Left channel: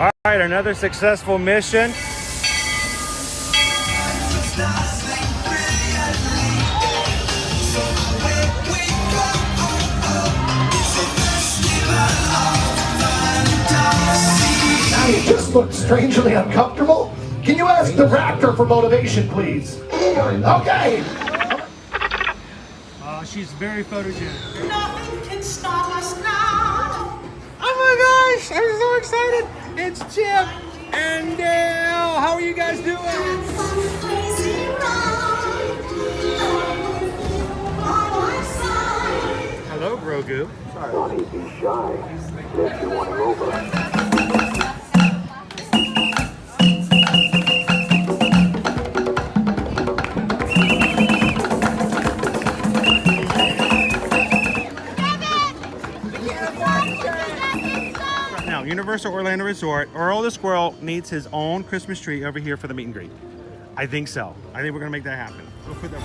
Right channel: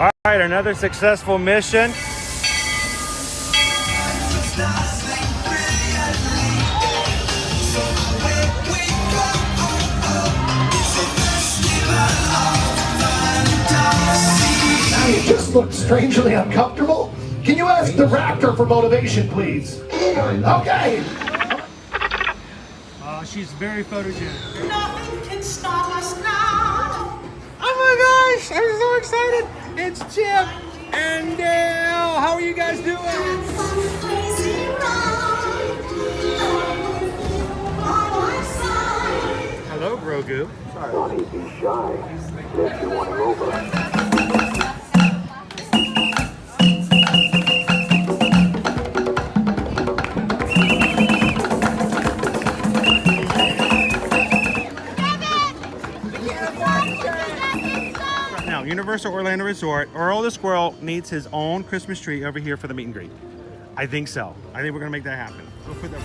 All right, another successful mission. You just look strangely uncomfortable. Can you ask the raptor for motivation, please? Okay. She's very photogenic. Nothing can stop us now. Oh my gosh, I'm so excited. It's Chip and Dale. How are you guys doing? Hello, Grogu. Sorry. Thought he'd be shy. Guess you want him over. Universal Orlando Resort, Earl the Squirrel needs his own Christmas tree over here for the meet and greet. I think so. I think we're gonna make that happen. We'll put that.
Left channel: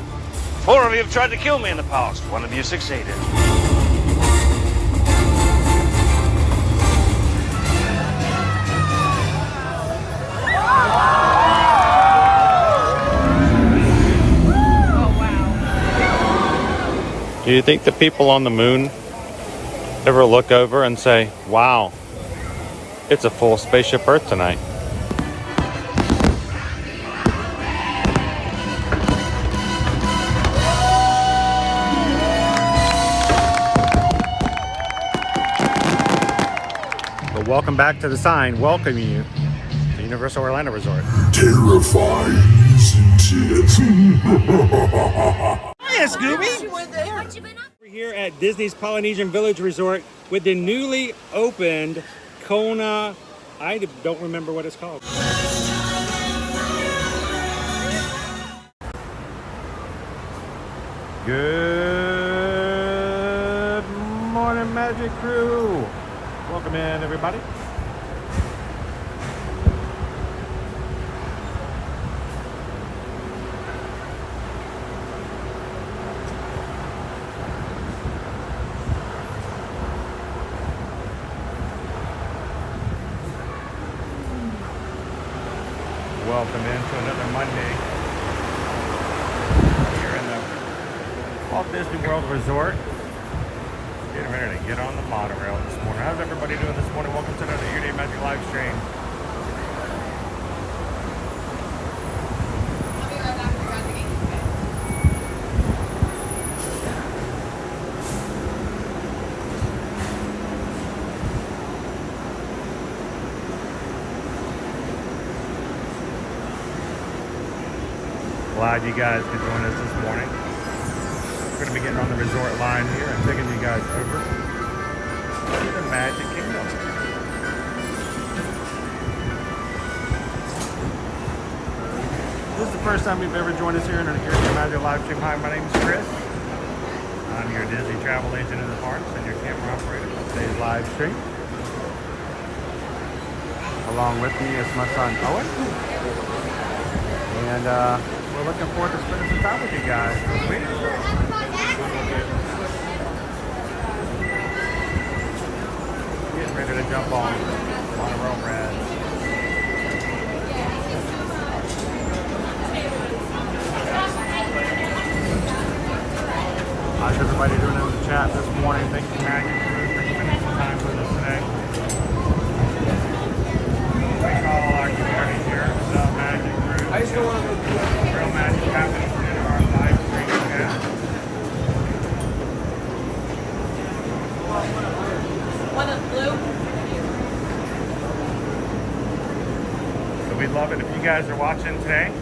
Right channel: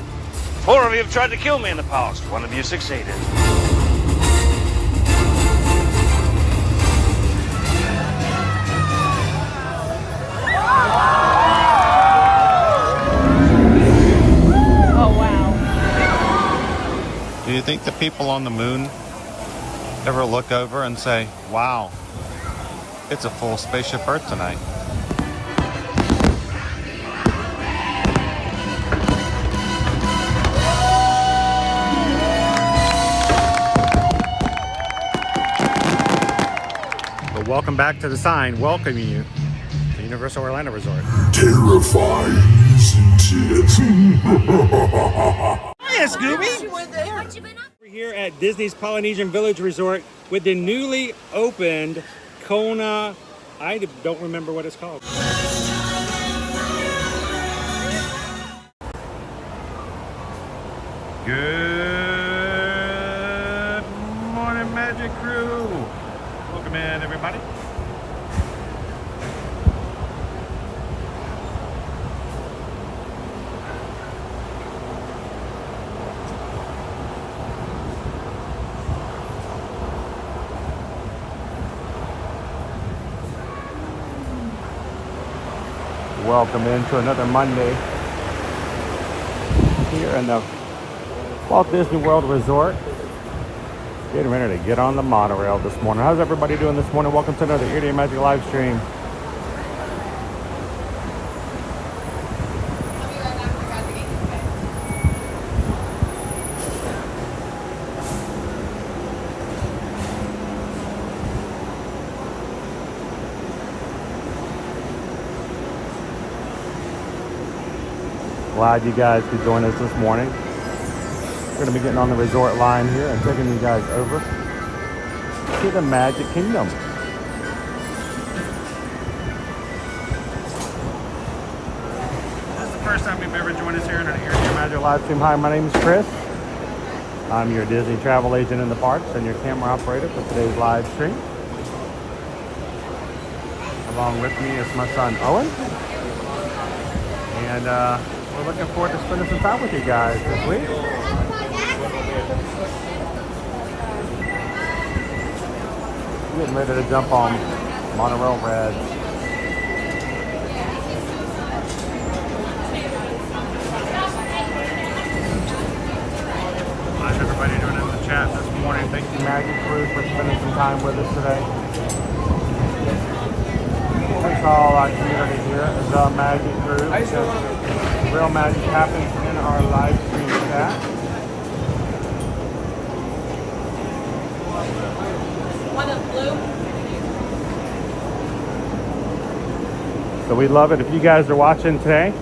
4 of you have tried to kill me in the past. 1 of you succeeded. Oh wow. Do you think the people on the moon ever look over and say, wow, it's a full spaceship Earth tonight? But welcome back to the sign welcoming you to Universal Orlando Resort. Terrifying, isn't it? Hiya, Scooby! We're here at Disney's Polynesian Village Resort with the newly opened Kona, I don't remember what it's called. Good morning, Magic Crew. Welcome in, everybody. Welcome into another Monday here in the Walt Disney World Resort. Getting ready to get on the monorail this morning. How's everybody doing this morning? Welcome to another Ear Day Magic live stream. Glad you guys could join us this morning. We're going to be getting on the resort line here and taking you guys over to the Magic Kingdom. This is the first time you've ever joined us here in an Ear Day Magic live stream. Hi, my name is Chris. I'm your Disney travel agent in the parks and your camera operator for today's live stream. Along with me is my son Owen. And we're looking forward to spending some time with you guys this week. Getting ready to jump on Monorail Red. How's everybody doing in the chat this morning? Thank you, Magic Crew, for spending some time with us today. Thanks to all our community here, the Magic Crew. Real magic happens in our live stream chat. One of blue. So we'd love it if you guys are watching today,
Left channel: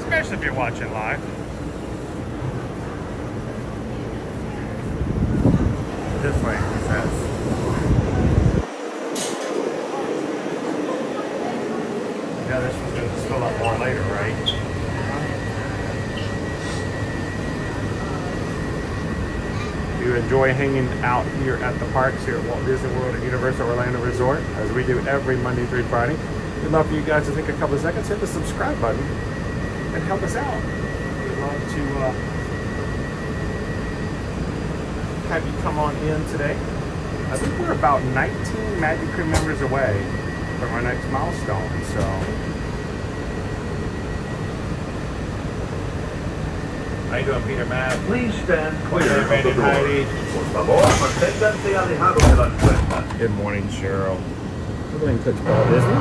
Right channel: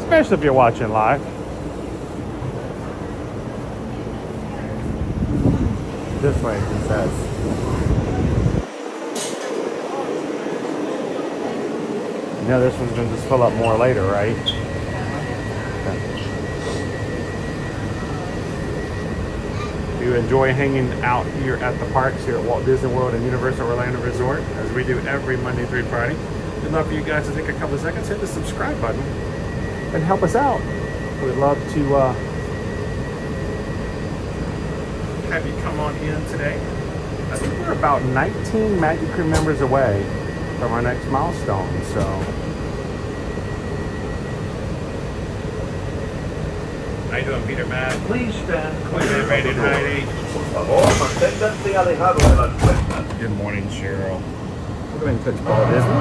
especially if you're watching live. This way, it says. You know, this one's going to just fill up more later, right? If you enjoy hanging out here at the parks here at Walt Disney World and Universal Orlando Resort, as we do every Monday through Friday, we'd love for you guys to take a couple of seconds, hit the subscribe button, and help us out. We'd love to have you come on in today. I think we're about 19 Magic Crew members away from our next milestone. So how you doing, Peter, Matt? Please stand clear of Ready, the door. Heidi? Por favor, manténganse alejados de las puertas. Good morning, Cheryl. We're going to Coach Paul Disney.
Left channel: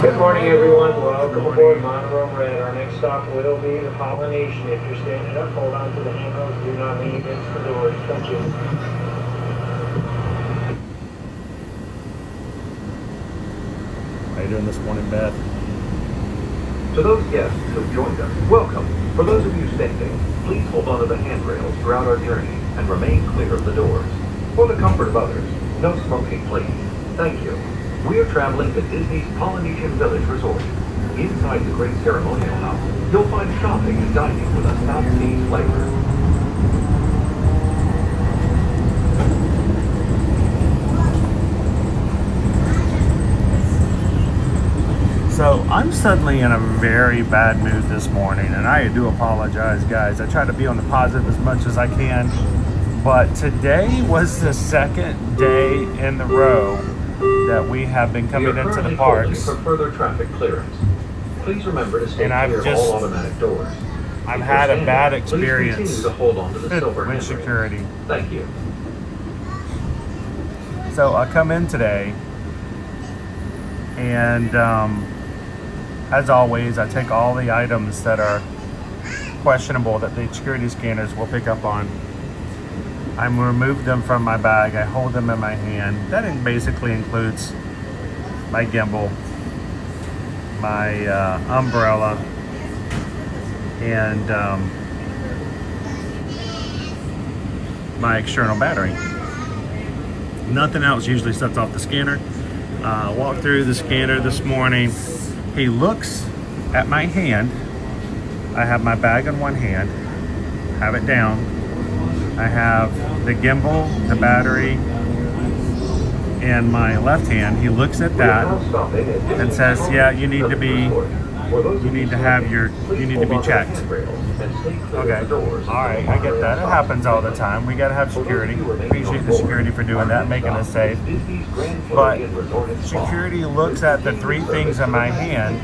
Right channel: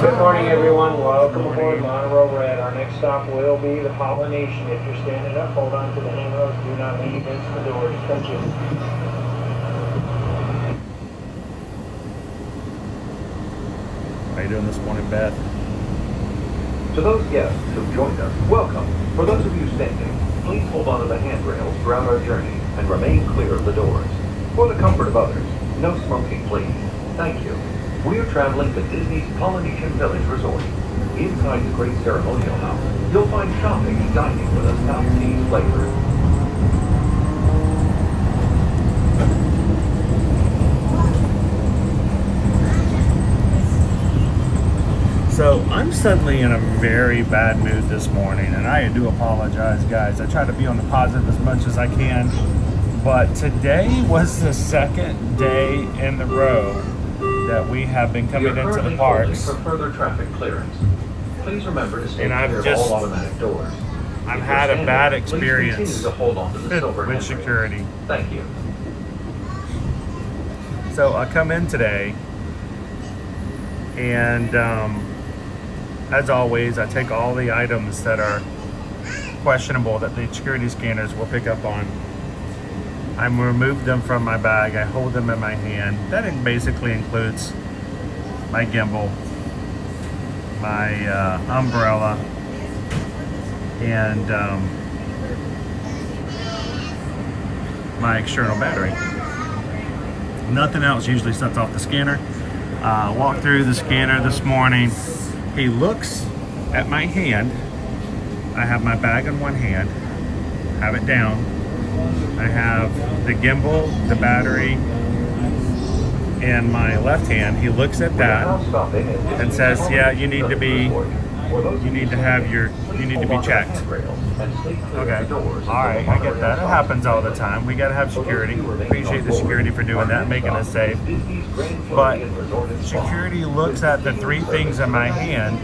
Good morning, everyone. Welcome Good aboard morning. Monroe Red. Our next stop will be the Pollination. If you're standing up, hold on to the handrails. Do not lean against the doors. Thank you. How you doing this morning, Beth? To those guests who joined us, welcome. For those of you standing, please hold on to the handrails throughout our journey and remain clear of the doors. For the comfort of others, no smoking, please. Thank you. We are traveling to Disney's Polynesian Village Resort. Inside the Great Ceremonial House, you'll find shopping and dining with a South Seas flavor. So I'm suddenly in a very bad mood this morning, and I do apologize, guys. I try to be on the positive as much as I can, but today was the second day in the row that we have been coming We are into the currently parks. closing for further traffic clearance. Please remember to stay And I've clear of just- all automatic doors. I've had a bad Please experience continue to hold on to the silver with handle. security. Thank you. So I come in today, and as always, I take all the items that are questionable that the security scanners will pick up on. I remove them from my bag. I hold them in my hand. That basically includes my gimbal, my umbrella, and my external battery. Nothing else usually sets off the scanner. Walked through the scanner this morning. He looks at my hand. I have my bag in one hand, have it down. I have the gimbal, the battery, in my left hand. He looks at that and says, "Yeah, you need to be checked." Okay, all right, I get that. It happens all the time. We gotta have security. Appreciate the security for doing that, making us safe. But security looks at the three things in my hand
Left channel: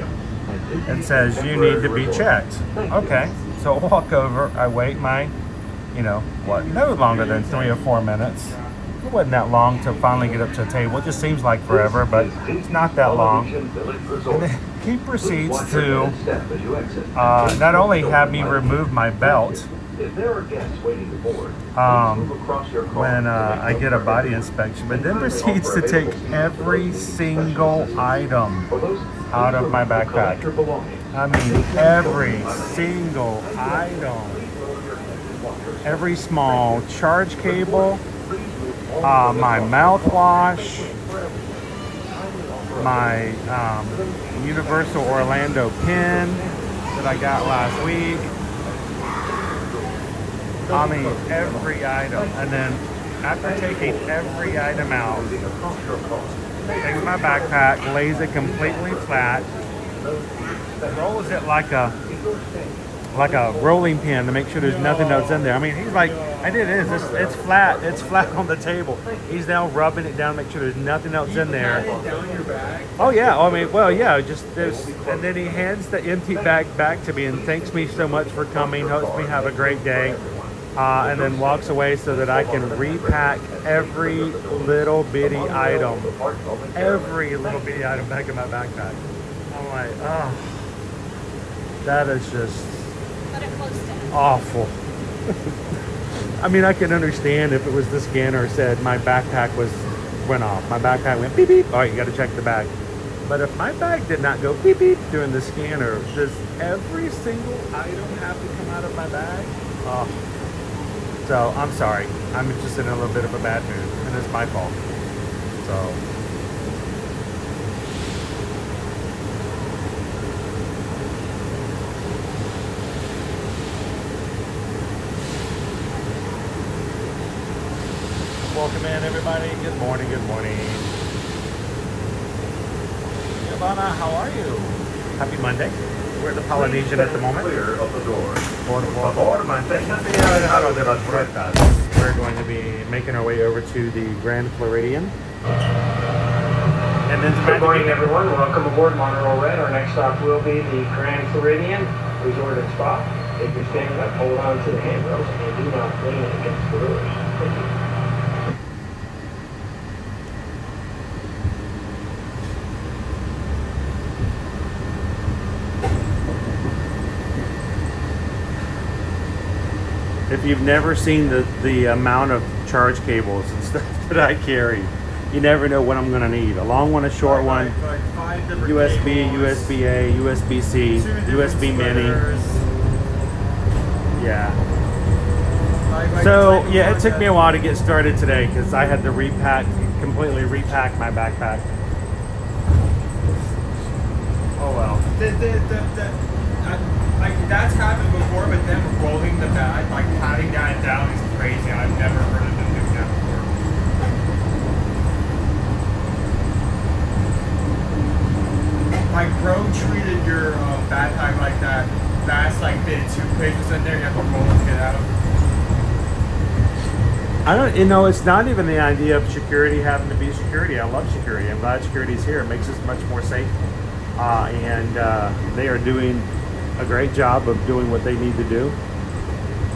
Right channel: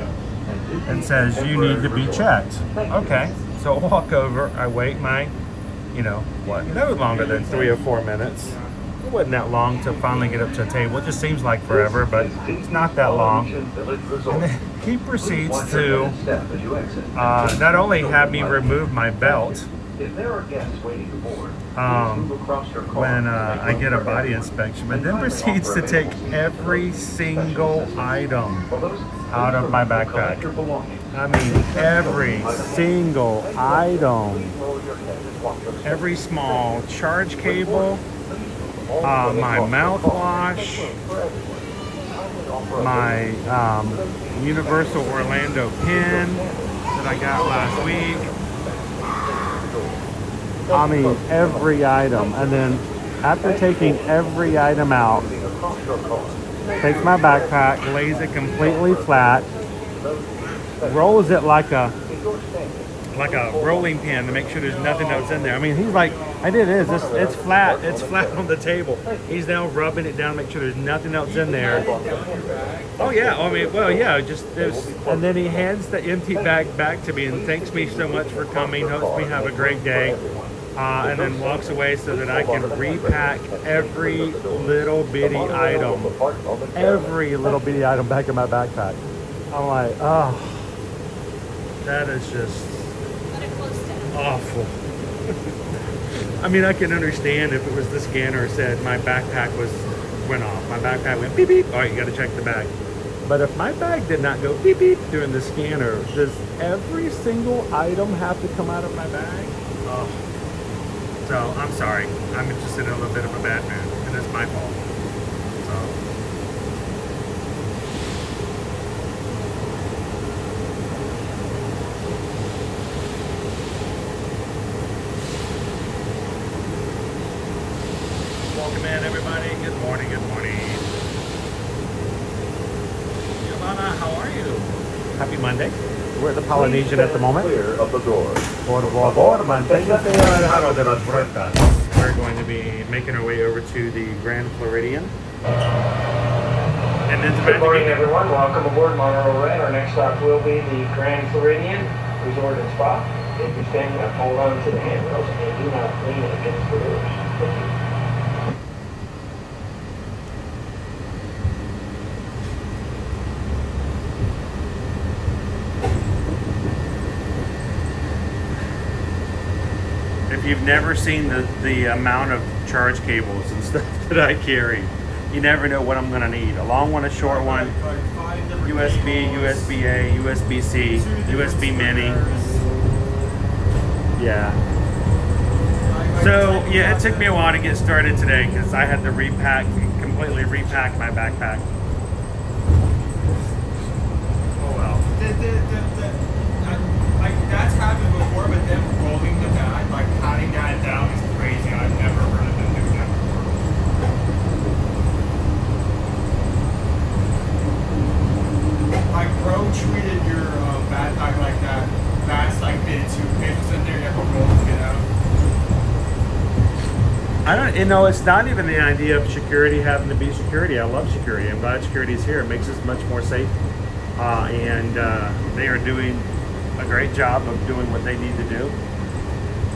and says, "You need to be checked." Okay, so I walk over, I wait my, no longer than 3 or 4 minutes. It wasn't that long to finally get up to a table. It just seems like forever, but it's not that long. And then he proceeds to not only have me remove my belt when I get a body inspection, but then proceeds to take every single item out of my backpack. I mean, every single item. Every small charge cable, my mouthwash, my Universal Orlando pin that I got last week. I mean, every item. And then after taking every item out, takes my backpack, lays it completely flat, rolls it like a rolling pin to make sure there's nothing else in there. I mean, he's like, it's flat on the table. He's now rubbing it down to make sure there's nothing else in there. Oh yeah, I mean, well yeah, and then he hands the empty bag back to me and thanks me so much for coming, hopes me have a great day, and then walks away so that I can repack every little bitty item back in my backpack. I'm like, oh, that is just awful. I mean, I can understand if it was the scanner said my backpack went off. My backpack went beep beep. All right, you got to check the bag. But if my bag did not go beep beep during the scanner, does every single item have to come out of my bag? Oh. So I'm sorry. I'm just in a little bit of a bad mood, and it's my fault. So. Welcome in, everybody. Good morning, good morning. Giovanna, how are you? Happy Monday. We're at the Polynesian at the moment. Clear of the doors. Por favor, manténgase alejado de las puertas. We're going to be making our way over to the Grand Floridian. And then the Good morning, Magic everyone. Welcome aboard Monterey Ray. Our next stop will be the Grand Floridian Resort and Spa. If you're standing up, hold on to the handrails and do not lean against the doors. Thank you. If you've never seen the amount of charge cables and stuff that I carry, you never know what I'm going to need. A long one, a short one, USB, USB-A, USB-C, USB Mini. Yeah. So, yeah, it took me a while to get started today because I had to completely repack my backpack. Oh well. Like that's happened before, but them rolling the bag, like patting that down is crazy. I've never heard of them doing that before. Like bro treated your backpack like that fast, like did it too quick, so there you have to roll to get out. I don't, it's not even the idea of security having to be security. I love security. I'm glad security is here. It makes us much more safe. And they are doing a great job of doing what they need to do.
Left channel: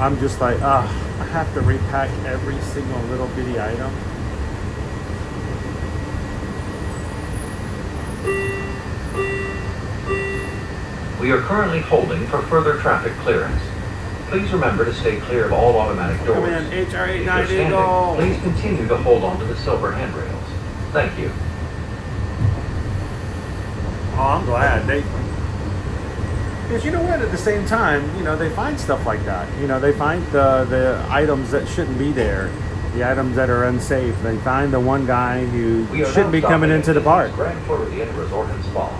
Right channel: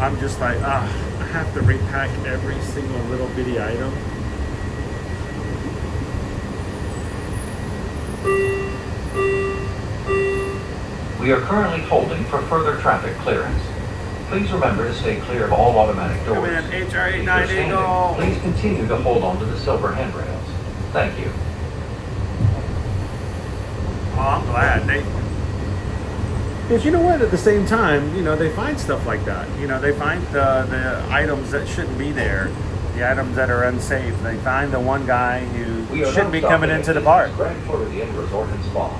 I'm just like, I have to repack every single little bitty item. We are currently holding for further traffic clearance. Please remember to stay clear of all automatic doors. Come in, If you're HR890, standing, go. please continue to hold on to the silver handrails. Thank you. Oh, I'm glad. Because you know what, at the same time, they find stuff like that. They find the items that shouldn't be there, the items that are unsafe. They find the one guy who We are shouldn't be now coming stopping into the park. at Grand Floridian Resort and Spa,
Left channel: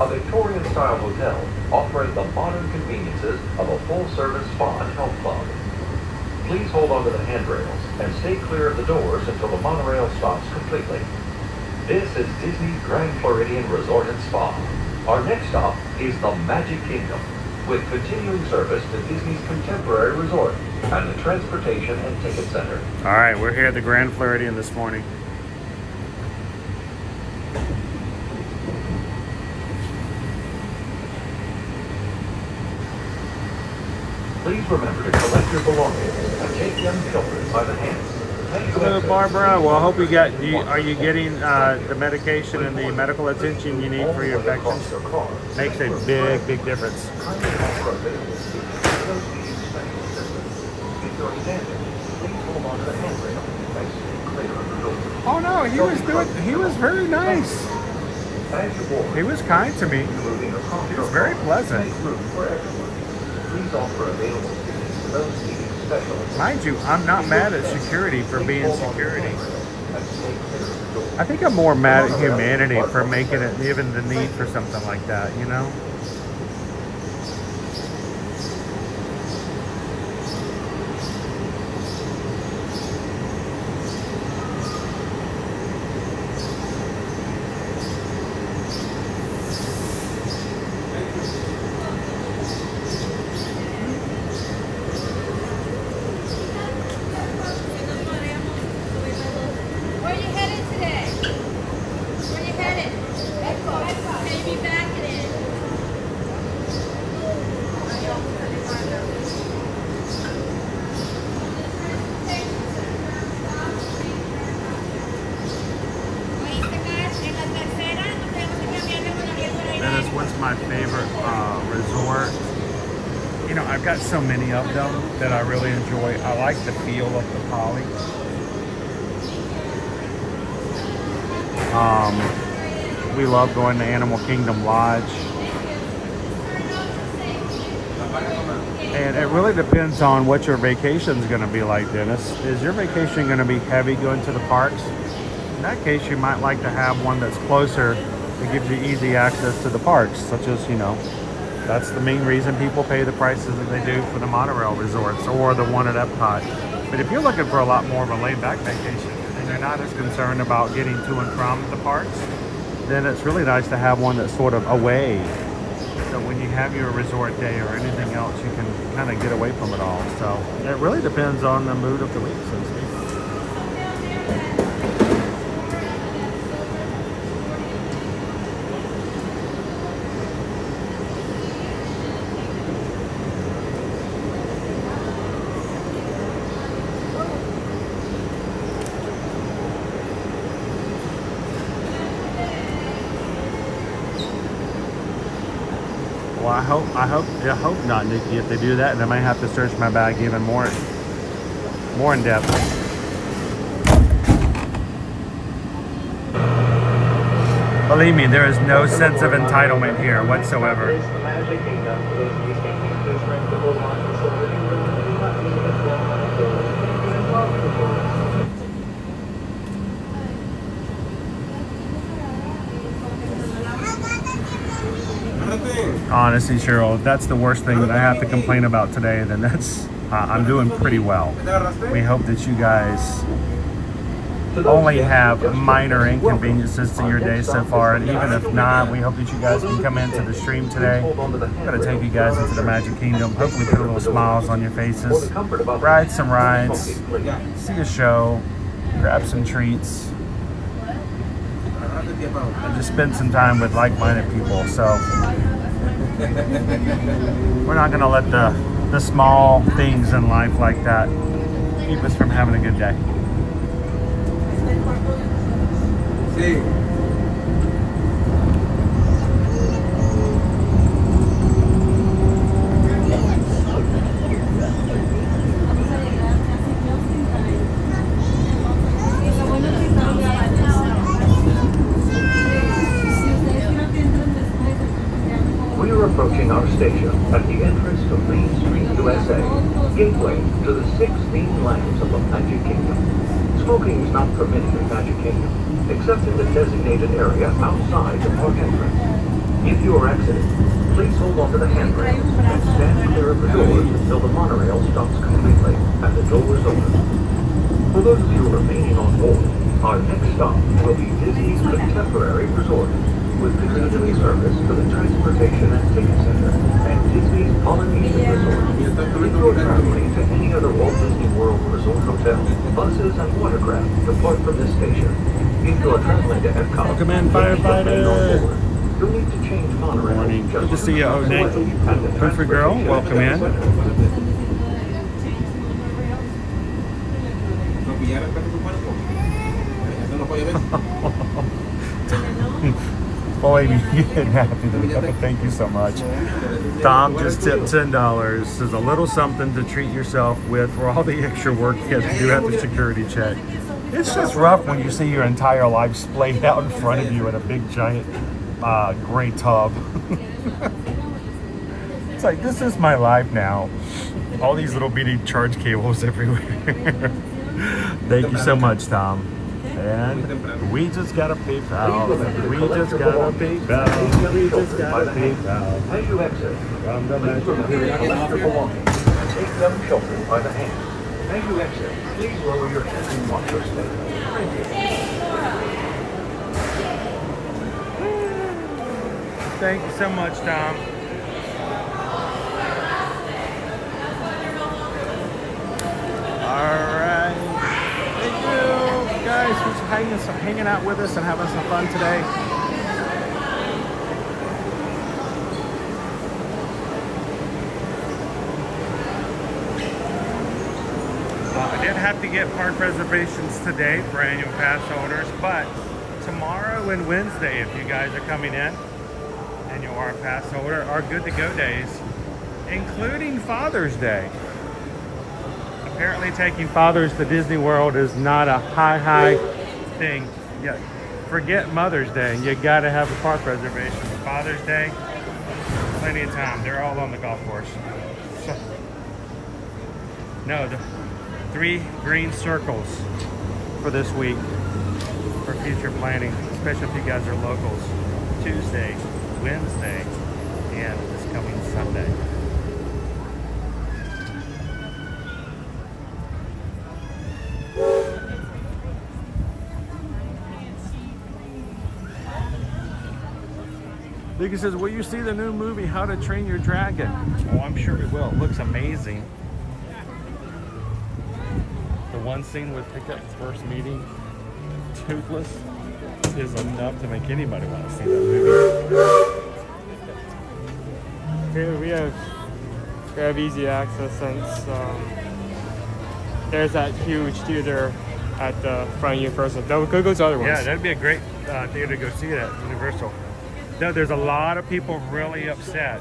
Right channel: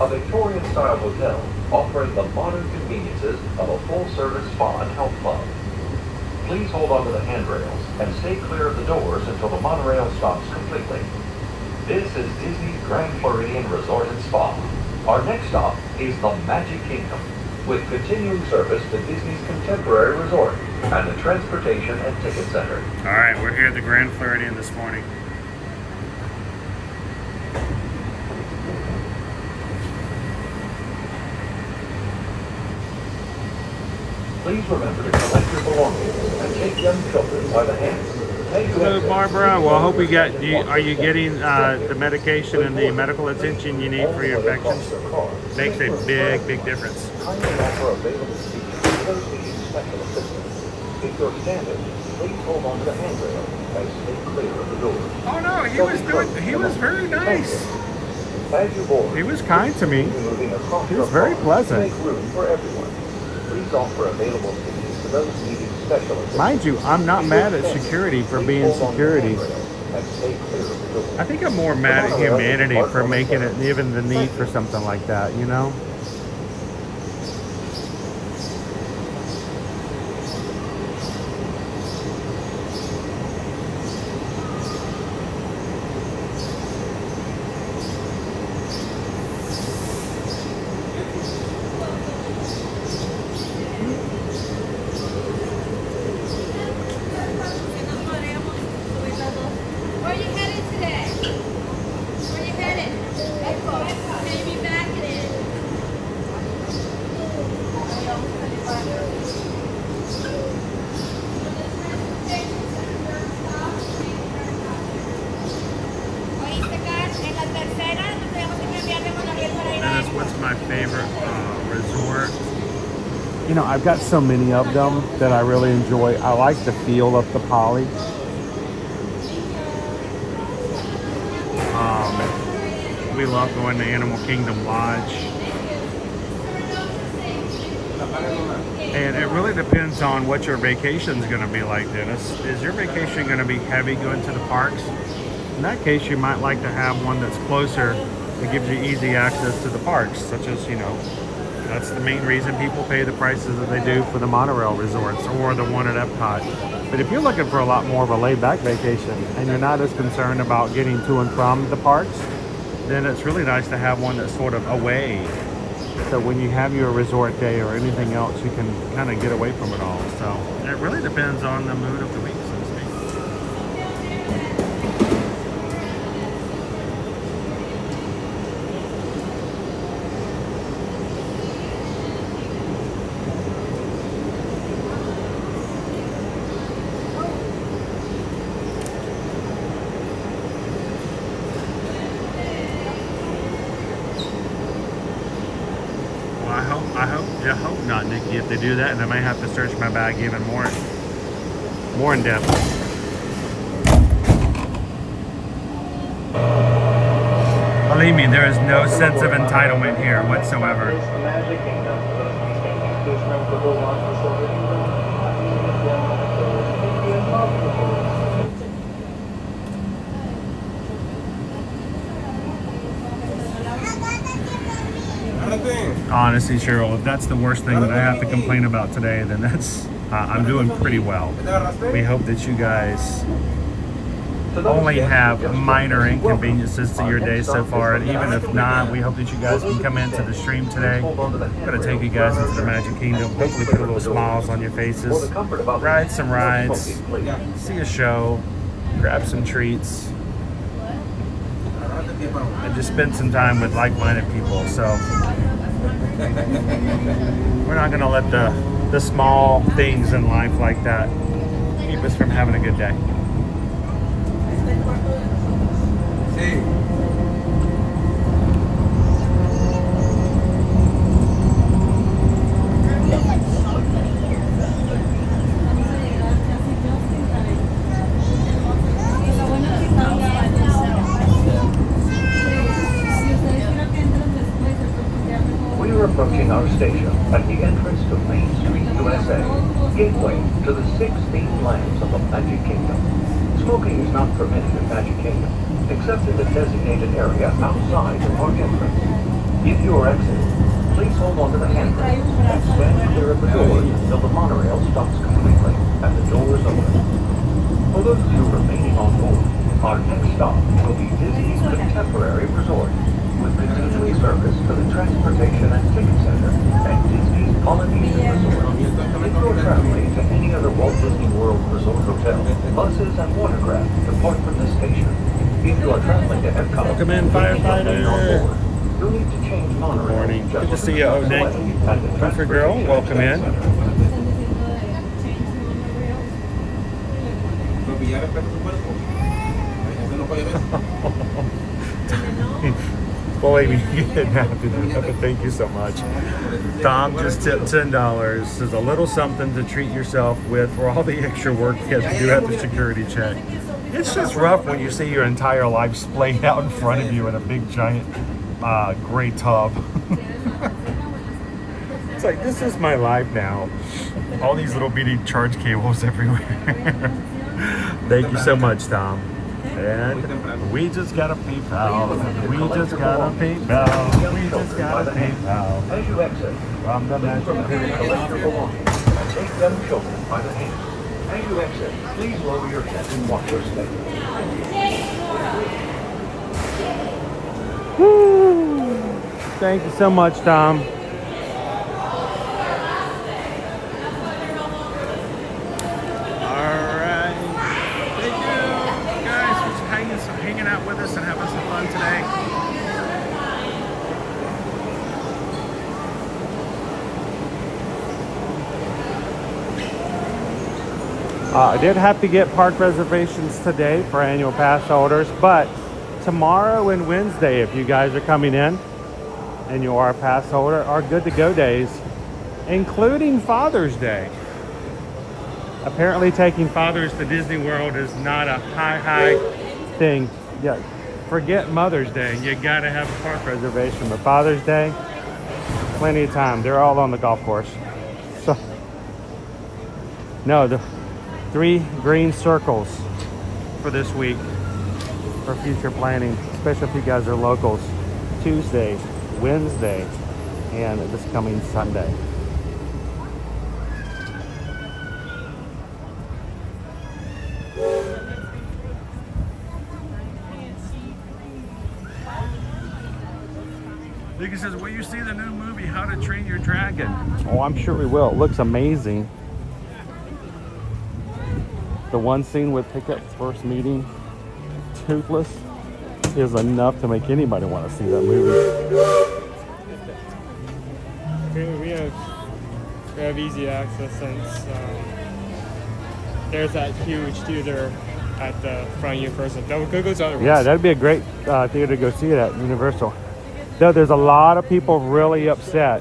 a Victorian-style hotel offering the modern conveniences of a full-service spa and health club. Please hold on to the handrails and stay clear of the doors until the monorail stops completely. This is Disney's Grand Floridian Resort and Spa. Our next stop is the Magic Kingdom, with continuing service to Disney's Contemporary Resort and the Transportation and Ticket Center. All right, we're here at the Grand Floridian this morning. Please remember to collect your belongings and take young children by the hand. Hello, Barbara. Well, I hope you got. Are you getting the medication and the medical attention you need for your infections? Makes a big, big difference. Oh no, he was very nice. He was kind to me. He was very pleasant. Mind you, I'm not mad at security for being security. I think I'm more mad at humanity for making it even the need for something like that, Where are you headed today? Where are you headed? Maybe back it in. Dennis, what's my favorite resort? I've got so many of them that I really enjoy. I like the feel of the Poly. We love going to Animal Kingdom Lodge. And it really depends on what your vacation is going to be like, Dennis. Is your vacation going to be heavy going to the parks? In that case, you might like to have one that's closer that gives you easy access to the parks, such as, that's the main reason people pay the prices that they do for the monorail resorts or the one at Epcot. But if you're looking for a lot more of a laid-back vacation and you're not as concerned about getting to and from the parks, then it's really nice to have one that's sort of away. So when you have your resort day or anything else, you can kind of get away from it all. So it really depends on the mood of the week, so to speak. I hope not, Nikki. If they do that, and I might have to search my bag even more in depth. Believe me, there is no sense of entitlement here whatsoever. Honestly, Cheryl, if that's the worst thing that I have to complain about today, then that's I'm doing pretty well. We hope that you guys only have minor inconveniences to your day so far, and even if not, we hope that you guys can come into the stream today. I'm gonna take you guys into the Magic Kingdom, hopefully put a little smiles on your faces, ride some rides, see a show, grab some treats, and just spend some time with like-minded people. So we're not gonna let the small things in life like that keep us from having a good day. We are approaching our station at the entrance to Main Street, USA, gateway to the 16 lands of the Magic Kingdom. Smoking is not permitted in Magic Kingdom, except in the designated area outside the park entrance. If you are exiting, please hold onto the handrail and stand clear of the door until the monorail stops completely and the doors open. For those of you remaining on board, our next stop will be Disney's Contemporary Resort, with continuing service to the Transportation and Ticket Center and Disney's Polynesian Resort. If you are traveling to any other Walt Disney World Resort hotel, buses and watercraft depart from this station. If you are traveling to Epcot, Welcome in, firefighter. you'll need to change monorail. Good morning. Good to see you, Onek. Poofer girl, welcome in. Believe me, you didn't have to do that, but thank you so much. Tom just tipped $10. There's a little something to treat yourself with for all the extra work you have to do at the security check. It's just rough when you see your entire life splayed out in front of you in a big giant gray tub. It's like, this is my life now. All these little bitty charge cables everywhere. Thank you so much, Tom. And we just got a PayPal. We just got a PayPal. We just got a PayPal. As you exit, From the Magic collect your belongings and take them shoulder by the hand. As you exit, please lower your head and watch your step. Thank you so much, Tom. All right. Thank you guys for hanging out with us and having some fun today. I did have to get park reservations today for annual pass holders, but tomorrow and Wednesday, if you guys are coming in and you are a pass holder, are good to go days, including Father's Day. Apparently taking fathers to Disney World is not a high thing. Yeah, forget Mother's Day. You gotta have a park reservation. But Father's Day, plenty of time. They're all on the golf course. So, no, the 3 green circles for this week for future planning, especially if you guys are locals. Tuesday, Wednesday, and this coming Sunday. Vicky says, will you see the new movie, How to Train Your Dragon? Oh, I'm sure we will. It looks amazing. The one scene with Pickup's first meeting, Toothless, is enough to make anybody want to see that movie. We have easy access since there's that huge theater at the front of Universal. Go to other ones. Yeah, that'd be a great theater to go see it at Universal. Though there's a lot of people really upset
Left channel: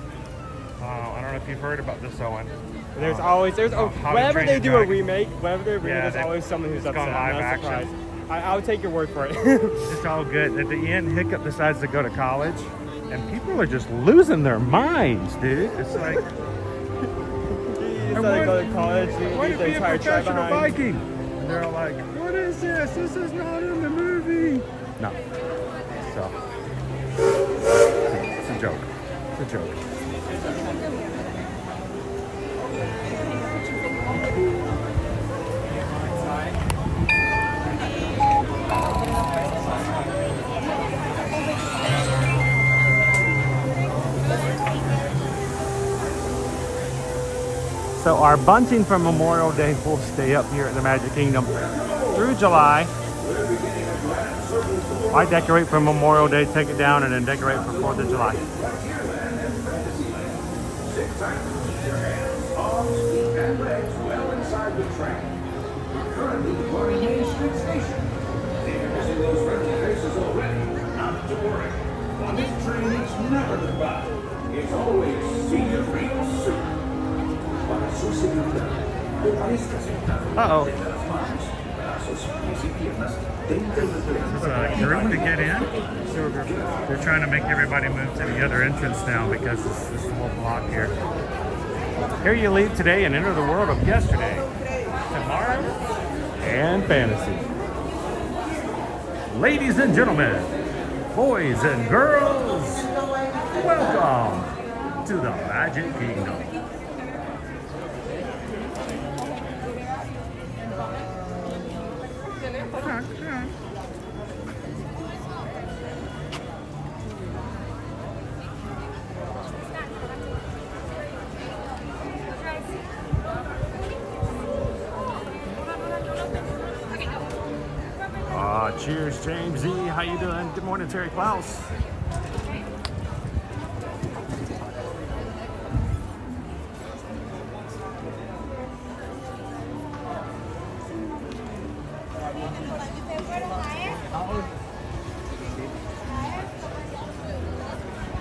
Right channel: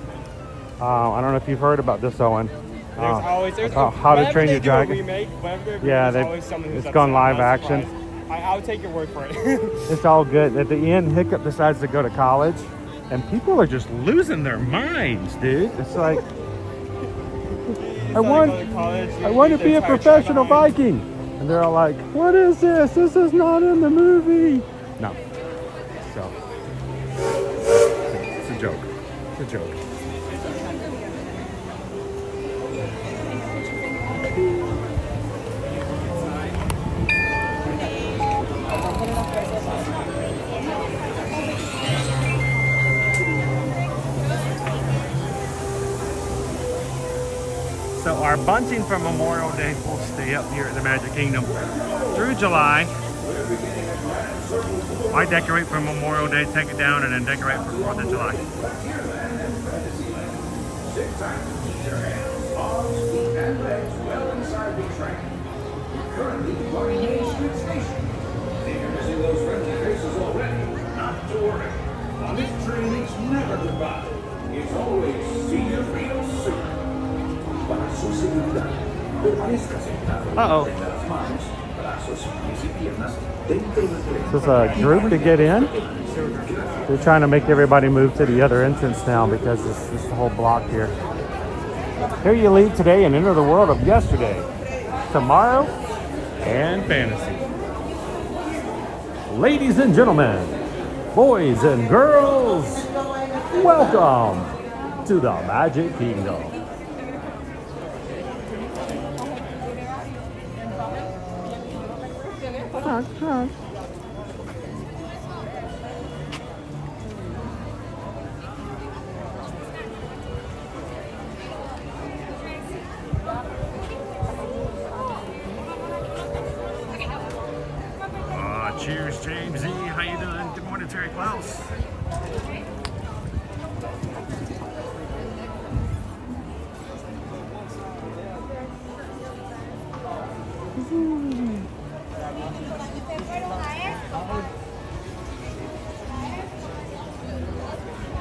I don't know if you've heard about this, Owen. There's always How to whenever Train they Your do Dragon. a remake, whenever they remake, Yeah, there's always someone who's it's gone upset. live I'm not action. surprised. I'll take your word for it. It's all good. At the end, Hiccup decides to go to college, and people are just losing their minds, dude. It's like, I want to be a professional Viking. And they're all like, what is this? This is not in the movie. No. So, it's a joke. It's a joke. So our bunting for Memorial Day will stay up here at the Magic Kingdom through July. I decorate for Memorial Day, take it down, and then decorate for 4th of July. Currently departing Main Street Station. If you're missing those friendly faces already, not to worry. On this train, it's never goodbye. It's always see you real soon. Para su seguridad, permanezca sentado Uh-oh. entre las manos, brazos, pies y piernas dentro del tren. This is a group to get in. They're trying to make everybody move to the other entrance now because it's the whole block here. Here you leave today and enter the world of yesterday, tomorrow, and fantasy. Ladies and gentlemen, boys and girls, welcome to the Magic Kingdom. Cheers, James E. How you doing? Good morning, Terry Klaus.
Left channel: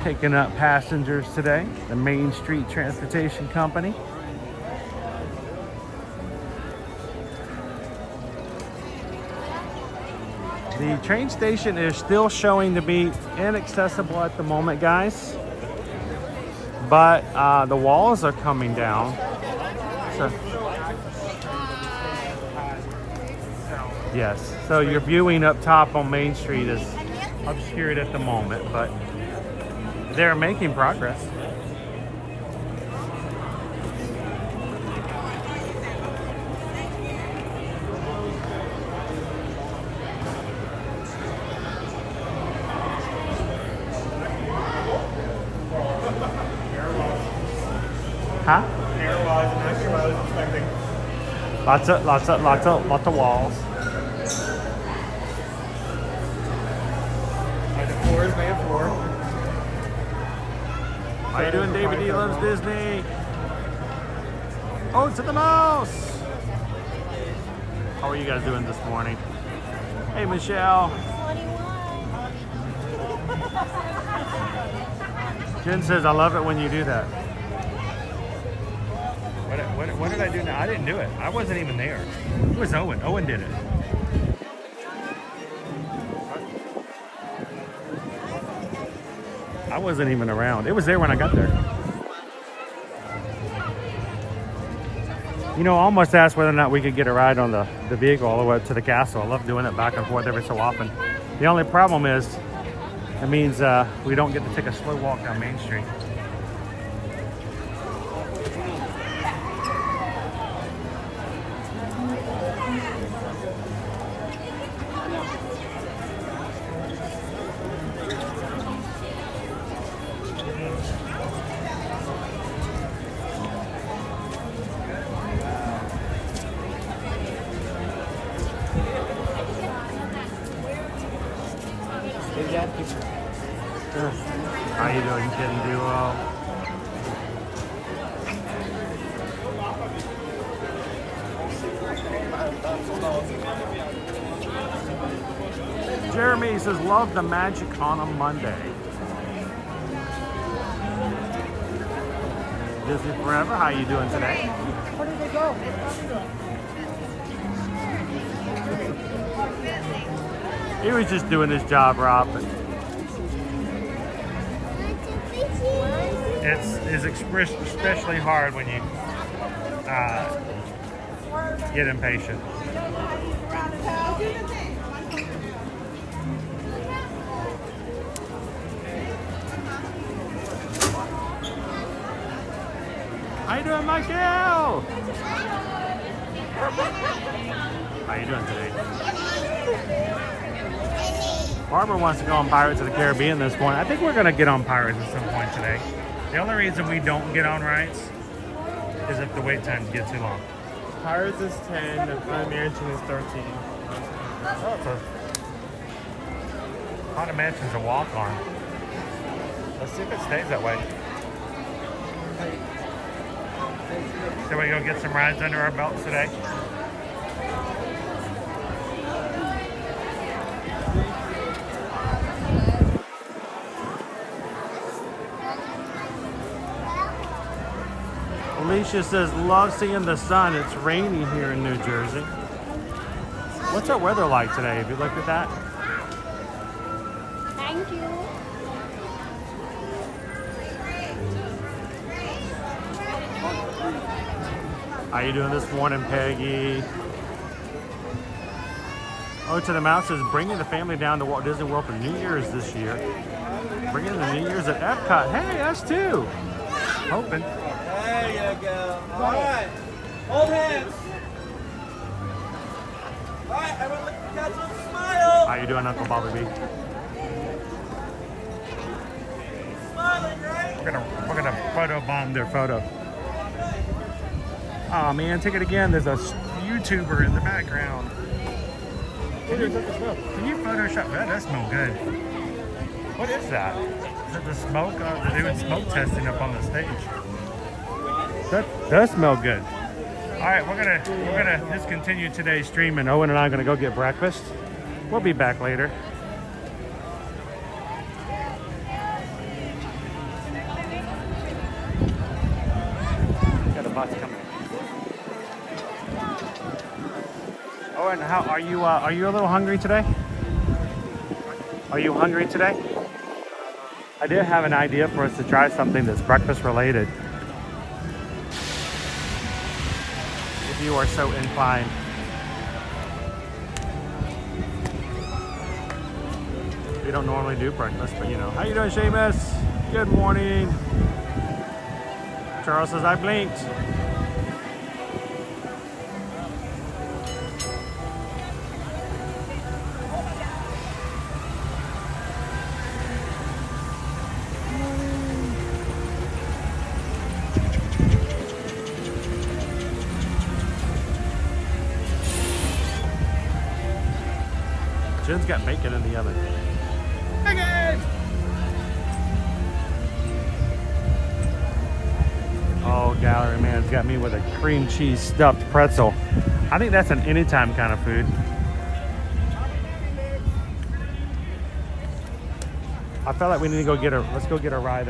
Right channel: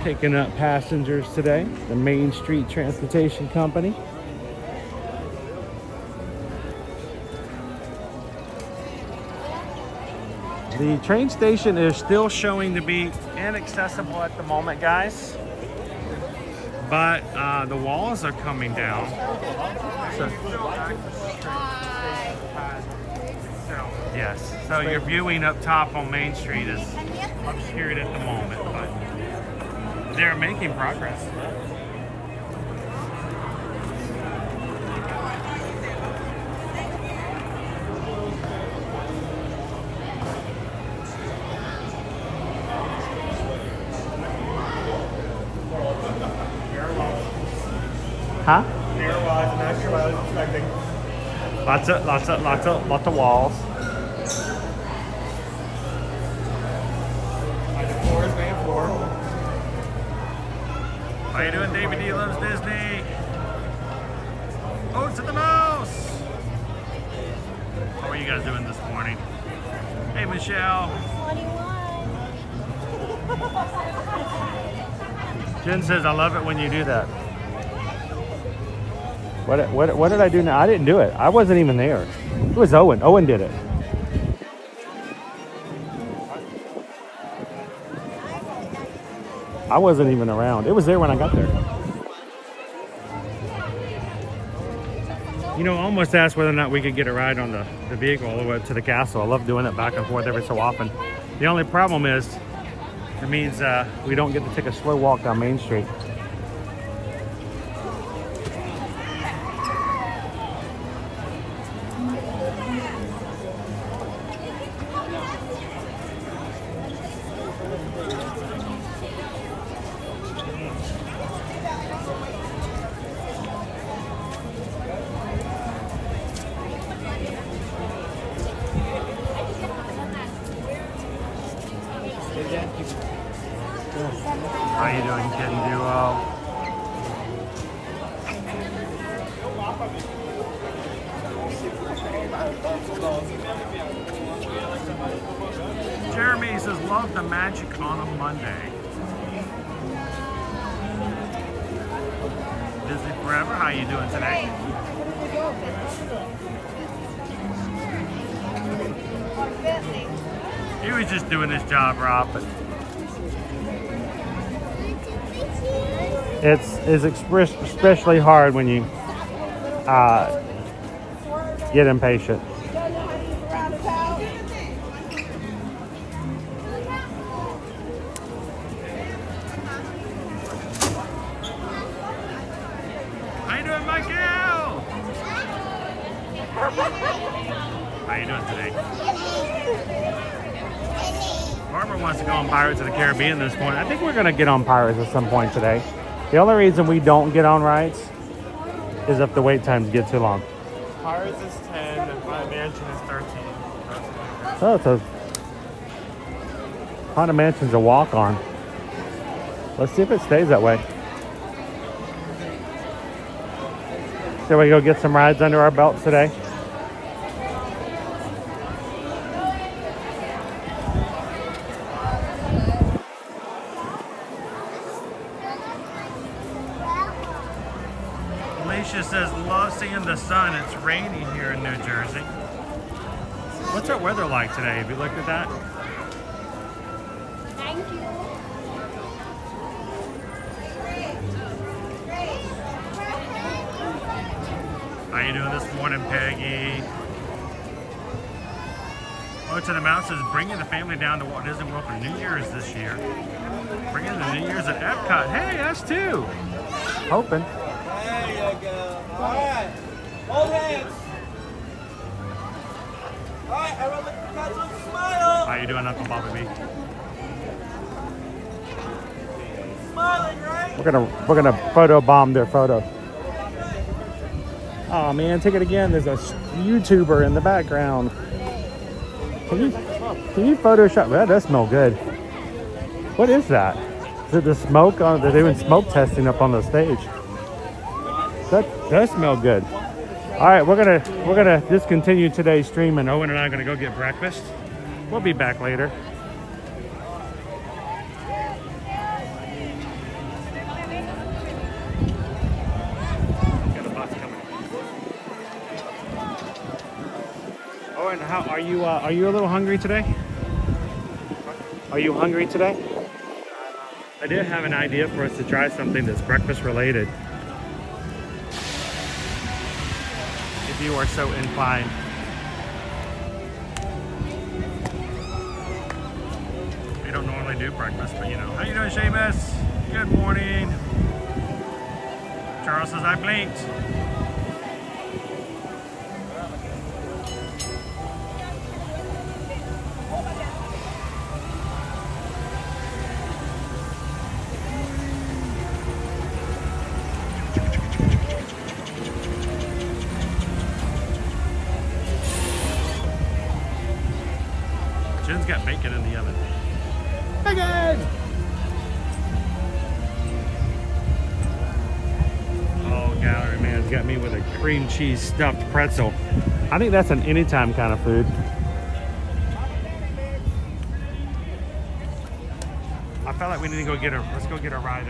Picking up passengers today, the Main Street Transportation Company. The train station is still showing to be inaccessible at the moment, guys. But the walls are coming down. So, yes, so your viewing up top on Main Street is obscured at the moment, but they're making progress. Huh? Hair-wise, I'm not sure what I was expecting. Lots of walls. And the floor is made of floor. How you doing, David D Loves Disney? Oh, to the mouse! How are you guys doing this morning? Hey, Michelle. 21. Jen says, I love it when you do that. What did I do now? I didn't do it. I wasn't even there. It was Owen. Owen did it. I wasn't even around. It was there when I got there. You know, I almost asked whether or not we could get a ride on the vehicle all the way up to the castle. I love doing it back and forth every so often. The only problem is, it means we don't get to take a slow walk down Main Street. How you doing, Kitty Duo? Jeremy says, love the magic on a Monday. Disney Forever. How you doing today? Where did they go? He was just doing his job, Rob. But it's especially hard when you get impatient. How you doing, Michael? How you doing today? Harbour wants to go on Pirates of the Caribbean this morning. I think we're going to get on Pirates at some point today. The only reason we don't get on rides is if the wait times get too long. Pirates is 10, the Mansion is 13. So it's a Haunted Mansion's a walk-on. Let's see if it stays that way. So we go get some rides under our belts today. Alicia says, love seeing the sun. It's rainy here in New Jersey. What's our weather like today? Have you looked at that? Thank you. How you doing this morning, Peggy? Oh, to the Mouse says, bringing the family down to Walt Disney World for New Year's this year. Bringing the New Year's at Epcot. Hey, us too. Hoping. There you go. All right. Hold hands. All right, everyone look at the smile. How you doing, Uncle Bobby B? Smiling, right? We're gonna photo bomb their photo. Oh man, take it again. There's a YouTuber in the background. Can you Photoshop that? That smells good. What is that? Is it the smoke? They're doing smoke testing up on the stage. That does smell good. All right, we're gonna discontinue today's stream, and Owen and I are gonna go get breakfast. We'll be back later. Got a bus coming. Owen, how are you? Are you a little hungry today? Are you hungry today? I did have an idea for us to try something that's breakfast related. If you are so inclined. We don't normally do breakfast, but you know. How you doing, Seamus? Good morning. Charles says, I blinked. Jen's got bacon in the oven. Bacon! Oh, Gallery Man's got me with a cream cheese stuffed pretzel. I think that's an anytime kind of food. I feel like we need to go let's go get a ride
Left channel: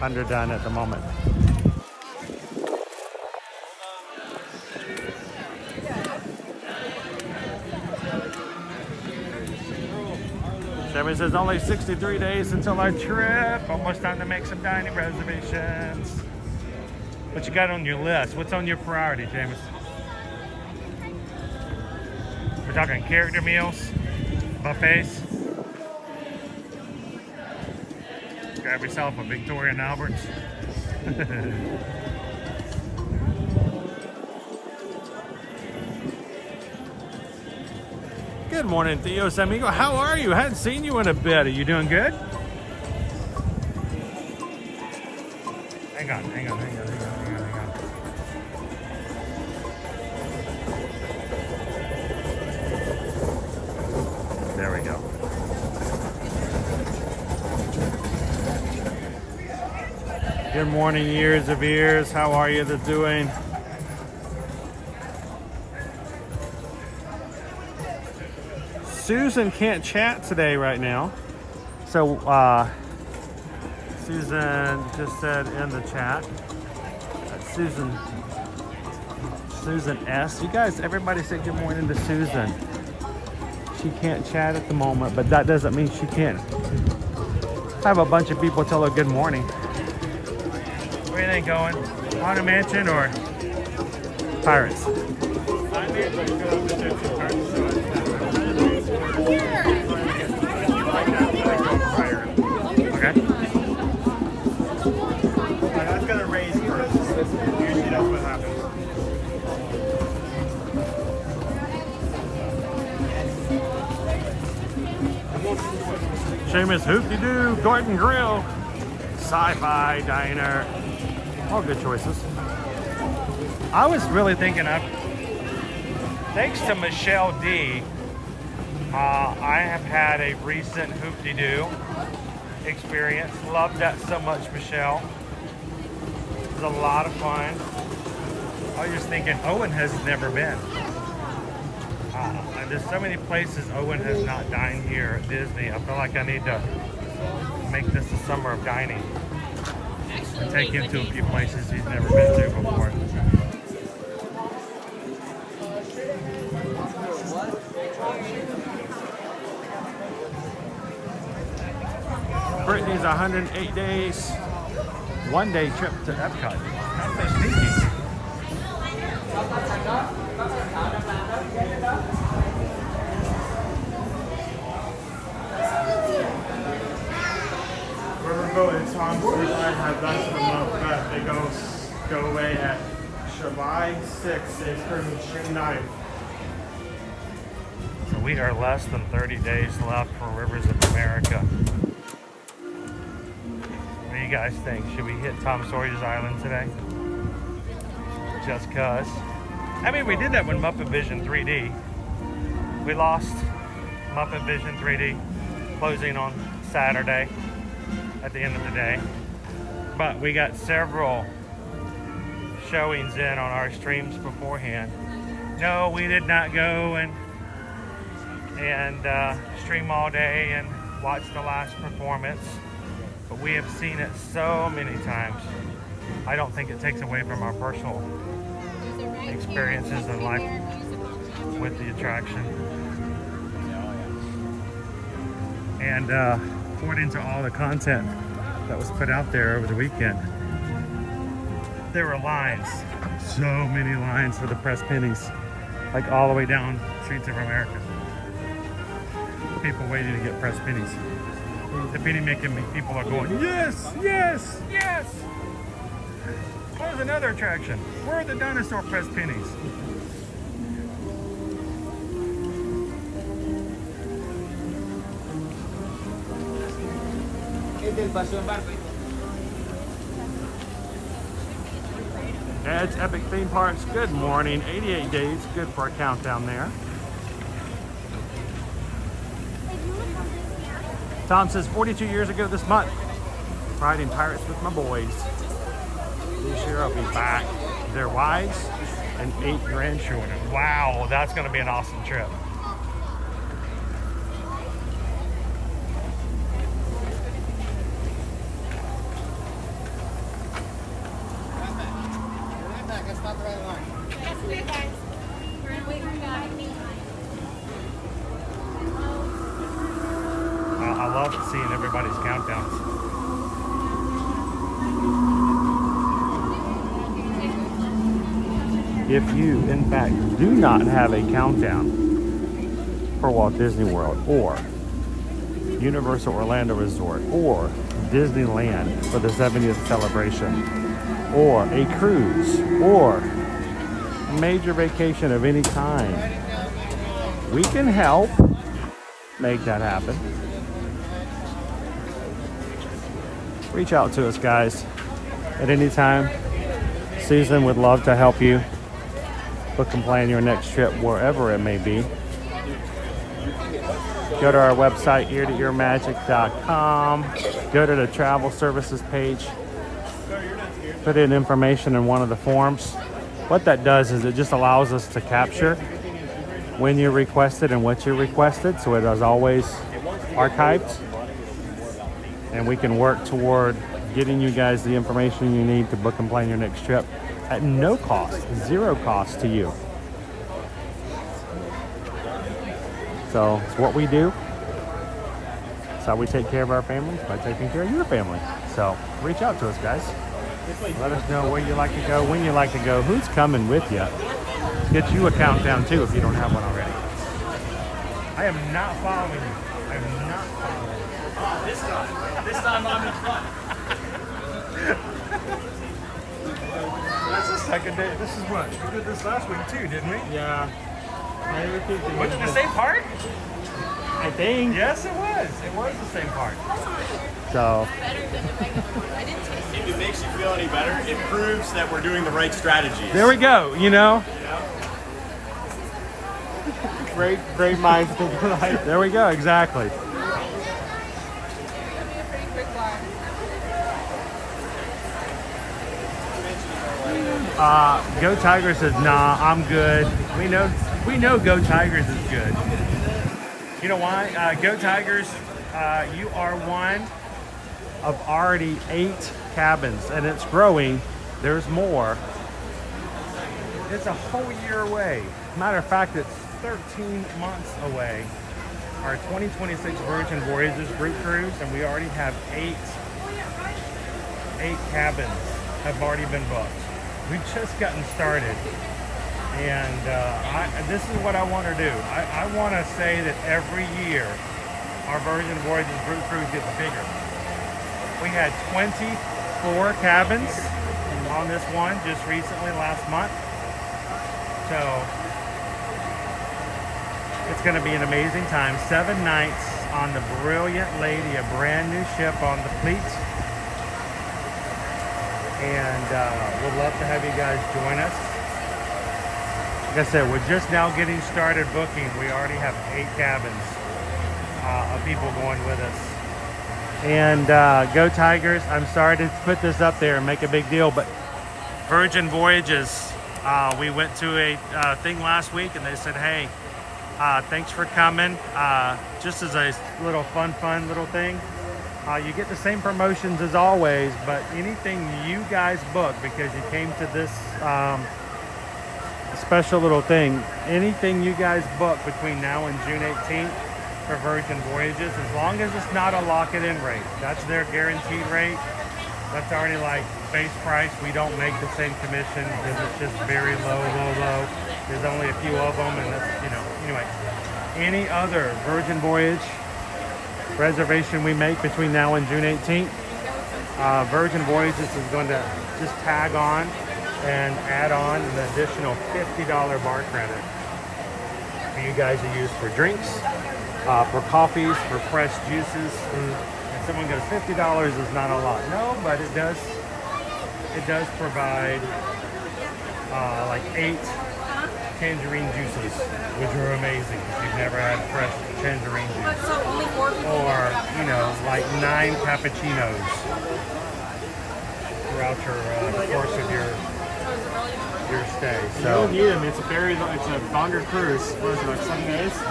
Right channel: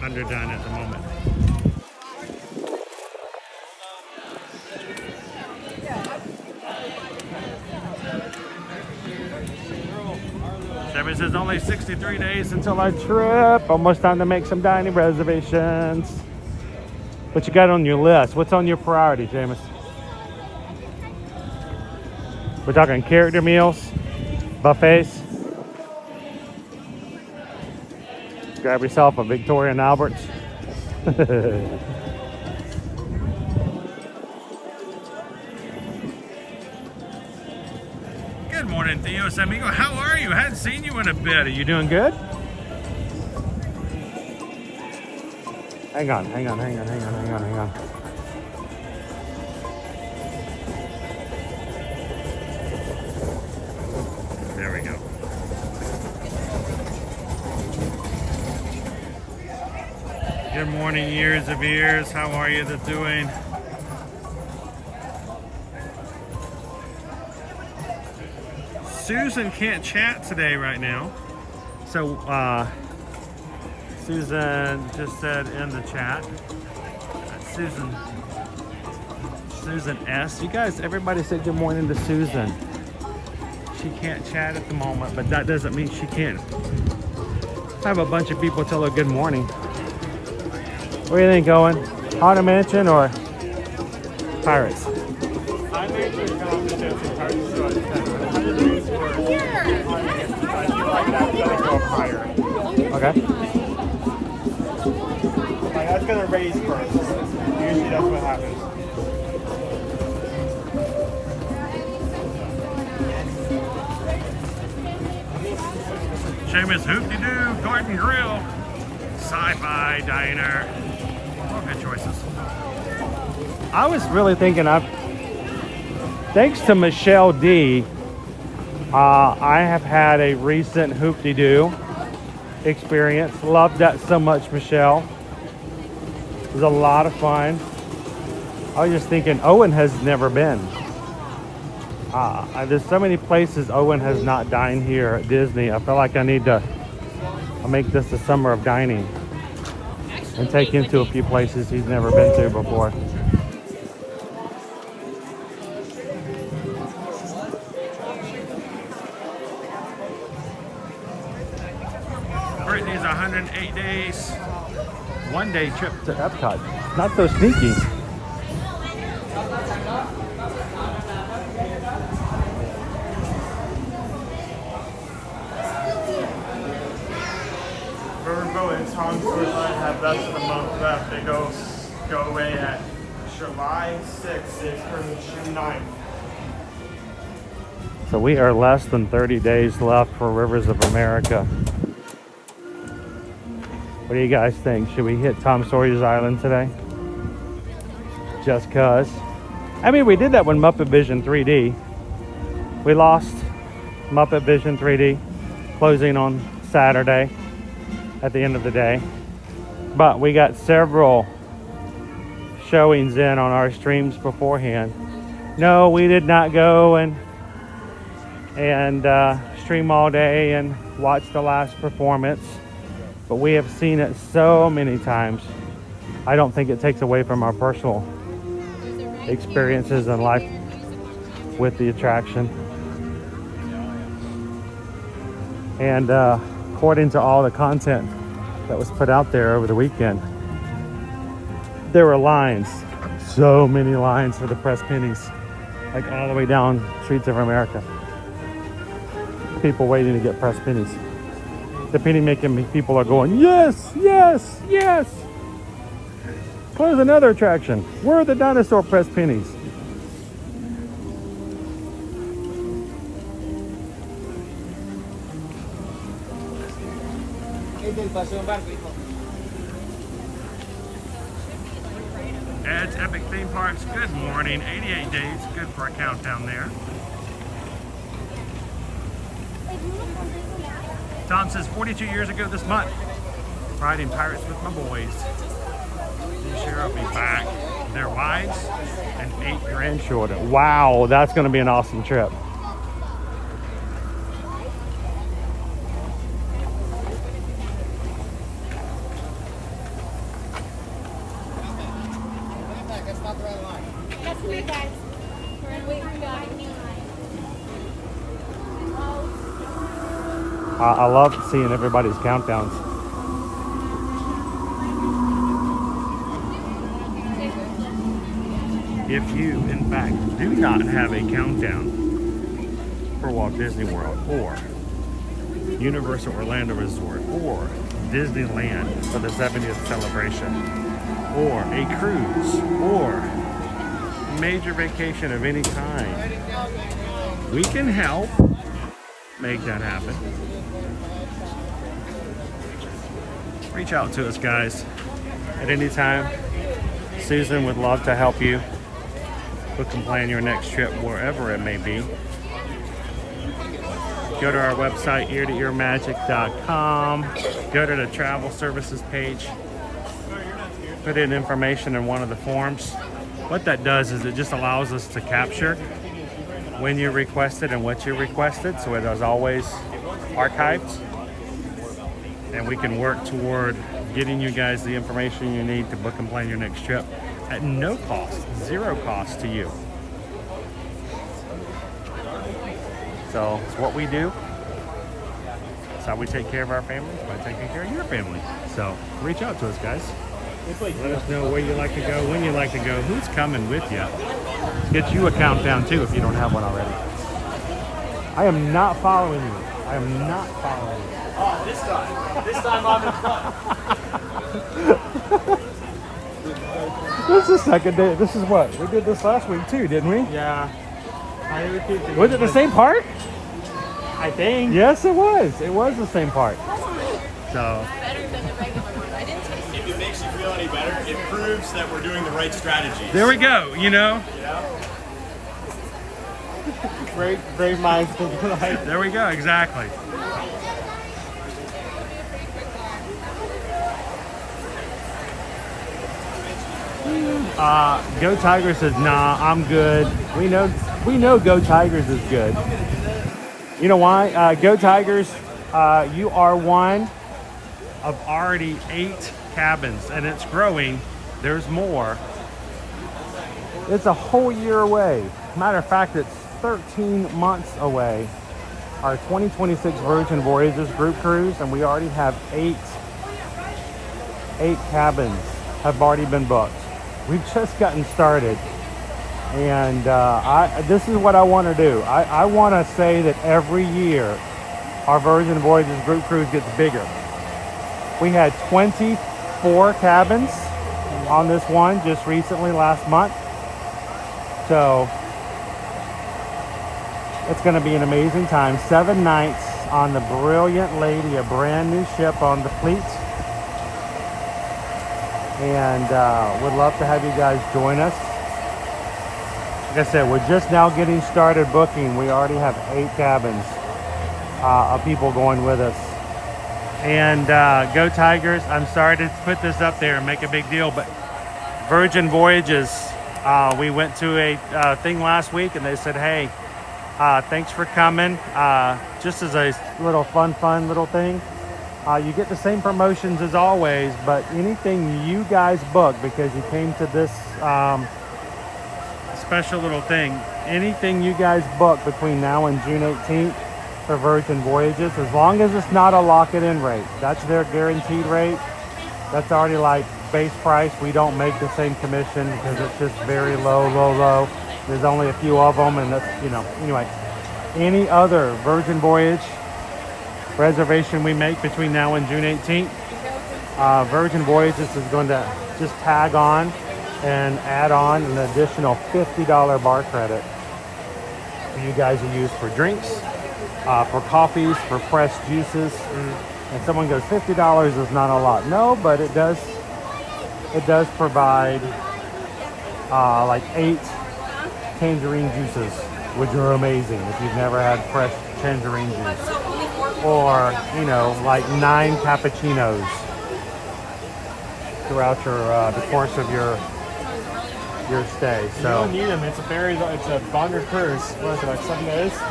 underdone at the moment. Chevy says only 63 days until our trip. Almost time to make some dining reservations. What you got on your list? What's on your priority, Jameis? We're talking character meals, buffets. Grab yourself a Victoria and Albert's. Good morning, Theos Amigo. How are you? Hadn't seen you in a bit. Are you doing good? Hang on. There we go. Good morning, years of ears. How are you doing? Susan can't chat today right now. So Susan just said in the chat. Susan S. You guys, everybody say good morning to Susan. She can't chat at the moment, but that doesn't mean she can't have a bunch of people tell her good morning. Where do you think going? Haunted Mansion or Pirates? Okay. That's gonna raise first. Usually that's what happens. Seamus Hoop-de-Doo, Garden Grill, Sci-Fi Diner. All good choices. I was really thinking thanks to Michelle D, I have had a recent Hoop-de-Doo experience. Loved that so much, Michelle. It was a lot of fun. I was just thinking Owen has never been. There's so many places Owen has not dined here at Disney. I feel like I need to make this a summer of dining and take him to a few places he's never been to before. Brittany's 108 days, one-day trip to Epcot. Not so sneaky. Go away at July 6th through June 9th. So we are less than 30 days left for Rivers of America. What do you guys think? Should we hit Tom Sawyer's Island today? Just cause. I mean, we did that when Muppet Vision 3D. We lost Muppet Vision 3D closing on Saturday at the end of the day. But we got several showings in on our streams beforehand. No, we did not go and stream all day and watch the last performance, but we have seen it so many times. I don't think it takes away from our personal experiences in life with the attraction. And according to all the content that was put out there over the weekend, there were lines, so many lines for the press pennies, like all the way down Streets of America. People waiting to get press pennies. The penny making people are going, yes, yes, yes. Where's another attraction? Where are the dinosaur press pennies? Ed's Epic Theme Parks, good morning. 88 days, good for a countdown there. Tom says 42 years ago this month, riding Pirates with my boys. This year I'll be back. They're wides and 8 grandchildren. Wow, that's gonna be an awesome trip. I love seeing everybody's countdowns. If you, in fact, do not have a countdown for Walt Disney World or Universal Orlando Resort or Disneyland for the 70th celebration or a cruise or major vacation of any kind, we can help make that happen. Reach out to us, guys, at any time. Susan would love to help you book and plan your next trip wherever it may be. Go to our website, eartoearmagic.com. Go to the travel services page. Put in information in one of the forms. What that does is it just allows us to capture when you requested and what you requested, so it is always archived, and we can work toward getting you guys the information you need to book and plan your next trip at no cost, zero cost to you. So it's what we do. It's how we take care of our families, by taking care of your family. So reach out to us, guys. Let us know where you like to go, when you like to go, who's coming with you. Get you a countdown too if you don't have one already. I am not following you. I am not following you. Oh, this time I'm in front. This is the second day. This is what? We did this last week too, didn't we? Yeah. Was it the same part? I think. Yes, it was. It was the same part. So. Better than the regular one. I didn't taste it. If it makes you feel any better, it proves that we're doing the right strategies. There we go, you know? Great minds think alike. There we go, exactly. Go Tigers says, nah, I'm good. We know Go Tigers is good. You know why? Go Tigers, you are one of already 8 cabins, and it's growing. There's more. It's a whole year away. Matter of fact, it's 13 months away. Our 2026 Virgin Voyages group cruise, and we already have 8 cabins have already been booked. We've just gotten started, and this is what I want to do. I want to say that every year our Virgin Voyages group cruise gets bigger. We had 24 cabins on this one just recently last month, so it's going to be an amazing time. 7 nights on the Brilliant Lady, a brand new ship on the fleet. And would love to have you guys join us. Like I said, we're just now getting started booking. We already have 8 cabins of people going with us. And Go Tigers, I'm sorry to put this up there and make a big deal, but Virgin Voyages, we went to a thing last week and they said, hey, thanks for coming. Just as a little fun little thing. You get the same promotions as always, but anything you guys book, because you came to this special little thing, anything you guys book between now and June 18th for Virgin Voyages, as long as it's not a lock-it-in rate, that's their guaranteed rate. That's already like base price. We don't make the same commission because it's just very low. There's only a few of them, and that's, you know, anyway. Any other Virgin Voyage reservation we make between now and June 18th, Virgin Voyages is going to just tag on and add on an additional $50 bar credit for you guys to use for drinks, for coffees, for fresh juices. And someone goes, $50 is not a lot. No, but it does provide like 8 tangerine juices, which are amazing if you've never had fresh tangerine juice. Or, you know, like 9 cappuccinos throughout the course of your stay. So you don't need them. It's a longer cruise. What is it, like 7 days?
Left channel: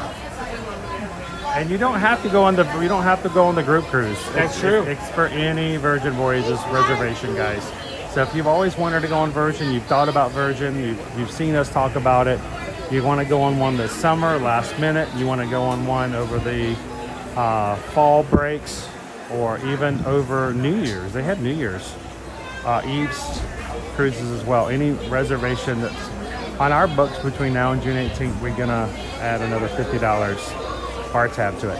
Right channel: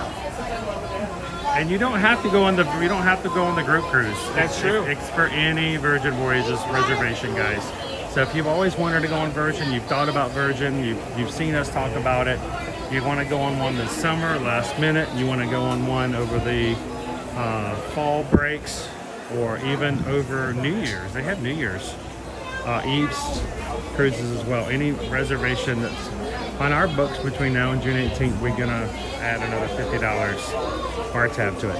And you don't have to go on the group cruise. That's true. It's for any Virgin Voyages reservation, guys. So if you've always wanted to go on Virgin, you've thought about Virgin, you've seen us talk about it, you want to go on one this summer, last minute, you want to go on one over the fall breaks, or even over New Year's. They had New Year's Eve's cruises as well. Any reservation that's on our books between now and June 18th, we're gonna add another $50 bar tab to it.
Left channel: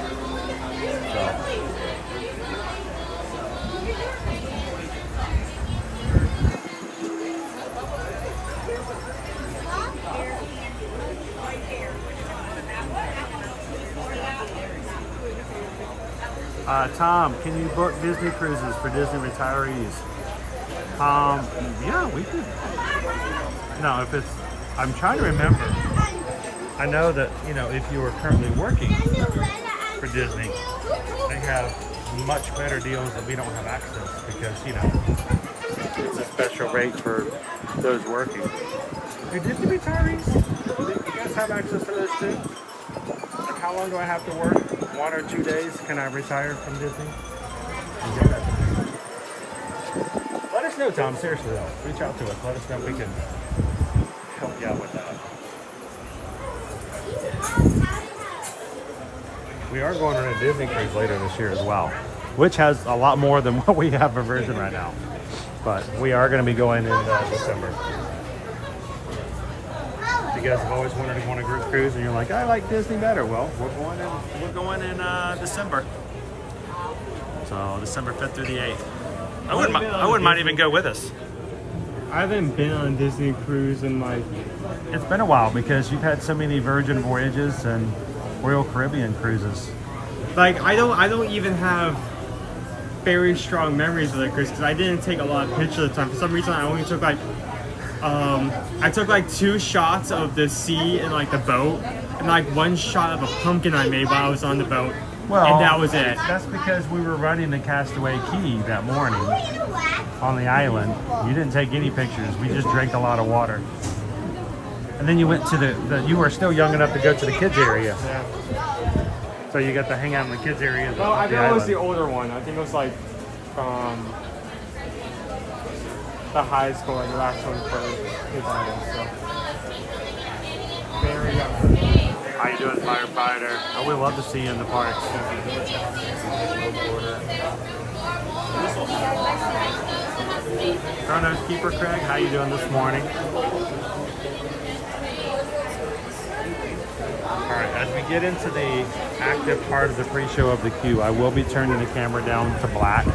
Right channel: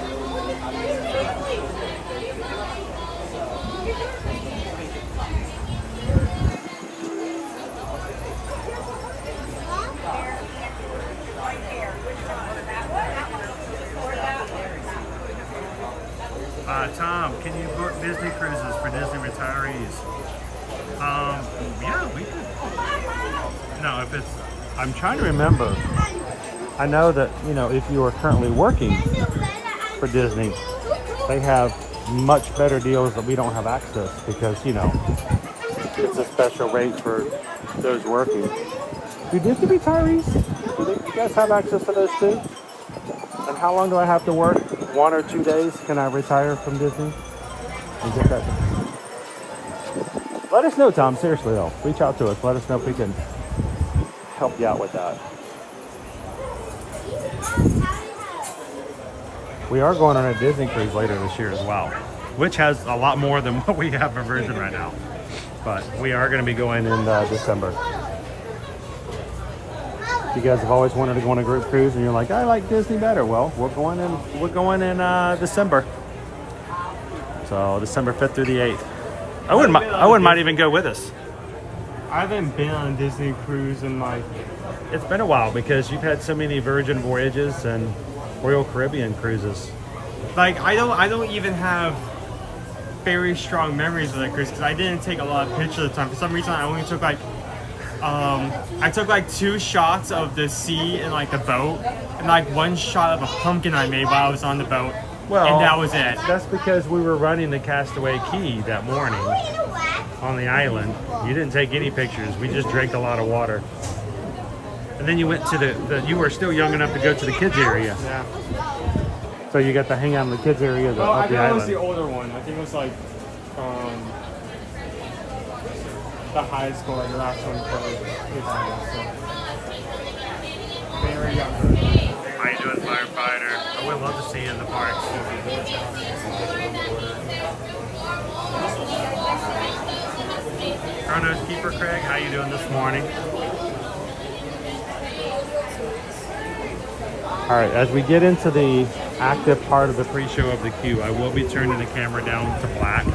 Tom, can you book Disney cruises for Disney retirees? Yeah, we could. No, if it's, I'm trying to remember. I know that, you know, if you are currently working for Disney, they have much better deals that we don't have access, because, you know, it's a special rate for those working. Do Disney retirees, do you guys have access to those too? And how long do I have to work? 1 or 2 days? Can I retire from Disney? And get that? Let us know, Tom. Seriously, though. Reach out to us. Let us know if we can help you out with that. We are going on a Disney cruise later this year as well, which has a lot more than what we have for Virgin right now. But we are going to be going in December. If you guys have always wanted to go on a group cruise and you're like, I like Disney better, well, we're going in December. So December 5th through the 8th. Owen might even go with us. I haven't been on a Disney cruise in like... It's been a while because you've had so many Virgin voyages and Royal Caribbean cruises. Like, I don't even have very strong memories of that cruise because I didn't take a lot of pictures at the time. For some reason, I only took like... I took like 2 shots of the sea and like the boat, and like 1 shot of a pumpkin I made while I was on the boat. Well, and that was it. That's because we were running the Castaway Key that morning on the island. You didn't take any pictures. We just drank a lot of water. And then you went to you were still young enough to go to the kids area. Yeah. So you got to hang out in the kids area. Well, I think it was the older one. I think it was like the high school, like the last one for kids area. So very young. How you doing, firefighter? Oh, we love to see you in the parks. Chronos Keeper Craig, how you doing this morning? All right, as we get into the active part of the pre-show of the queue, I will be turning the camera down to black,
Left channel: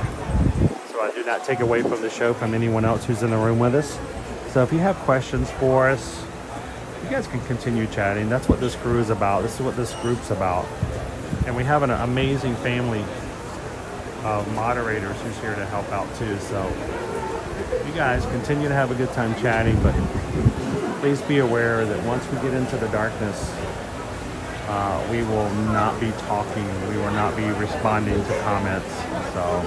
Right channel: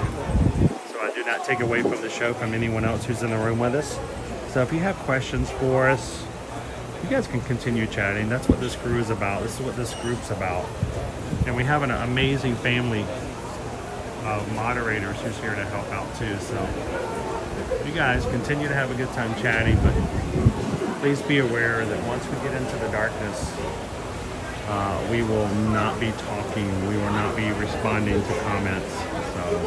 so I do not take away from the show from anyone else who's in the room with us. So if you have questions for us, you guys can continue chatting. That's what this crew is about. This is what this group's about. And we have an amazing family of moderators who's here to help out too. So you guys continue to have a good time chatting, but please be aware that once we get into the darkness, we will not be talking. We will not be responding to comments. So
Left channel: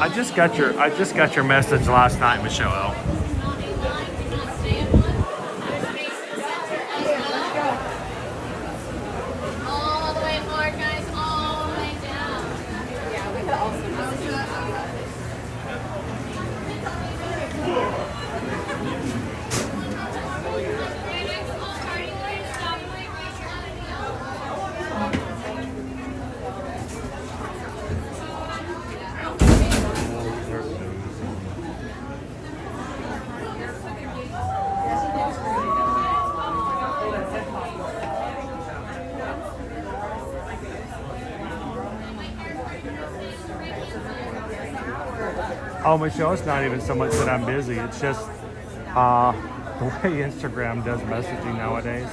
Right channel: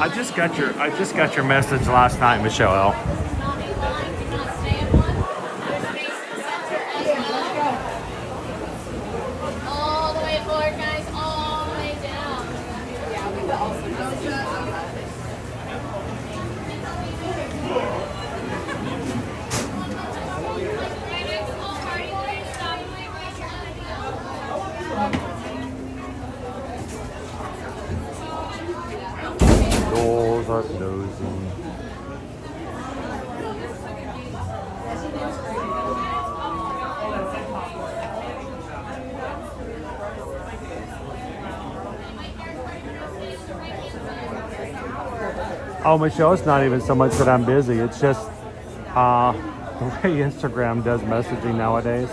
I just got your message last night, Michelle L. All the way forward, guys. All the way down. Yeah, we could also. Doors are closing. Oh, Michelle, it's not even so much that I'm busy. It's just the way Instagram does messaging nowadays.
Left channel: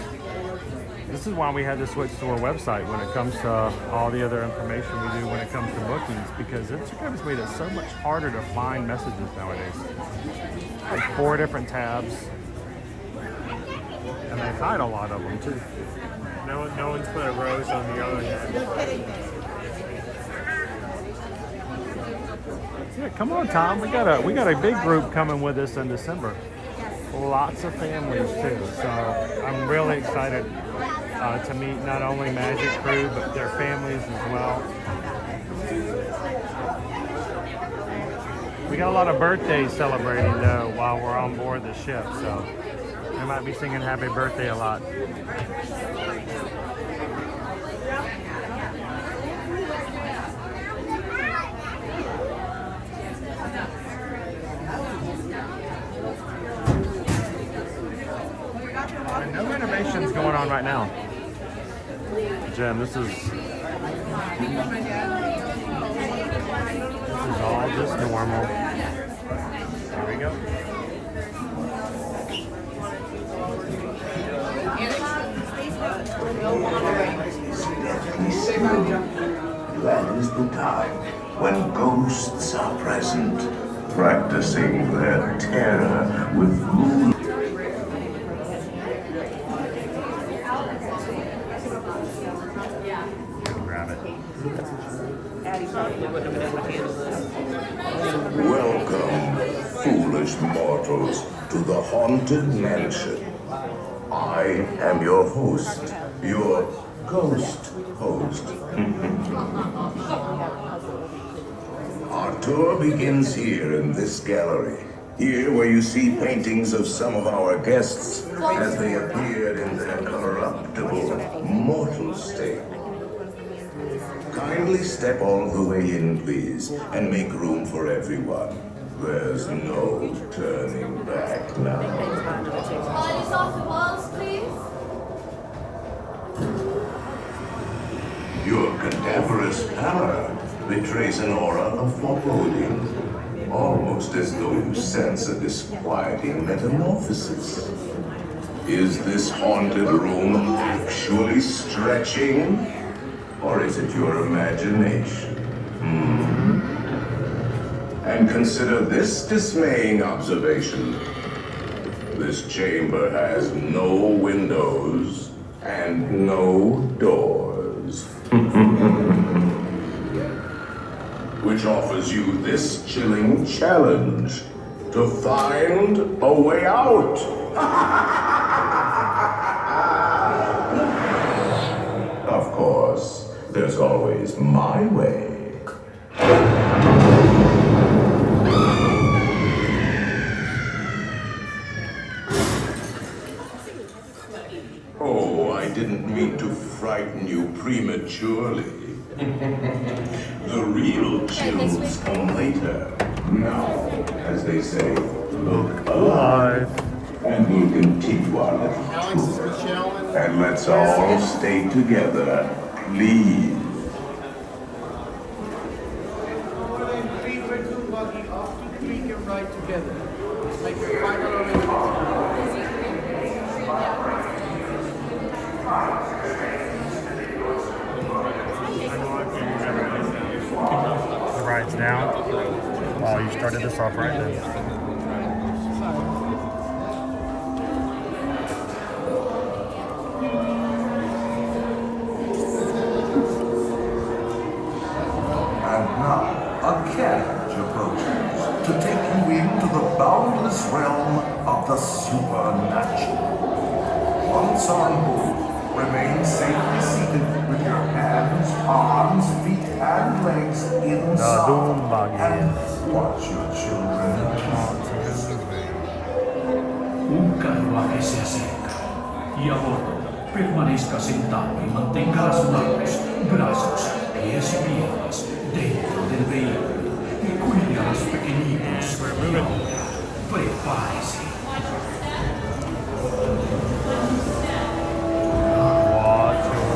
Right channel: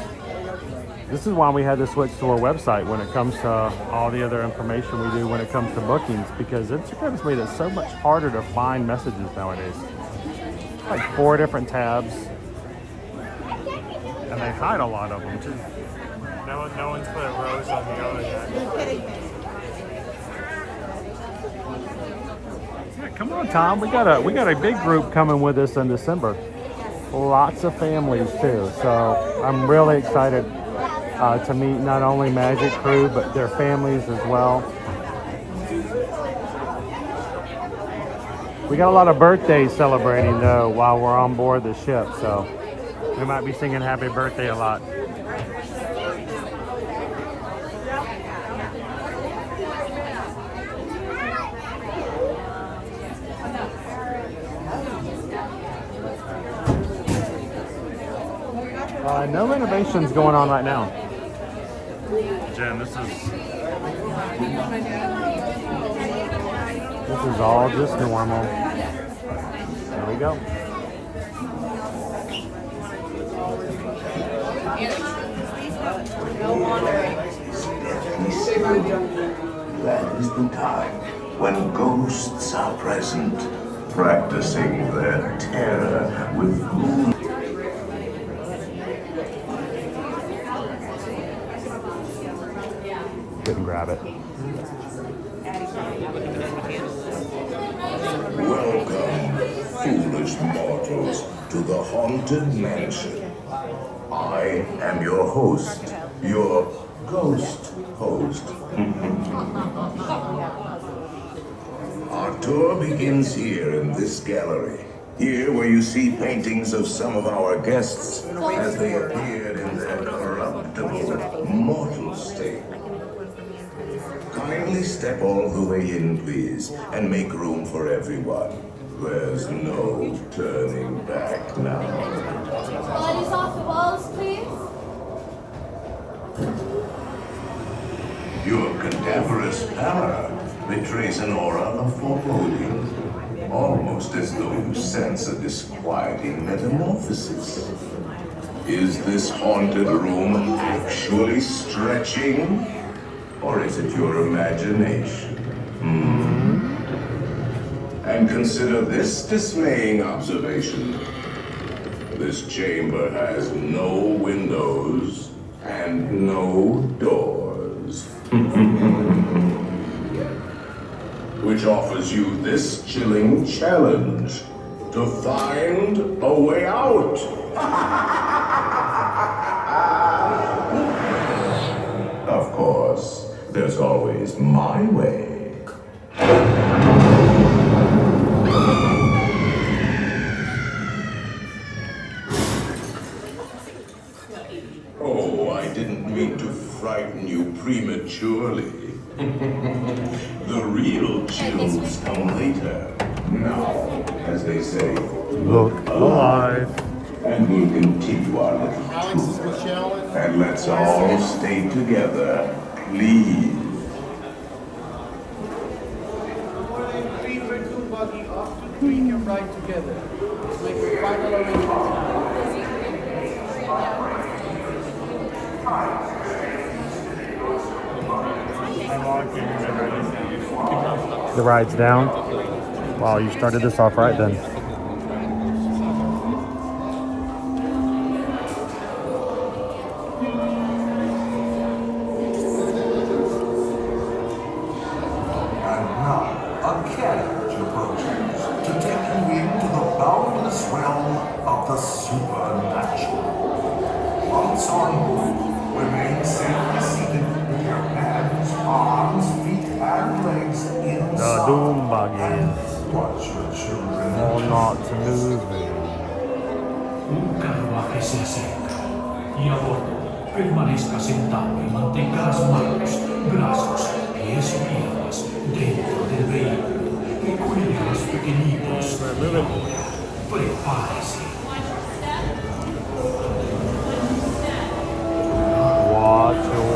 This is why we had to switch to our website when it comes to all the other information we do when it comes to bookings, because Instagram's made it so much harder to find messages nowadays. Like 4 different tabs, and they hide a lot of them too. No one's put a rose on the other yet. Yeah, come on, Tom. We got a big group coming with us in December. Lots of families too. So I'm really excited to meet not only Magic Crew but their families as well. We got a lot of birthdays celebrating though while we're on board the ship, so we might be singing happy birthday a lot. No renovations going on right now. Jen, this is all just normal. There we go. That is the time when ghosts are present, practicing their terror with moon. Couldn't grab it. Welcome, foolish mortals, to the Haunted Mansion. I am your host, your ghost host. Our tour begins here in this gallery. Here where you see paintings of some of our guests as they appeared in their corruptible, mortal state. Kindly step all the way in, please, and make room for everyone. There's no turning back now. Bodies off the walls, please. Your cadaverous pallor betrays an aura of foreboding, almost as though you sense a disquieting metamorphosis. Is this haunted room actually stretching? Or is it your imagination? And consider this dismaying observation. This chamber has no windows and no doors. Which offers you this chilling challenge to find a way out. Of course, there's always my way. Oh, I didn't mean to frighten you prematurely. The real chills come later. Now, as they say, look alive. And we'll continue our little tour. And let's all stay together, please. Buggy off to Creek and ride together. Make your final The ride's down. Wow, you started this off right then. And now, a carriage approaches to take you into the boundless realm of the supernatural. Once on board, remain safely seated with your hands, arms, feet, and legs inside. The doom buggy. Watch your children not moving. Bukan wakisese. Ia boto, permanezcas sentado y mantenga las manos, brazos, pies y piernas dentro del vehículo y cuide a los pequeñitos. Y ahora, prepárese. Watch your step. Watch your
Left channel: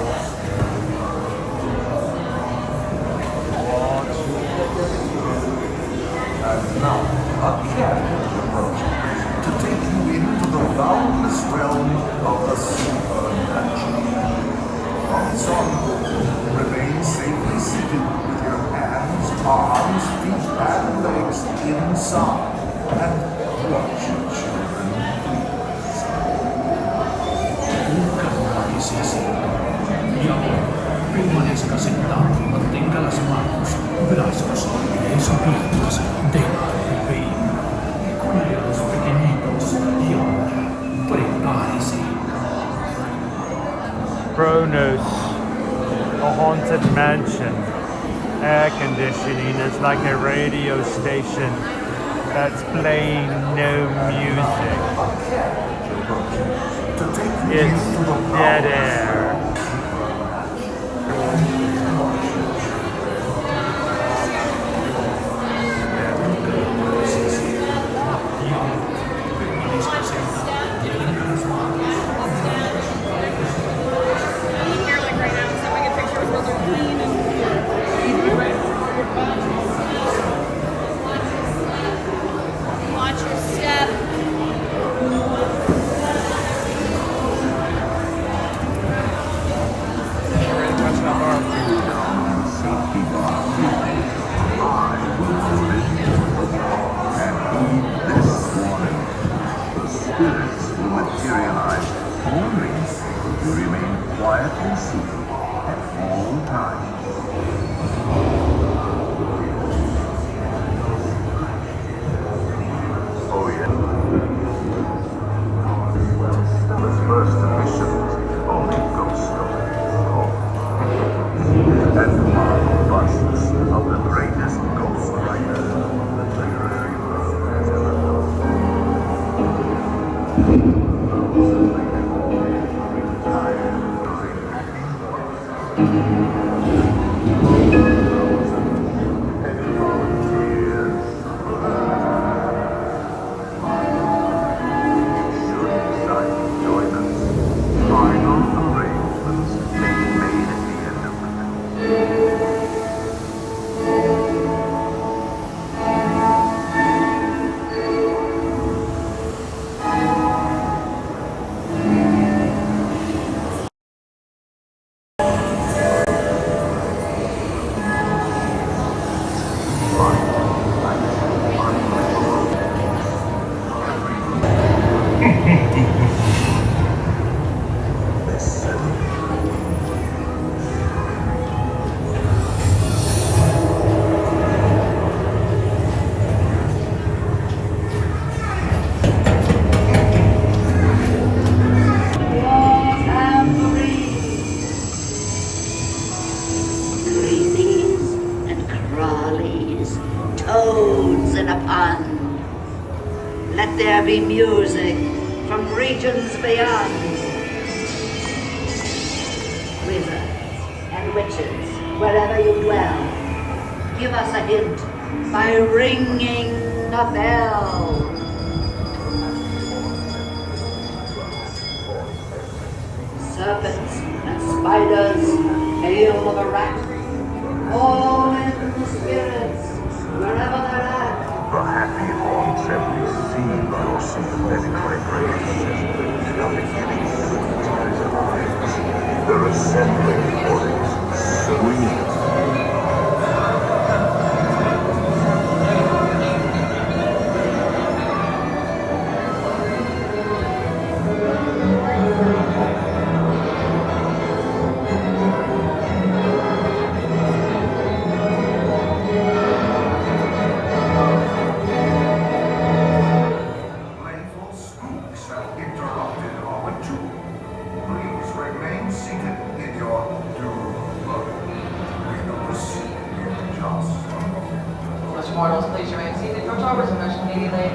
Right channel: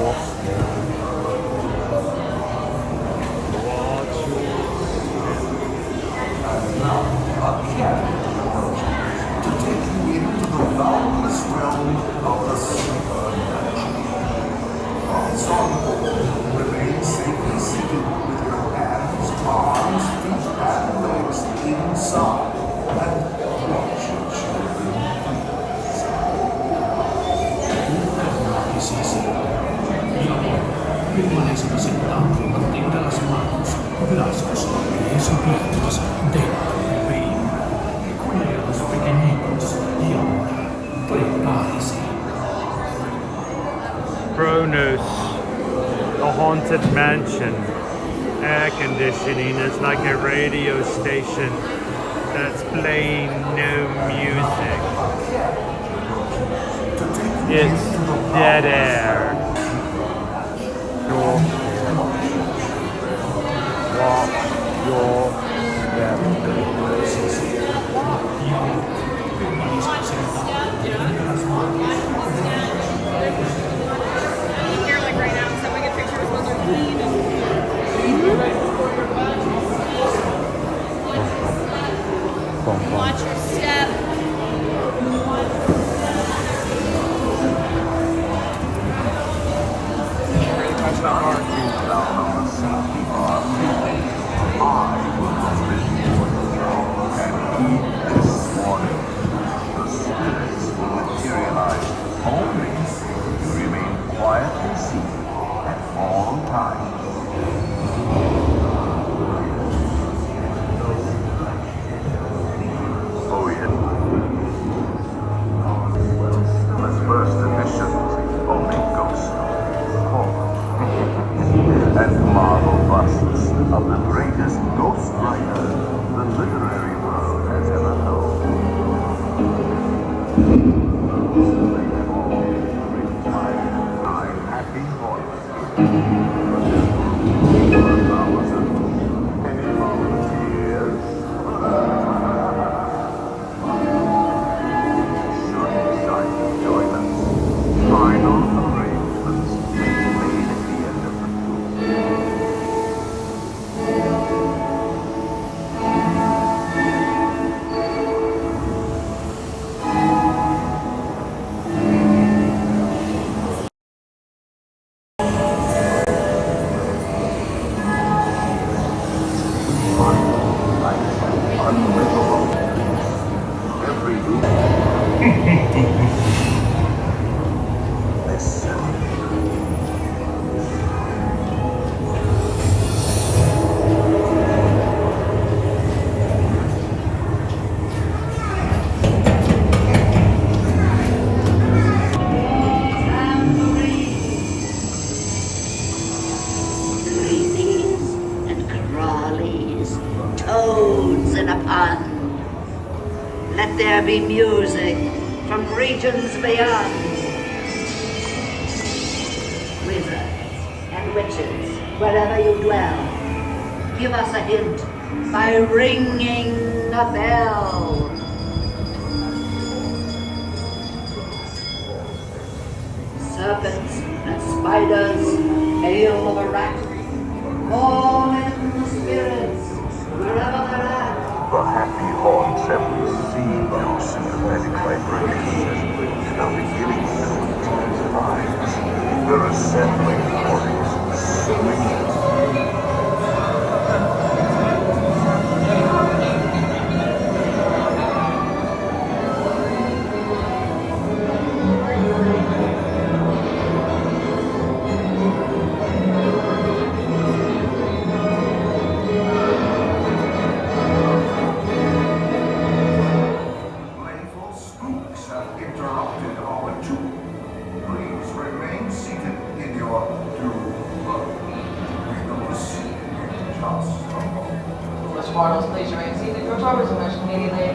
And now, a carriage approaches to take you into the boundless realm of the supernatural. Once on board, remain safely seated with your hands, arms, feet, and legs inside. And watch your children, please. Bukan wakisese. Ia boto, permanezca sentado y mantenga las manos, brazos, pies y piernas dentro del vehículo y cuide a los pequeñitos. Y ahora, prepárese. Kronos, the haunted mansion. Air conditioning is like a radio station that's playing no music. It's dead air. Here, like right now, so I get pictures of those are clean and watch your step. Toads in a pond. Let there be music from regions beyond. Wizards and witches, wherever you dwell, give us a hint by ringing a bell. Serpents and spiders, hail of a rat, call in the spirits wherever they're at. The happy haunts every scene you'll see many vibrations. Now beginning to hypnotize eyes. They're assembling bodies, swinging. Mortals, please remain seated. Your tours emerge immediately.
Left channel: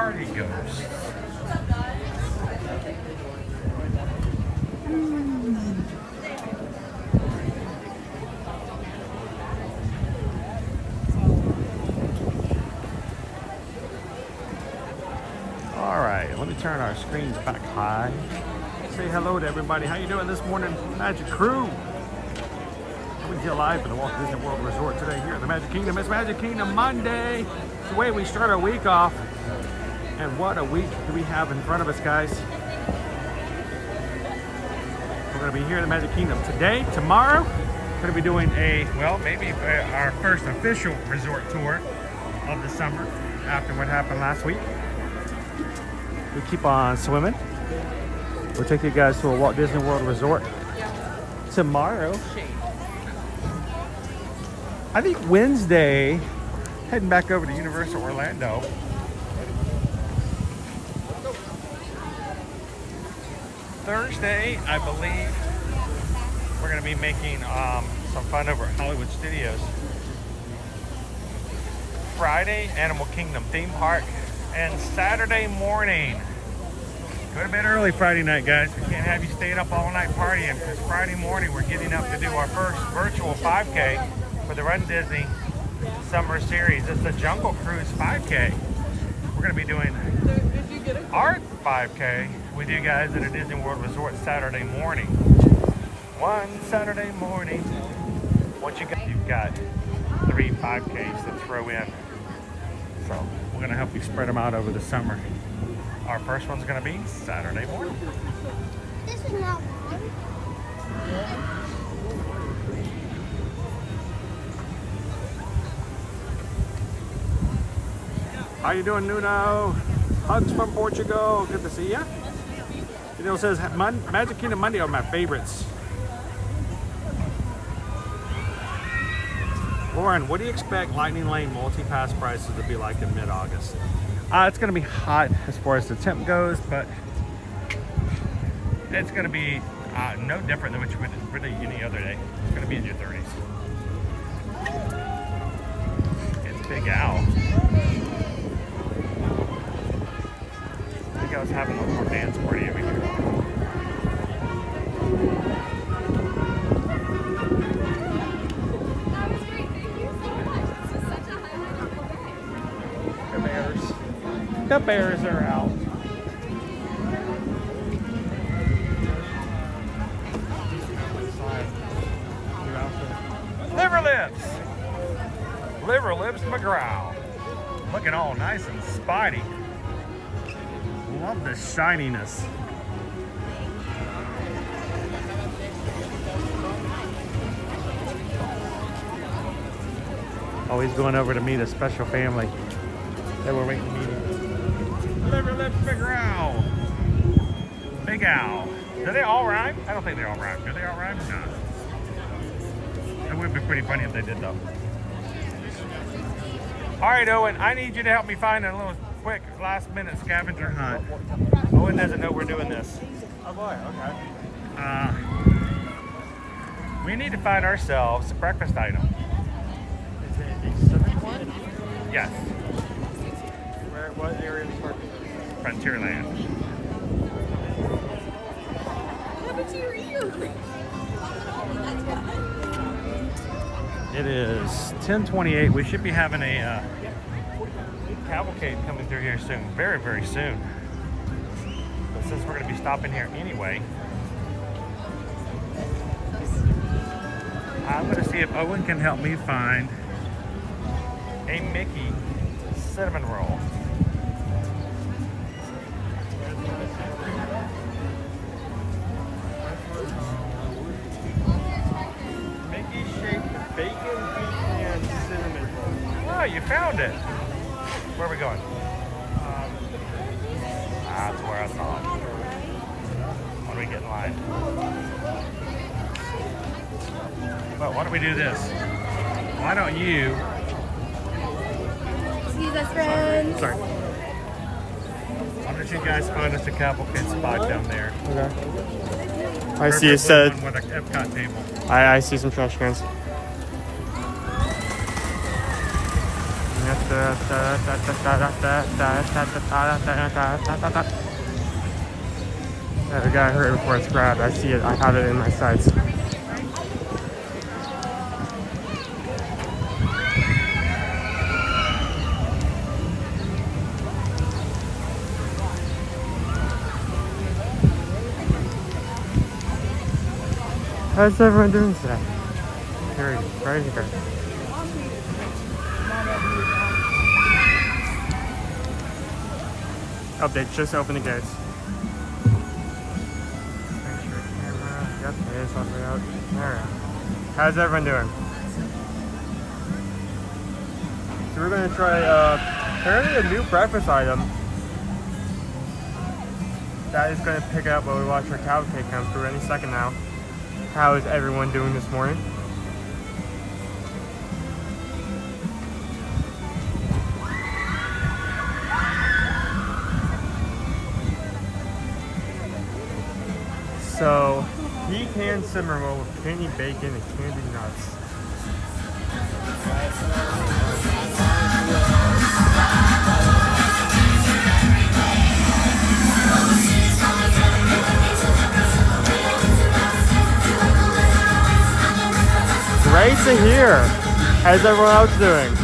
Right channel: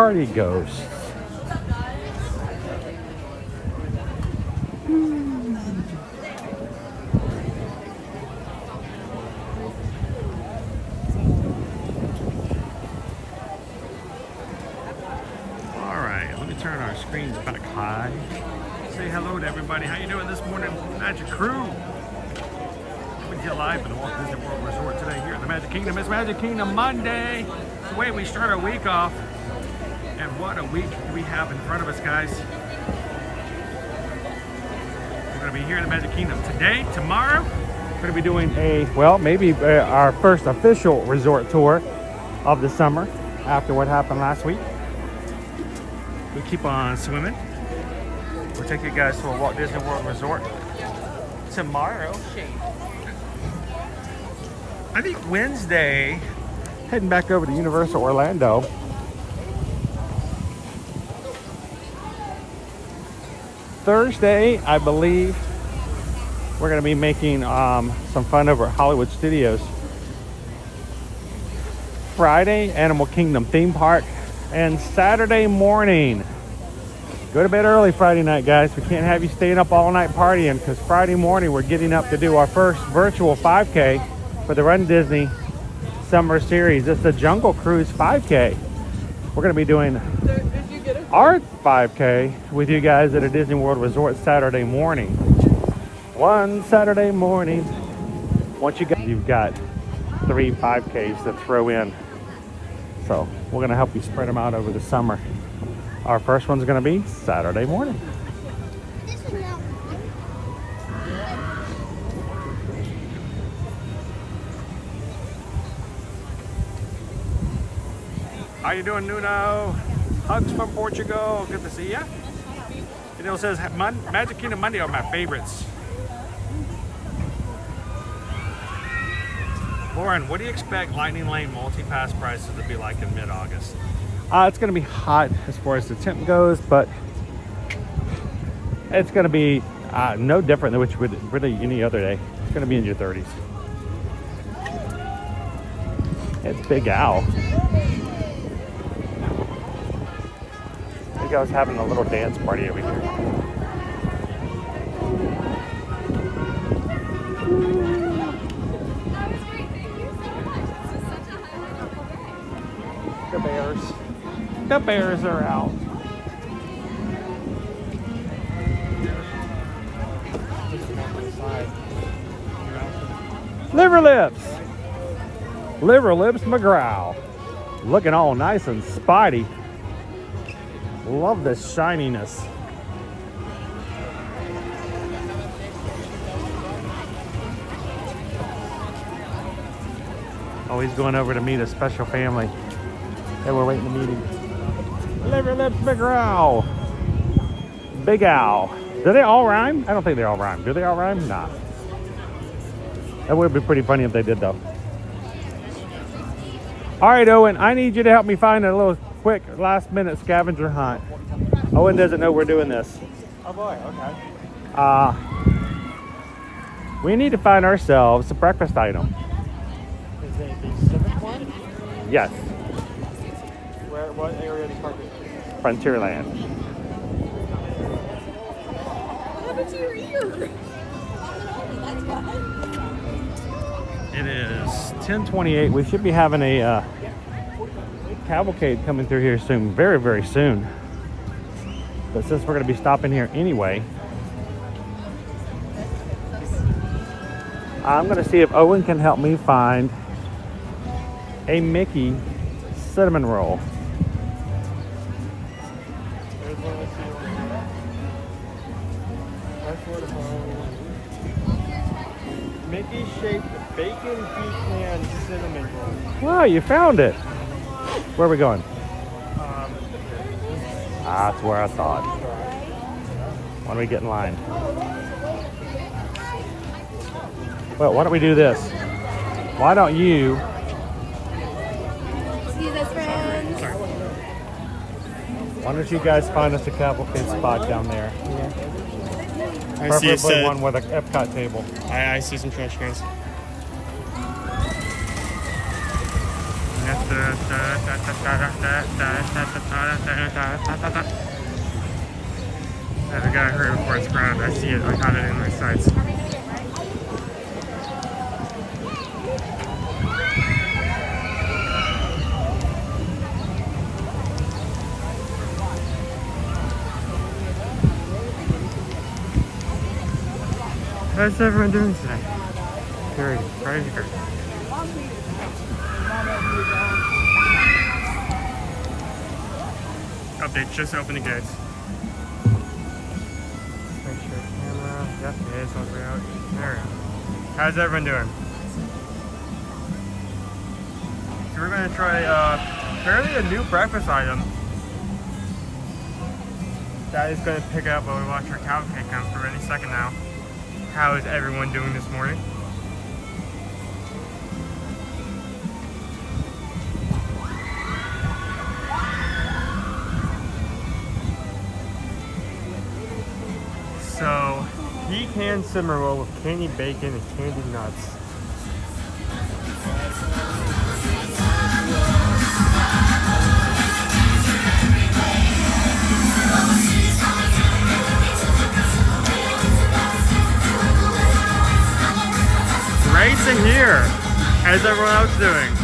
party ghosts. All right, let me turn our screens back high. Say hello to everybody. How you doing this morning, Magic Crew? Coming to you live from the Walt Disney World Resort today here at the Magic Kingdom. It's Magic Kingdom Monday. It's the way we start our week off. And what a week do we have in front of us, guys. We're going to be here in the Magic Kingdom today, tomorrow. We're going to be doing maybe our first official resort tour of the summer after what happened last week. We keep on swimming. We'll take you guys to a Walt Disney World Resort tomorrow. I think Wednesday, heading back over to Universal Orlando. Thursday, I believe, we're going to be making some fun over at Hollywood Studios. Friday, Animal Kingdom theme park. And Saturday morning, go to bed early Friday night, guys. We can't have you staying up all night partying, because Friday morning we're getting up to do our first virtual 5K for the Run Disney Summer Series. It's the Jungle Cruise 5K. We're going to be doing our 5K with you guys at a Disney World Resort Saturday morning. One Saturday morning. Once you've got 3 5Ks to throw in. So we're going to help you spread them out over the summer. Our first one's going to be Saturday morning. This is not How you doing, Nuno? Hugs from Portugal. Good to see ya. It says Magic Kingdom Monday are my favorites. Lauren, what do you expect Lightning Lane multi-pass prices to be like in mid-August? It's going to be hot as far as the temp goes, but it's going to be no different than what you would really any other day. It's going to be in your 30s. It's Big Al. You guys having a little dance party over here. The bears are out. Liver Lips McGraw. Looking all nice and spidey. Love the shininess. Oh, he's going over to meet a special family that we're waiting to meet him. Liver Lips McGraw. Big Al. Do they all rhyme? I don't think they all rhyme. Do they all rhyme? Nah. That would be pretty funny if they did, though. All right, Owen, I need you to help me find a little quick last-minute scavenger hunt. Owen doesn't know we're doing this. We need to find ourselves a breakfast item. Yes. Frontierland. What happened to your ear? It is 10:28. We should be having a cavalcade coming through here soon, very, very soon. But since we're going to be stopping here anyway, I'm going to see if Owen can help me find a Mickey cinnamon roll. Mickey shaped bacon, pecan, cinnamon. Oh, you found it. Where are we going? That's where I thought. Why don't we get in line? Well, why don't we do this? Why don't you... Excuse us, friends. Sorry. Why don't you guys find us a cavalcade spot down there? Okay. I see a set. One with an Epcot table. I see some trash cans. That's We gotta hurry before it's grabbed. I see it. I have it in my sights. How's everyone doing today? Here, right here. Oh, they just opened the gates. Make sure camera. Yep, it is all the way out. There we go. How's everyone doing? So we're gonna try apparently a new breakfast item that is gonna pick up while we watch our cavalcade come through any second now. How is everyone doing this morning? So, pecan cinnamon roll with candy bacon and candy nuts. Great to hear. How's everyone else doing?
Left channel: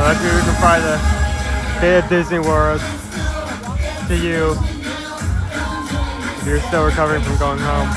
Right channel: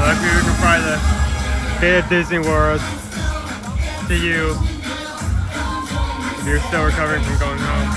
Luckily we can fly the Bay of Disney World to you if you're still recovering from going home.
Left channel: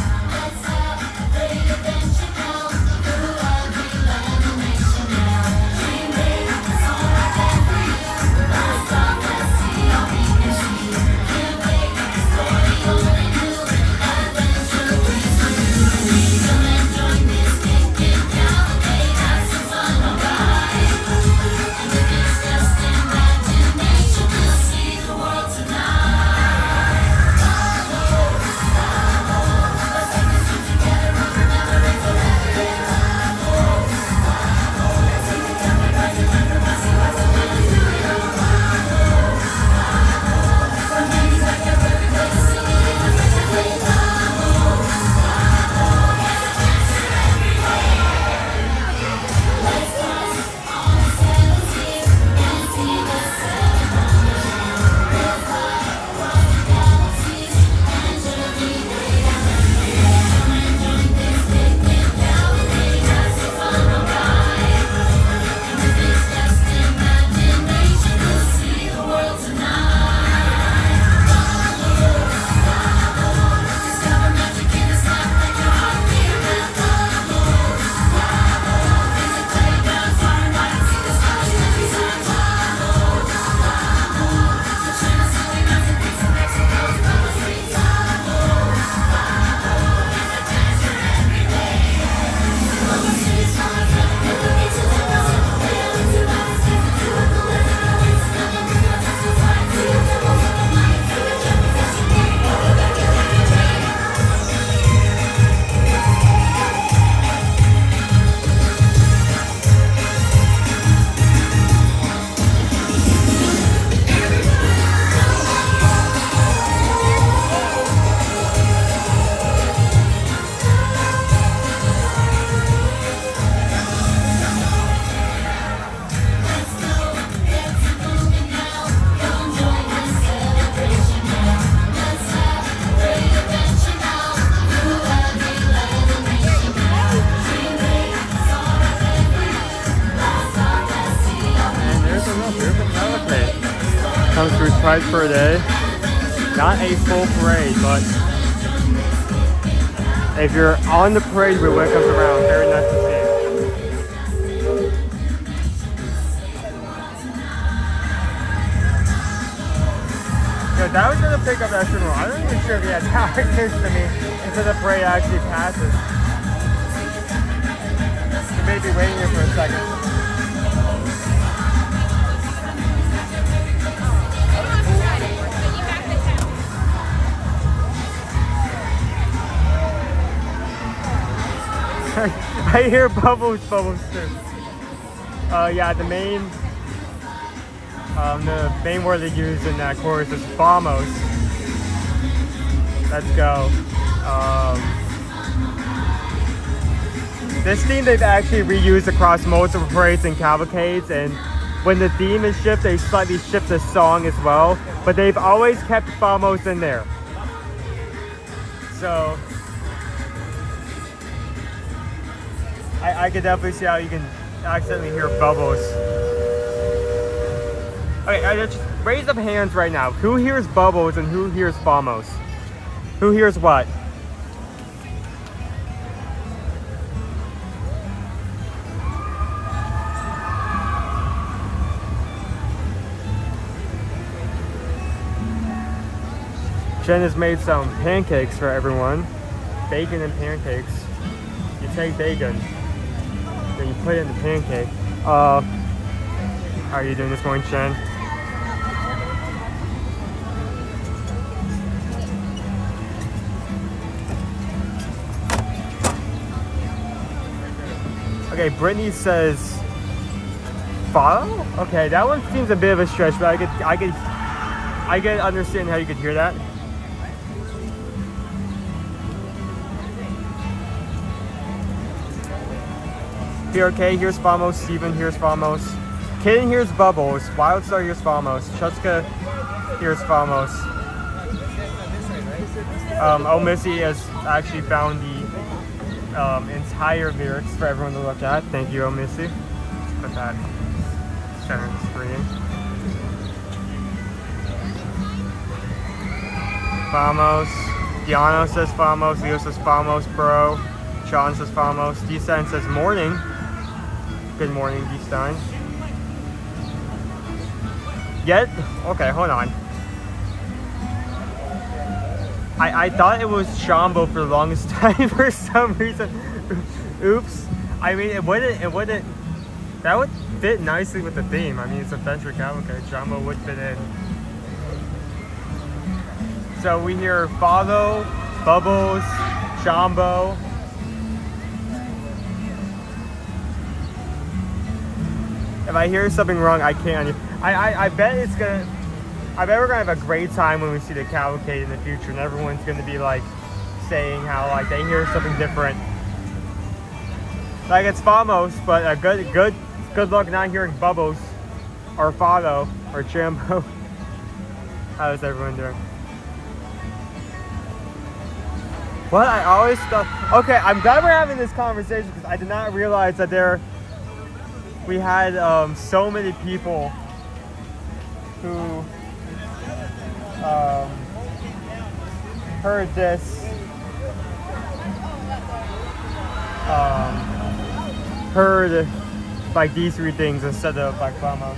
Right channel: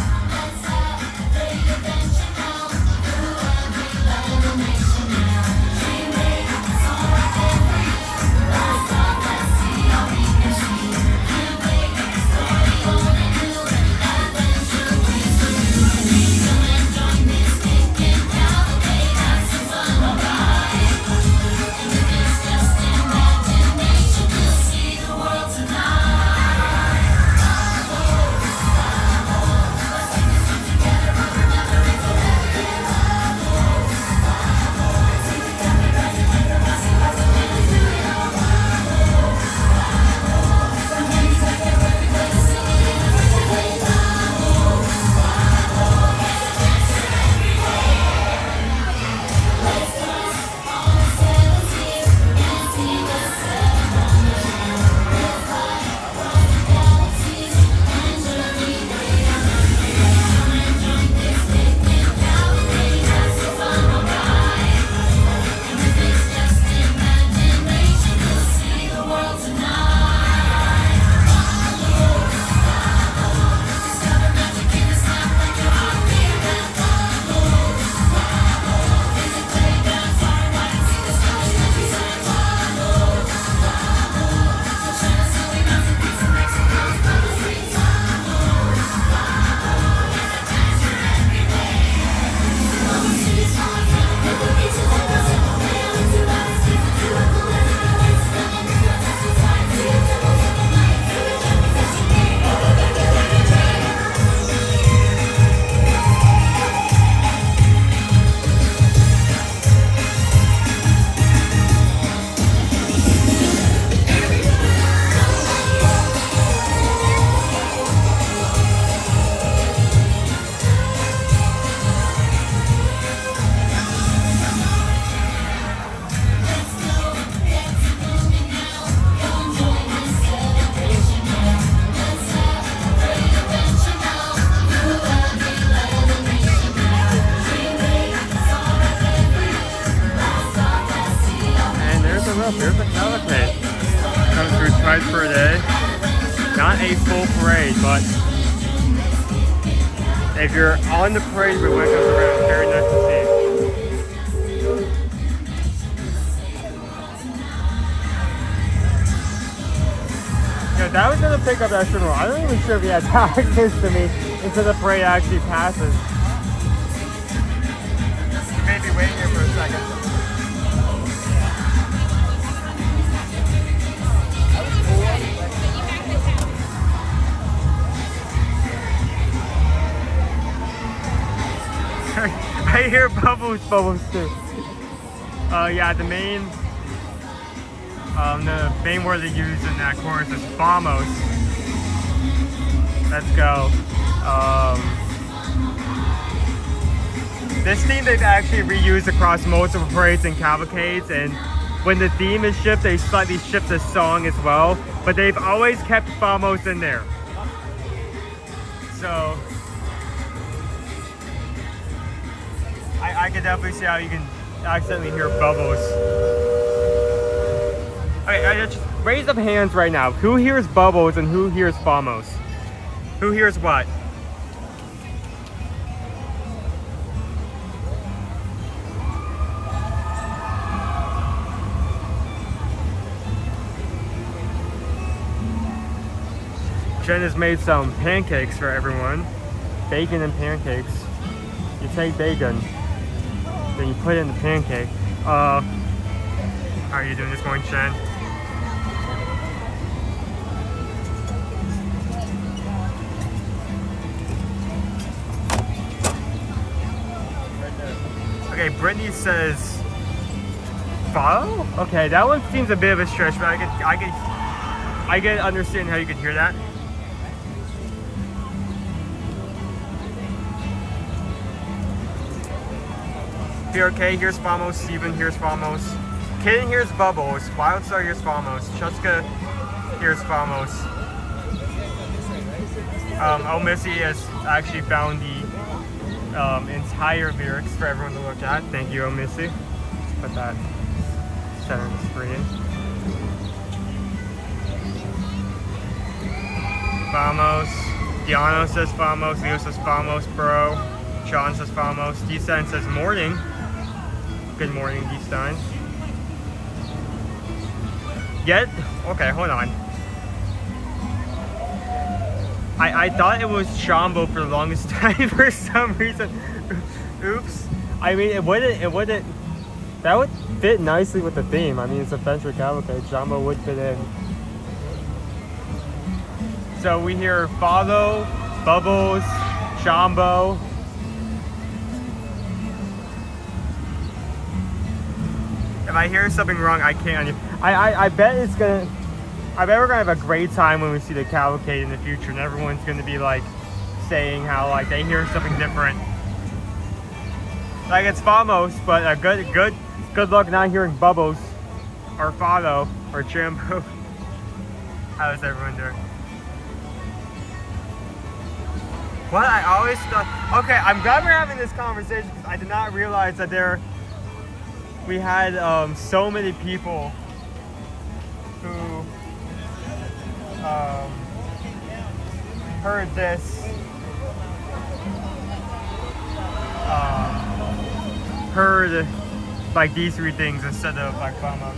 Twice per day. Not a full parade, but if you're on the parade when it comes around, very nice to see. Yeah, that was gonna pick up that funeral. I'm not even sure if he has access to me until the parade actually passes. You may be waiting here for a second. I hear bubbles too. Yeah, the main word they use in that chorus is Famos. Let's go. This theme they've actually reused across multiple parades and cavalcades, and when the theme is shifted, they slightly shift the song as well, but they've always kept Famos in there. So I could definitely see how you can accidentally hear bubbles. Okay, just raise up hands right now. Who hears bubbles and who hears Famos? Who hears what? Jen has made some pancakes for everyone. Bacon and pancakes. You take bacon, then you put it in the pancake. How are you doing this morning, Jen? Okay, Brittany says follow? Okay, that one seems a bit of a stretch, but I can understand how you could hear that. Here, okay, here's Famos. Steven here's Famos. Kaden here's Bubbles. Wildstar here's Famos. Chuska here's Famos. Missy has actually found the entire lyrics for everyone to look at. Thank you, Missy. Let's put that center of the screen. Famos. Diano says Famos. Leo says Famos, bro. Sean says Famos. D-Stein says morning. Good morning, D-Stein. Yet? Okay, hold on. I thought it was Shambo for the longest time for some reason. Oops. I mean, it wouldn't, that would fit nicely with the theme. I mean, it's a Venture Cavalcade. Shambo would fit in. So we hear Follow, Bubbles, Shambo. If I hear something wrong, I can't. I bet it's gonna. I bet we're gonna have a great time when we see the cavalcade in the future, and everyone's gonna be like saying how like they hear something different. Like it's Famos, but good luck not hearing Bubbles, or Follow, or Chambo. How is everyone doing? What I always thought. Okay, I'm glad we're having this conversation because I did not realize that we had so many people who heard this, heard like these three things instead of like Famos.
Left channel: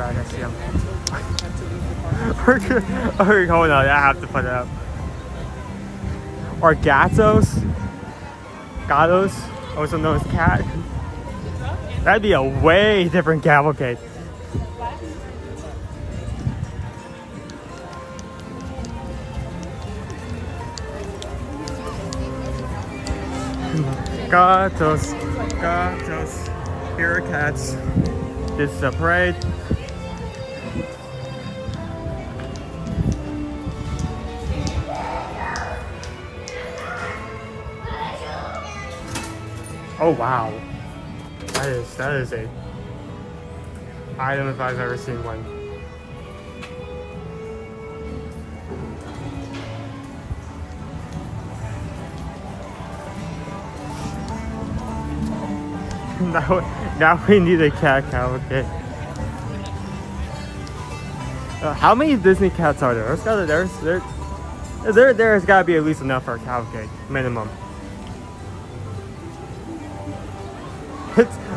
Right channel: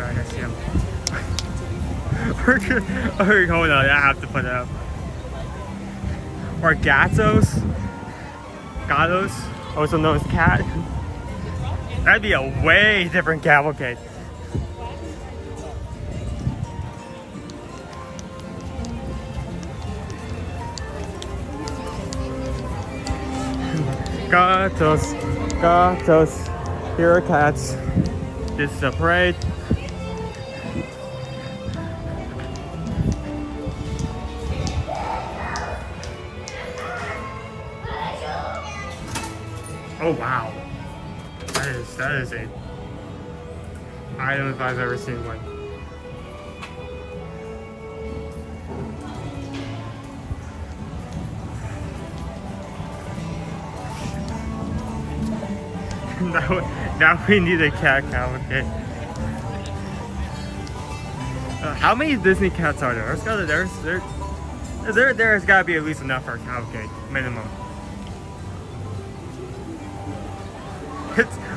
I see him. Okay, hold on, I have to put it up. Or Gatos, also known as Cat. That'd be a way different cavalcade. Gatos, here are cats. This is a parade. Oh wow, that is a item if I've ever seen one. Now we need a cat cavalcade. How many Disney cats are there? There's There's got to be at least enough for a cavalcade, minimum.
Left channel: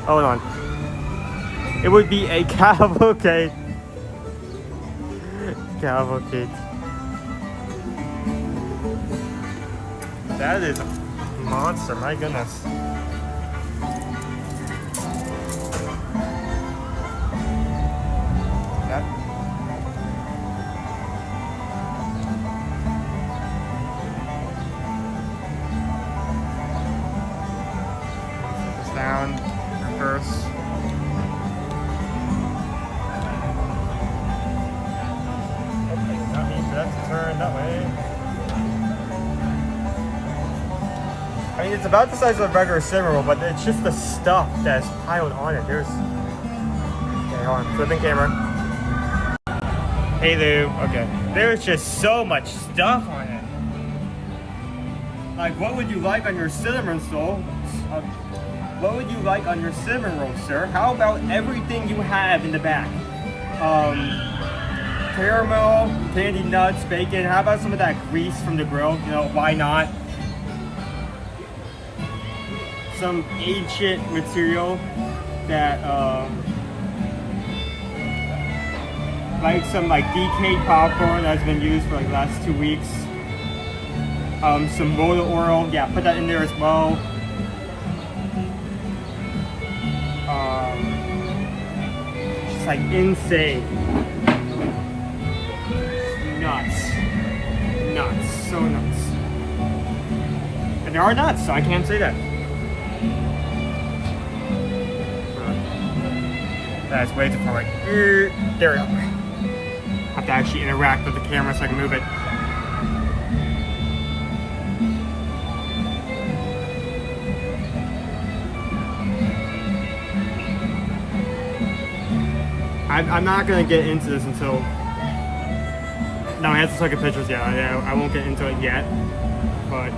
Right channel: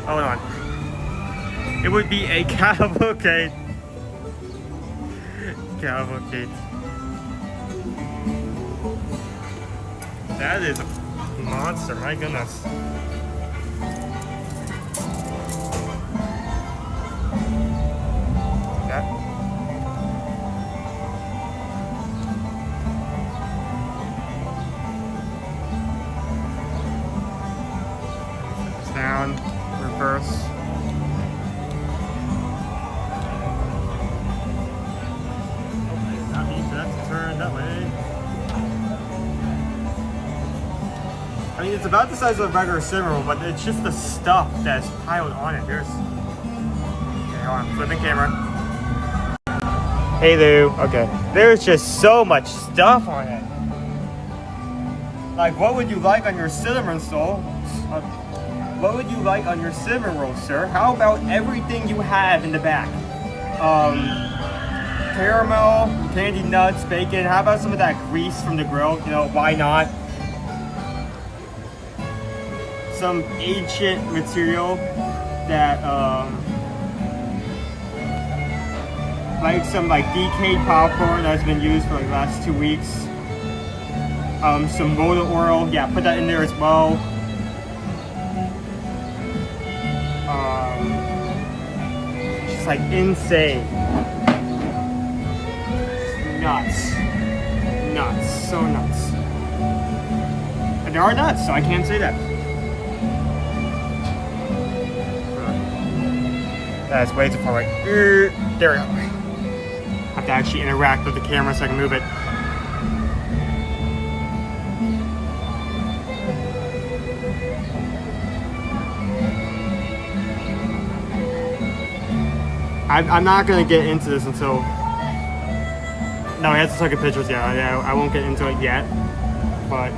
Hold on. It would be a cavalcade. Cavalcade. That is a monster, my goodness. That. Set this down, reverse. Turn that way. I mean, it's about the size of a regular cinnamon roll, but it's just the stuff that's piled on it. There's. Okay, hold on. Flipping camera. Hey, Lou. Okay. There's just so much stuff on it. Like, what would you like on your cinnamon roll? What would you like on your cinnamon roll, sir? How about everything you have in the back? Caramel, candy nuts, bacon. How about some of that grease from the grill? You know, why not? Some ancient material that, like some like decayed popcorn that's been used for like the last 2 weeks. Some motor oil. Yeah, put that in there as well. Just like insane. Nuts. Nuts. So nuts. And there are nuts, so I can't say that. That's way too far away. There we go. Have to actually interact with the camera so I can move it. I'm not going to get into this until... No, he has to take pictures, yeah, I won't get into it yet, but...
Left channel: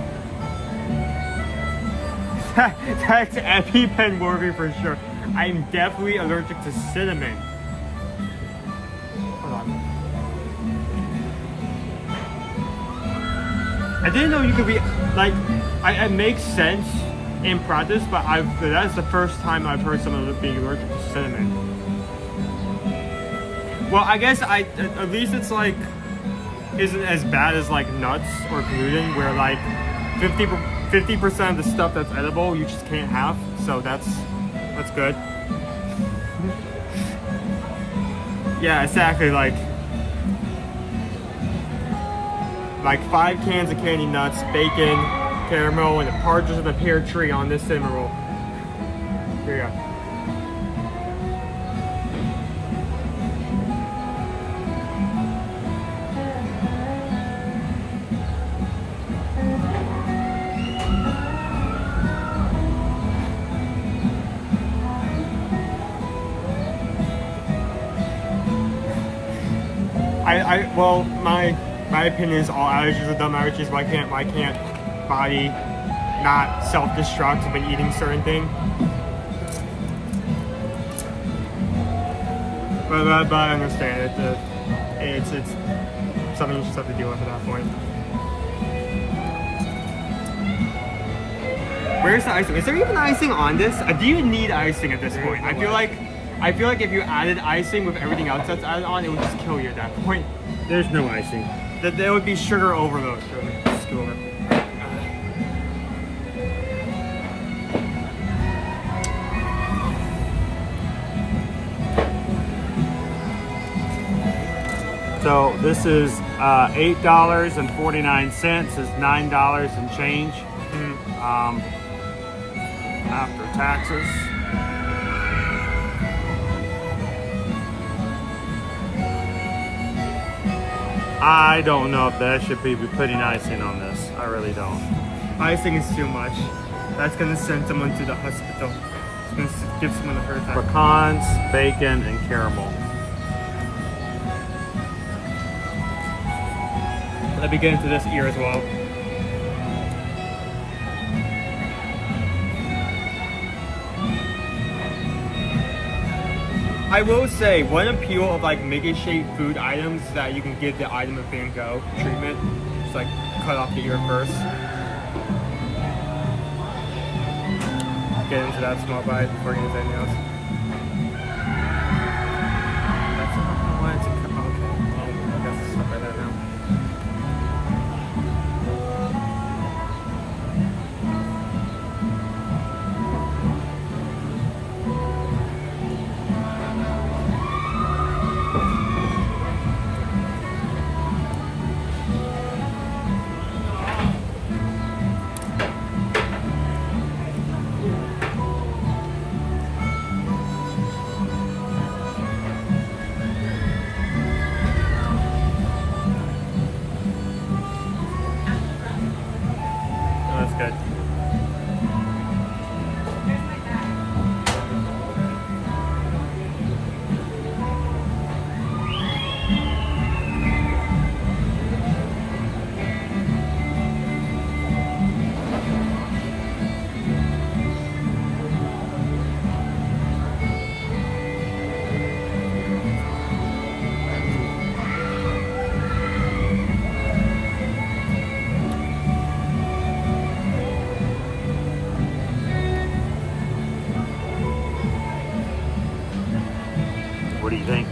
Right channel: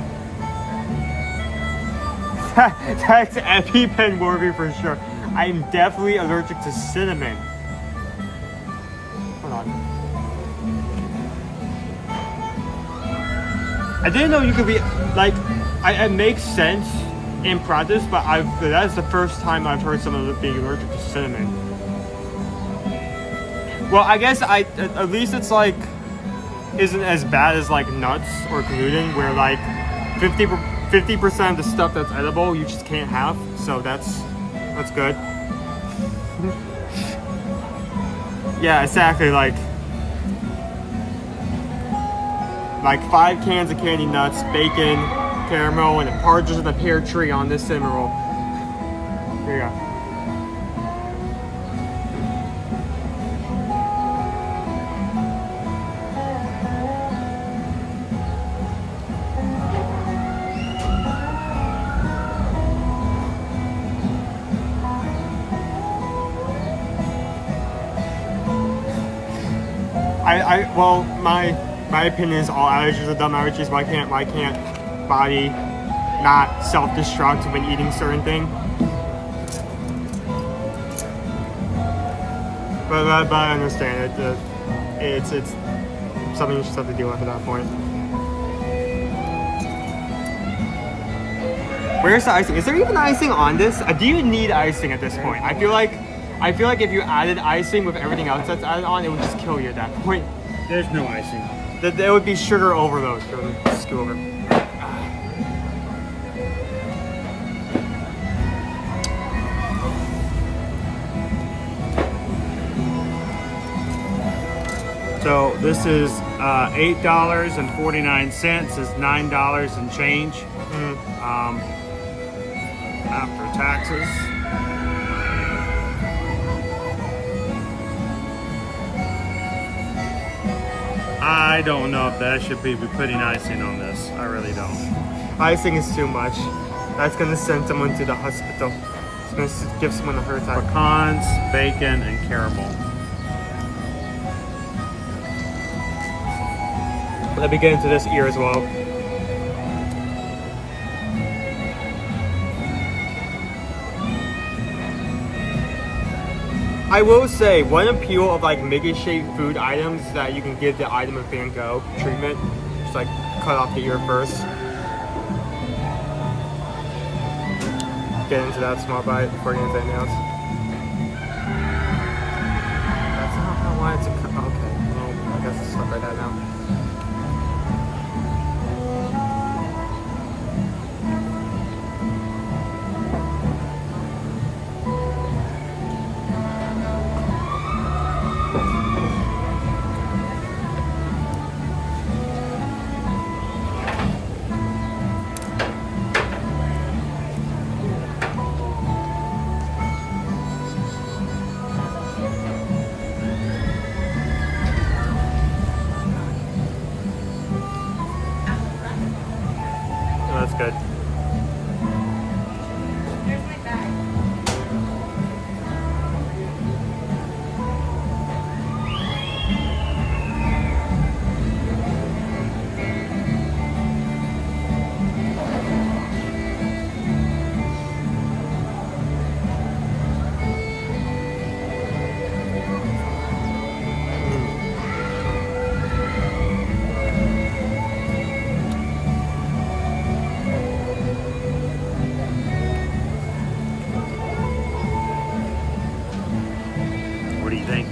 That's EpiPen worthy for sure. I'm definitely allergic to cinnamon. Hold on. I didn't know you could be, like, it makes sense in practice, but that's the first time I've heard someone being allergic to cinnamon. Well, I guess at least it's like, isn't as bad as like nuts or gluten, where like 50% of the stuff that's edible you just can't have. So that's good. Yeah, exactly. Like 5 cans of candy nuts, bacon, caramel, and a partridge in a pear tree on this cinnamon roll. Here you go. Well, my opinion is all allergies are dumb allergies. Why can't body not self-destruct when eating certain thing? But I understand it. It's something you just have to deal with at that point. Where's the icing? Is there even icing on this? Do you need icing at this point? I feel like if you added icing with everything else that's added on, it would just kill you at that point. There's no icing. There would be sugar overload. Here, let me scoop over. So this is $8.49. Is $9 and change after taxes. I don't know if that should be putting icing on this. I really don't. Icing is too much. That's gonna send someone to the hospital. It's gonna give someone a heart attack. Pecans, bacon, and caramel. Let me get into this ear as well. I will say, one appeal of like Mickey shaped food items is that you can give the item a Van Gogh treatment. just like cut off the ear first. Get into that small bite before getting into anything else. That's not how I wanted to cut. Okay, well, I guess it's stuff like that now. That's good. What do you think?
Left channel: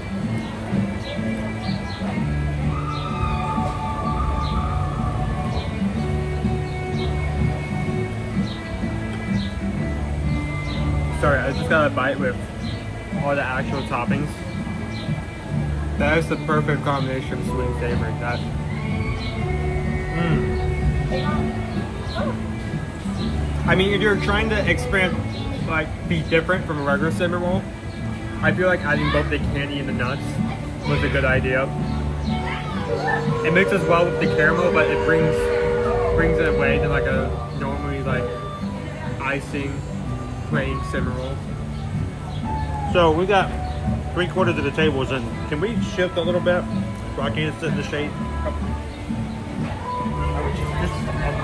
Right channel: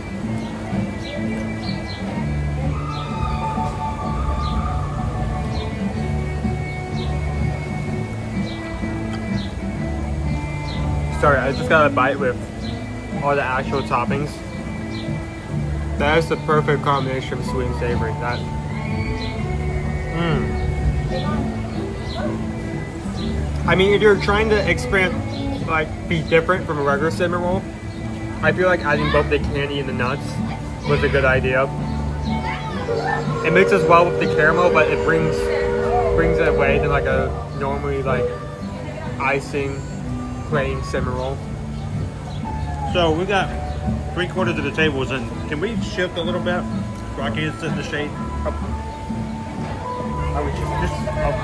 Sorry, I just got a bite with all the actual toppings. That is the perfect combination of sweet and savory. That. I mean, if you're trying to experiment, like be different from a regular cinnamon roll, I feel like adding both the candy and the nuts was a good idea. It mixes well with the caramel, but it brings it away than like a normally like icing plain cinnamon roll. So we got 3/4 of the tables, and can we shift a little bit so I can get the shade up?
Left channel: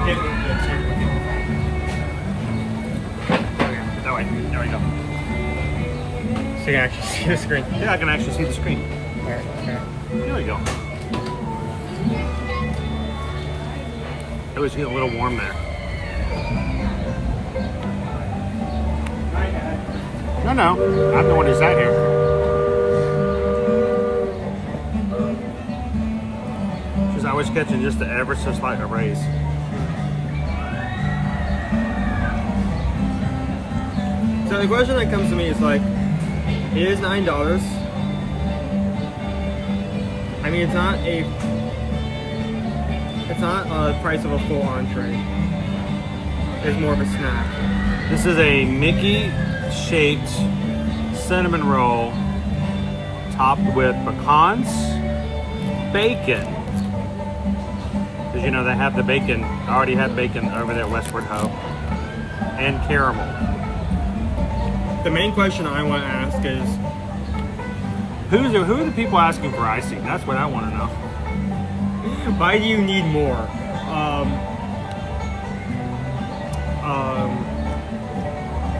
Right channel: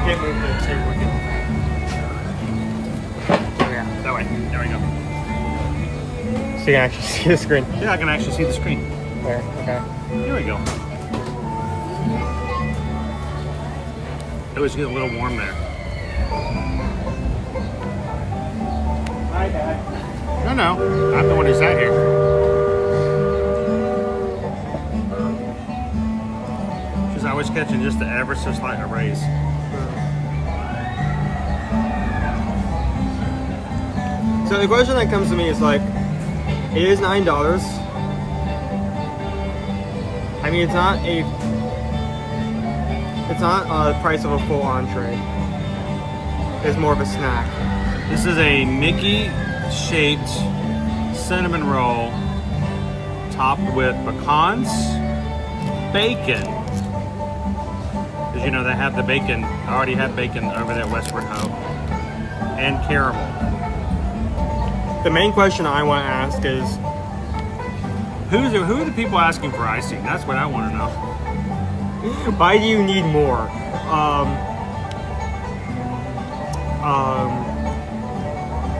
Get moved to the table. That way. There we go. So you can actually see the screen. Yeah, I can actually see the screen. Yeah, okay. Here we go. It was getting a little warm there. Hi, Dad. No, I'm the one who sat here. Because I was catching just the ever so slight raise. So the question that comes to me is like, it is $9. I mean, it's not a price of a full entree. It's more of a snack. This is a Mickey-shaped cinnamon roll topped with pecans, bacon. Because you know they have the bacon. I already had bacon over there at Westward Ho. And caramel. The main question I want to ask is, who are the people asking for icing? That's what I want to know. Why do you need more?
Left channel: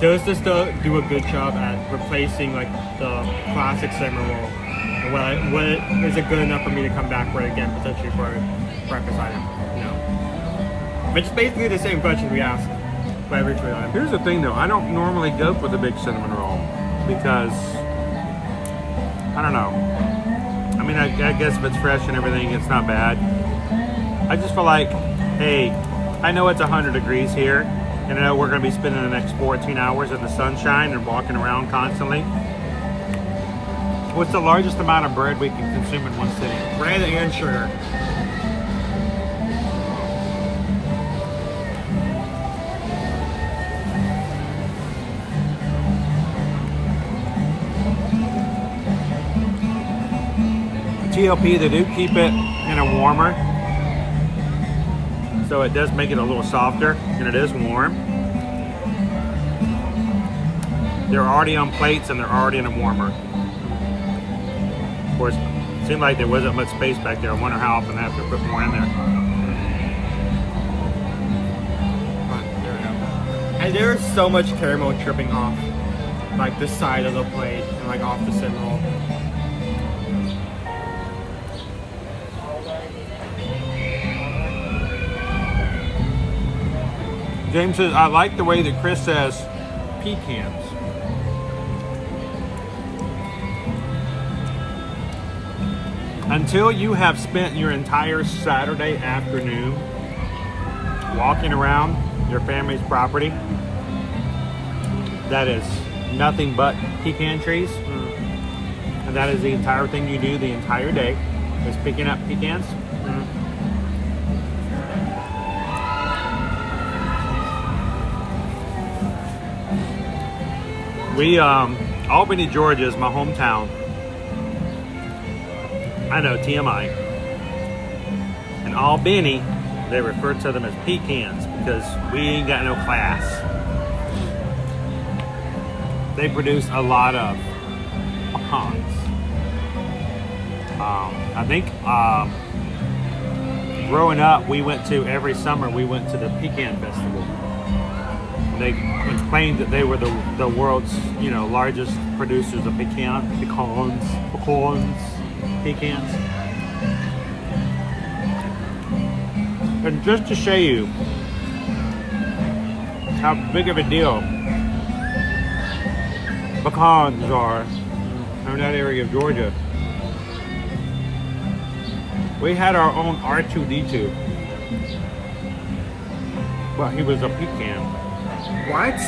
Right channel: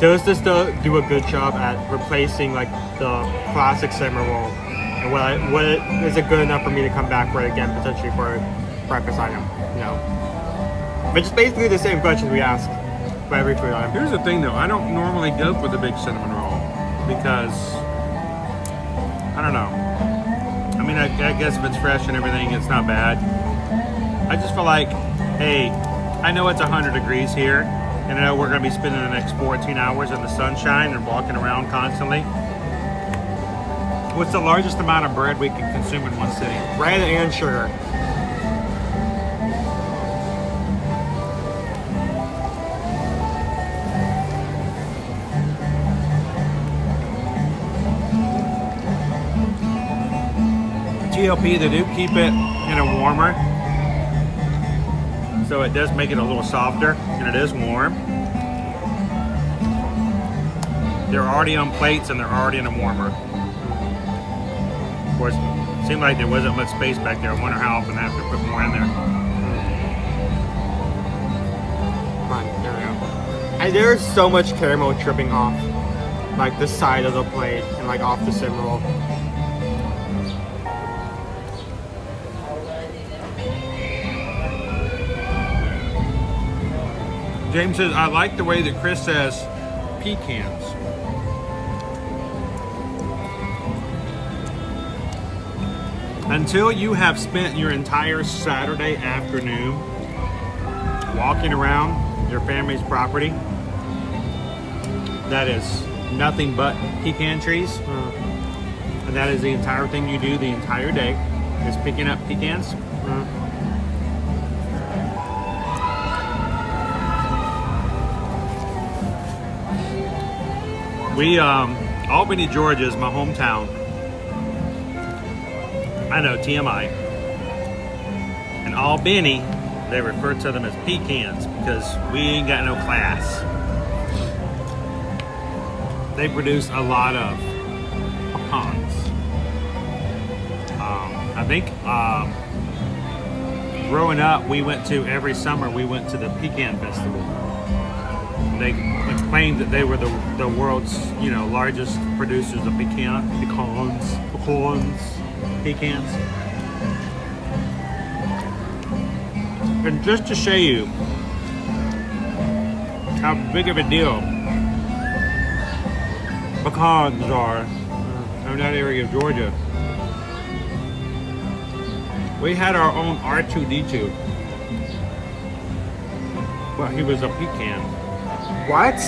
Does this do a good job at replacing like the classic cinnamon roll? And what is it good enough for me to come back for it again, potentially for a breakfast item? No. But it's basically the same question we asked by every food item. Here's the thing though, I don't normally go for the big cinnamon roll because, I don't know. I mean, I guess if it's fresh and everything, it's not bad. I just feel like, hey, I know it's 100 degrees here, and I know we're going to be spending the next 14 hours in the sunshine and walking around constantly. What's the largest amount of bread we can consume in one sitting? Bread and sugar. TLP, they do keep it in a warmer, so it does make it a little softer, and it is warm. They're already on plates and they're already in a warmer. Of course, it seemed like there wasn't much space back there. I wonder how often they have to put more in there. And there's so much caramel dripping off like the side of the plate and like off the cinnamon roll. James says, I like the way that Chris says pecans. Until you have spent your entire Saturday afternoon walking around your family's property that is nothing but pecan trees, and that is the entire thing you do the entire day, is picking up pecans. We, Albany, Georgia is my hometown. I know, TMI. In Albany, they refer to them as pecans because we ain't got no class. They produce a lot of pecans. I think growing up, every summer we went to the Pecan Festival. They claimed that they were the world's, largest producers of pecans. And just to show you how big of a deal pecans are in that area of Georgia, we had our own R2-D2. Well, he was a pecan. What?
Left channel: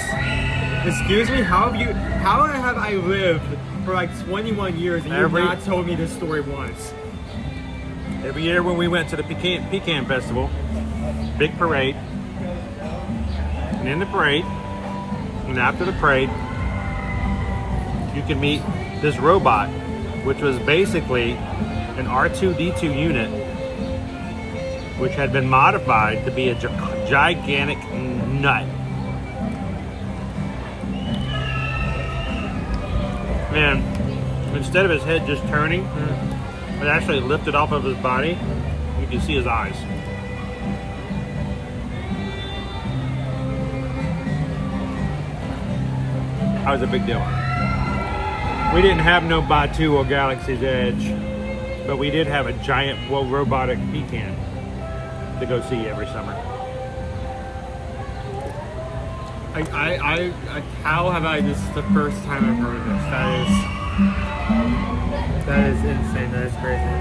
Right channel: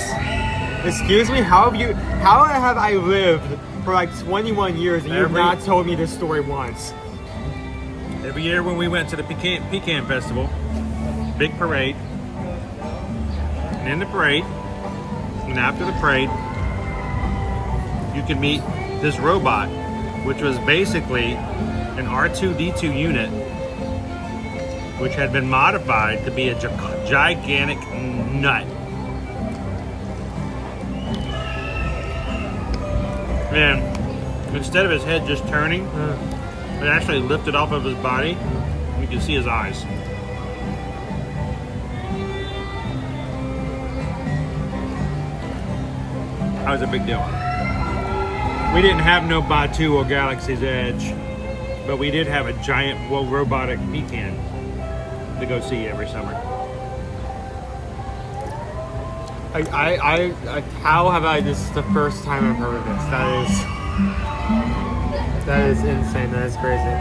Excuse me? How have I lived for like 21 years and you've not told me this story once? Every year when we went to the Pecan Festival, big parade, and in the parade, and after the parade, you can meet this robot, which was basically an R2-D2 unit, which had been modified to be a gigantic nut. And instead of his head just turning, it actually lifted off of his body. You can see his eyes. That was a big deal. We didn't have no Batu or Galaxy's Edge, but we did have a giant, robotic pecan to go see every summer. How have I? This is the first time I've heard of this. That is insane. That is crazy.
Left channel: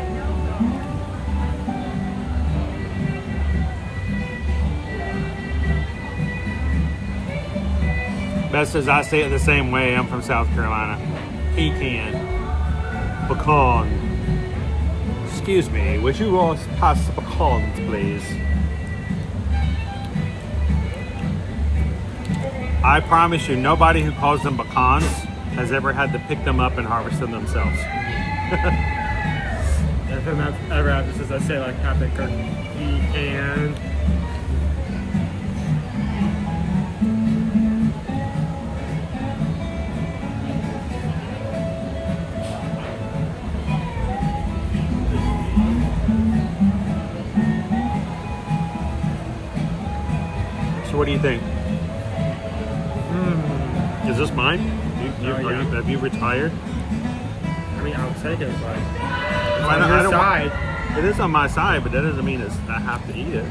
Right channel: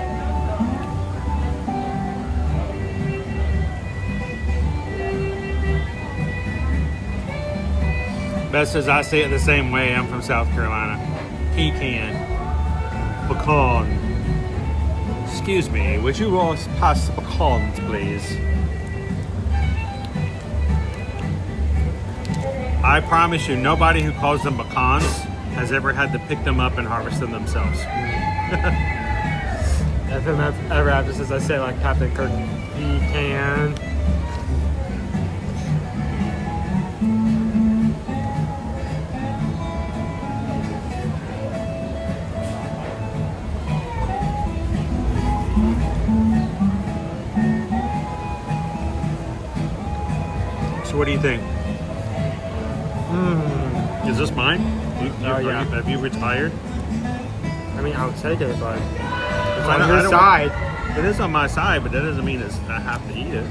Best as I say it the same way. I'm from South Carolina. Pecan. Pecan. Excuse me, would you all pass the pecans, please? I promise you, nobody who calls them pecans has ever had to pick them up and harvest them themselves. If I'm ever after this, I say like Captain Kirk, pecan. So what do you think? Is this mine? Have you retired? I mean, I'll take it, but it's on your side. It is on my side, but that doesn't mean I have to eat it.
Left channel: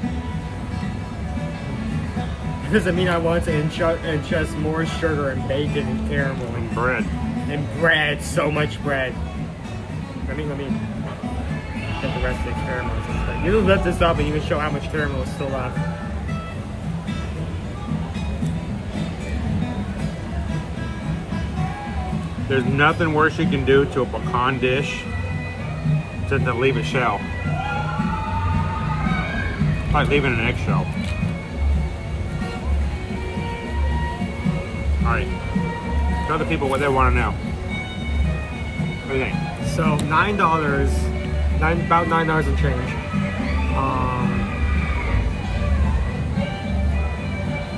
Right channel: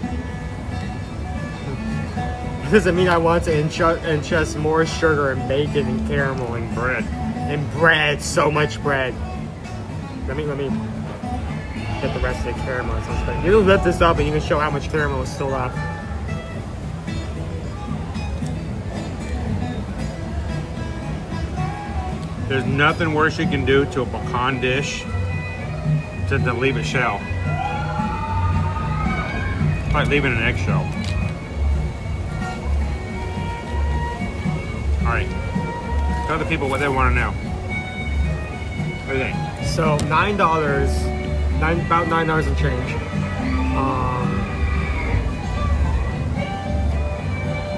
It doesn't mean I want to ingest more sugar and bacon and caramel and bread. And bread, so much bread. Let me get the rest of the caramel. You can lift this up and you can show how much caramel is still left. There's nothing worse you can do to a pecan dish than to leave a shell. It's like leaving an eggshell. Alright. Tell the people what they want to know. What do you think? So $9, about $9 and change.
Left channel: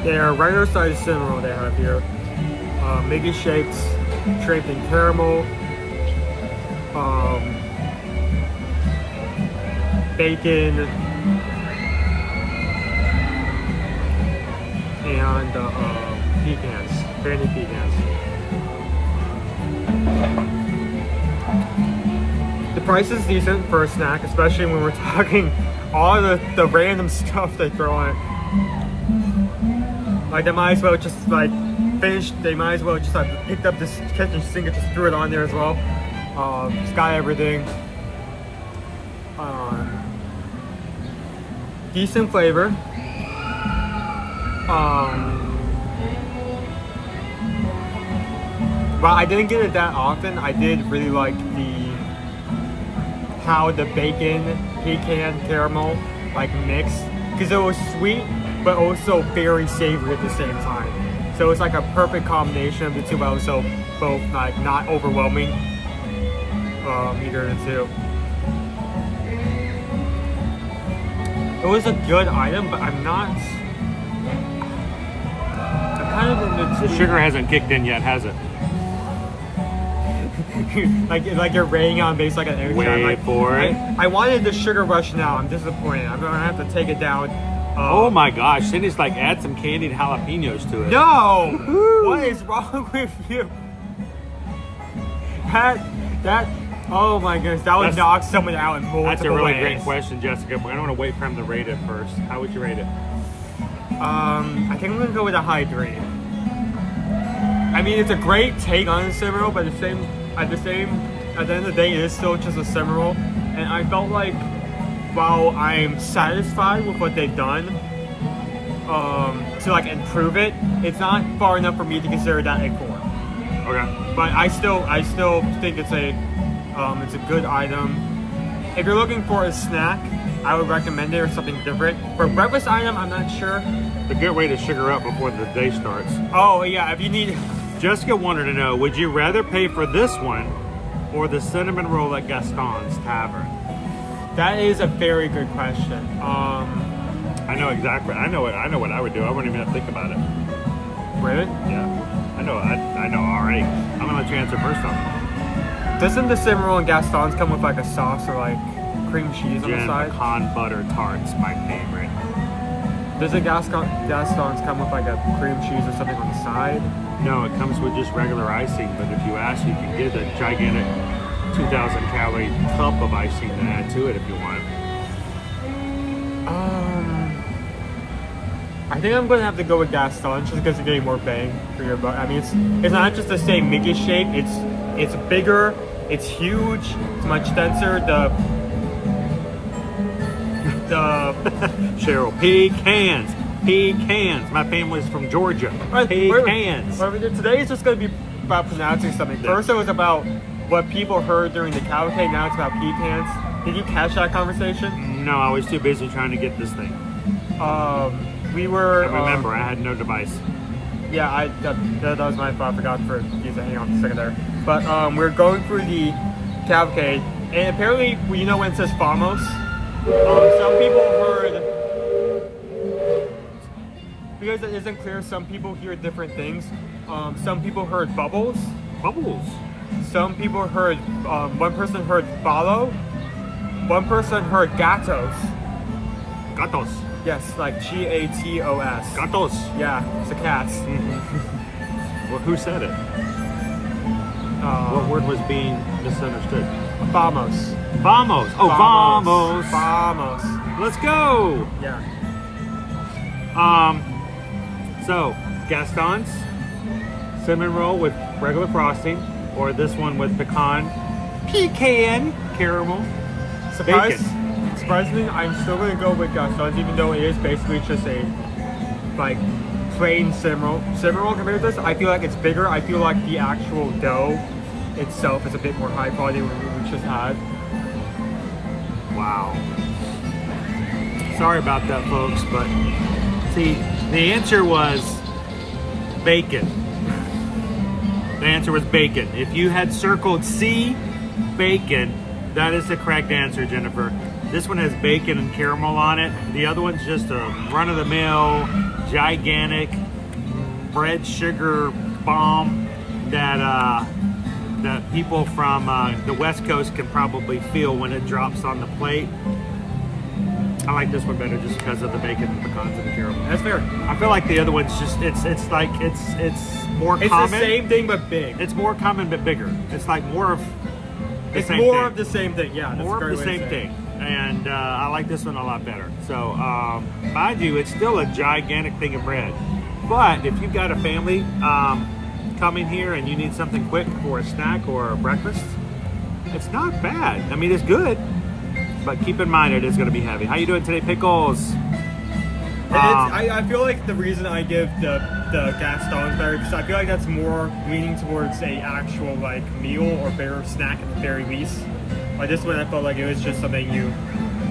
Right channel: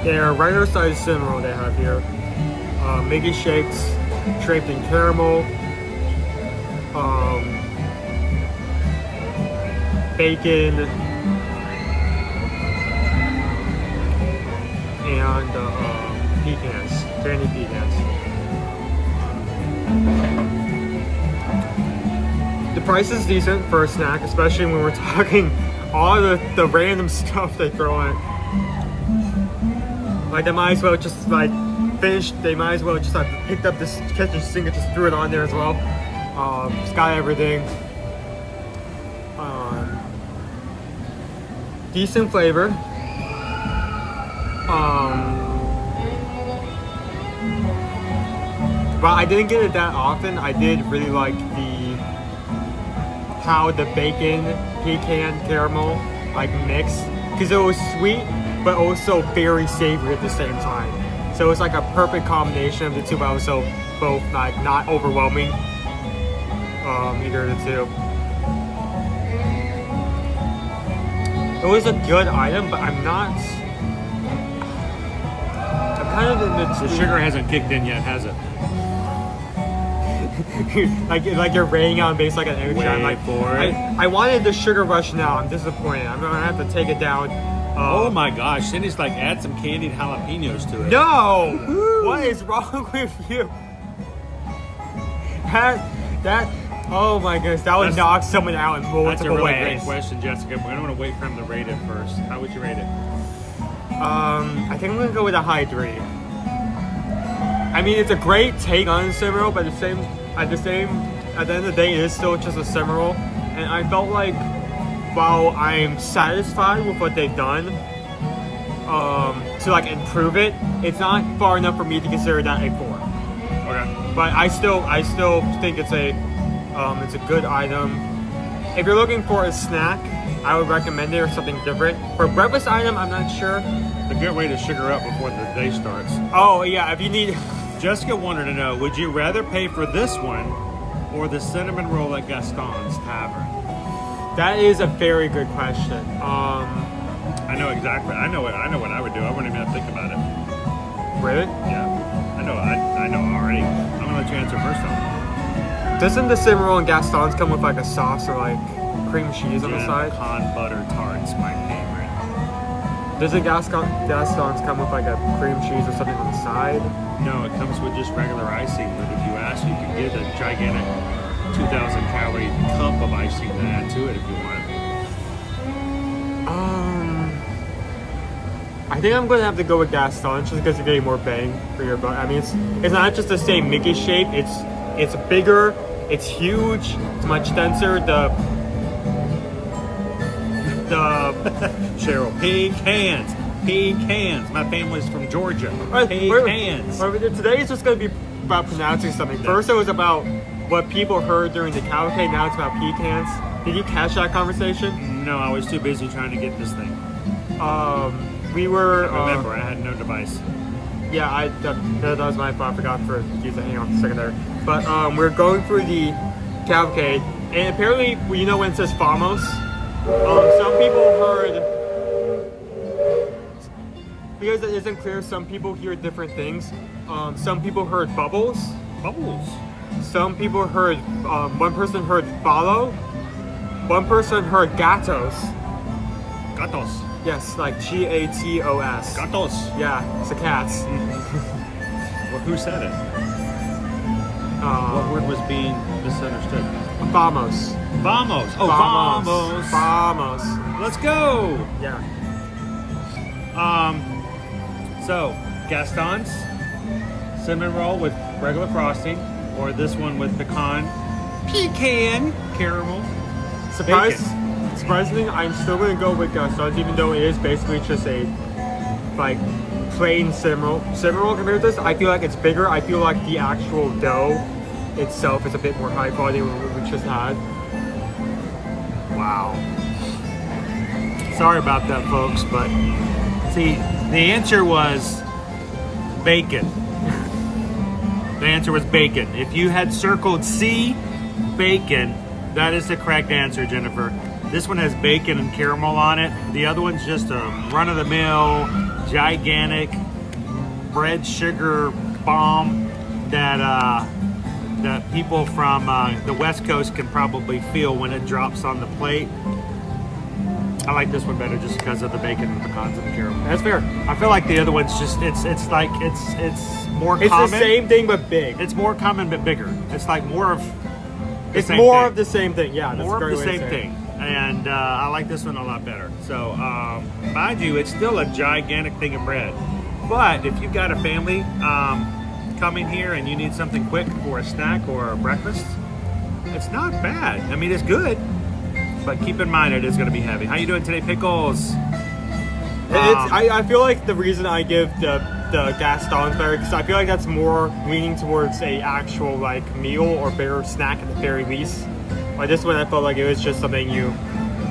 They're regular size cinnamon they have here. Mickey shapes, draped in caramel, bacon, and pecans, candy pecans. The price is decent for a snack, especially when we're talking all the random stuff they throw in it. Like they might as well just like finished. They might as well just like picked up this kitchen sink and just threw it on there as well. It's got everything. Decent flavor. Well, I didn't get it that often. I did really like how the bacon, pecan, caramel like mix, because it was sweet but also very savory at the same time. So it's like a perfect combination of the two, but also both like not overwhelming. Either of the two. It was a good item, but I'm kind of in The sugar hasn't kicked in yet, has it? like you're raining on base like an energy. I'm like, for it. I wanted the sugar rush now. I'm disappointed. I'm gonna have to take it down. Oh my gosh, Cindy's like add some candied jalapenos to it. No! What is wrong with you? That oh my goodness, that would knock someone out in multiple That's a really ways. great question, Jessica. I don't want to wait for him to rate it first. How would you rate it? I think I'm gonna go with a high 3. I mean, it's a great take on a cinnamon roll, but at the end of the day, it is still just a cinnamon roll. And I felt like, while I'm satisfied with what they've done, to like improve it, it's not far enough for me to consider that a 4. Okay. But I still think it's a good item. If you're looking for a snack, I would recommend it or something different. For a breakfast item, I'm not sure. A good way to sugar up before the day starts. Oh yeah, if you need. Jessica wanted to know, would you rather pay for this one or the cinnamon roll at Gaston's Tavern? That is a very good question. I know exactly. I know what I would do. I wouldn't even have to think about it. Really? Yeah. I know already. I'm gonna let you answer first on Doesn't the cinnamon roll and Gaston's come with like a sauce or like cream cheese on the side? Pecan butter tart's my favorite. Does the Gaston's come with like a cream cheese or something on the side? No, it comes with just regular icing. But if you ask, you can get a gigantic 2,000 calorie cup of icing to add to it if you want. I think I'm gonna have to go with Gaston's just because you're getting more bang for your buck. I mean, it's not just the same Mickey shape. It's bigger. It's huge. It's much denser. The Cheryl, pecans. My family's from Georgia. Pecans. Today is just going to be about pronouncing something. First it was about what people heard during the cavalcade. Now it's about pecans. Did you catch that conversation? No, I was too busy trying to get this thing. We were. Remember, I had no device. Yeah, that was my fault. I forgot for you to hang on a second there. But we're going through the cavalcade, and apparently, you know when it says Famos. Some people heard, because it isn't clear, some people hear different things. Some people heard bubbles. Bubbles. Some people heard, one person heard follow. One person heard gatos. Gatos. Yes, like Gatos. Gatos. Yeah, it's the cats. Well, who said it? What word was being misunderstood? Famos. Vamos. Oh, vamos. Vamos. Let's go. Yeah. So, Gaston's cinnamon roll with regular frosting, or this one with pecan caramel. Surprisingly, I'm still going to go with Gaston's, even though it is basically just a like plain cinnamon roll. Cinnamon roll compared to this, I feel like it's bigger. I feel like the actual dough itself is a bit more high quality than we just had. Wow. Sorry about that, folks, but see, the answer was bacon. The answer was bacon. If you had circled C, bacon, that is the correct answer, Jennifer. This one has bacon and caramel on it. The other one's just a run-of-the-mill, gigantic bread sugar bomb that people from the West Coast can probably feel when it drops on the plate. I like this one better just because of the bacon and the pecans and the caramel. That's fair. I feel like the other one's just it's more common. It's the same thing but big. It's more common but bigger. It's like more of the same thing. It's more of the same thing. Yeah. More of the same thing. And I like this one a lot better. So mind you, it's still a gigantic thing of bread. But if you've got a family coming here and you need something quick for a snack or a breakfast, it's not bad. I mean, it's good, but keep in mind it is going to be heavy. How you doing today, Pickles? I feel like the reason I give the Gastons better, because I feel like that's more leaning towards a actual like meal or better snack at the very least. Like this one, I felt like it was just something you.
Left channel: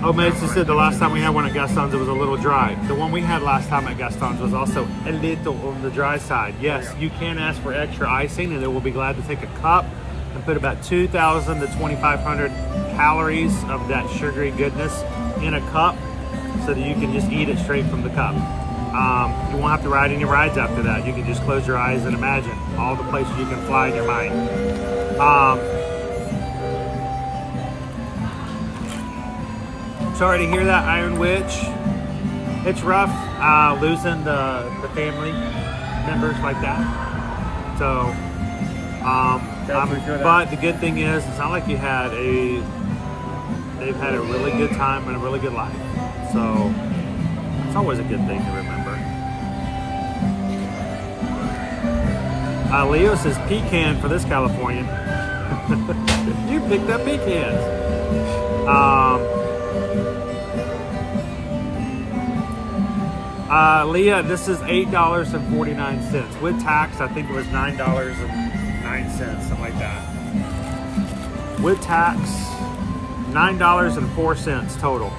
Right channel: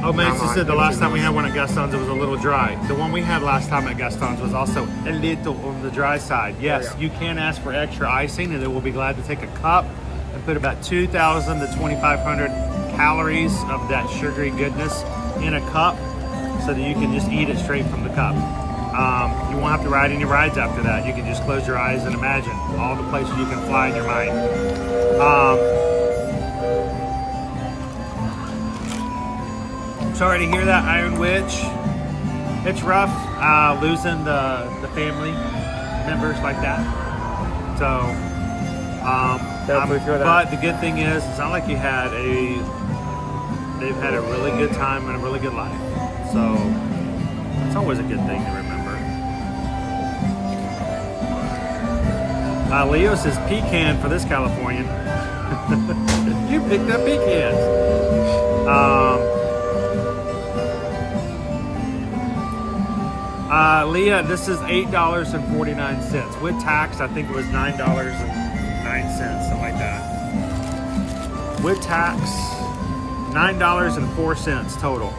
Oh, Mason said the last time we had one at Gaston's, it was a little dry. The one we had last time at Gaston's was also a little on the dry side. Yes, you can ask for extra icing, and they will be glad to take a cup and put about 2,000 to 2,500 calories of that sugary goodness in a cup, so that you can just eat it straight from the cup. You won't have to ride any rides after that. You can just close your eyes and imagine all the places you can fly in your mind. Sorry to hear that, Iron Witch. It's rough losing the family members like that. So, but the good thing is, it's not like they've had a really good time and a really good life. So, it's always a good thing to remember. Leo says pecan for this Californian. You picked up pecans. Leah, this is $8.49. With tax, I think it was $9.09, something like that. With tax, $9.04 total.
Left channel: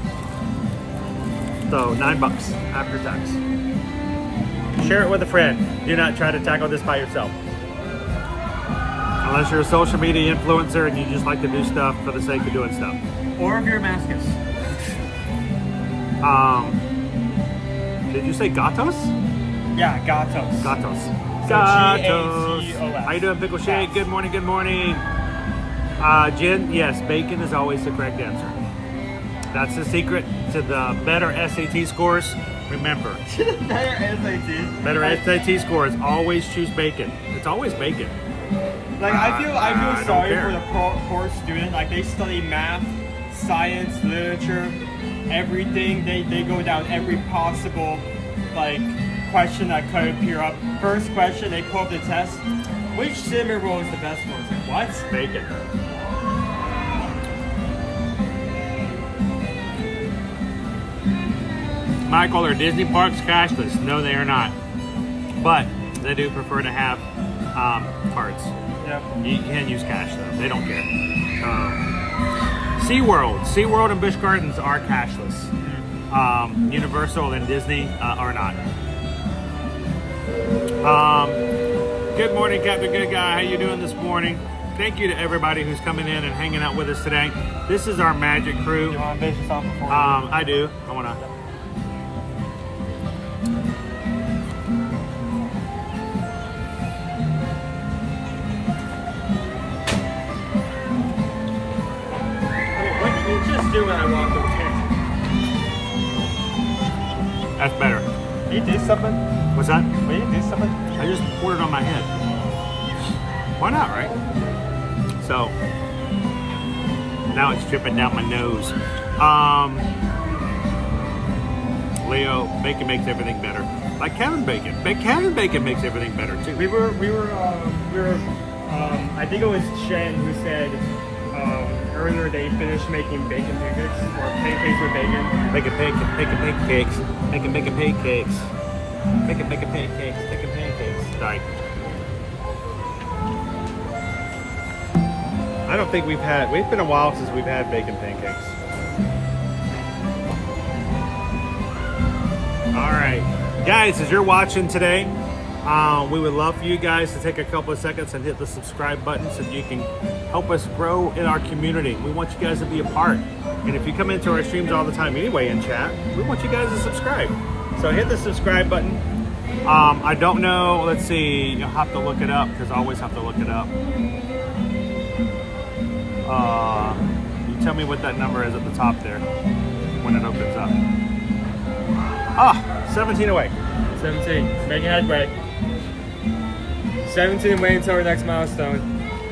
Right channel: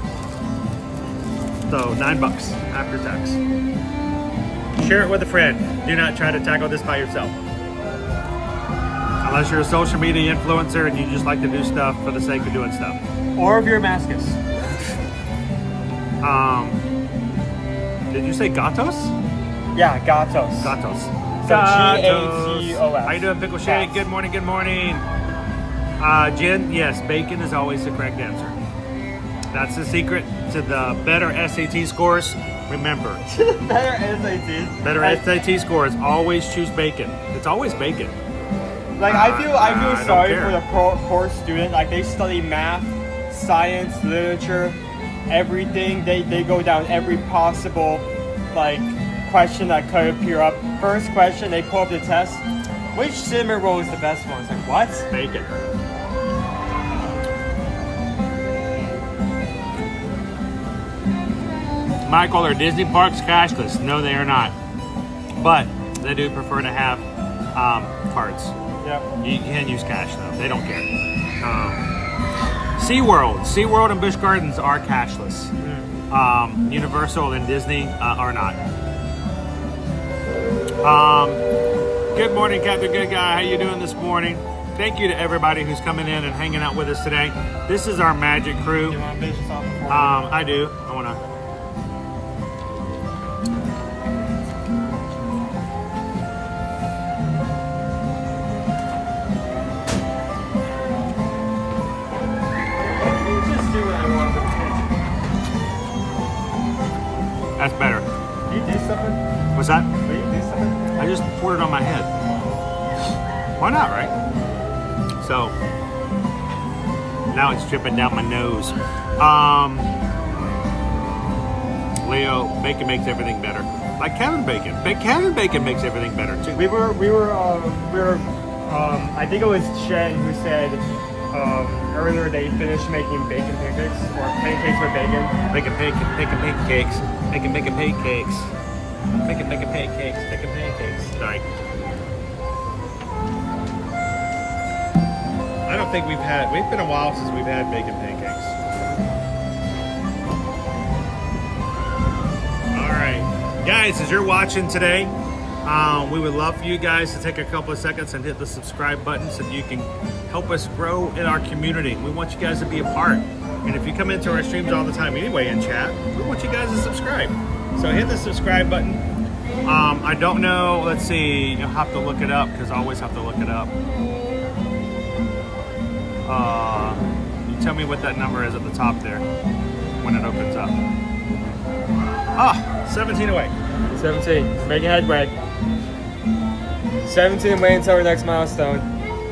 So $9 after tax. Share it with a friend. Do not try to tackle this by yourself. Unless you're a social media influencer and you just like to do stuff for the sake of doing stuff. Or if you're a masochist. Did you say gatos? Yeah, gatos. Gatos. Gatos. How you doing, Pickle Shake? Good morning, good morning. Jen, yes, bacon is always the correct answer. That's the secret to the better SAT scores. Remember. Better SAT scores. Always choose bacon. It's always bacon. Like I feel sorry for the poor student. Like they study math, science, literature, everything. They go down every possible like question that could appear up. First question, they pull up the test. Which cinnamon roll is the best one? It's like what? Bacon. Michael, are Disney parks cashless? No, they are not. But they do prefer to have cards. Yeah. You can use cash though. They don't care. SeaWorld and Busch Gardens are cashless. Universal and Disney are not. Good morning, Captain Good Guy. How you doing this morning? Thank you to everybody who's coming in and hanging out with us today. This is our magic crew. I do. I want to. What did you just do when I walked over here? That's better. You do something? What's that? Will you do something? I just poured it on my head. Why not, right? So, now it's dripping down my nose. Leo, bacon makes everything better. Like Kevin Bacon. Kevin Bacon makes everything better too. We were I think it was Jen who said earlier they finished making bacon pancakes or pancakes with bacon. Bacon pancakes. Bacon pancakes. Sorry. I don't think we've been a while since we've had bacon pancakes. All right. Guys, as you're watching today, we would love for you guys to take a couple of seconds and hit the subscribe button so you can help us grow in our community. We want you guys to be a part. And if you come into our streams all the time anyway in chat, we want you guys to subscribe. So hit the subscribe button. I don't know. Let's see. You'll have to look it up because I always have to look it up. You tell me what that number is at the top there when it opens up. 17 away. 17. Making headway. 17 away until our next milestone,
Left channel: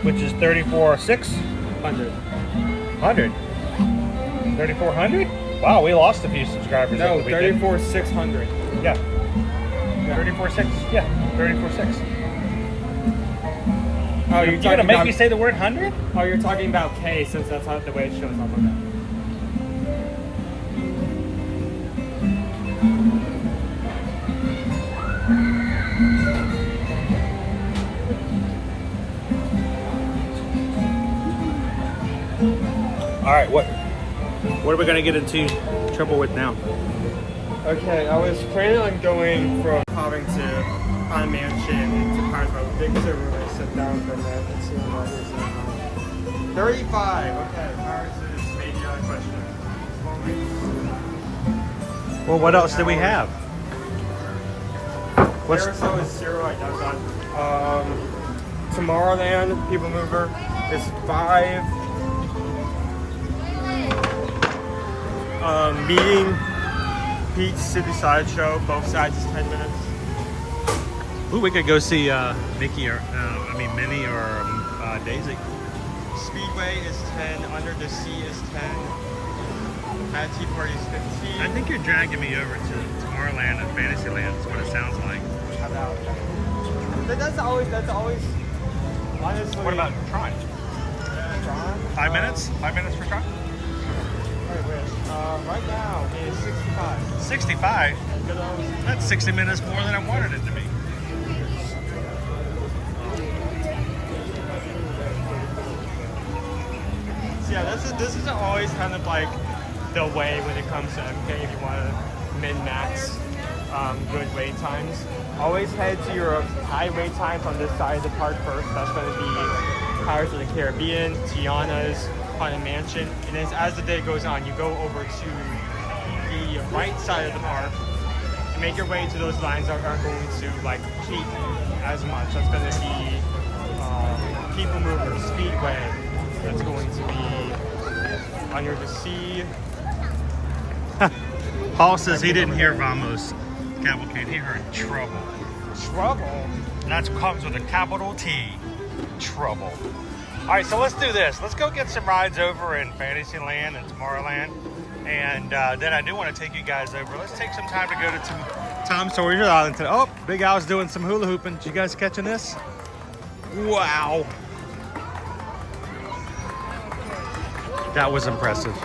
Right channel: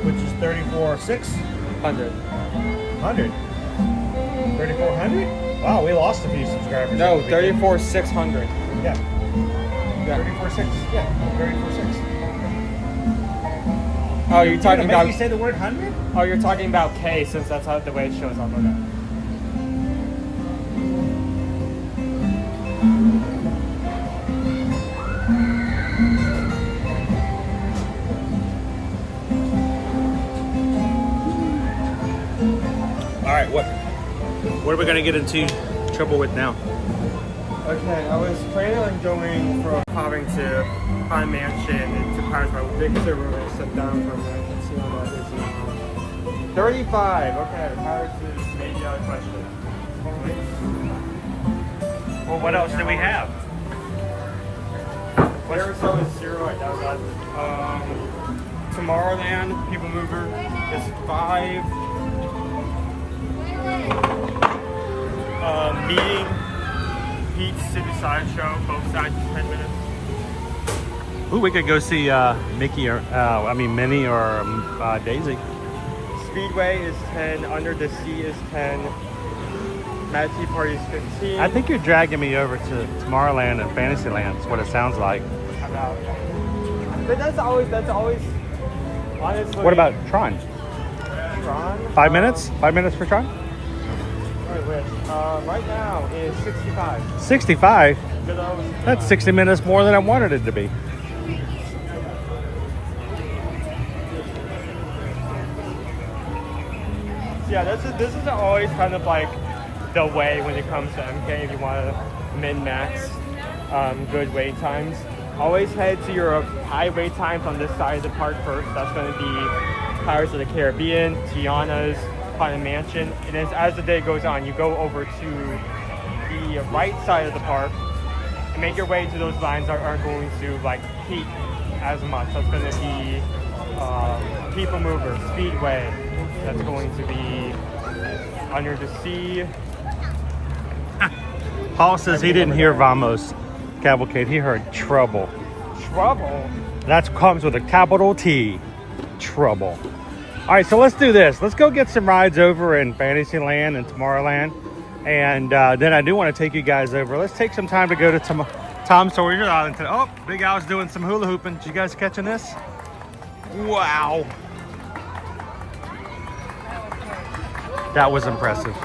which is 34,600. 100. 3,400? Wow, we lost a few subscribers. No, 34,600. Yeah. Yeah. 34.6? Yeah, 34.6. Oh, you're You're talking gonna make about. me say the word 100? Oh, you're talking about K since that's how the way it shows up. Okay. All right, what are we gonna get into trouble with now? Okay, I was planning on going from Having to Haunted Mansion to Pirates, but we did a step down from there. Let's see what it is. 35. Okay, Pirates is maybe out of question. Well, what else do we have? What's Arizona is 0, I guess. Tomorrowland, PeopleMover is 5. Meeting Pete's City Sideshow, both sides is 10 minutes. Ooh, we could go see Mickey or Minnie or Daisy. Speedway is 10, Under the Sea is 10, Mad Tea Party is 15. I think you're dragging me over to Tomorrowland and Fantasyland. That's what it sounds like. But that's always honestly. What about Tron? 5 minutes? 5 minutes for Tron? Right now is 65. 65? That's 60 minutes more than I wanted it to be. Yeah, this is always kind of like the way when it comes to MK if you want to min-max good wait times. Always head to your high wait times on this side of the park first. That's going to be Pirates of the Caribbean, Tiana's, Haunted Mansion. And as the day goes on, you go over to the right side of the park and make your way to those lines that aren't going to like peak as much. That's going to be PeopleMover, Speedway. That's going to be Under the Sea. Paul says he didn't hear Vamos Cavalcade. He heard Trouble. Trouble? That comes with a capital T. Trouble. All right, so let's do this. Let's go get some rides over in Fantasyland and Tomorrowland. And then I do want to take you guys over. Let's take some time to go to Tom Sawyer's Island today. Oh, Big Al's doing some hula hooping. Did you guys catching this? Wow. That was impressive.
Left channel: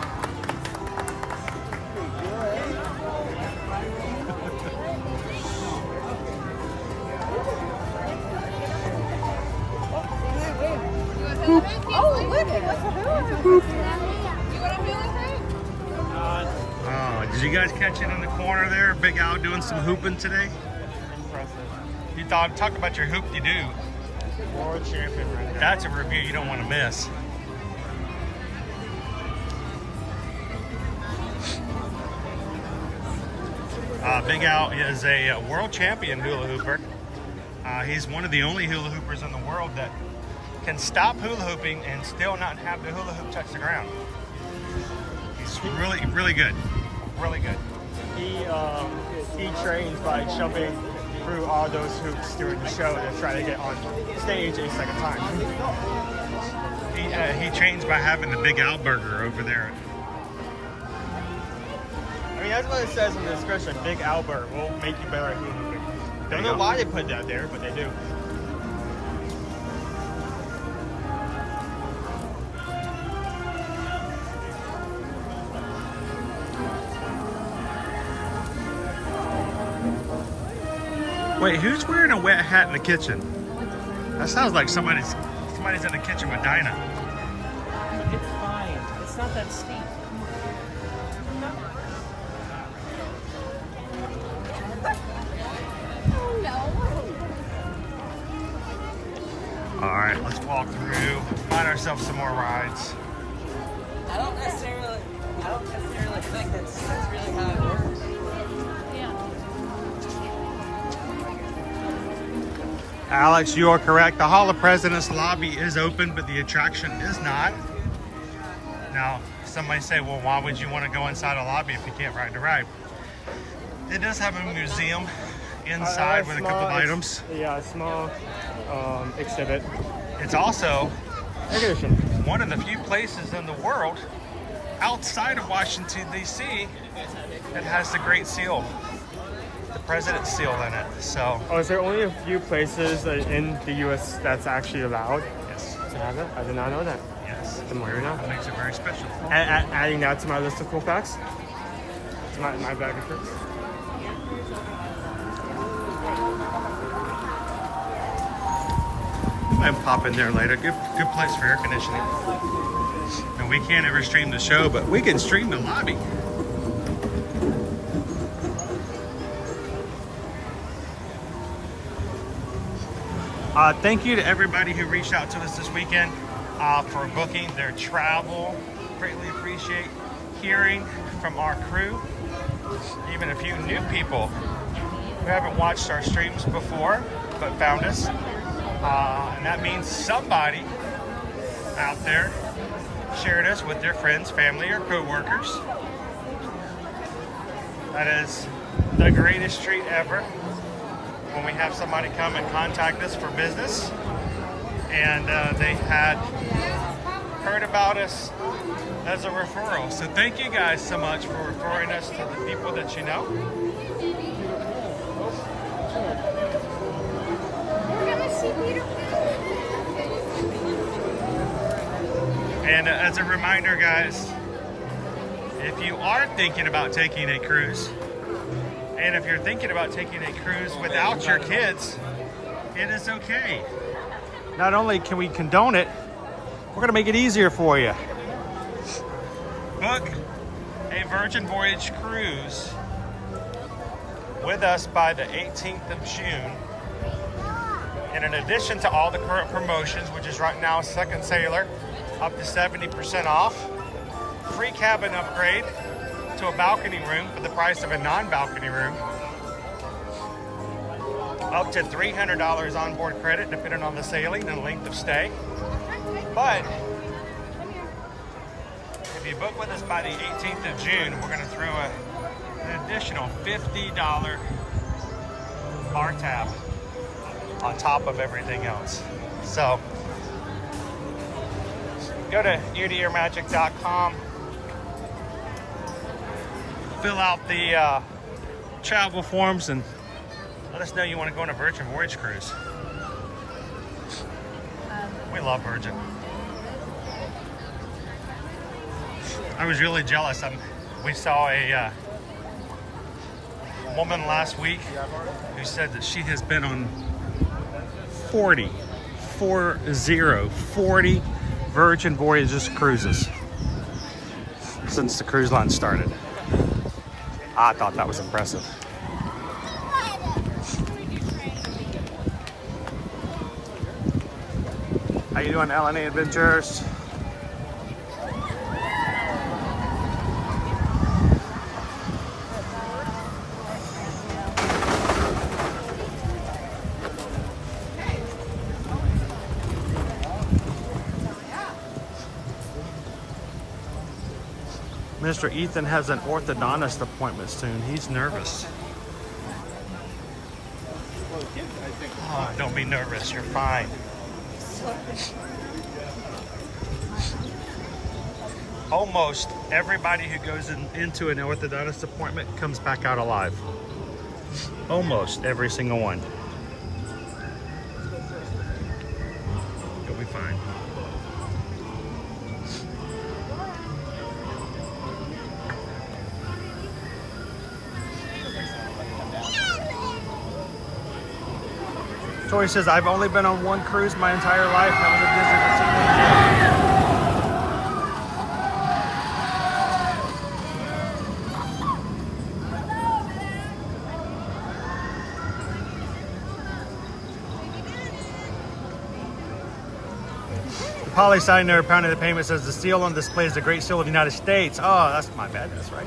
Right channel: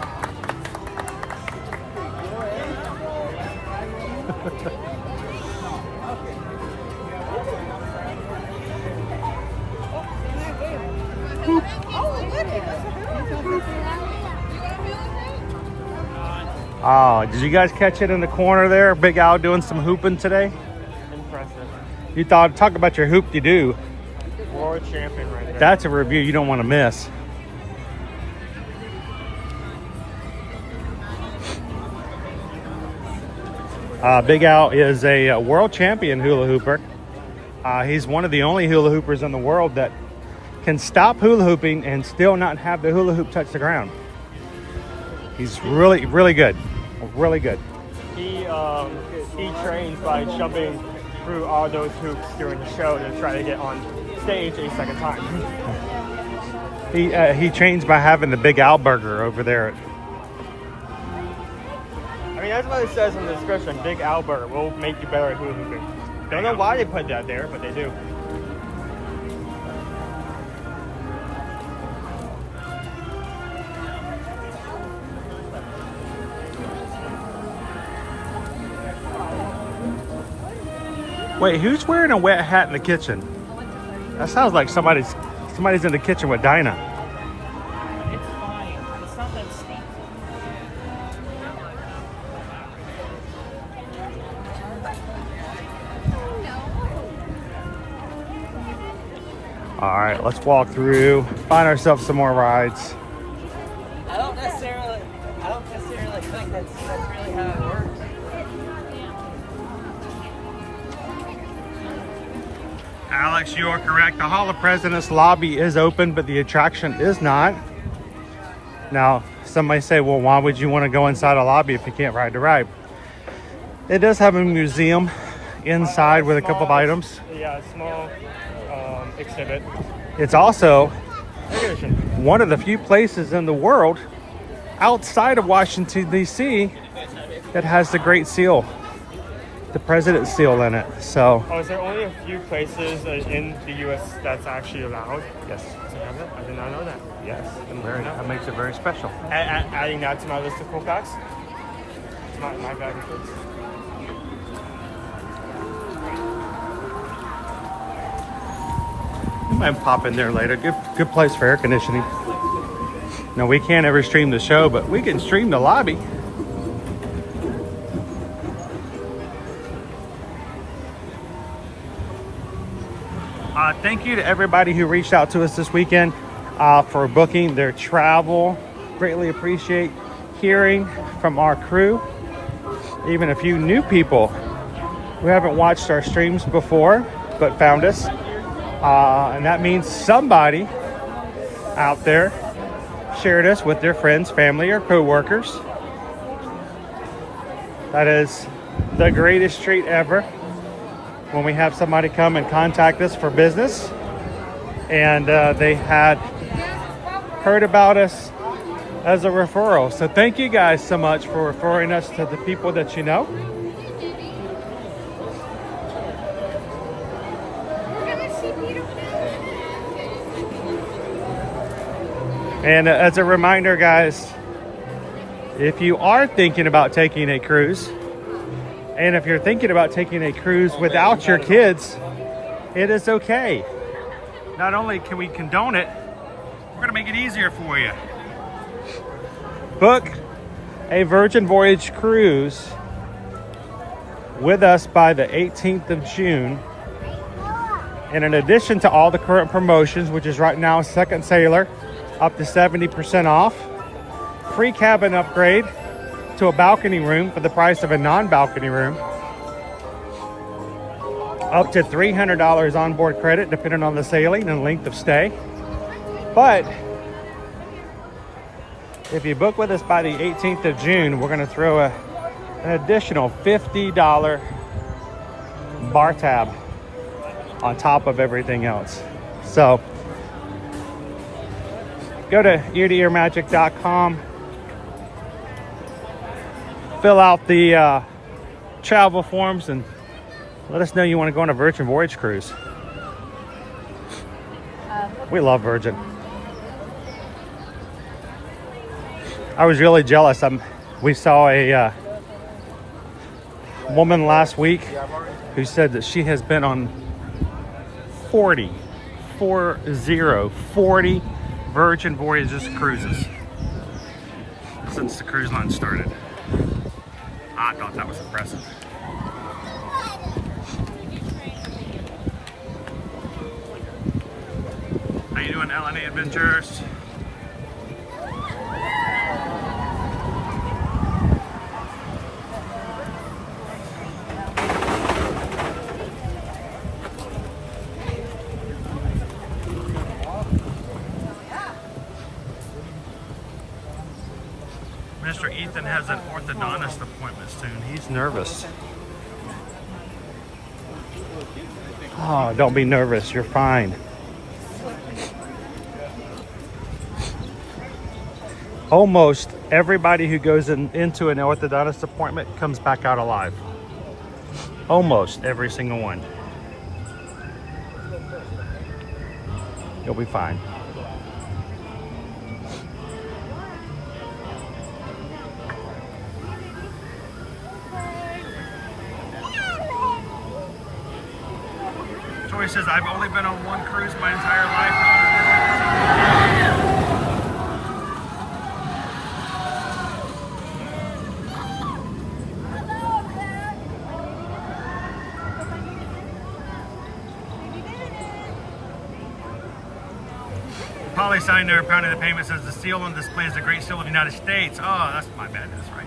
Oh, did you guys catch it in the corner there? Big Al doing some hooping today? You talk about your hoop-de-doo. World champion. That's a review you don't want to miss. Big Al is a world champion hula hooper. He's one of the only hula hoopers in the world that can stop hula hooping and still not have the hula hoop touch the ground. He's really, really good. Really good. He trains by jumping through all those hoops during the show and trying to get on stage a second time. He trains by having the Big Al burger over there. I mean, that's what it says in the description. Big Al burger will make you better at hula hooping. I don't know why they put that there, but they do. Wait, who's wearing a wet hat in the kitchen? That sounds like somebody's in the kitchen with Dinah. It's fine. It's not that steep. All right, let's walk through, find ourselves some more rides. I don't necessarily think that's really high. Alex, you are correct. The Hall of Presidents lobby is open, but the attraction is not. Now, some may say, well, why would you want to go inside a lobby if you can't ride the ride? It does have a museum inside with a couple of items. Yeah, a small exhibit. It's also one of the few places in the world outside of Washington, D.C. that has the Great Seal. the president's seal in it. So Oh, is there only a few places in the U.S. that's actually allowed yes, to have it? I did not know that. yes, that makes it very special. Adding that to my list of cool facts. It's my bag of tricks. You might pop in there later. Good place for air conditioning. Now we can't ever stream the show, but we can stream the lobby. Thank you to everybody who reached out to us this weekend for booking their travel. Greatly appreciate hearing from our crew. Even a few new people who haven't watched our streams before but found us. And that means somebody out there shared us with their friends, family, or co-workers. That is the greatest treat ever when we have somebody come and contact us for business and they had heard about us as a referral. So thank you guys so much for referring us to the people that you know. And as a reminder, guys, if you are thinking about taking a cruise, and if you're thinking about taking a cruise without your kids, it is okay. Not only can we condone it, we're gonna make it easier for you. Book a Virgin Voyage cruise with us by the 18th of June. And in addition to all the current promotions, which is right now Second Sailor, up to 70% off, free cabin upgrade to a balcony room for the price of a non-balcony room, up to $300 onboard credit depending on the sailing and length of stay. But if you book with us by the 18th of June, we're going to throw an additional $50 bar tab on top of everything else. So go to eartoearmagic.com, fill out the travel forms, and let us know you want to go on a Virgin Voyage cruise. We love Virgin. I was really jealous. We saw a woman last week who said that she has been on 40 Virgin Voyages cruises since the cruise line started. I thought that was impressive. How you doing, LNA Adventures? Mr. Ethan has an orthodontist appointment soon. He's nervous. Oh, don't be nervous. You're fine. Almost everybody who goes into an orthodontist appointment comes back out alive. Almost every single one. You'll be fine. Joy says, I've only been on one cruise my entire life. Polly Signer, pounding the payment, says the seal on display is the Great Seal of the United States. Oh, that's my bad. That's right.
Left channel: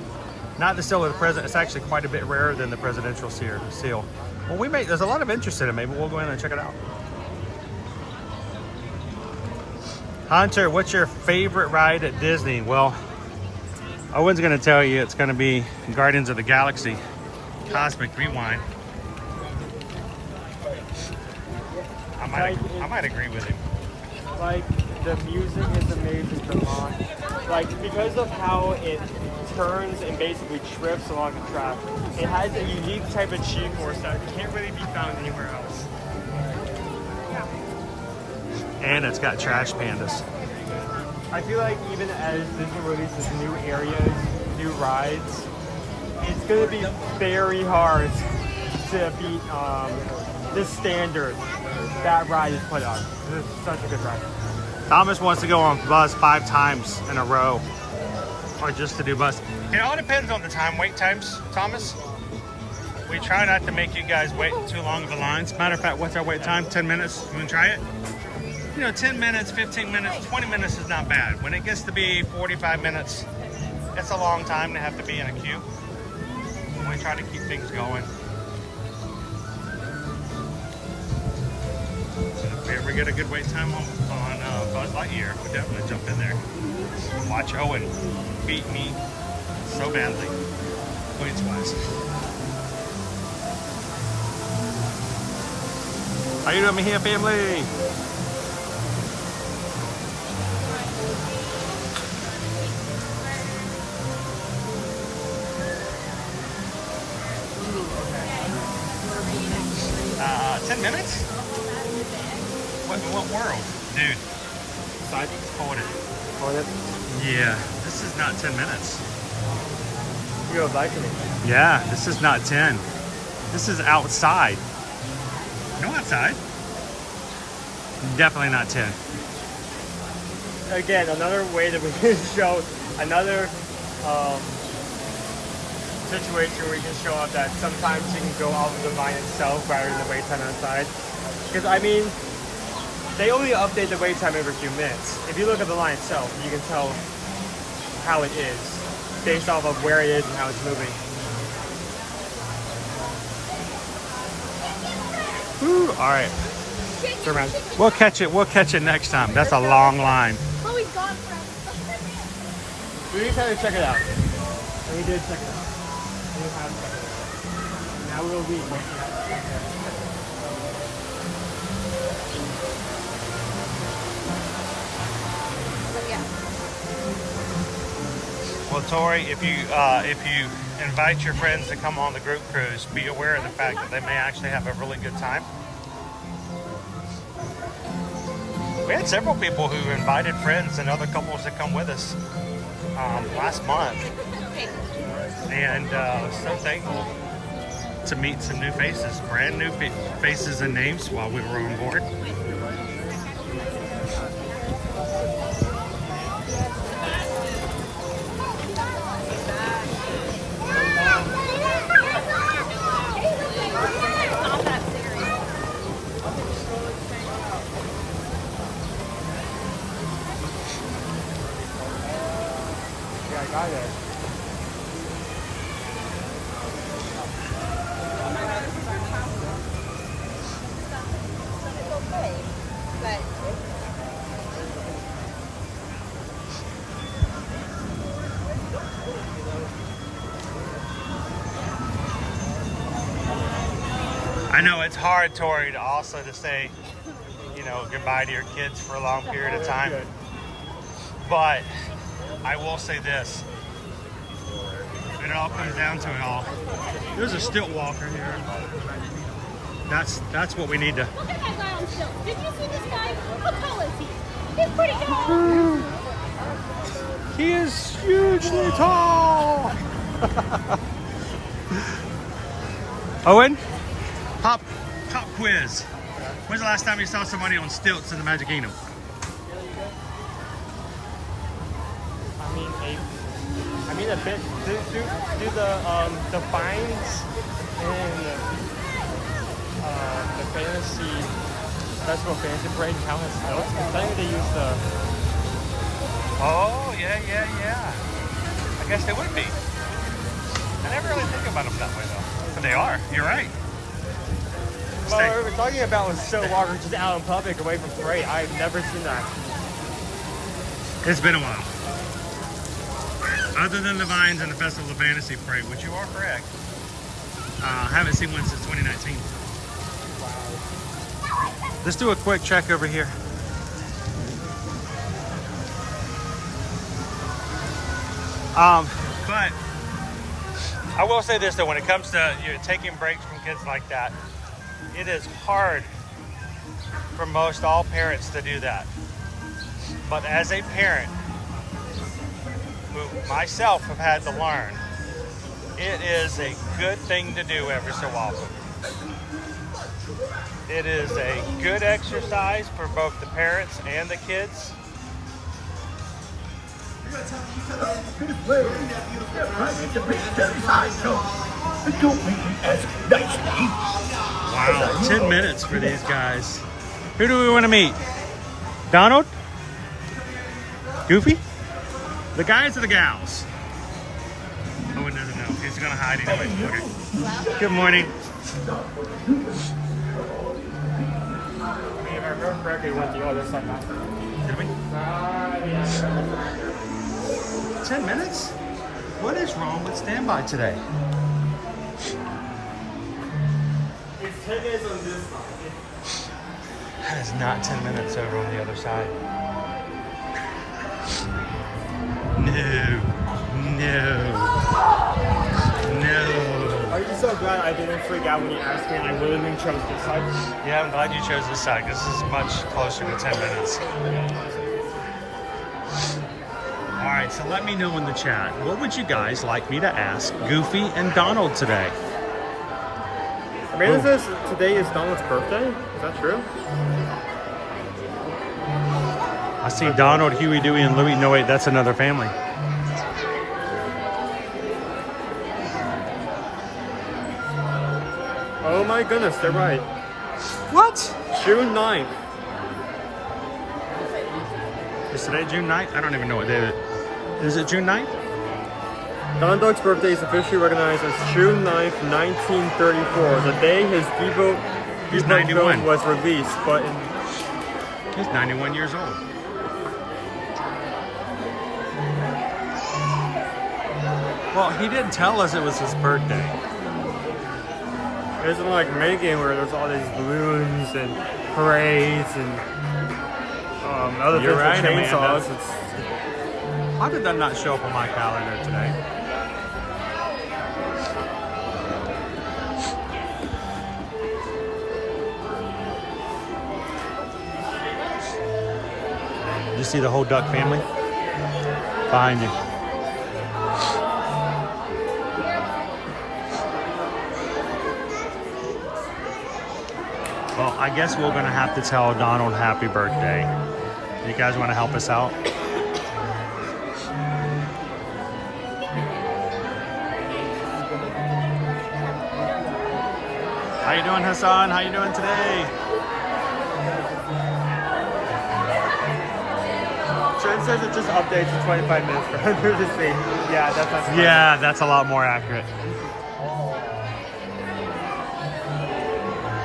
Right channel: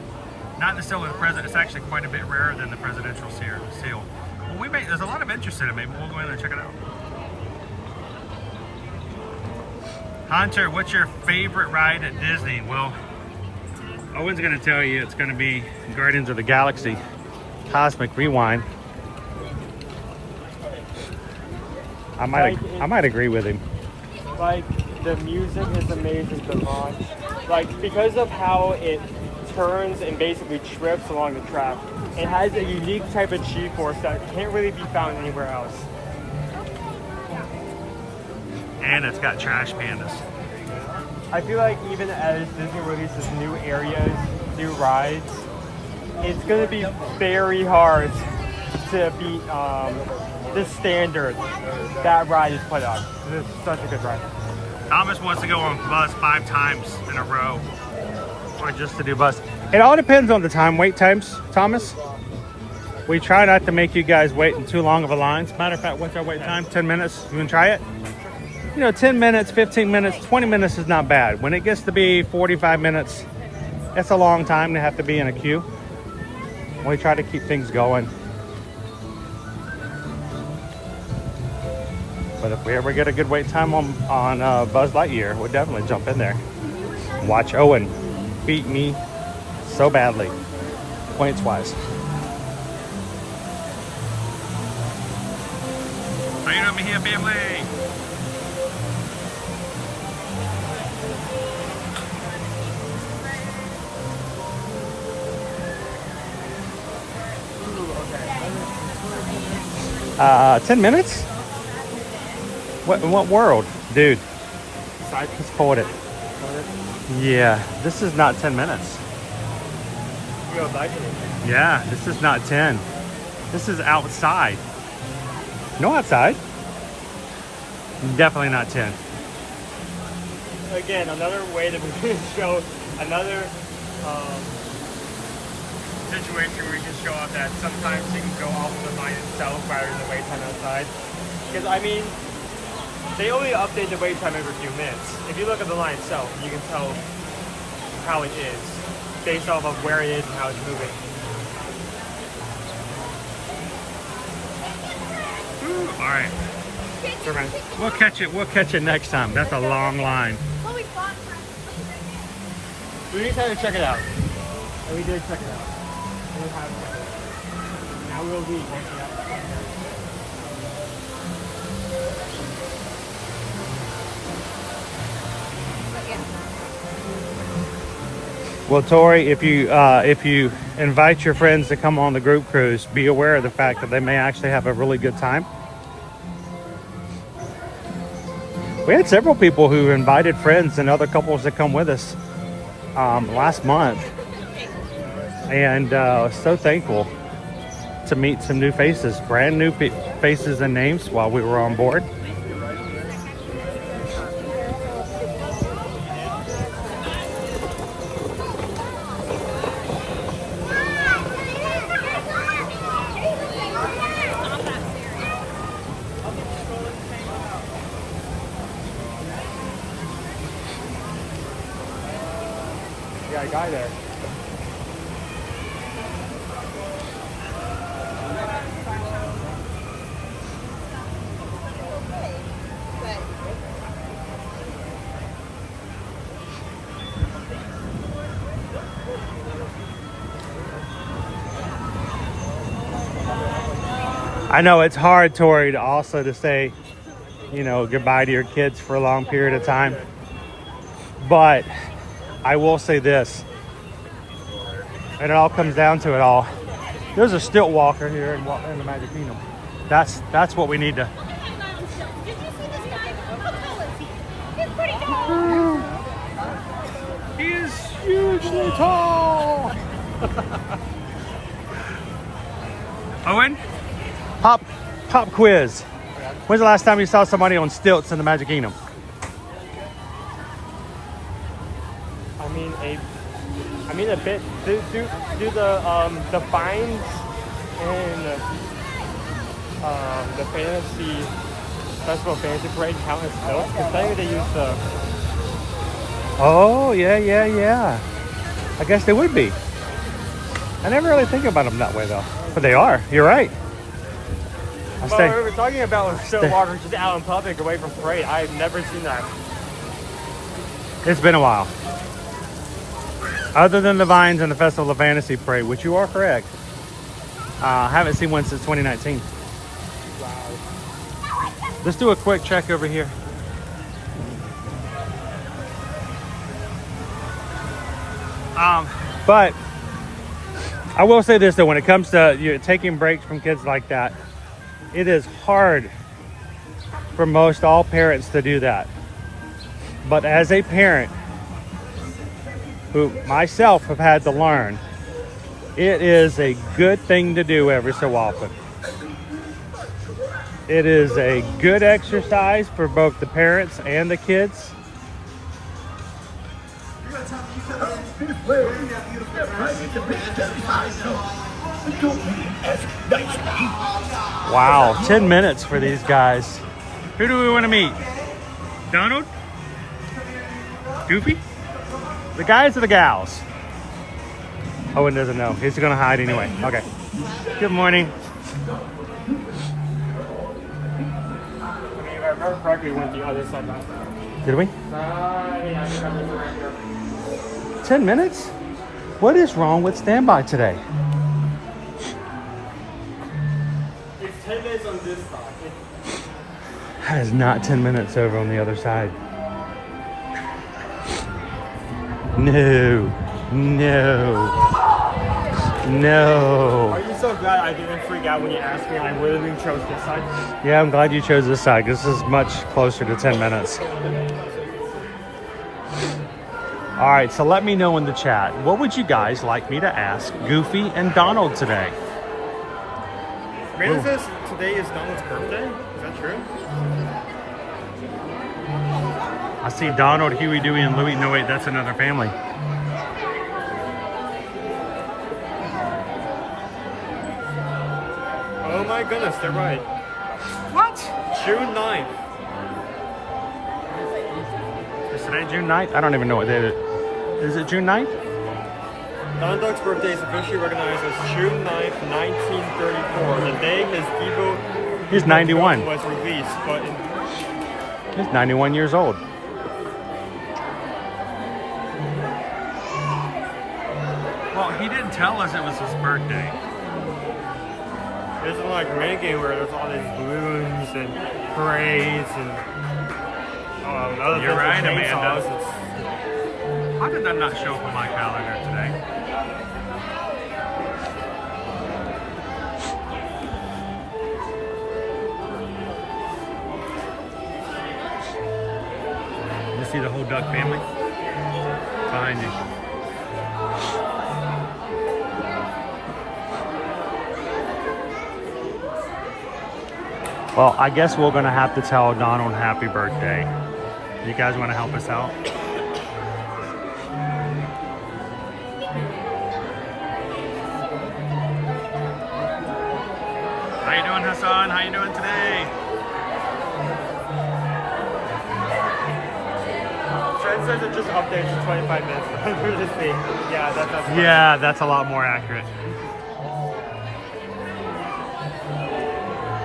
Not the seal of the president. It's actually quite a bit rarer than the presidential seal. Well, there's a lot of interest in it. Maybe we'll go in and check it out. Hunter, what's your favorite ride at Disney? Well, Owen's going to tell you it's going to be Guardians of the Galaxy Cosmic Rewind. I might agree with him. Like, the music is amazing to watch. Like, because of how it turns and basically trips along the track, it has a unique type of G-force that can't really be found anywhere else. And it's got trash pandas. I feel like even as Disney releases new areas, new rides, it's going to be very hard to beat the standard that ride is put up. It's such a good ride. Thomas wants to go on Buzz 5 times in a row, or just to do Buzz. It all depends on the wait times, Thomas. We try not to make you guys wait in too long of a lines. Matter of fact, what's our wait time? 10 minutes? You want to try it? You know, 10 minutes, 15 minutes, 20 minutes is not bad. When it gets to be 45 minutes, that's a long time to have to be in a queue. We try to keep things going. But if we ever get a good wait time on Buzz Lightyear, we'll definitely jump in there. Watch Owen beat me so badly, points-wise. How you doing, here, family? Uh, 10 minutes? What, in what world? Dude. I just pulled it. Yeah, this is not 10 minutes. Yeah, this is not 10. This is outside. No outside. Definitely not 10. Again, another way that we can show another situation where we can show up that sometimes you can go off the line itself rather than wait time inside. Because I mean, they only update the wait time every few minutes. If you look at the line itself, you can tell how it is based off of where it is and how it's moving. Woo, all right. We'll catch it next time. That's a long line. We just had to check it out. And we did check it out. And we had to check it out. Now we'll leave once we have to check it out. But yeah. Well, Tori, if you invite your friends to come on the group cruise, be aware of the fact that they may actually have a really good time. We had several people who invited friends and other couples to come with us last month, and so thankful to meet some new faces, brand new faces and names while we were on board. I know it's hard, Tori, to also to say, you know, goodbye to your kids for a long period of time. But I will say this, and it all comes down to it all. There's a stilt walker here in the Magic Kingdom. That's what we need to. Did you see this guy? How tall is he? He's pretty tall. He is hugely tall. Owen, pop quiz. When's the last time you saw somebody on stilts in the Magic Kingdom? I mean a bit do the vines and the fantasy National Fantasy Parade count as stilts? Because I think they use the. Oh yeah. I guess they would be. I never really think about them that way though, but they are. You're right. Well, we were talking about a stilt walker just out in public away from parade. I've never seen that. It's been a while. Other than the vines and the Festival of Fantasy Parade, which you are correct. I haven't seen one since 2019. Let's do a quick check over here. But I will say this though, when it comes to taking breaks from kids like that, it is hard for most all parents to do that. But as a parent, who myself have had to learn, it is a good thing to do every so often. It is a good exercise for both the parents and the kids. Wow, 10 minutes for these guys. Who do we want to meet? Donald? Goofy? The guys or the gals? Owen doesn't know. He's gonna hide anyway. Okay. Good morning. If I remember correctly, we went the other side. Did we? Yeah. 10 minutes? What is wrong with standby today? It's 10 minutes on this side. That is not 10 minutes over on the other side. No. Are you so glad I didn't freak out when you asked me? I would have chose this side. Yeah, I'm glad you chose this side. This is much closer to 10 minutes. All right, so let me know in the chat. What would you guys like me to ask Goofy and Donald today? Amanda says today is Donald's birthday. Is that true? I see Donald, Huey, Dewey, and Louie. No, wait, that's another family. Oh my goodness, they're right. What? June 9th. Is today June 9th? I don't even know what day it is. Is it June 9th? Donald Duck's birthday is officially recognized as June 9th, 1934. The day his debut He's 91. was released, but He's 91 years old. Well, he didn't tell us it was his birthday. it isn't like Megan where there's all these balloons and parades and other You're right, chainsaws. Amanda. How did that not show up on my calendar today? You see the whole duck family? Behind you. Well, I guess we're gonna have to tell Donald happy birthday. You guys wanna help us out? How you doing, Hassan? How you doing today? Trent says it just updates in 25 minutes. Yeah, that's a lot more accurate.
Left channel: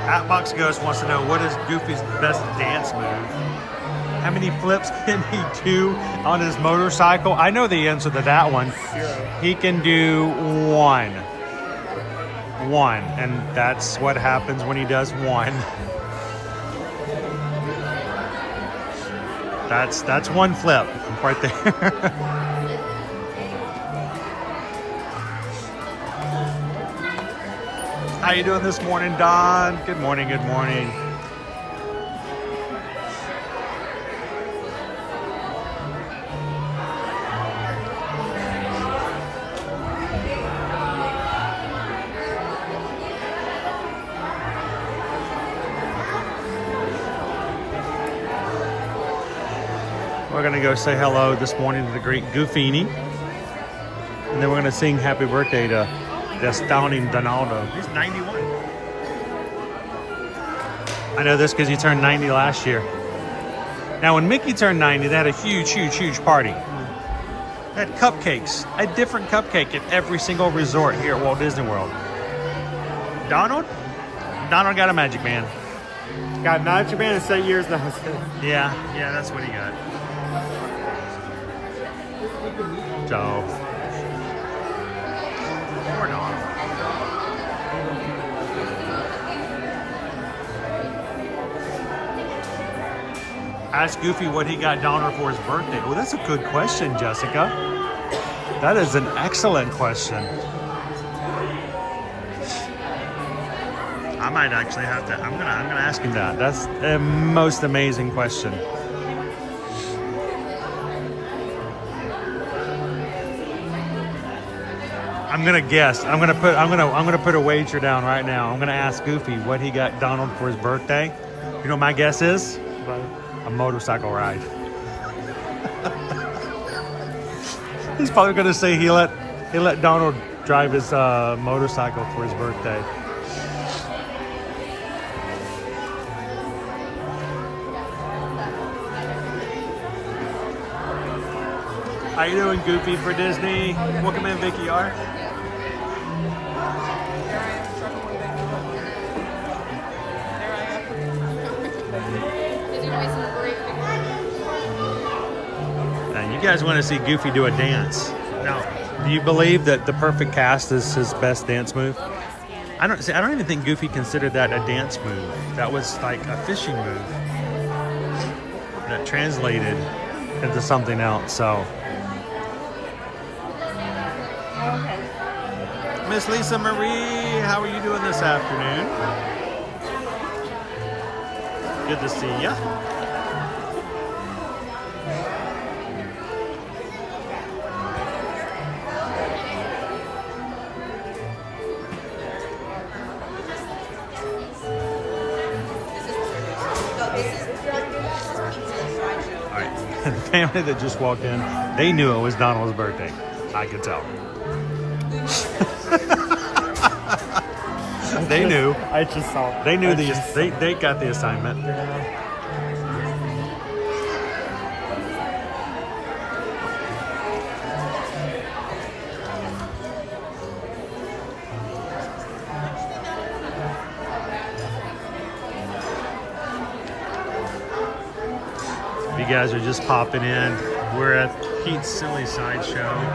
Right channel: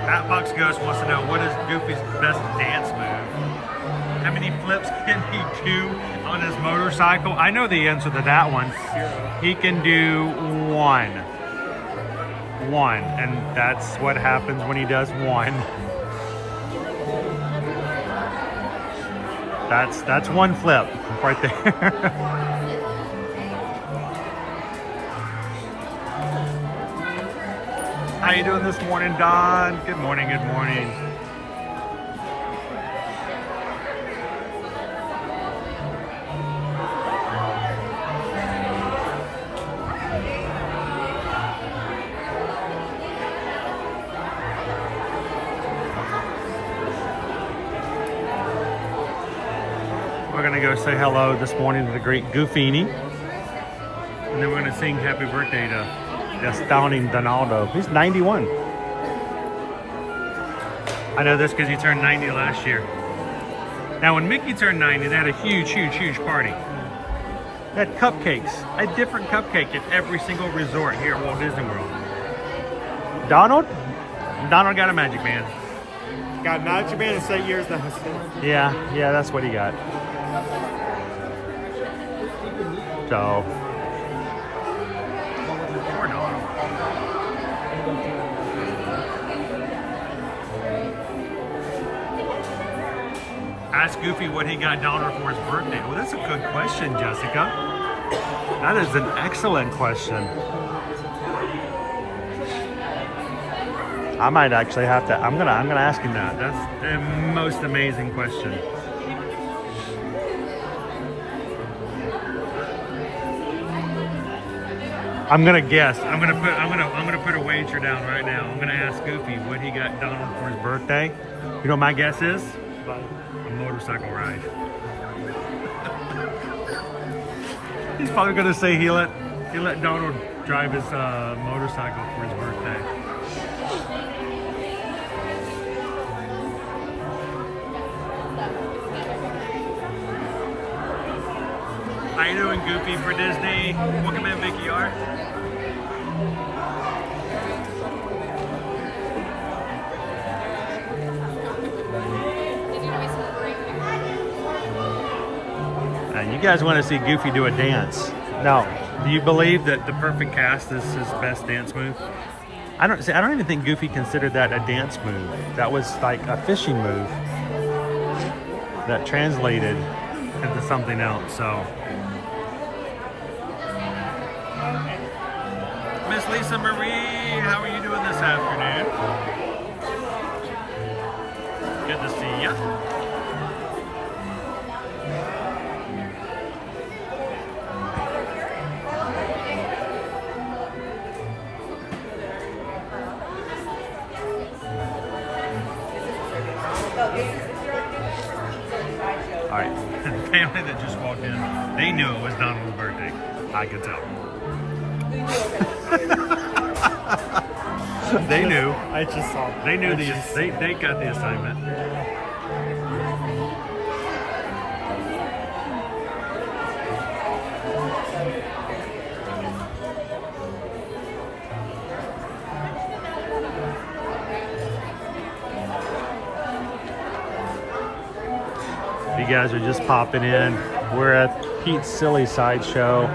Hatbox Ghost wants to know, what is Goofy's best dance move? How many flips can he do on his motorcycle? I know the answer to that one. He can do one. And that's what happens when he does one. That's one flip right there. How you doing this morning, Don? Good morning, good morning. We're gonna go say hello this morning to the great Goofini. And then we're gonna sing happy birthday to the astounding Donaldo. He's 91. I know this because he turned 90 last year. Now, when Mickey turned 90, they had a huge party. They had cupcakes, a different cupcake at every single resort here at Walt Disney World. Donald got a magic band. Got a magic band and 7 years now. Yeah, that's what he got. So, poor Donald. Ask Goofy what he got Donald for his birthday. Well, that's a good question, Jessica. That is an excellent question. I might actually have to. I'm gonna ask him that. That's the most amazing question. I'm gonna guess. I'm gonna put a wager down right now. I'm gonna ask Goofy what he got Donald for his birthday. You know what my guess is? A motorcycle ride. He's probably gonna say he let Donald drive his motorcycle for his birthday. How you doing, Goofy, for Disney? Welcome in, Vicky R. And you guys want to see Goofy do a dance. Now, do you believe that the perfect cast is his best dance move? I don't even think Goofy considered that a dance move. That was like a fishing move that translated into something else. So, Miss Lisa Marie, how are you doing this afternoon? Good to see you. All right, the family that just walked in, they knew it was Donald's birthday. I could tell. They knew. I just saw. They knew they got the assignment. If you guys are just popping in, we're at Pete's Silly Sideshow.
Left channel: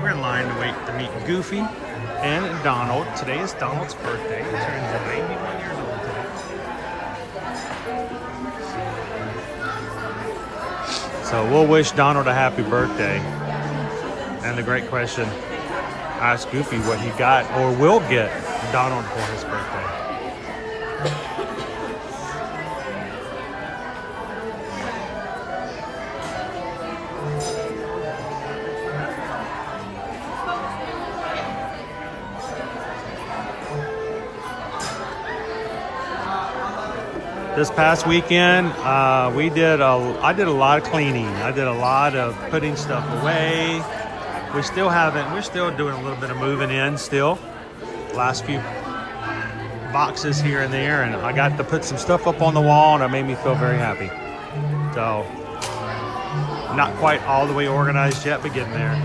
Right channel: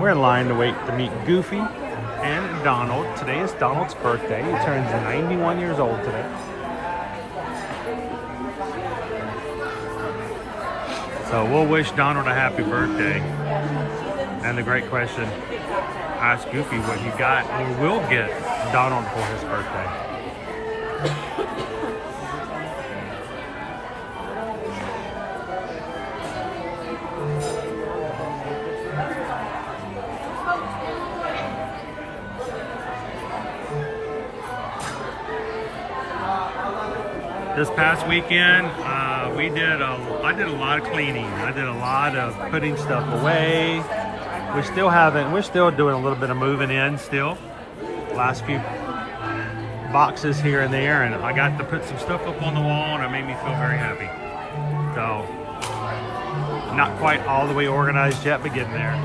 We're in line to wait to meet Goofy and Donald. Today is Donald's birthday. He turns 91 years old today. So we'll wish Donald a happy birthday. And the great question, ask Goofy what he got or will get Donald for his birthday. This past weekend, I did a lot of cleaning. I did a lot of putting stuff away. We're still doing a little bit of moving in still. Last few boxes here and there, and I got to put some stuff up on the wall, and it made me feel very happy. So, not quite all the way organized yet, but getting there.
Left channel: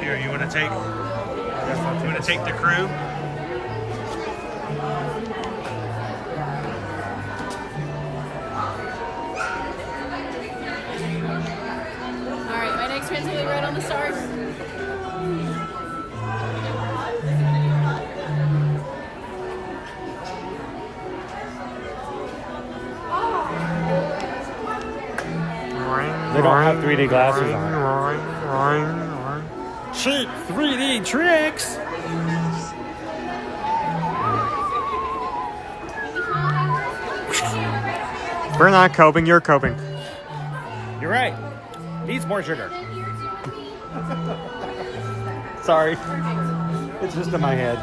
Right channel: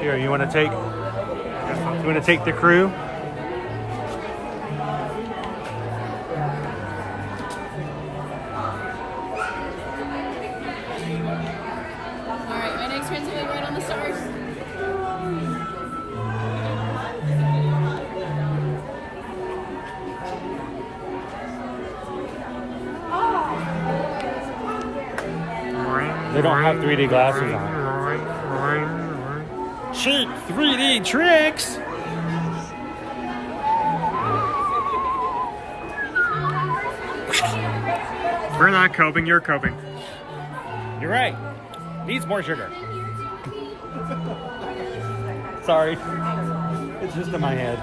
Here, you want to take the crew? Alright, my next friend's gonna be right on the stars. They don't have 3D glasses on. Cheap 3D tricks. We're not coping, you're coping. You're right. Needs more sugar. Sorry. It's just in my head.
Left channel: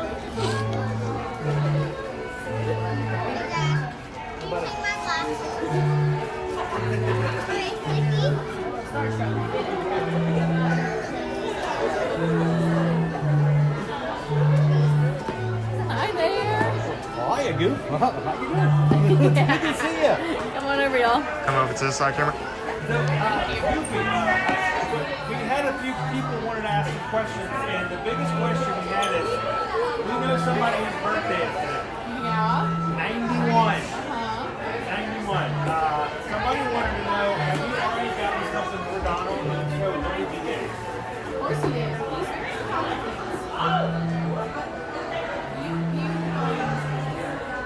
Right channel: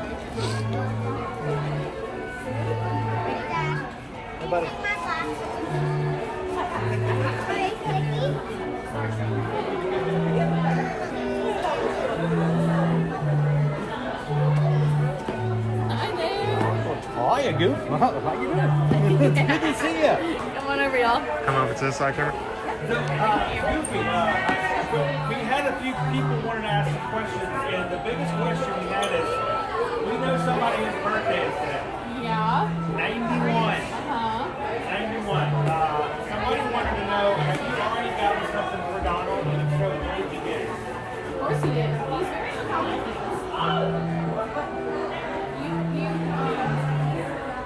Hi there. Hi, Goof. How you doing? Good to see you. Come on over, y'all. Come over to the side camera. Goofy, we had a few people wanted to ask some questions, and the biggest question we had is, we know somebody whose birthday is today. Yeah. 91. 91. Somebody wanted to know, have you already gotten something for Donald? And if so, what did you get? Of course he is. He's very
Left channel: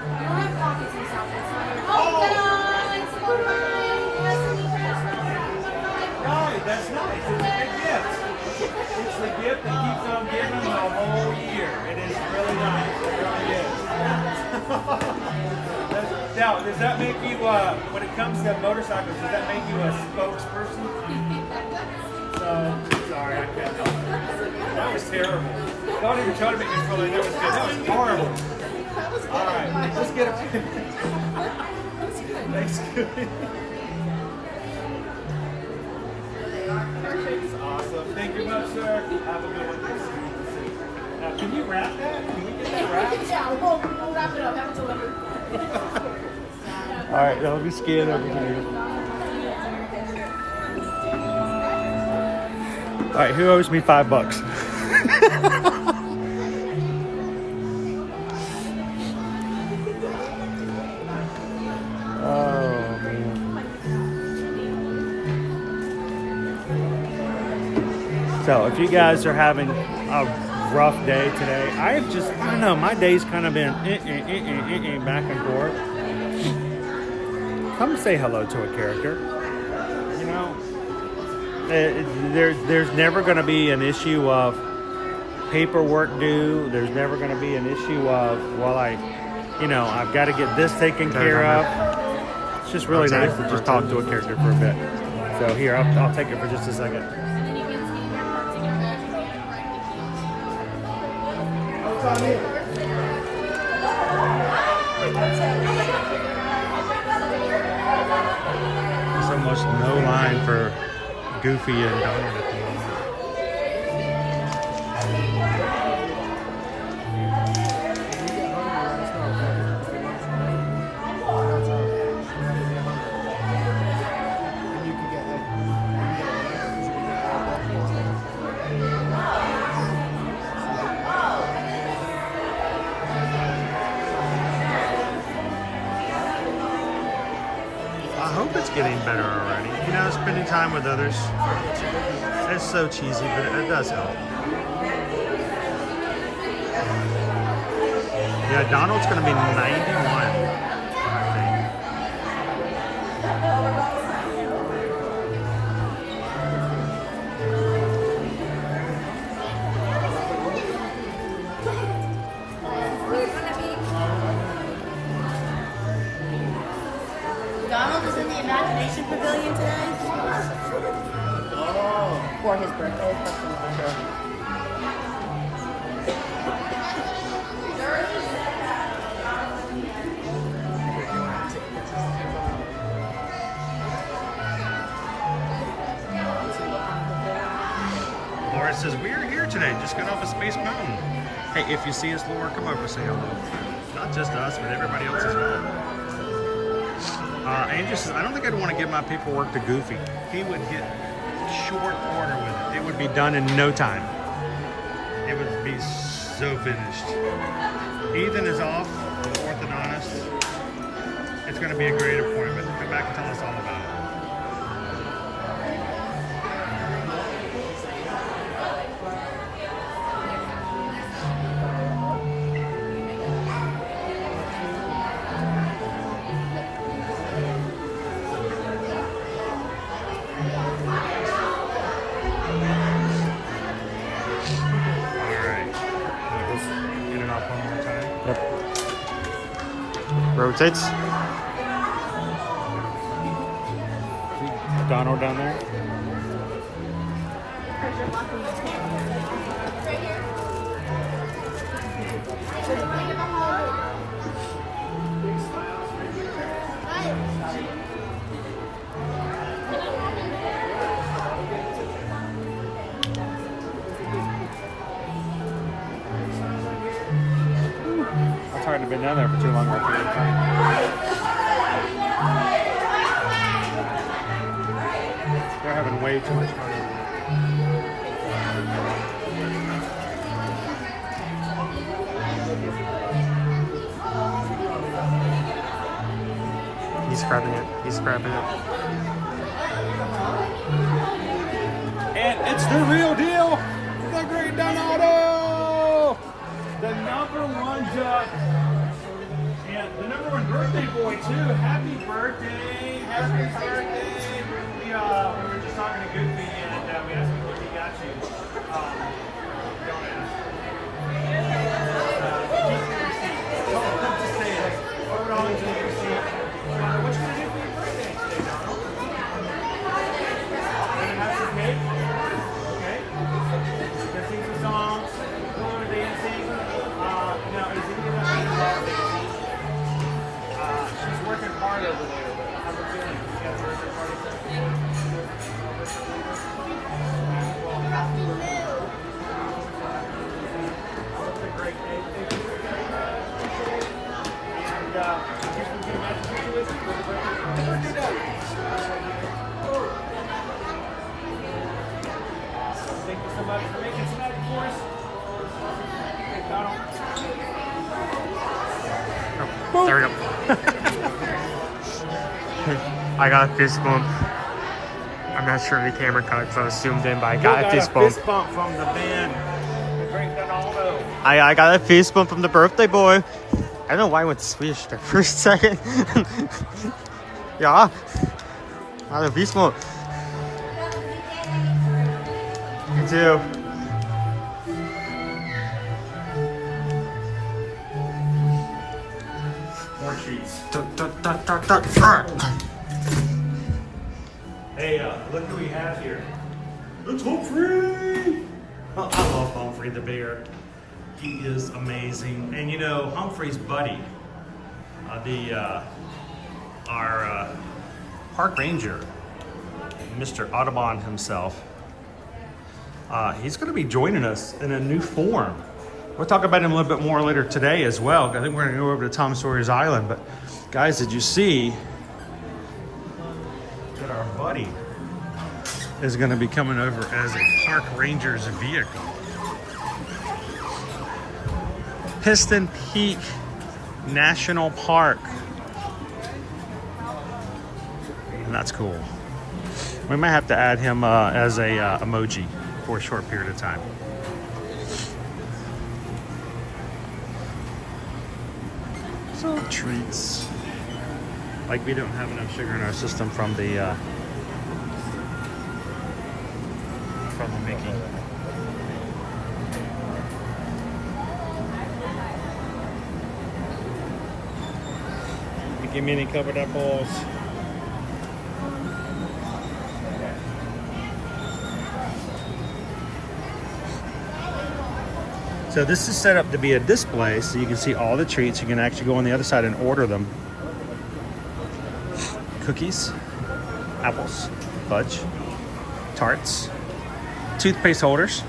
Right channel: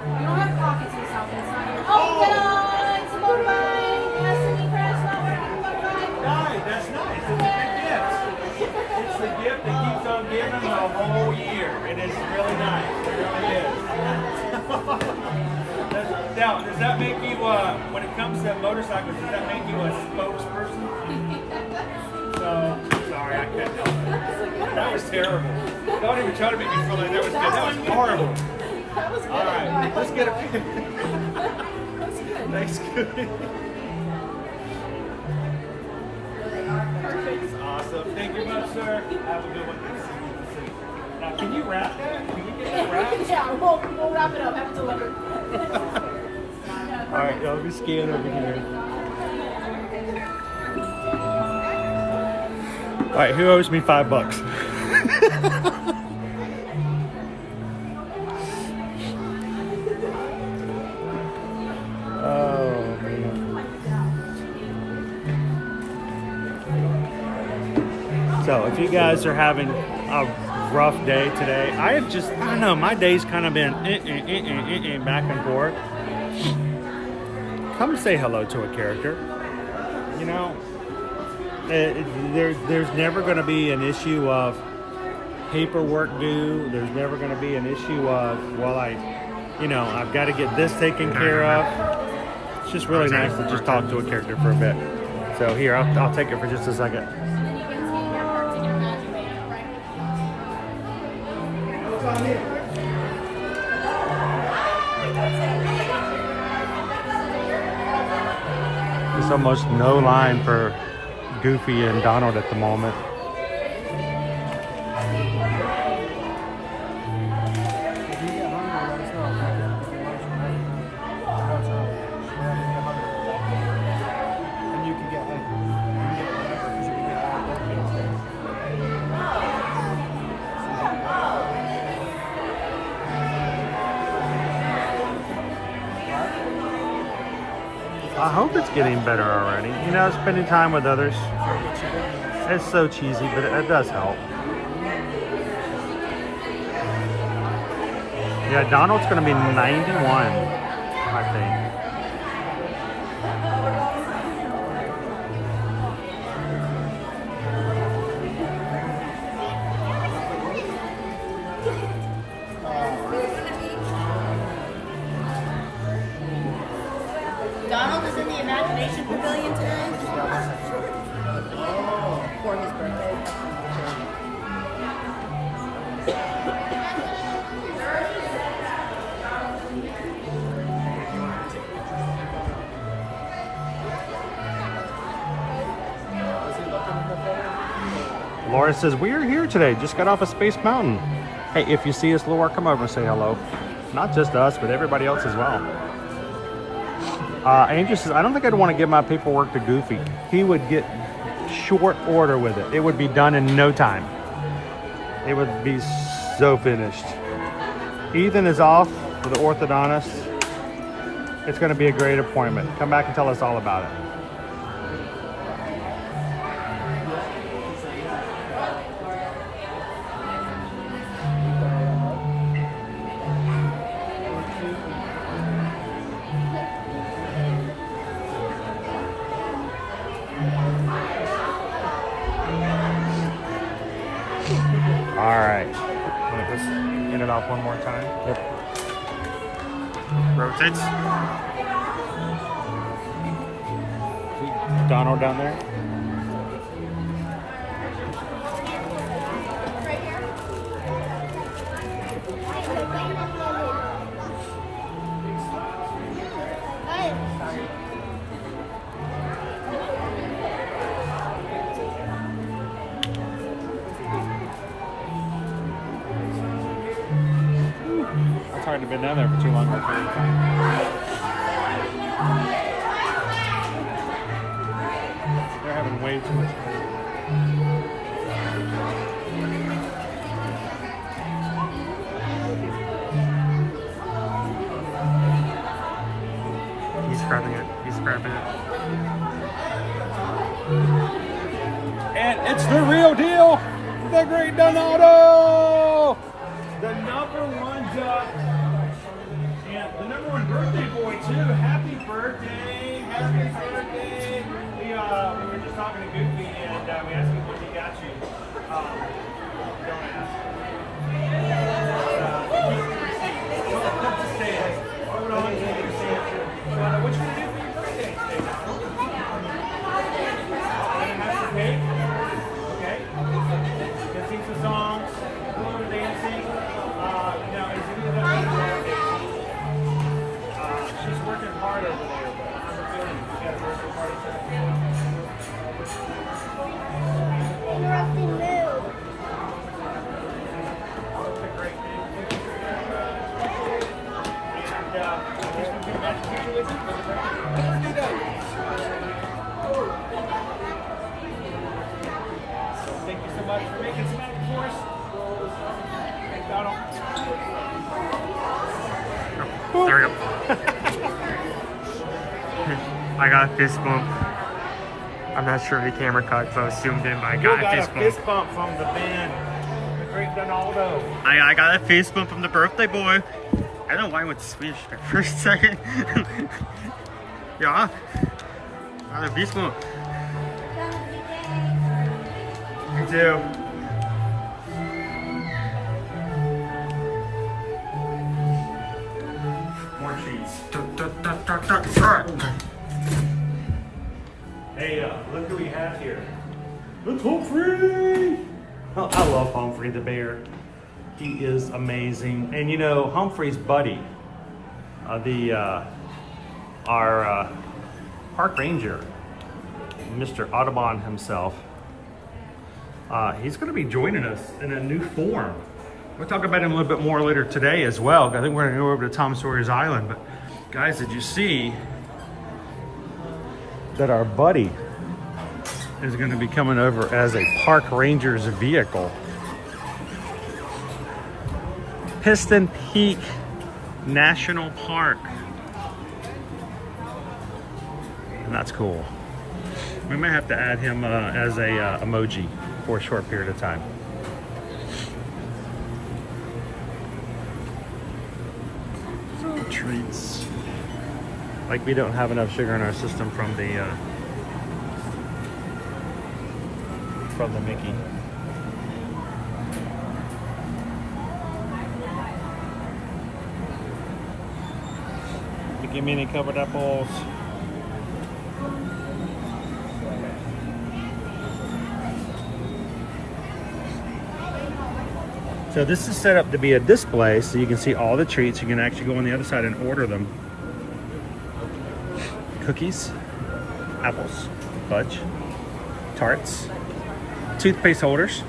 you don't have pockets and stuff. Oh, It is really nice. It really is. Now, does that make you, when it comes to motorcycles, does that make you a spokesperson? So, sorry, I couldn't help it. That was terrible. Don't even try to make me feel like that was good. That was horrible. All right, let's get a Thanks, good. That's awesome. Thank you much, sir. Have a good one. Now, can you wrap that? Can we get that wrapped? Yeah, we'll wrap it up. Have it delivered. All right, now let me scan over here. All right, who owes me $5? Oh man. So if you guys are having a rough day today, I don't know, my day's kind of been back and forth. Come say hello to a character. You know, there's never going to be an issue of paperwork due. There's never going to be an issue of, well, I've got to get this taken care of. It's just really nice to just talk to a character for a bit. So here, I'll take it for just a second. There's almost no line for Goofy and Donald at the moment. I hope it's getting better already. You know, spending time with others. It's so cheesy, but it does help. Yeah, Donald's going to be 91, I think. Donald is in the Imagination Pavilion today. For his birthday. Laura says, we're here today. Just got off of Space Mountain. Hey, if you see us, Laura, come over and say hello. Not just us, but everybody else as well. Andrew says, I don't think I'd want to give my paperwork to Goofy. He would get short order with it. It would be done in no time. It would be so finished. Ethan is off for the orthodontist. It's going to be a great appointment. Come back and tell us all about it. One more time. Yep. Rotates. See Donald down there. Hard to been down there for too long of a period of time. They're having way too much fun. He's scrapping it. He's scrapping it. And it's the real deal. The Great Donato. The #1 duck. Yeah, the #1 birthday boy too. Happy birthday! Happy birthday! We were just talking to Goofy and we asked him what he got you. Don't ask. Come to stand. Hold on to your seat. What you gonna do for your birthday today, Donald? I'm gonna have some cake. Okay. Gonna sing some songs. A little bit of dancing. Is any of that involved dancing? She's working hard over there, but I have a feeling she got a birthday party set with her later. Well, afterwards. That's a great day. Thank you. And I guess we can get a magic picture with you for the birthday. The birthday done. Awesome. Thank you so much for making some magic for us. Thanks, Donald. Oh, there we go. I got a fist bump. I'm not sure if the camera caught, so I was zoomed in, but I got a fist bump. Fist bump from the band. I got a fist bump from the birthday boy. I don't know why I went Swedish there for a second. Yeah. I got a fist bump. Me too. More treats. Hey, look who we have here. It's Humphrey! Well, I love Humphrey the bear. He is amazing. And you know, Humphrey's buddy, our park ranger, Mr. Audubon himself, he's going to be joining us in a new form. We'll talk about him a little bit more later today as well. I think we're going to go over to Tom Sawyer's Island. But guys, did you see that our buddy is going to be coming over as a park ranger's vehicle? Piston Peak National Park. And that's cool. We might have to add him as a emoji for a short period of time. So treats. Like we don't have enough sugar in our system from the Mickey. Give me any covered apples. So this is set up to be a display so you can see all the treats. You can actually go on the other side and order them. Cookies, apples, fudge, tarts, toothpaste holders,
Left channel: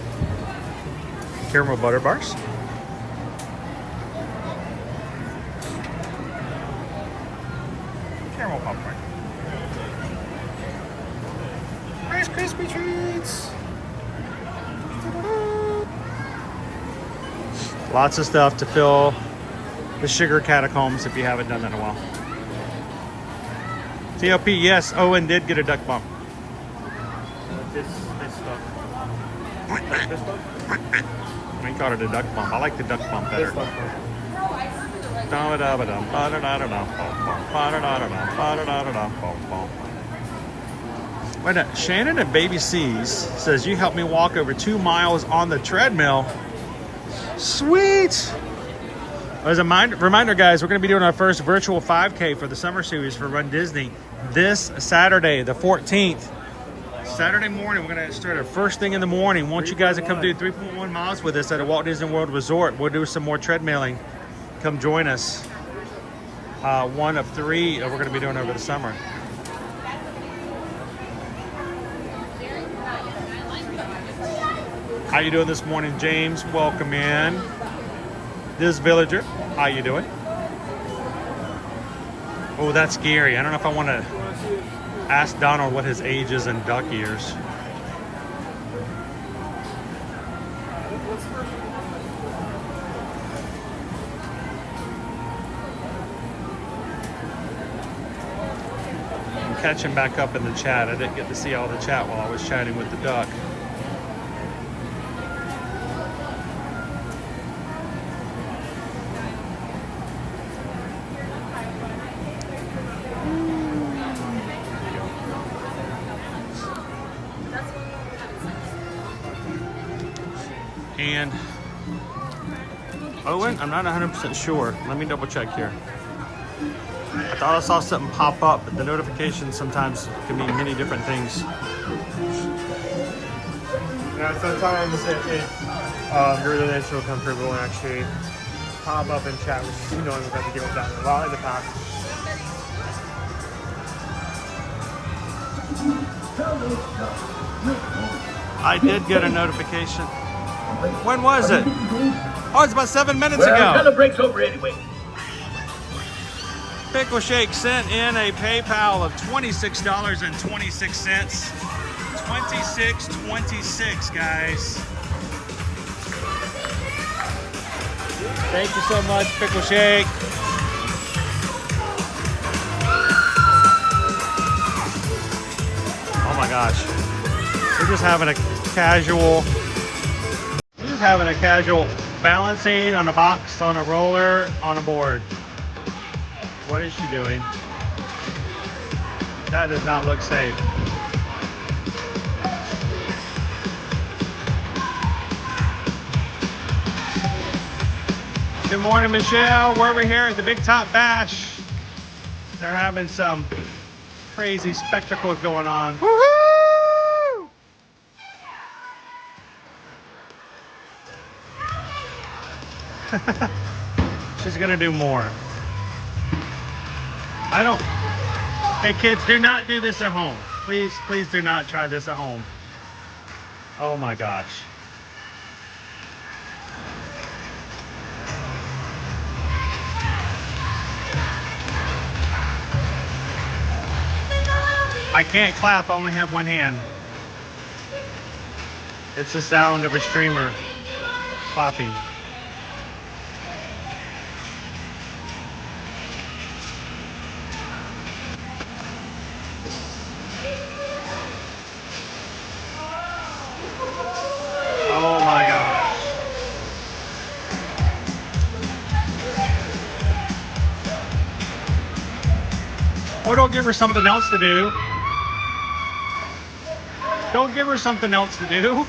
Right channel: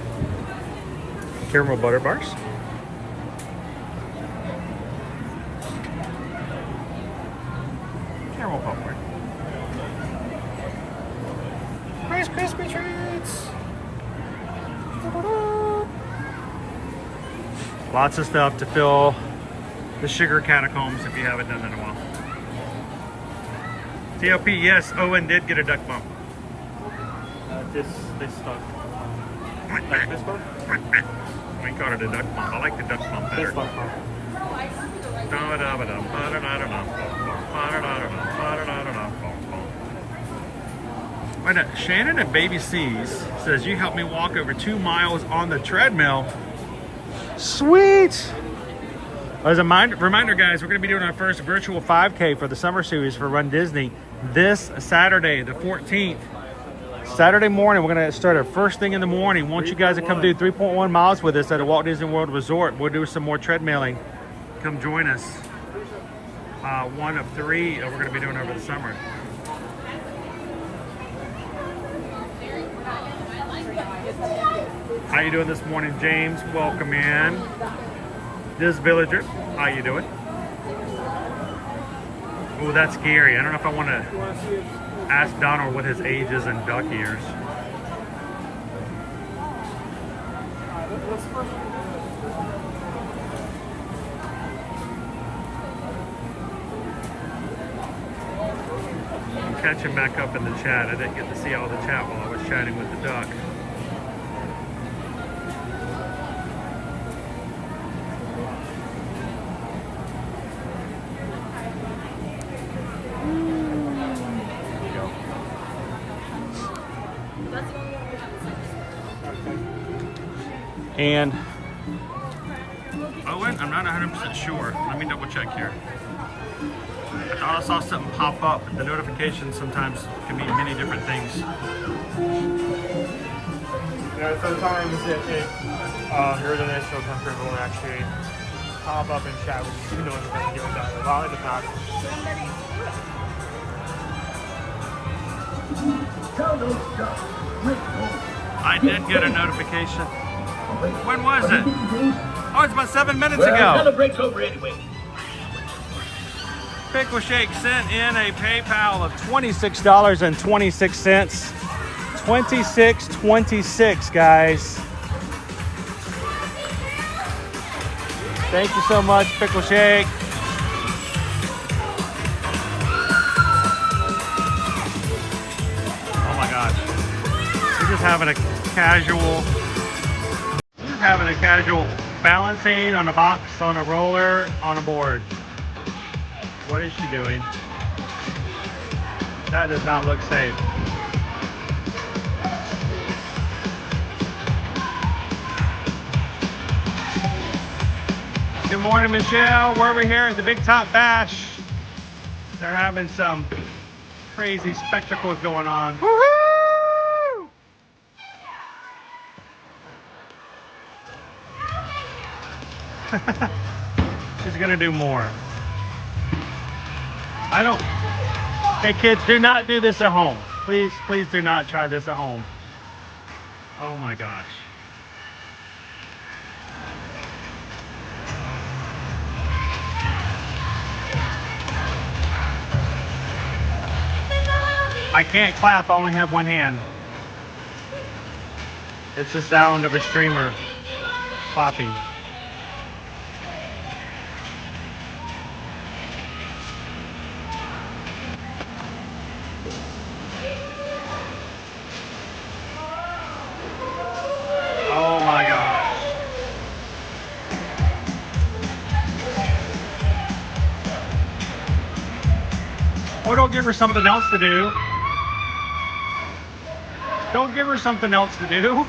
caramel butter bars, caramel popcorn, Rice Krispie treats. Lots of stuff to fill the sugar catacombs if you haven't done that in a while. TLP, yes, Owen did get a duck bump. We called it a duck bump. I like the duck bump better. Wait a minute. Shannon at Baby C's says, you helped me walk over 2 miles on the treadmill. Sweet! As a reminder, guys, we're going to be doing our first virtual 5K for the summer series for Run Disney this Saturday, the 14th. Saturday morning, we're going to start our first thing in the morning. Want you guys to come do 3.1 miles with us at a Walt Disney World Resort. We'll do some more treadmilling. Come join us. One of 3 that we're going to be doing over the summer. How you doing this morning, James? Welcome in. This villager, how you doing? Oh, that's scary. I don't know if I want to ask Donald what his age is in duck years. I'm catching back up in the chat. I didn't get to see all the chat while I was chatting with the duck. And Owen? I'm not 100% sure. Let me double check here. I thought I saw something pop up, but the notifications sometimes can mean many different things. No, so someone was saying, your international country will actually pop up and chat with you. You know what's going to give you that about in the past. I did get a notification. When was it? Oh, it's about 7 minutes ago. The break's over anyway. Pickle Shake sent in a PayPal of $26.26. $26.26, guys. Thank you so much, Pickle Shake. Oh my gosh. We're just having a casual balancing on a box, on a roller, on a board. What is she doing? That does not look safe. Good morning, Michelle. We're over here at the Big Top Bash. They're having some crazy spectacles going on. Woohoo! She's gonna do more. Hey kids, do not do this at home. Please, please do not try this at home. Oh my gosh. I can't clap, I only have one hand. It's the sound of a streamer clapping. Oh my gosh. Or don't give her something else to do. Don't give her something else to do.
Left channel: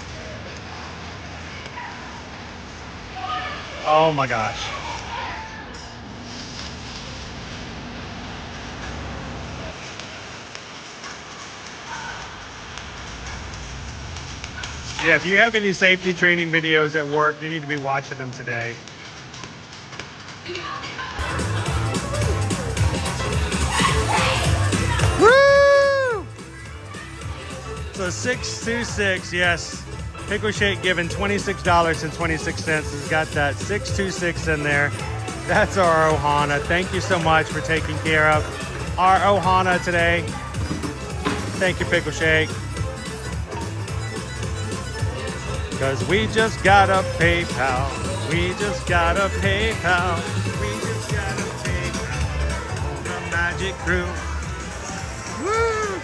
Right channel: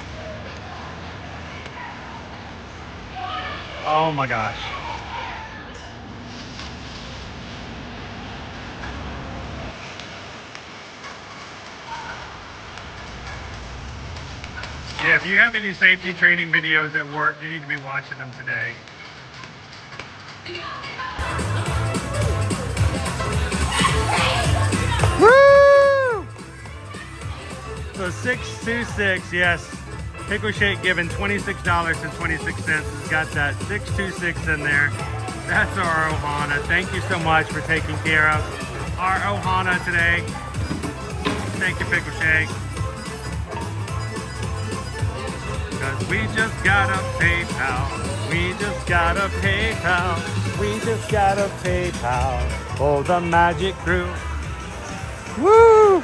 Oh my gosh. Yeah, if you have any safety training videos at work, you need to be watching them today. Woo! So 626, yes. Pickle Shake given $26.26. Has got that 626 in there. That's our Ohana. Thank you so much for taking care of our Ohana today. Thank you, Pickle Shake. Cause we just got a PayPal. We just got a PayPal. We just got a PayPal. Oh, the Magic Crew. Woo!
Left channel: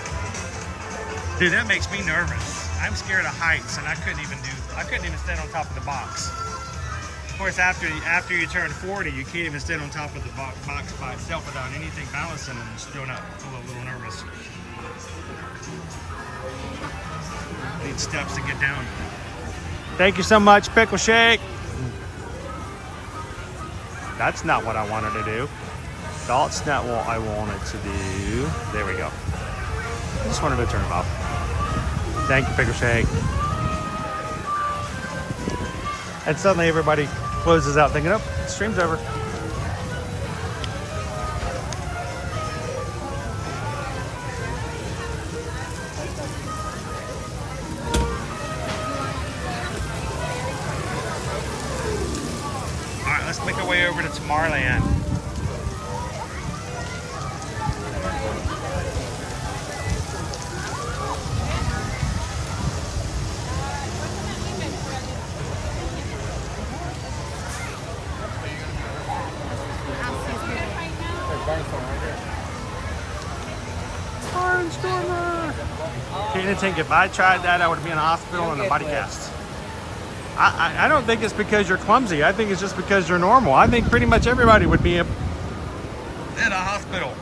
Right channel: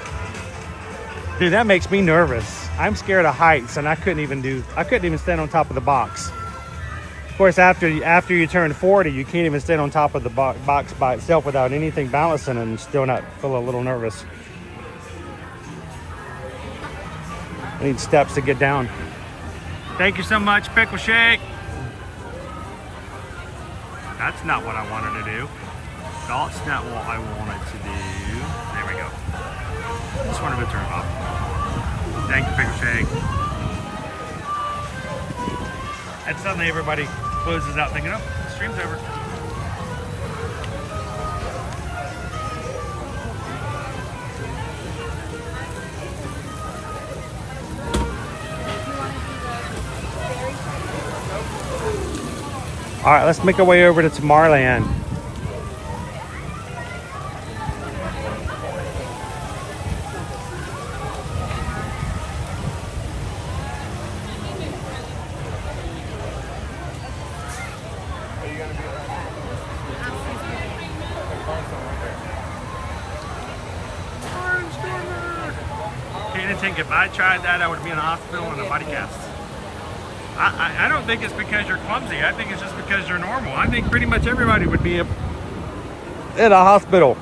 Dude, that makes me nervous. I'm scared of heights, and I couldn't even stand on top of the box. Of course, after you turn 40, you can't even stand on top of the box by itself without anything balancing, and you still not feel a little nervous. Need steps to get down. Thank you so much, Pickle Shake. That's not what I wanted to do. That's not what I wanted to do. There we go. I just wanted to turn it off. Thank you, Pickle Shake. And suddenly everybody closes out thinking, oh, the stream's over. All right, let's make our way over to Tomorrowland. If I tried that, I would be in a hospital and a body cast. I don't think it's because you're clumsy. I think it's just because you're normal. I think pretty much everybody would be in a hospital.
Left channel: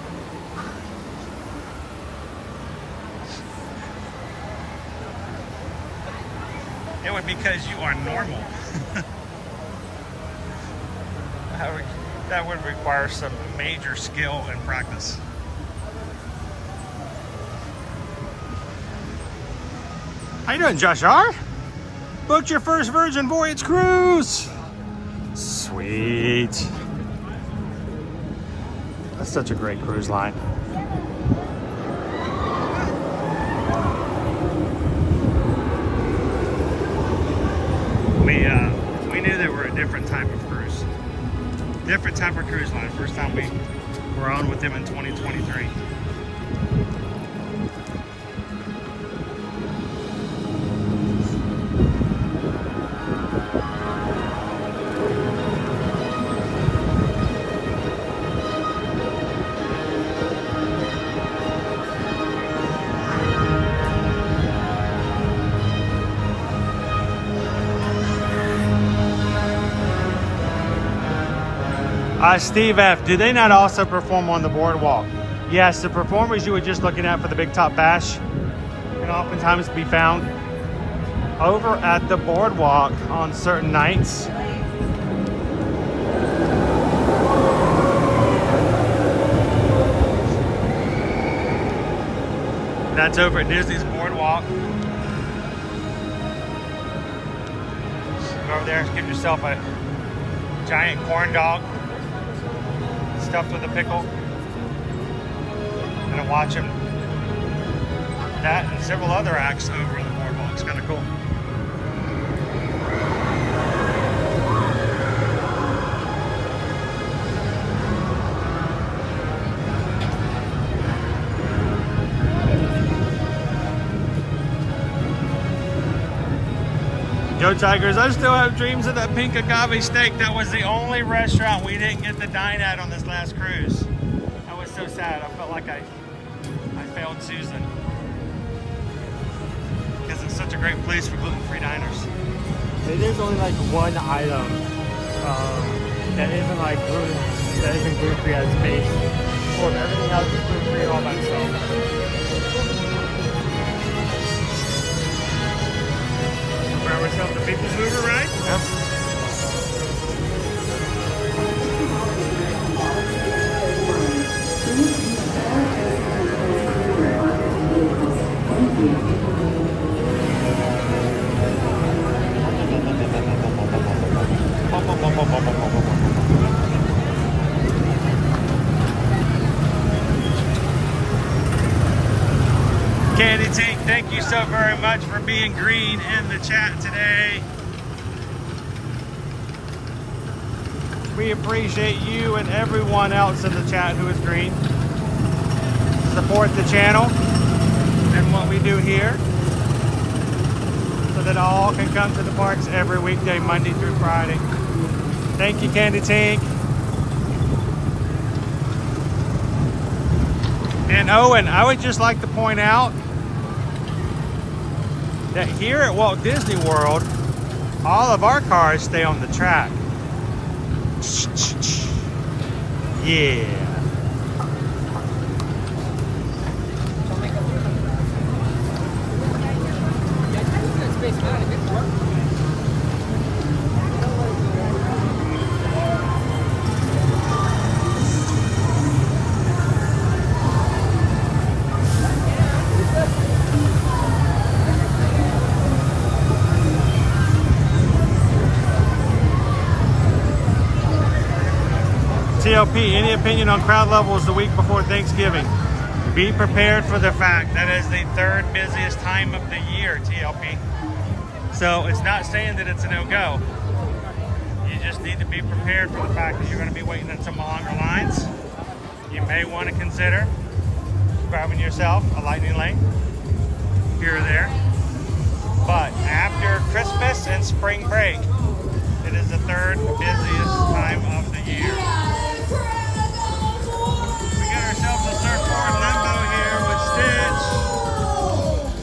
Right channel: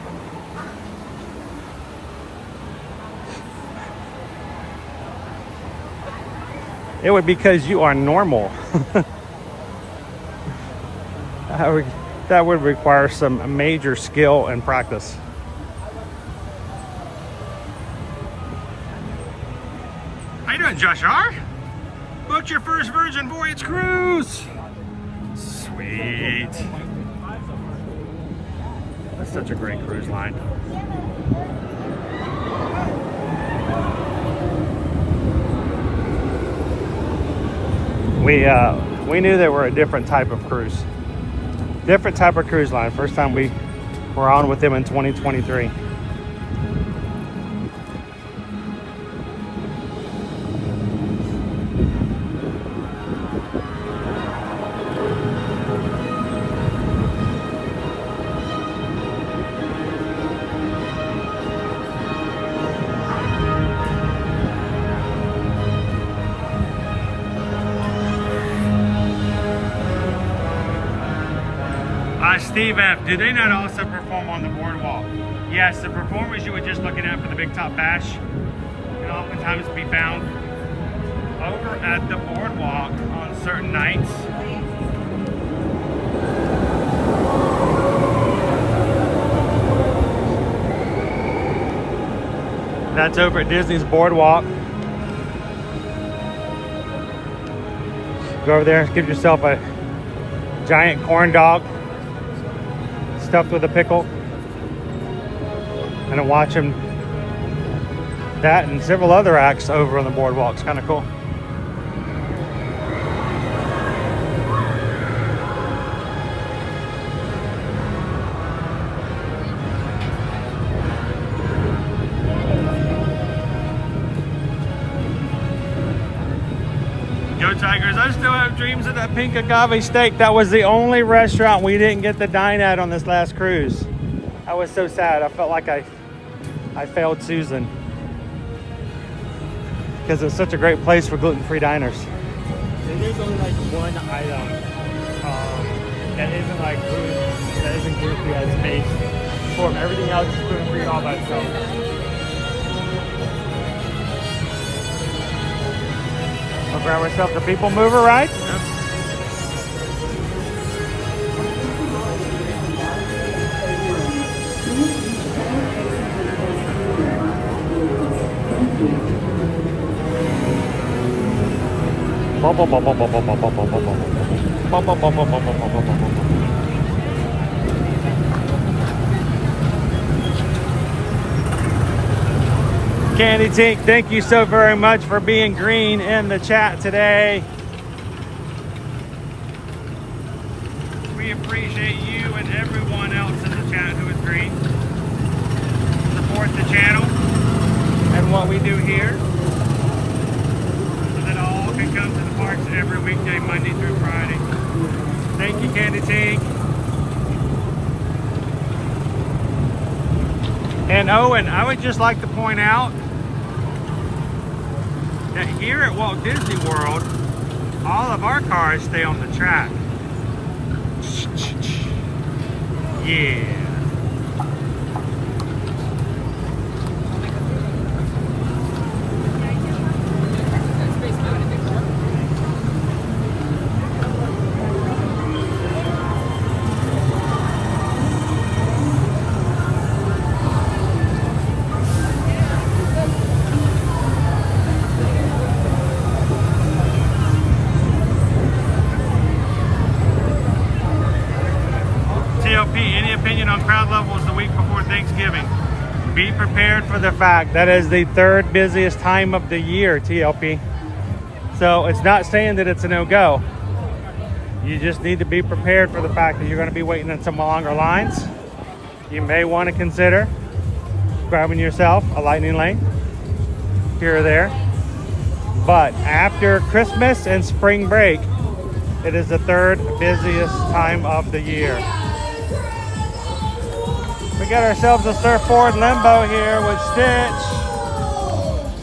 It would be because you are normal. that would require some major skill and practice. How you doing, Josh R? Booked your first Virgin Voyage cruise. Sweet. That's such a great cruise line. We knew they were a different type of cruise. Different type of cruise line. First time we were on with them in 2023. Steve F, do they not also perform on the boardwalk? Yes, the performers you were just looking at for the Big Top Bash can oftentimes be found over at the boardwalk on certain nights. That's over at Disney's boardwalk. Go over there, give yourself a giant corn dog stuffed with a pickle, and to watch them, that and several other acts over on the boardwalk. It's kind of cool. Go Tigers, I still have dreams of that pink agave steak. That was the only restaurant we didn't get to dine at on this last cruise. I was so sad. I felt like I failed Susan. Because it's such a great place for gluten-free diners. There's only like one item that isn't like gluten, that isn't gluten-free at its base. Well, everything else is gluten-free and all that stuff. We'll grab ourselves a PeopleMover ride. Yes. Candy Tink, thank you so very much for being green in the chat today. We appreciate you and everyone else in the chat who is green. Support the channel and what we do here so that all can come to the parks every weekday, Monday through Friday. Thank you, Candy Tink. And Owen, I would just like to point out that here at Walt Disney World, all of our cars stay on the track. Yeah. Any opinion on crowd levels the week before Thanksgiving? Be prepared for the fact that is the third busiest time of the year, TLP. So it's not saying that it's a no-go. You just need to be prepared for the fact that you're going to be waiting in some longer lines. You may want to consider grabbing yourself a lightning lane here or there. But after Christmas and spring break, it is the third busiest time of the year. We got ourselves a surfboard limbo here with Stitch.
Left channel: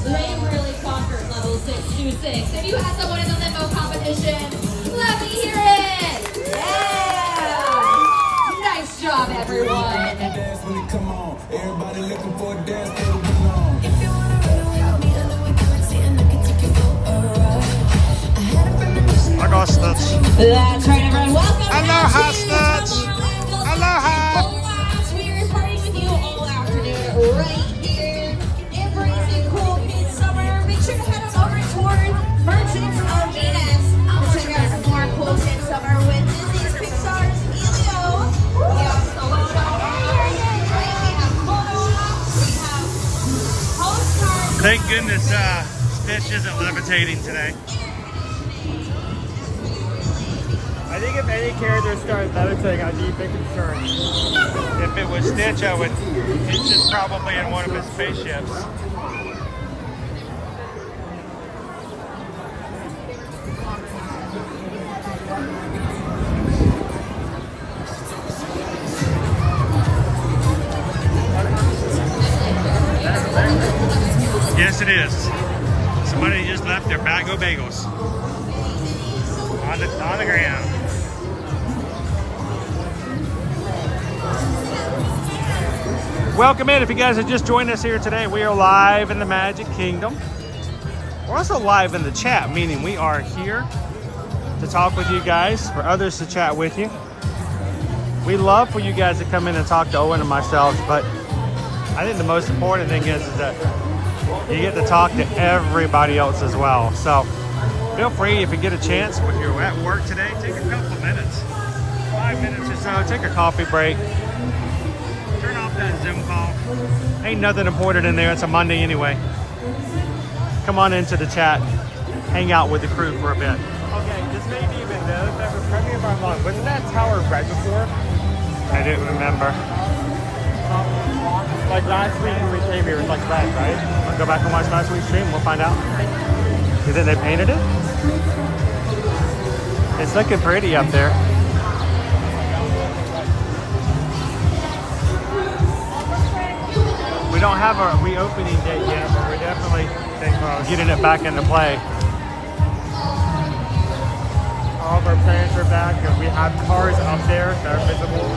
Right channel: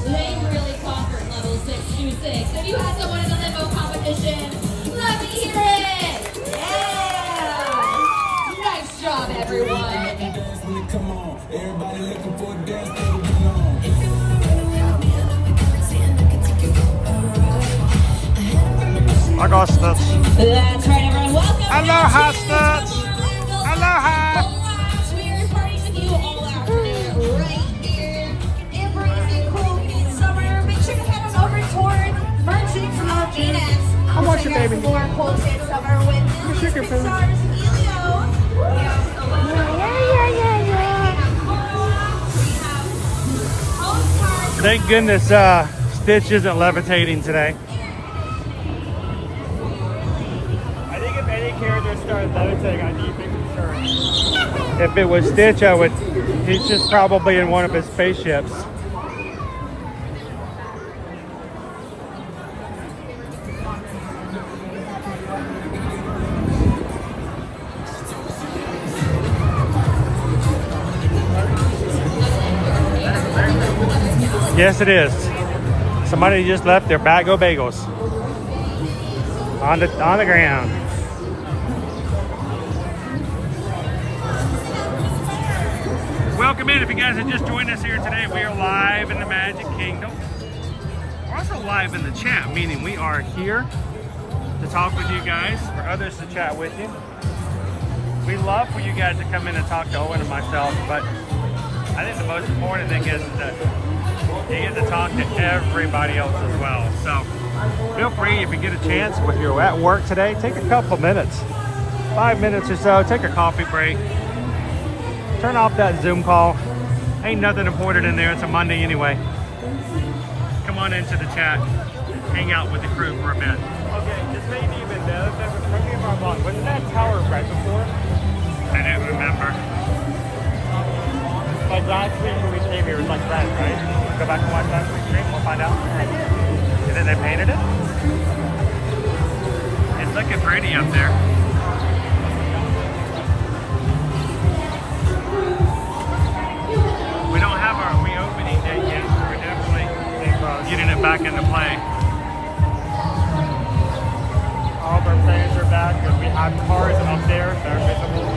They really conquered level 626. If you had someone in the limbo competition, let me hear it! Yeah! Nice job, everyone! Come on, everybody looking for a dance to belong. If you wanna run away with me, I know we can see and I can take you alright. I got Stitch. That's right, everyone. Welcome. Hello, Stitch. Thank goodness Stitch isn't levitating today. I think if any character started levitating, I'd be big concerned. If it was Stitch, I would. Stitch is probably in one of his spaceships. Yes, it is. Somebody just left their bag of bagels on the ground. Welcome in. If you guys are just joining us here today, we are live in the Magic Kingdom. We're also live in the chat, meaning we are here to talk with you guys, for others to chat with you. We love for you guys to come in and talk to Owen and myself, but I think the most important thing is that you get to talk to everybody else as well. So feel free, if you get a chance, if you're at work today, take a couple minutes, 5 minutes or so, take a coffee break, turn off that Zoom call. Ain't nothing important in there. It's a Monday anyway. Come on into the chat, hang out with the crew for a bit. I didn't remember. Like last week, we came here like that, right? Go back and watch last week's stream and find out. You think they painted it? It's looking pretty up there. We don't have a reopening date yet, so we're definitely getting it back into play. All of our fans are back. We have cars up there that are visible.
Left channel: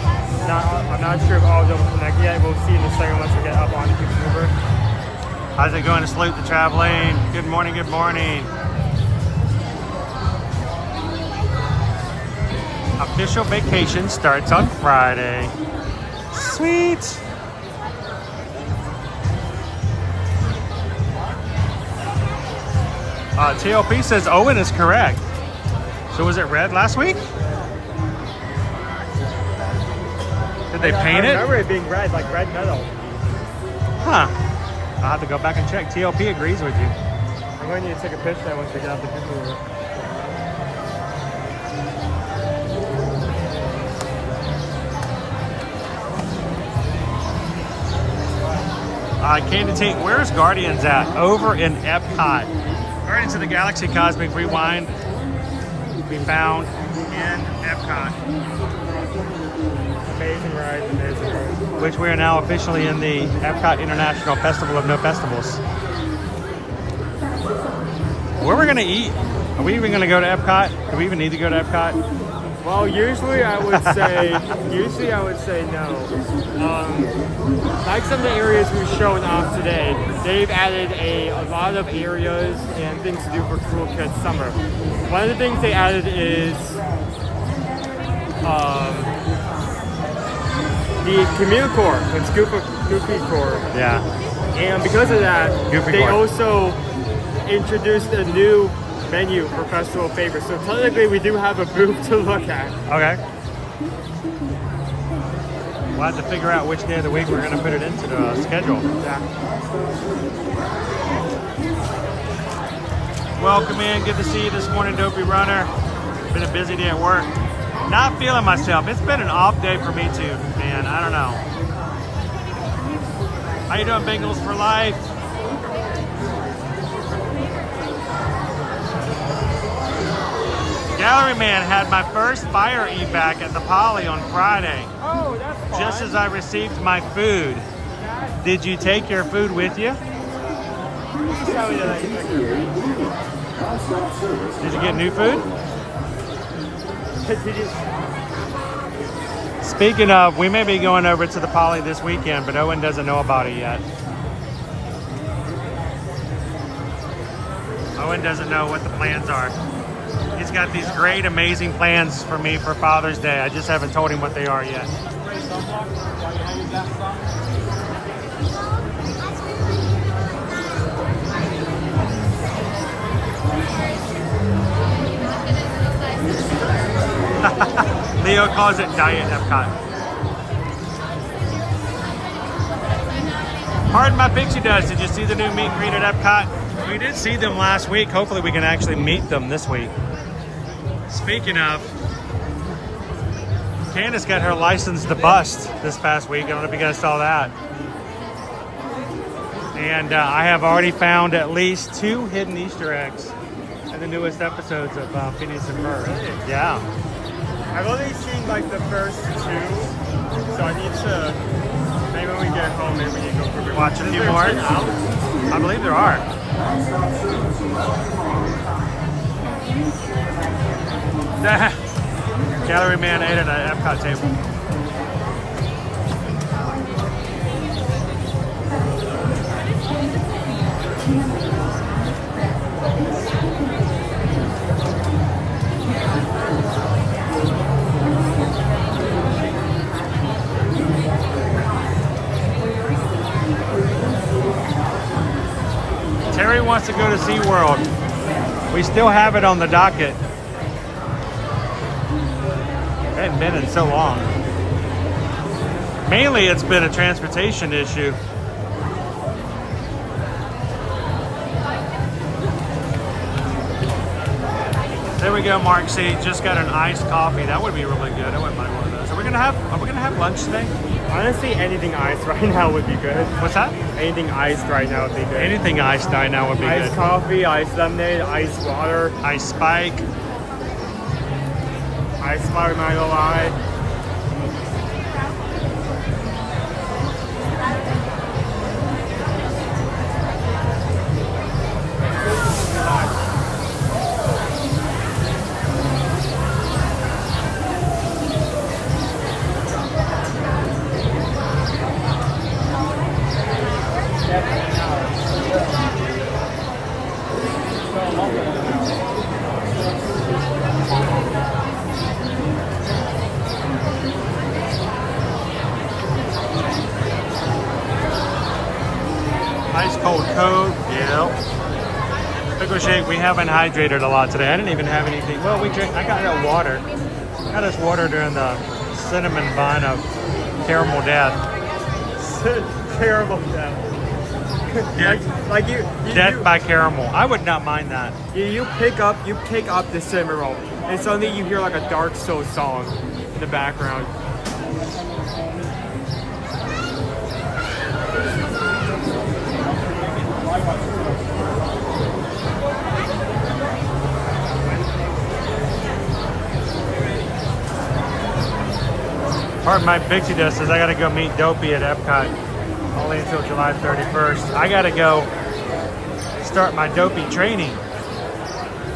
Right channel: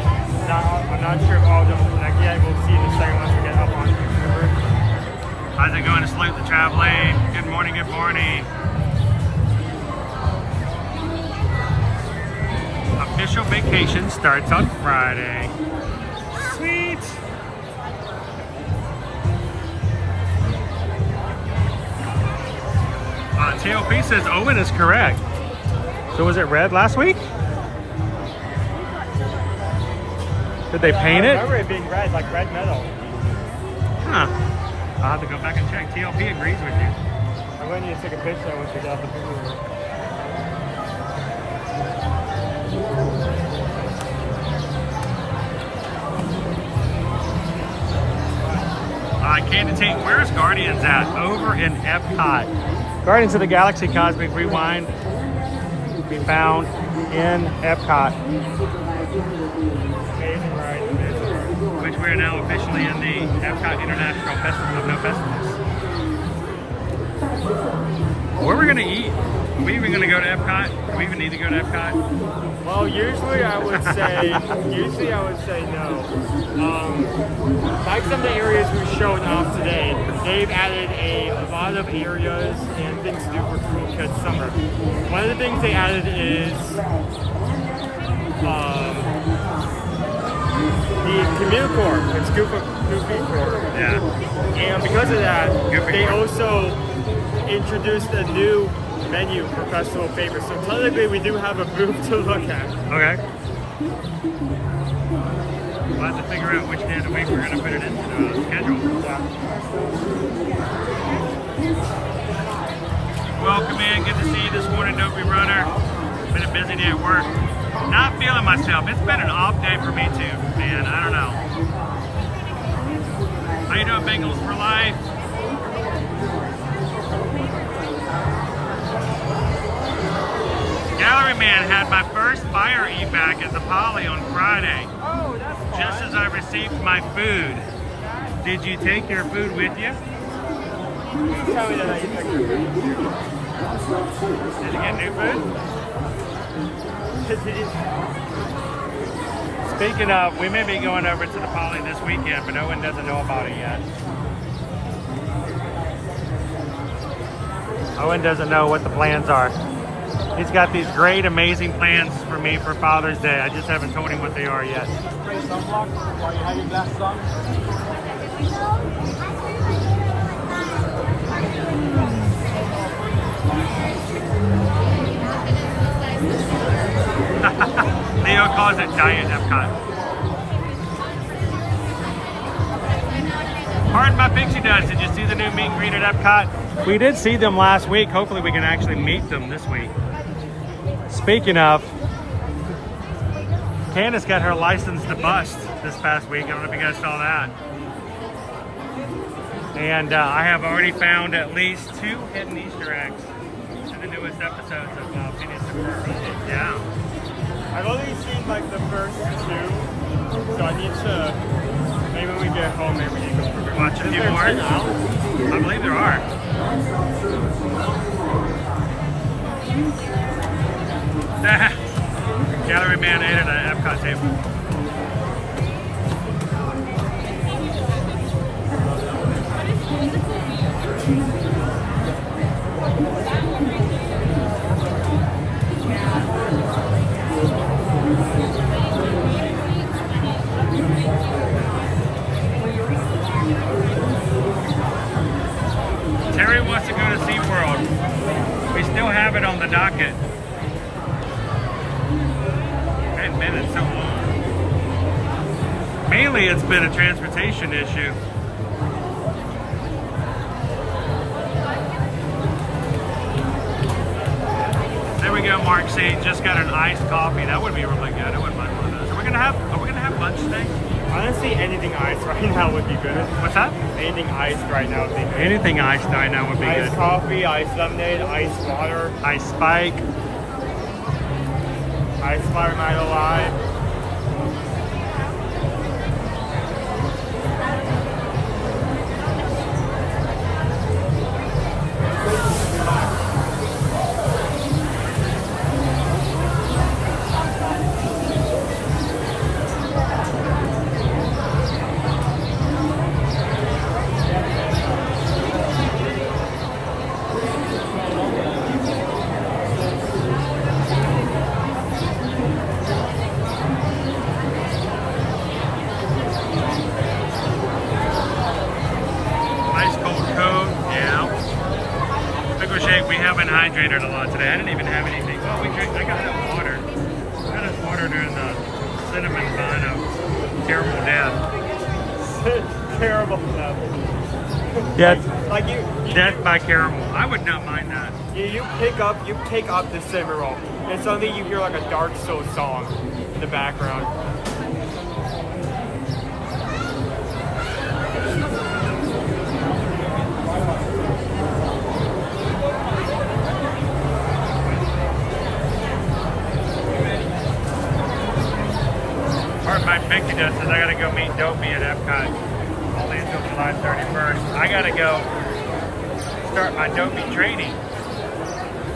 I'm not sure if all of them connect yet. We'll see in a second once we get up on the camera. How's it going to salute the traveling? Good morning, good morning. Official vacation starts on Friday. Sweet. TLP says Owen is correct. So was it red last week? Did they paint it? I remember it being red, like red metal. Huh. I'll have to go back and check. TLP agrees with you. I'm going to need to take a picture once we get out the picture. Candy Tate, where's Guardians at? Over in Epcot. Guardians of the Galaxy Cosmic Rewind be found in Epcot. Amazing ride, amazing ride. Which we are now officially in the Epcot International Festival of No Festivals. Where are we gonna eat? Are we even gonna go to Epcot? Do we even need to go to Epcot? Well, usually I would say no. Like some of the areas we're showing off today, they've added a lot of areas and things to do for Cool Kids Summer. One of the things they added is the Community Corps. It's Goofy Corps. Yeah. And because of that, they also introduced a new menu for Festival Favorites. So technically we do have a booth to look at. Okay. We'll have to figure out which day of the week we're going to put it into the schedule. Yeah. Welcome in. Good to see you this morning, Dopey Runner. Been a busy day at work. Not feeling myself. It's been an off day for me too, man. I don't know. How you doing, Bengals for life? Gallery Man had my first fire evac at the Poly on Friday, just as I received my food. Did you take your food with you? Did you get new food? Speaking of, we may be going over to the Poly this weekend, but Owen doesn't know about it yet. Owen doesn't know what the plans are. He's got these great, amazing plans for me for Father's Day. I just haven't told him what they are yet. Leo calls it Diet Epcot. Pardon my pixie dust. Did you see the new meet and greet at Epcot? We did see them last week. Hopefully we can actually meet them this week. Speaking of, Candace got her license to bust this past week. I don't know if you guys saw that. And I have already found at least 2 hidden Easter eggs in the newest episodes of Phineas and Ferb. Yeah. I've only seen like the first 2, so I need to, maybe when we get home, maybe Watch a few more. I believe there are. Gallery man ate at an Epcot table. Terry wants to go to SeaWorld. We still have it on the docket. It hadn't been in so long. Mainly it's been a transportation issue. There we go, Mark C. Just got an iced coffee. That would be really good. I wouldn't mind one of those. Are we gonna have lunch today? Honestly, anything iced right now would be good. What's that? Anything iced right now would be good. Anything iced right now would be good. Iced coffee, iced lemonade, iced water. Iced Spike. Iced water, not gonna lie. Haven't hydrated a lot today. I didn't even have anything. Well, we drink. I got no water. I got us water during the cinnamon bun of caramel death. Caramel Death. Like Death by caramel. I would not mind that. You pick up the cinnamon roll, and suddenly you hear like a Dark Soul song in the background. Pardon my pixie dust says I gotta go meet Dopey at Epcot only until July 31st. I gotta go start my Dopey training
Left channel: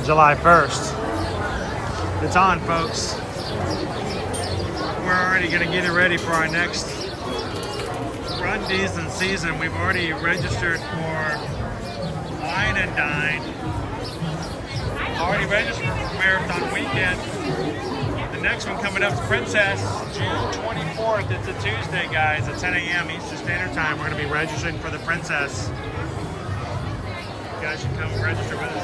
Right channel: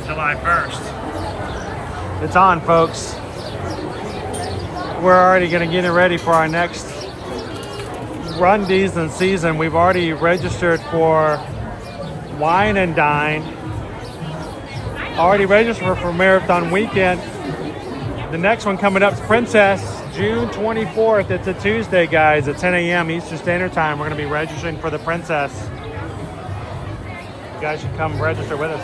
July 1st. It's on, folks. We're already gonna get it ready for our next run decent season. We've already registered for Wine and Dine. Already registered for Marathon Weekend. The next one coming up is Princess, June 24th. It's a Tuesday, guys, at 10 a.m. Eastern Standard Time. We're going to be registering for the Princess. You guys should come register with us.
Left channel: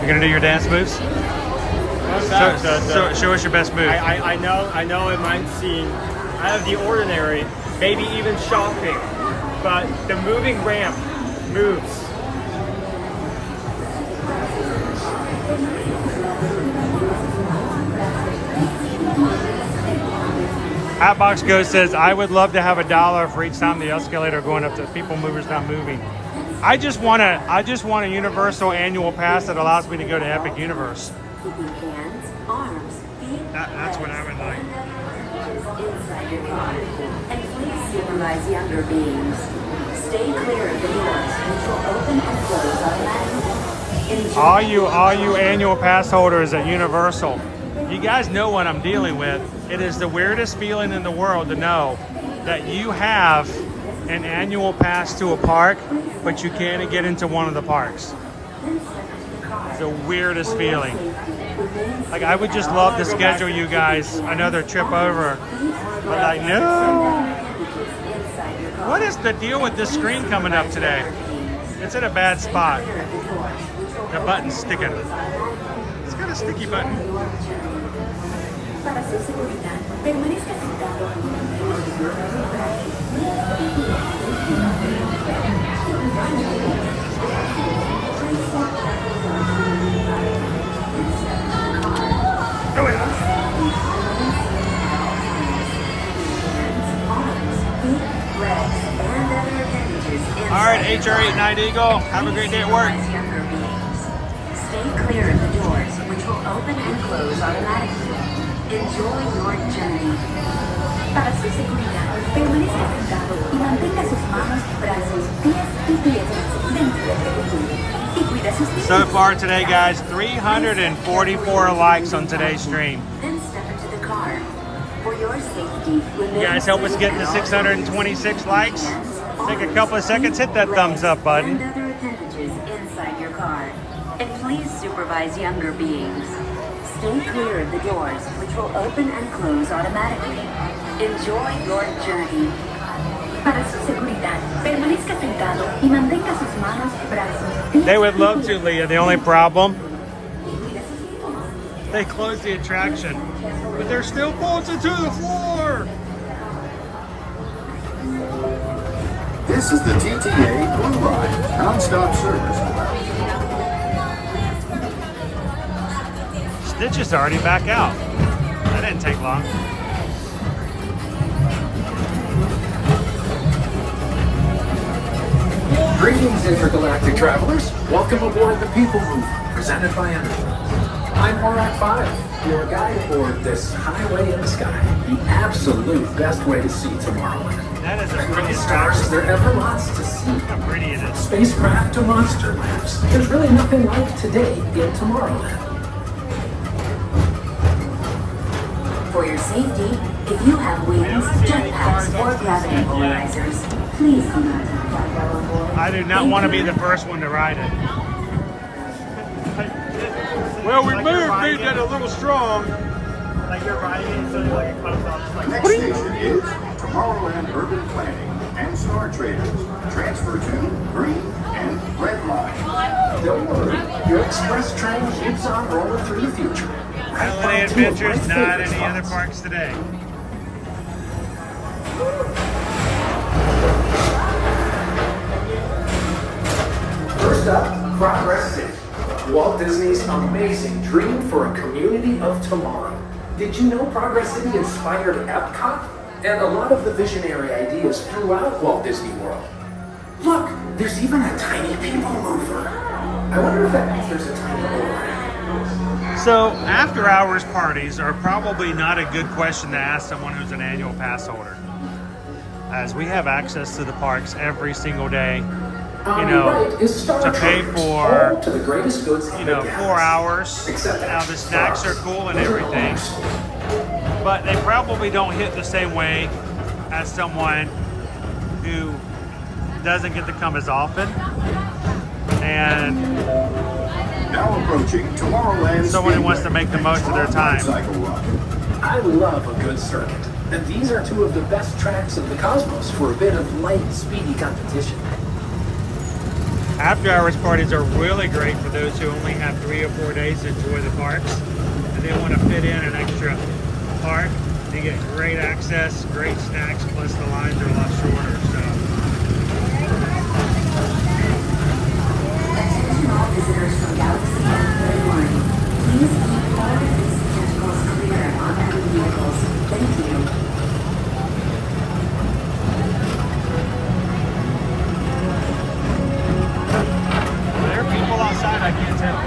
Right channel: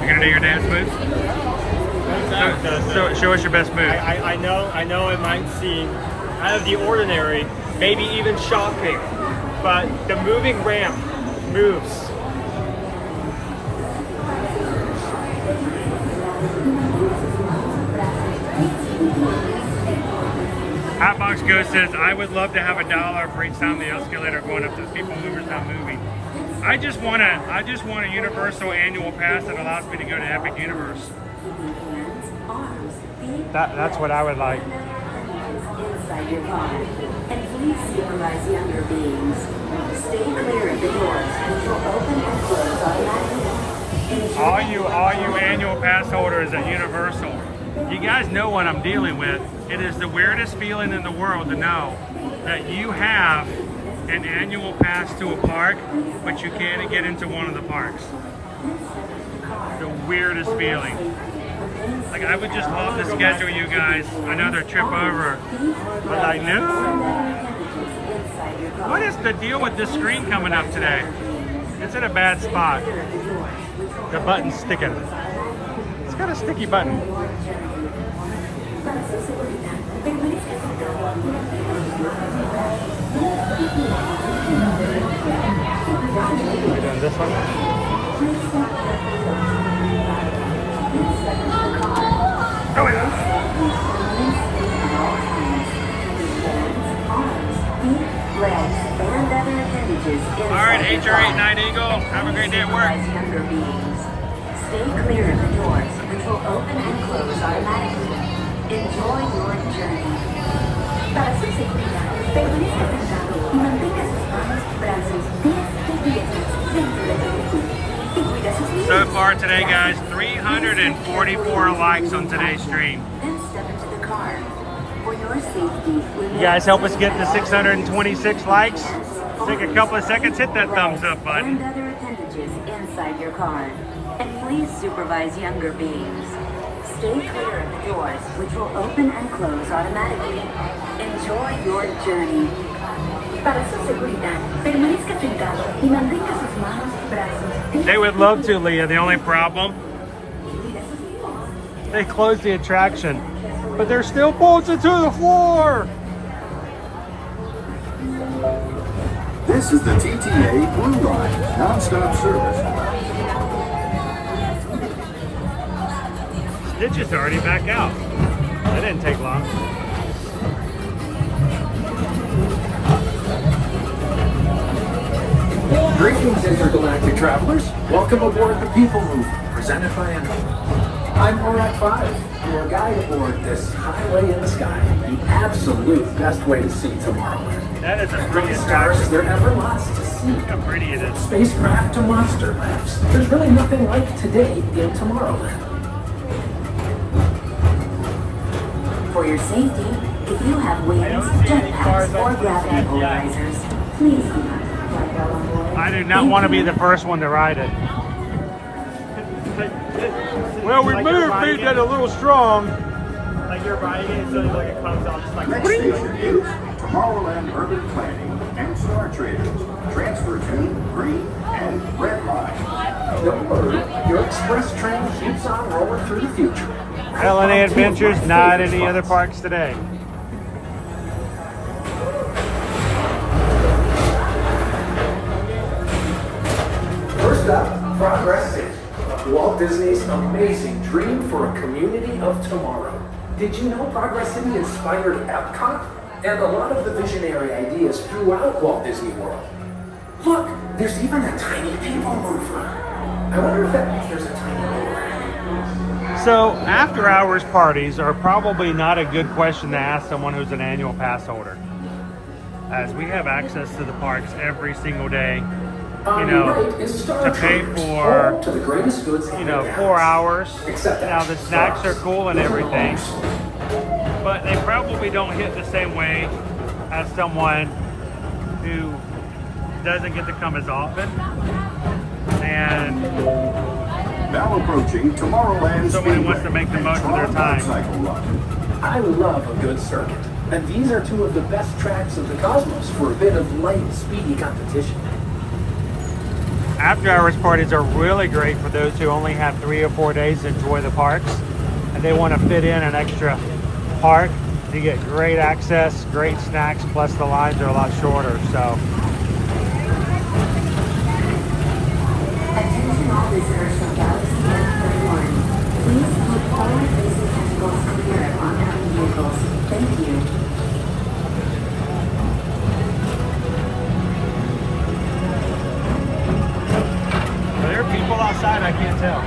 You going to do your dance moves? Show us your best move. I know it might seem out of the ordinary, maybe even shocking, but the moving ramp moves. Hotbox Ghost says, I would love to have $1 for each time the escalator going up to PeopleMover's not moving. I just want a universal annual pass that allows me to go to Epic Universe. That's what I would like. Inside your car, and please supervise younger beings. Stay clear of the doors, which will open and close automatically. All you annual pass holders at Universal, you guys know what I'm dealing with. It is the weirdest feeling in the world to know that you have an annual pass to a park, but you can't get into one of the parks. The weirdest feeling. Like, I would just love to schedule you guys another trip over, but I know. What is the deal with this screen coming up today? It's in a bad spot. The button's sticking. It's got a sticky button. Para su seguridad, permanezca sentado. All right, HR89 Eagle. Have a great day at work. Stay clear of the doors, which will open and close automatically. Enjoy your journey. Para su seguridad, permanezca sentado y mantenga sus manos, brazos, pies y piernas dentro del vehículo. Y cuida sus pies. So far today, guys, 344 likes on today's stream. Then step into the car. For your safety, You guys help us get to 626 likes. Take a couple of seconds, hit that thumbs up button. and other appendages inside your car. And please supervise younger beings. Stay clear of the doors, which will open and close automatically. Enjoy your journey. Para su seguridad, permanezca sentado y mantenga sus manos, brazos, pies. They would love to, Leah. The only problem, they closed the attraction, but they're still bolted to the floor. This is the TTA Blue Ride non-stop service. Stitch is already back out. That didn't take long. Greetings, intergalactic travelers. Welcome aboard the PeopleMover, presented by Ambersweet. I'm Horak 5, your guide aboard this highway in the sky. The absolute best way to see Tomorrowland. That is a From pretty the stars, there are ever lots to see. How pretty it is. Spacecraft to monster labs. There's really nothing like today in Tomorrowland. For your safety, if you have wings, jetpacks, or gravity polarizers, please do not. I do not want to be the first one to ride it. Well, we may have made that a little strong. Next station is Tomorrowland Urban Planning and Star Traders. Transfer to green and red line. Don't worry, your express train keeps on rolling through the future. Holiday Adventures, not any other parks today. First up, Progress City, Walt Disney's amazing dream for a community of tomorrow. Did you know Progress City inspired Epcot and a lot of the visionary ideas throughout Walt Disney World? Look, there's even a tiny PeopleMover. I wonder if that means there's a tiny mover. So, after hours parties are probably not a good question to ask someone who's an annual pass holder, as we have access to the parks every single day. You know, to pay for, you know, 4 hours. Now the snacks are cool and everything, but they probably don't hit the same way as someone who doesn't get to come as often. And now approaching Tomorrowland. Someone who wants to make the most of their time. I love a good circuit, and these are two of the best tracks in the cosmos for a bit of light, speedy competition. After hours parties are really great for those who only have 3 or 4 days to enjoy the parks and they want to fit in an extra park. You get great access, great snacks, plus the lines are a lot shorter. So Attention all visitors from Galaxy Airport. Please keep all visitors clear on enemy vehicles. Thank you. Are there people outside? I can't tell.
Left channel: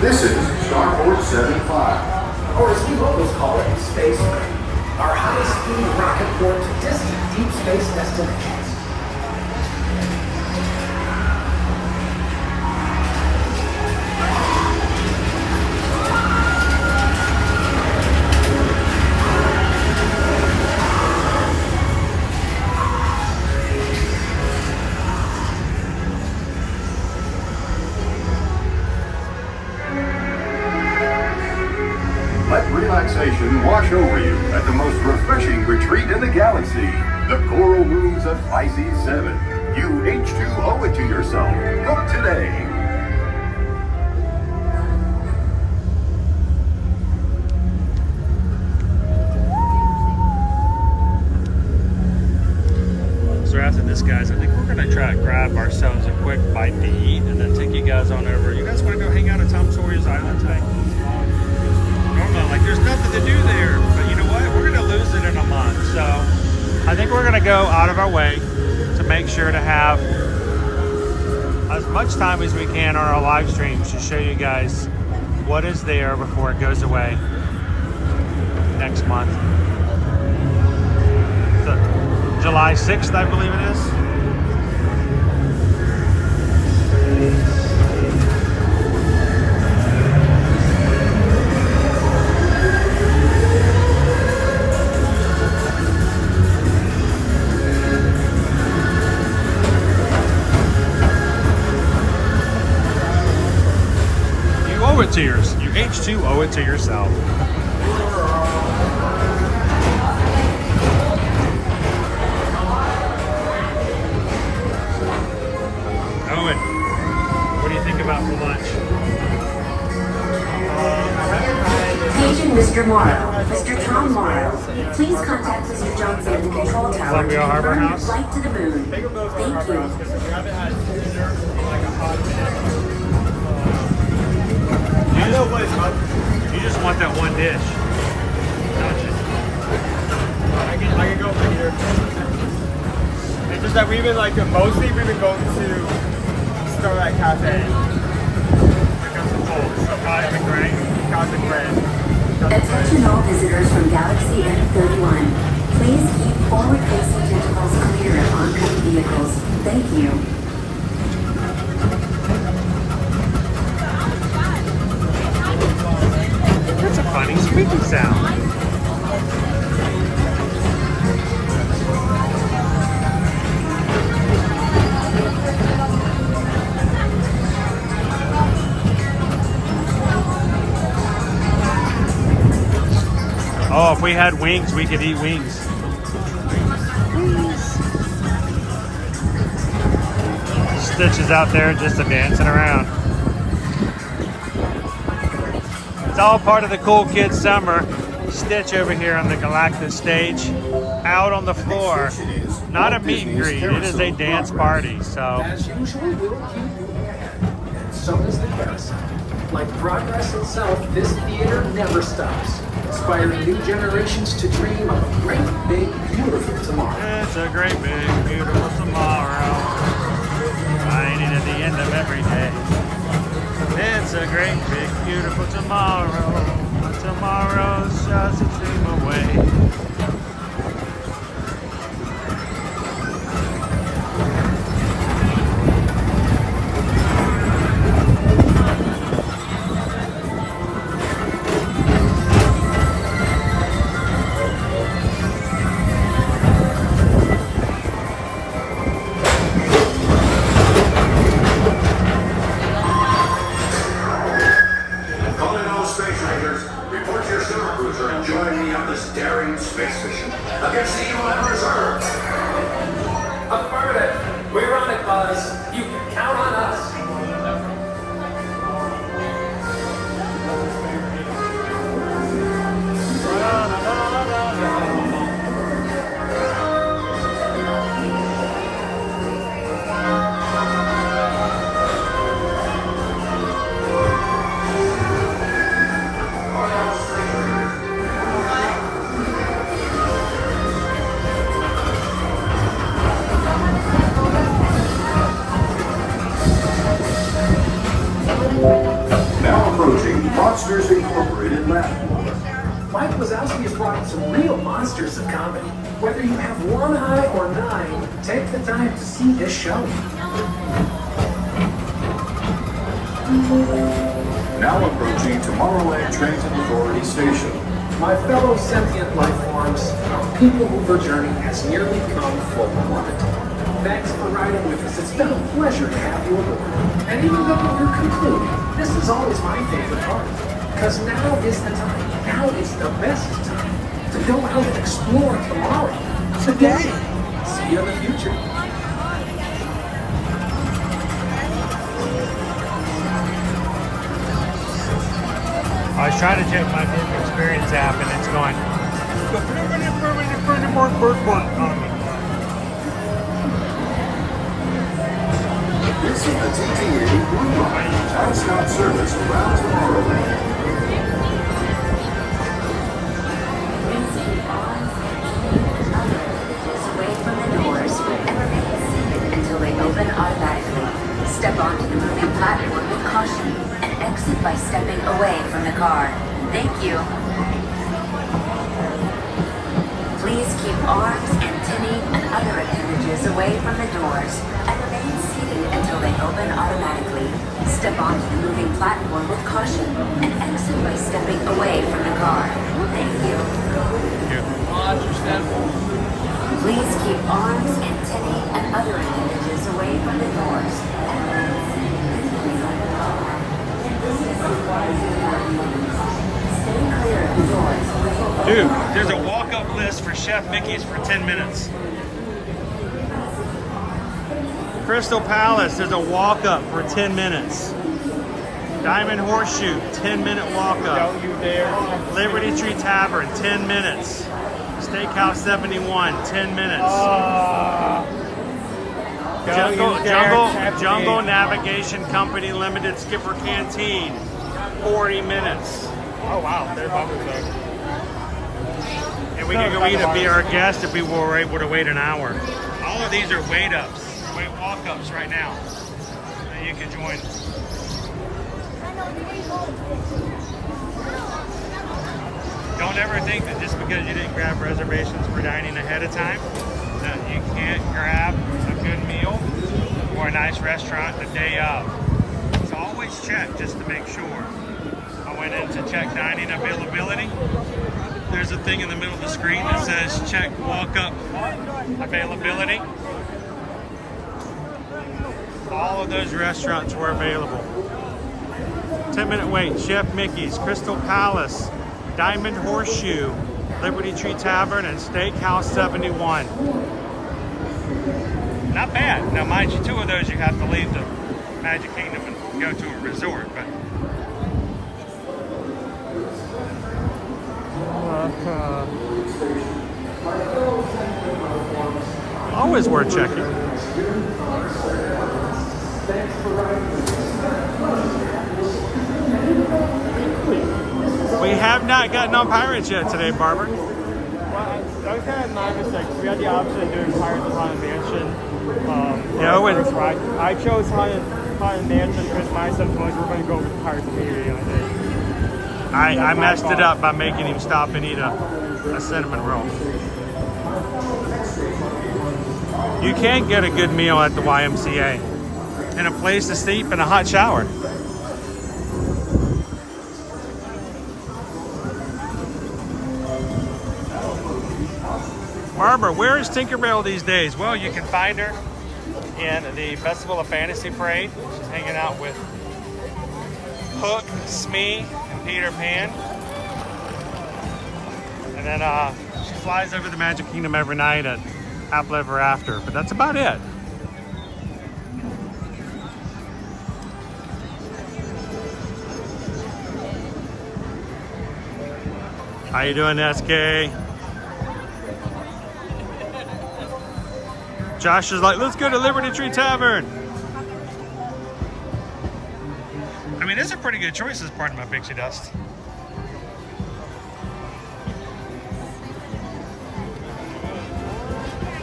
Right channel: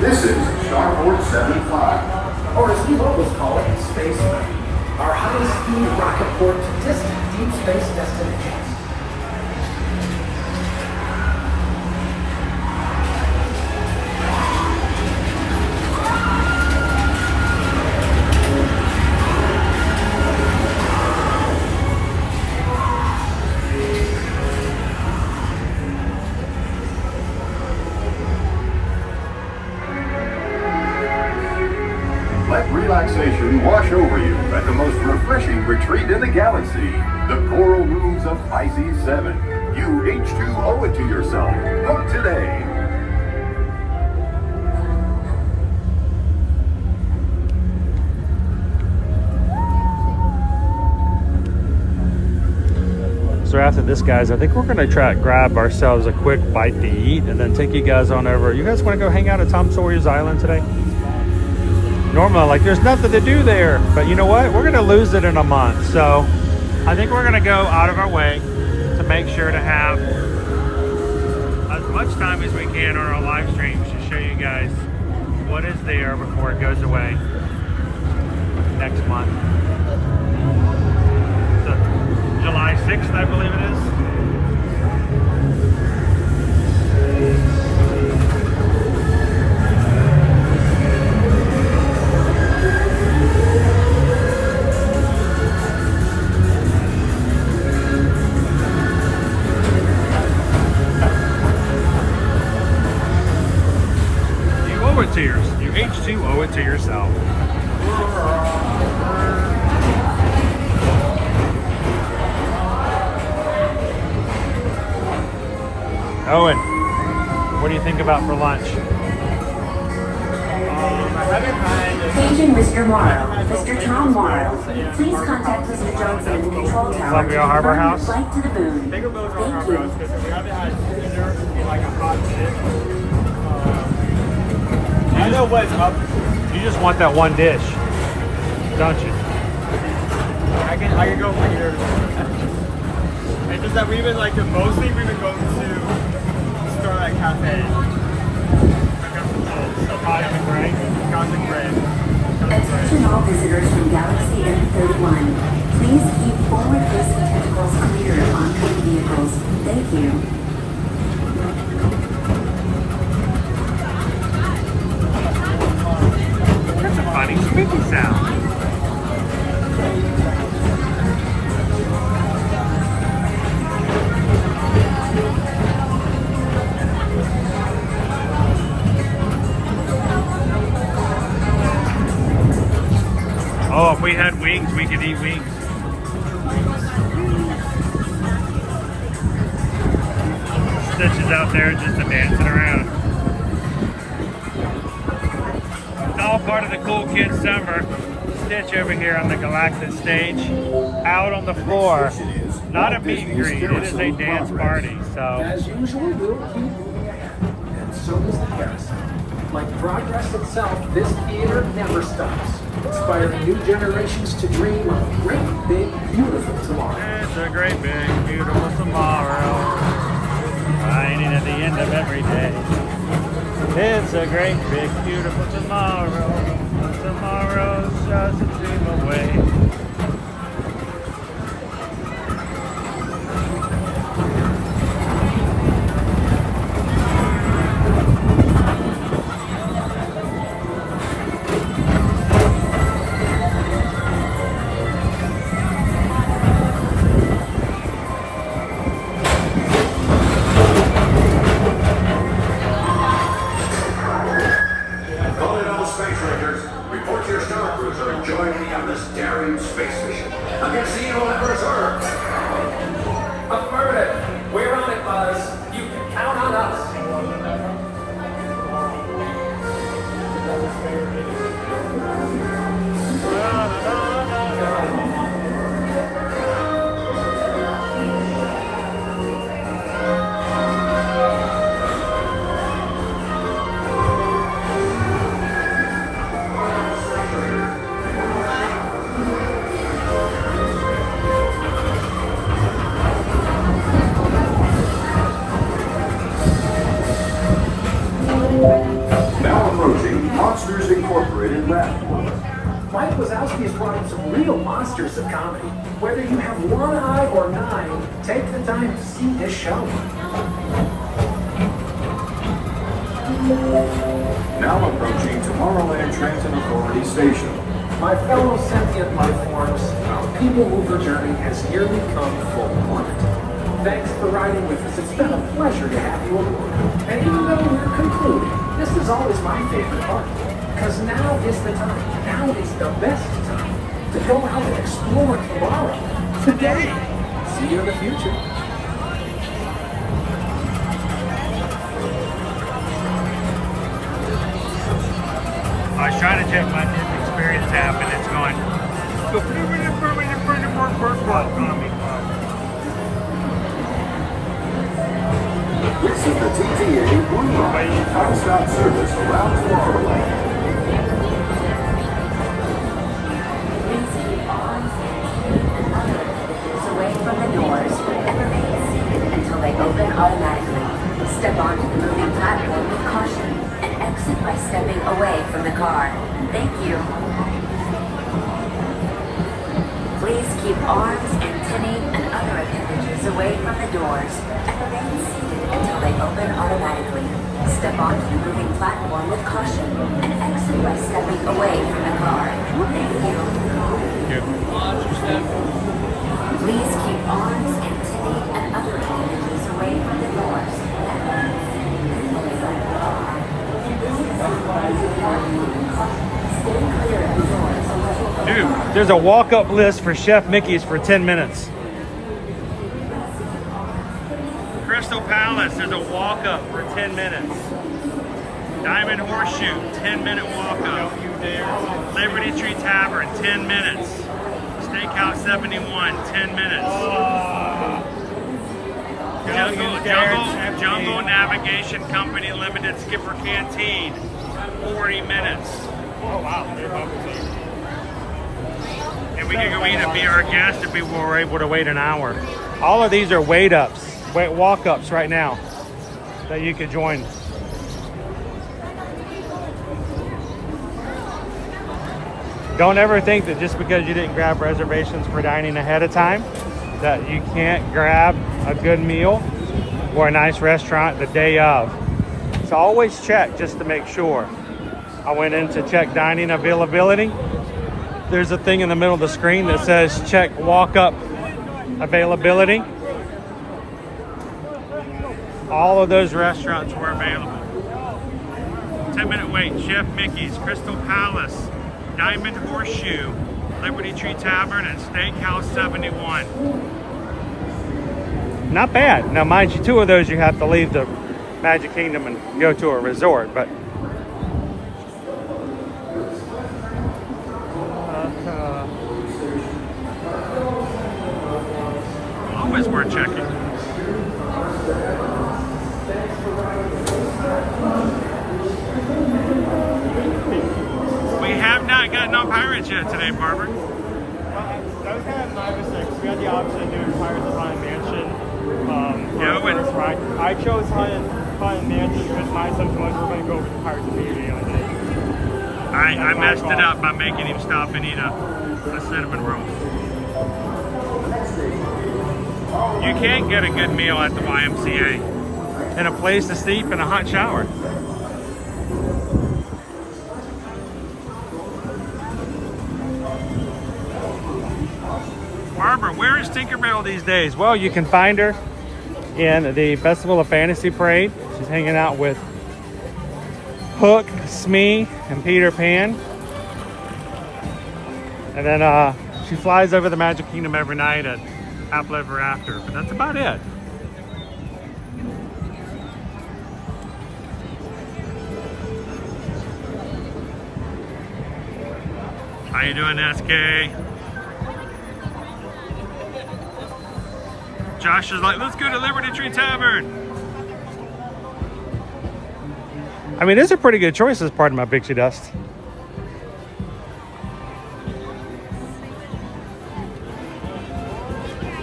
This is Starport 75. Or as we always call it, Space Way. Our high-speed rocket port to distant deep space destinations. relaxation wash over you at the most refreshing retreat in the galaxy, the Coral Rooms of Pisces 7. You H2 owe it to yourself. Book today. So after this, guys, I think we're gonna try to grab ourselves a quick bite to eat and then take you guys on over. You guys wanna go hang out at Tom Sawyer's Island today? Normally, like, there's nothing to do there, but you know what? We're gonna lose it in a month. So I think we're gonna go out of our way to make sure to have as much time as we can on our live streams to show you guys what is there before it goes away next month. So, July 6th, I believe it is. You owe it to yours. You H2 owe it to yourself. Owen, what do you think about for lunch? Paging Mr. Morrow. Mr. Tom Morrow. Please contact Mr. Johnson in the control tower. Columbia Harbor House. Flight to the moon. Thank you. You just want that one dish, don't you? I can go for yours. It's just that we've been like, mostly we've been going to Starlight Cafe. Attention all visitors from Galaxy M31. Please keep forward-facing tentacles clear of oncoming vehicles. Thank you. That's a funny squeaky sound. Oh, if we had wings, we could eat wings. Stitch is out there just dancing around. It's all part of the Cool Kids Summer. Stitch over here on the Galactic stage, out on the floor. Not a meet and greet, it is a dance party. So, as usual, we'll keep moving ahead. And so does the carousel. Like progress itself, this theater never stops, inspiring new generations to dream of a great, big, beautiful tomorrow. It's a great, big, beautiful tomorrow, shining at the end of every day. It's a great, big, beautiful tomorrow, when tomorrow's just a dream away. Now approaching Monsters Incorporated Laboratory. Mike Wazowski has brought in some real monsters of comedy. Whether you have one eye or nine, take the time to see this show. Now approaching Tomorrowland Transit Authority Station. My fellow sentient life forms, our PeopleMover journey has nearly come full orbit. Thanks for riding with us. It's been a pleasure to have you aboard. And even though we're concluding, this is always my favorite part. Because now is the time. Now is the best time to go out and explore tomorrow. Today. See you in the future. I was trying to check my Disney Experience app and it's going, on me. This is the TTA Blue Line, non-stop service around Tomorrowland. Away from the doors and remain seated until they open automatically. Step onto the moving platform with caution and exit by stepping away from the car. Thank you. Please keep arms, antennae, and other appendages away from the doors and remain seated until they open automatically. Step onto the moving platform with caution and exit by stepping away from the car. Thank you. Please keep arms, antennae, and other appendages away from the doors and remain seated until they open automatically. Stay clear of the doors. Dude, there's a walk-up list for Chef Mickey's for 10 minutes. Crystal Palace, there's a walk-up for 10 minutes. Diamond Horseshoe, 10-minute walk-up. Liberty Tree Tavern, 10 minutes. Steakhouse 71, 10 minutes. Jungle Navigation Company Limited Skipper Canteen, 40 minutes. Oh wow, they're probably. And we can go eat and be our guest if we were able to wait an hour. All of these are walk-ups right now that you could join. Don't ever think that just because you didn't grab reservations for dining ahead of time, that you can't grab a good meal or a nice restaurant the day of. So always check just to make sure. I went in to check dining availability. There's a thing in the middle of the screen that says check walk-up availability. All of those restaurants were available. 10-minute wait, Chef Mickey's, Crystal Palace, Diamond Horseshoe, Liberty Tree Tavern, and Steakhouse 71. Not bad. Now, mind you, 2 of those you have to leave the Magic Kingdom and go to a resort, but always worth checking. We have not gotten on Pirates yet today, Barbara. I was kind of nervous because we had the option of doing Pirates of Haunted Mansion. Yeah, I chose Haunted Mansion because I said, well, we're going to go with Pirates of Haunted Mansion. I messed it up by making him stop and eat a cinnamon roll. You can't get a good meal at the YMCA. And a place to sleep and a hot shower. Barbara, where is Tinkerbell these days? Well, you can find her in the Festival of Fantasy Parade. She's hanging out with Hook, Smee, and Peter Pan. And then she flies over the Magic Kingdom every night at Happily Ever After, but that's about it. How you doing, SK? Josh is like, let's go to Liberty Tree Tavern. I mean, these are pretty good choices, pardon my pixie dust.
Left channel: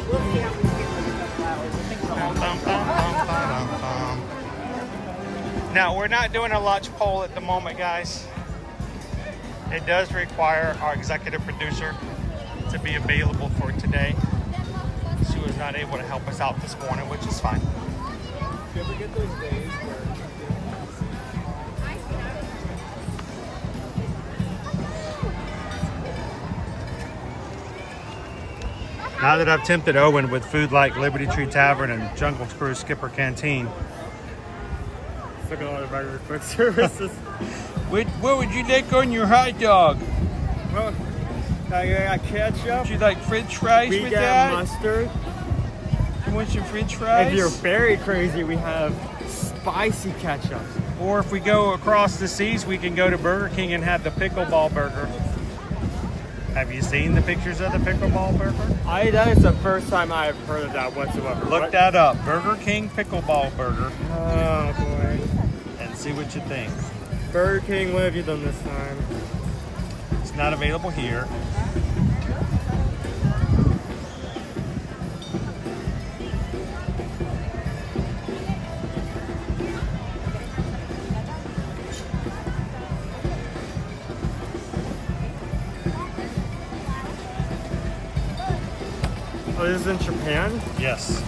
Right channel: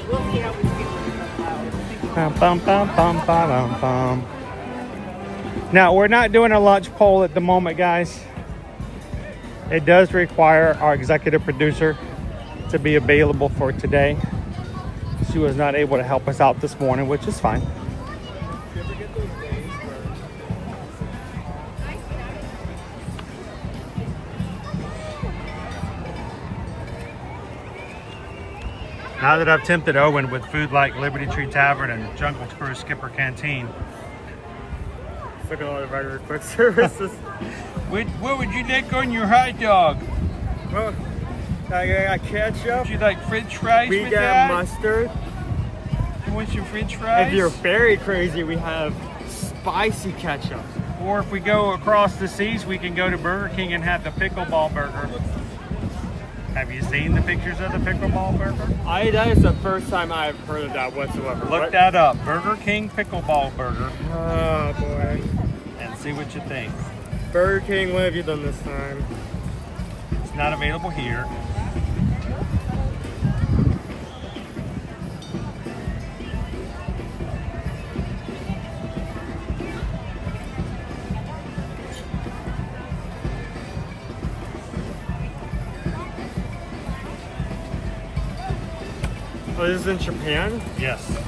We'll see how we feel in a couple hours. I think we're all Now, we're not doing a lunch poll at the moment, guys. It does require our executive producer to be available for today. She was not able to help us out this morning, which is fine. Now that I've tempted Owen with food like Liberty Tree Tavern and Jungle Cruise Skipper Canteen, Look at all the regular quick services. What would you like on your hot dog? Well, I got ketchup. Would you like French fries We with got that? mustard. You want some French fries? If you're very crazy, we have spicy ketchup. Or if we go across the seas, we can go to Burger King and have the pickleball burger. Have you seen the pictures of the pickleball burger? That is the first time I've heard of that whatsoever. Look that up. Burger King pickleball burger. Oh boy. And see what you think. Burger King, what have you done this time? It's not available here. Oh, this is in Japan? Yes.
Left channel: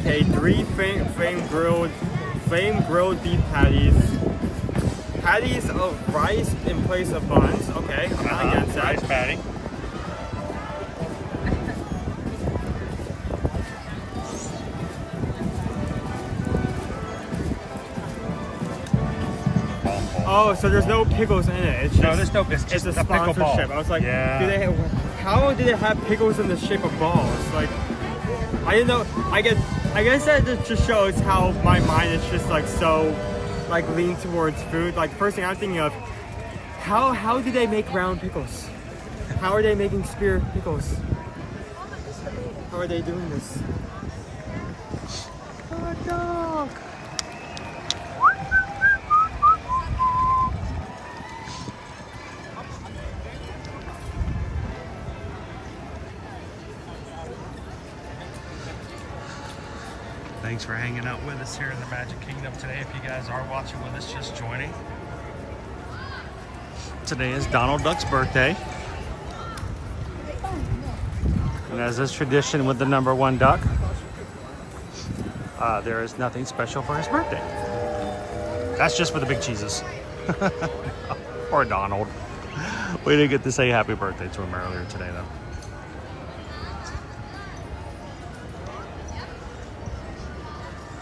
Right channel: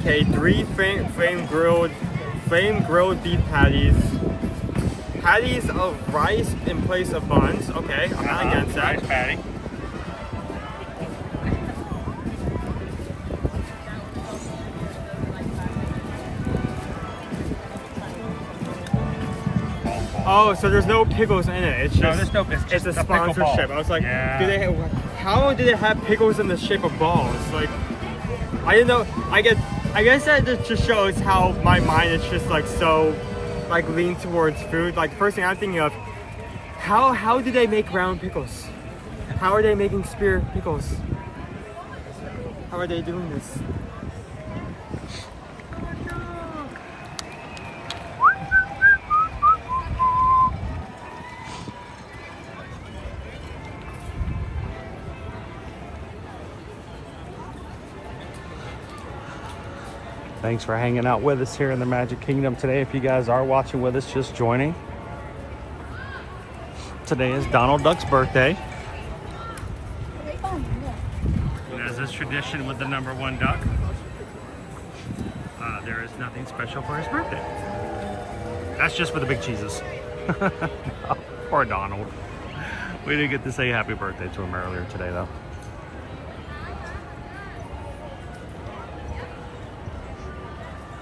Okay, 3 flame grilled beef patties. Patties of rice in place of buns. Okay, I'm not against that. Rice patty. Oh, so there's no pickles in it. It's just, No, there's no. It's it's just a a pickle sponsorship. ball. I was like, Yeah. how do they have pickles in the shape of balls? Like, I didn't know. I guess that just shows how my mind is just like so, like lean towards food. Like first thing I'm thinking of, how do they make round pickles? How are they making spear pickles? How are they doing this? Thanks for hanging out with us here in the Magic Kingdom today. If you guys are watching with us, just joining. Today is Donald Duck's birthday. And as is tradition with the #1 duck, there is nothing special for his birthday. That's just for the big cheeses. Or Donald. We didn't get to say happy birthday to him earlier today though.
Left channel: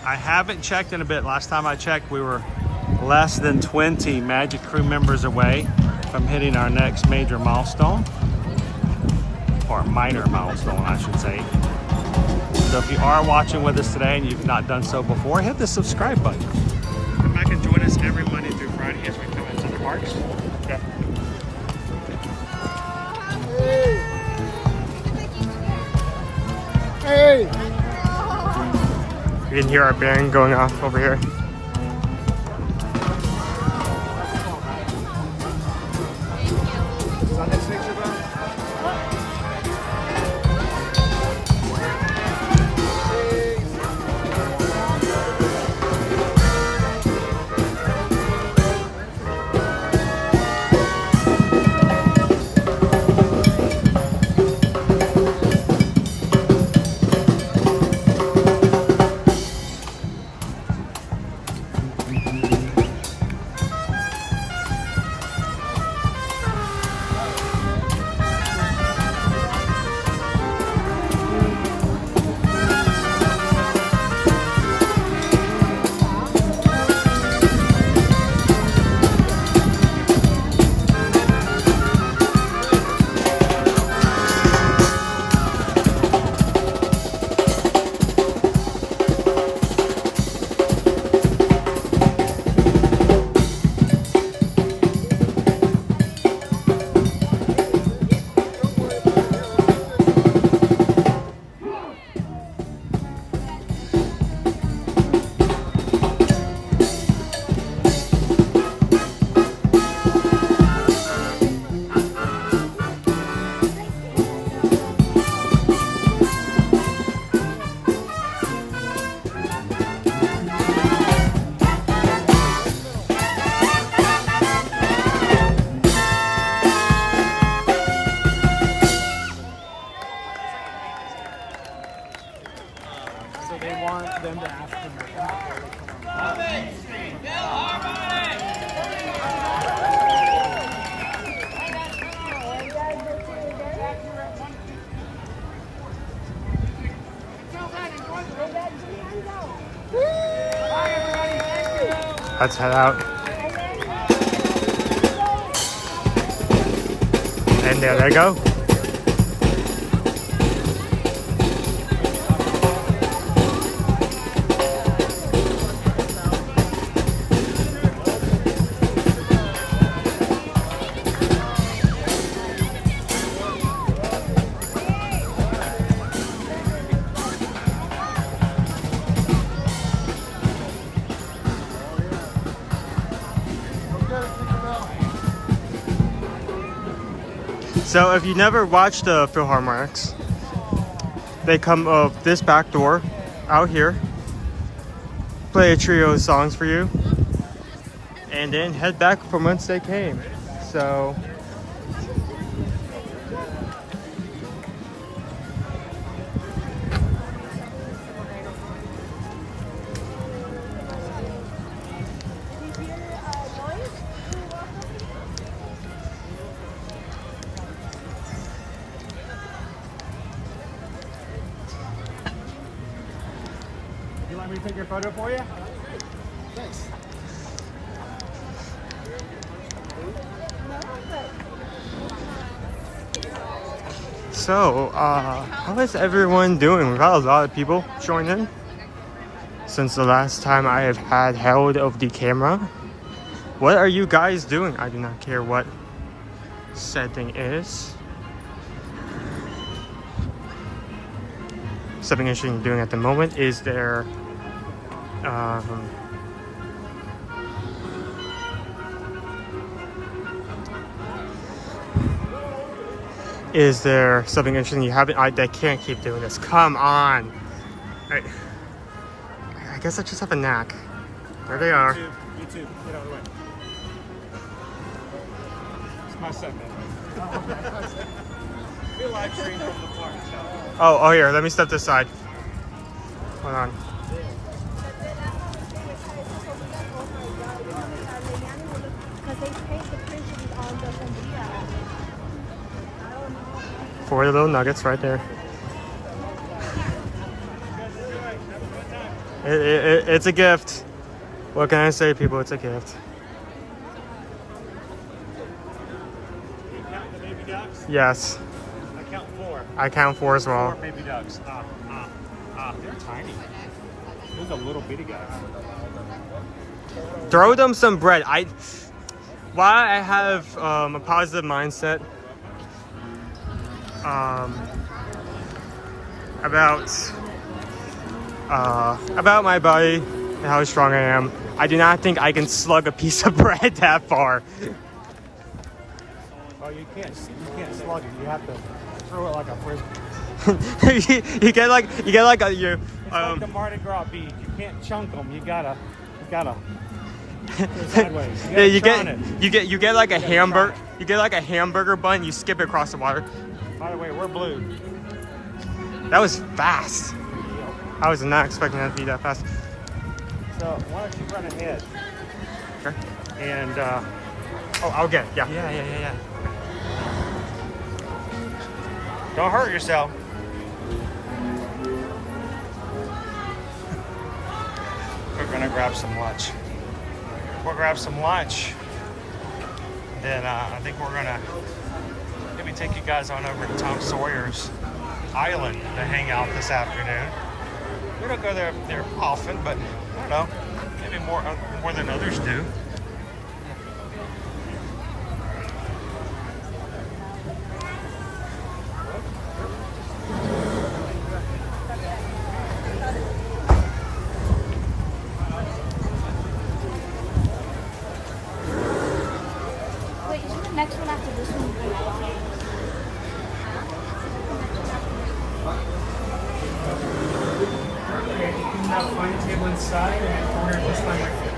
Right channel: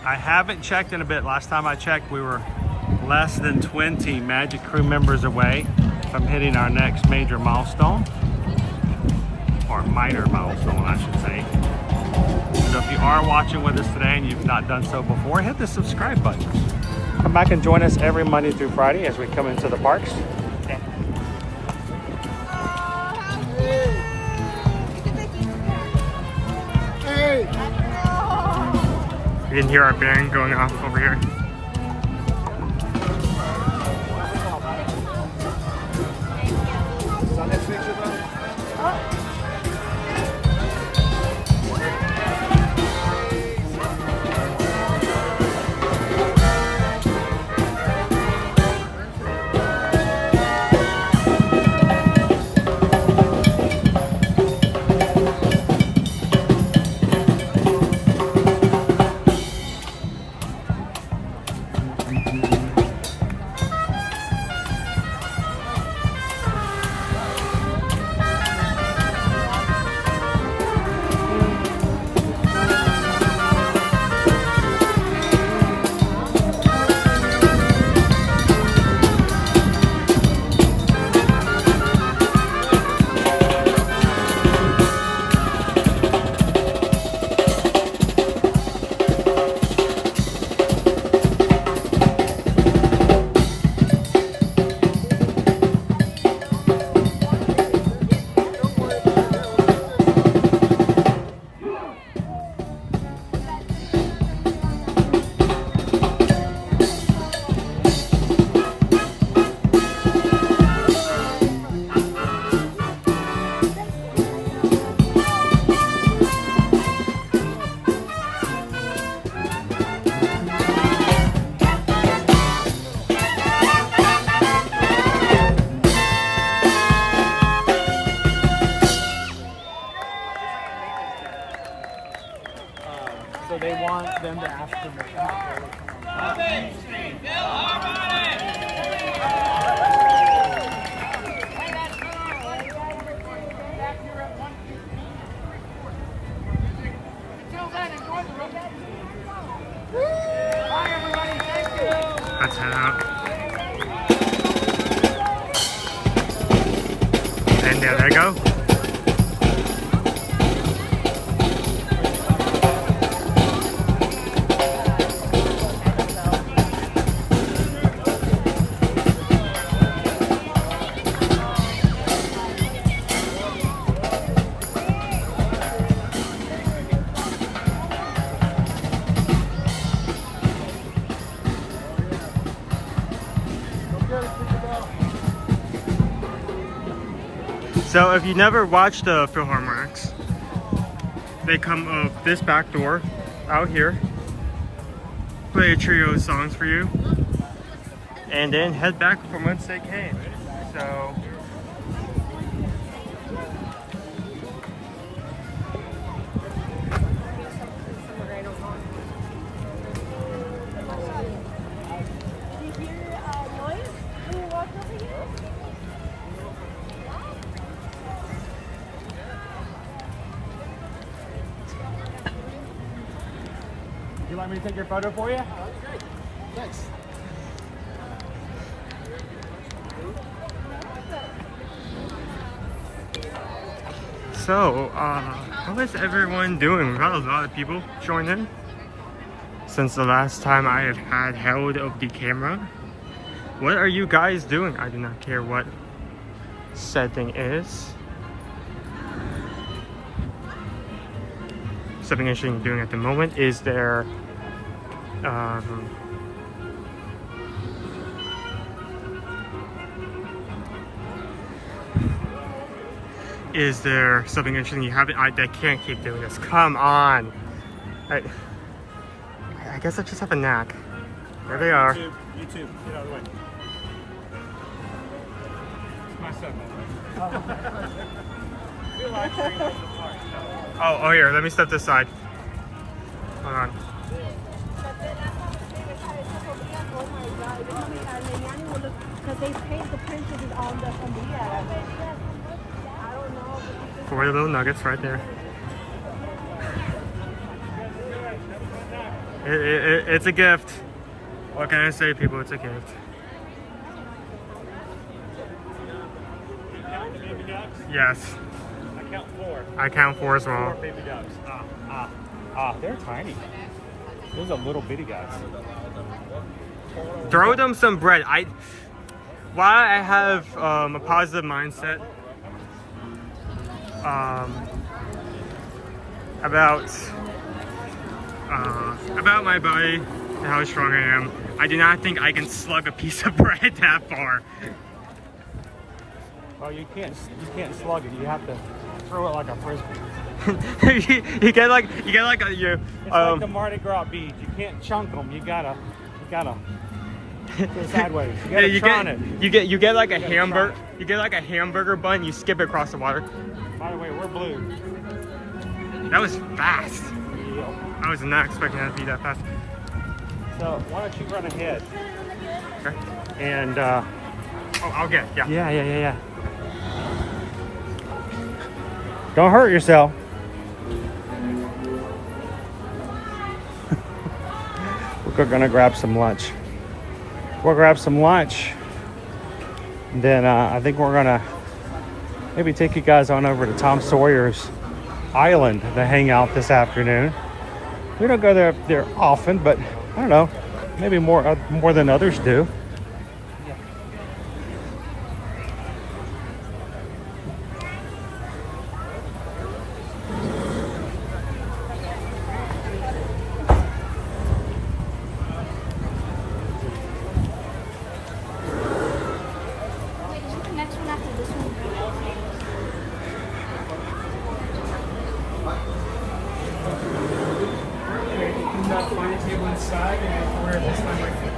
I haven't checked in a bit. Last time I checked, we were less than 20 Magic Crew members away from hitting our next major milestone. Or minor milestone, I should say. So if you are watching with us today and you've not done so before, hit the subscribe button. Come back and join us every Monday through Friday as we come into the parks. Hey! You can hear our band going off over here. Let's head out. And there they go. So if you never watched the Philharmonics, they come up this back door out here, play a trio of songs for you, and then head back from whence they came. So You want me to take your photo for you? Thanks. So, how is everyone doing? We've had a lot of people join in since the last time I have had held of the camera. What are you guys doing? I do not care what said thing is. Something interesting doing at the moment is there something interesting you haven't? I can't keep doing this. Come on. I guess I just have a knack. There they are. You too. Get out of the way. It's my son. Oh, here, let me step this side. Hold on. Four little nuggets right there. It's a gift. What can I say, people? It's a gift. Yes. I count four as well. Baby ducks. They're tiny. Those are little bitty guys. Throw them some bread. While I have a positive mindset about my body and how strong I am, I do not think I can slug a piece of bread that far. Oh, you can't slug it. You have to throw it like a frisbee. you get like a It's like the Mardi Gras beads. You can't chunk them. You gotta go sideways. You get like a hamburger. You get like a hamburger bun. You skip it across the water. By the way, we're blue. That was fast. I was not expecting that to be that fast. So why don't you run ahead? Okay. And I'll get. Yeah. Yeah. Don't hurt yourself. We're gonna grab some lunch. We'll grab some lunch. And then I think we're gonna maybe take you guys on over to Tom Sawyer's Island to hang out this afternoon. We don't go there often, but I don't know, maybe more than others do. Next one after this one. Okay, you can find a table inside and order this one right here.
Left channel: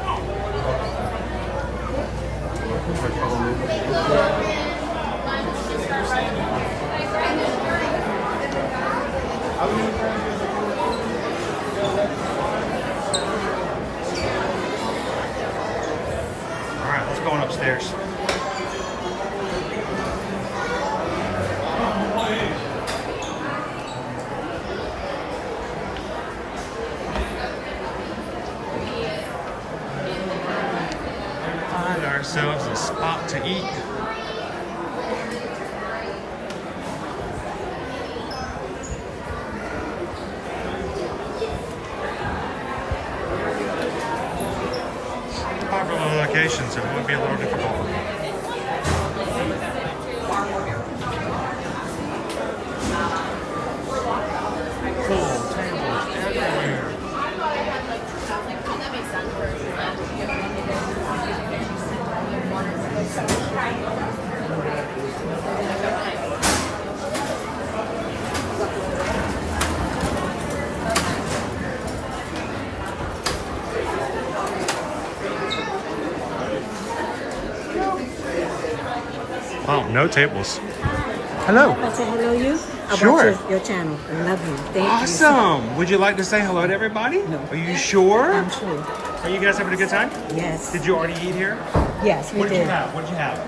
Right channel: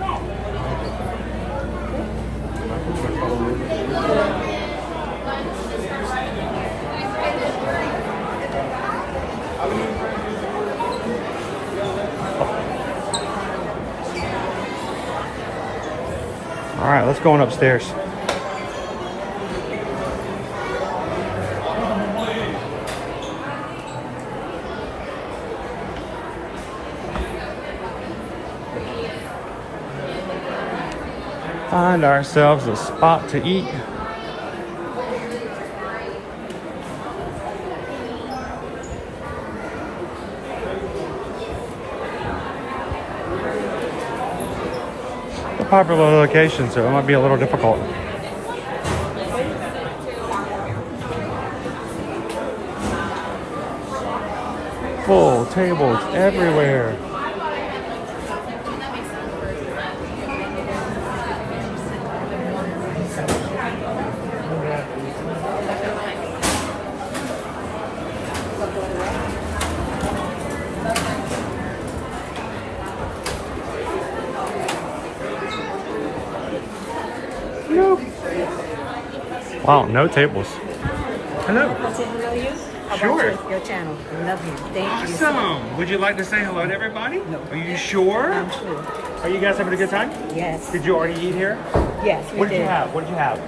All right, let's go on upstairs. ourselves a spot to eat. A popular location, so it might be a little difficult. Full tables everywhere. Wow, no tables. Hello. Can I say hello to you? Sure. About your channel. I love you. Thank you. Awesome. Would you like to say hello to everybody? No. Are you sure? I'm sure. Are you guys having a good time? Yes. Did you already eat here? Yes. What did you have? What did you have?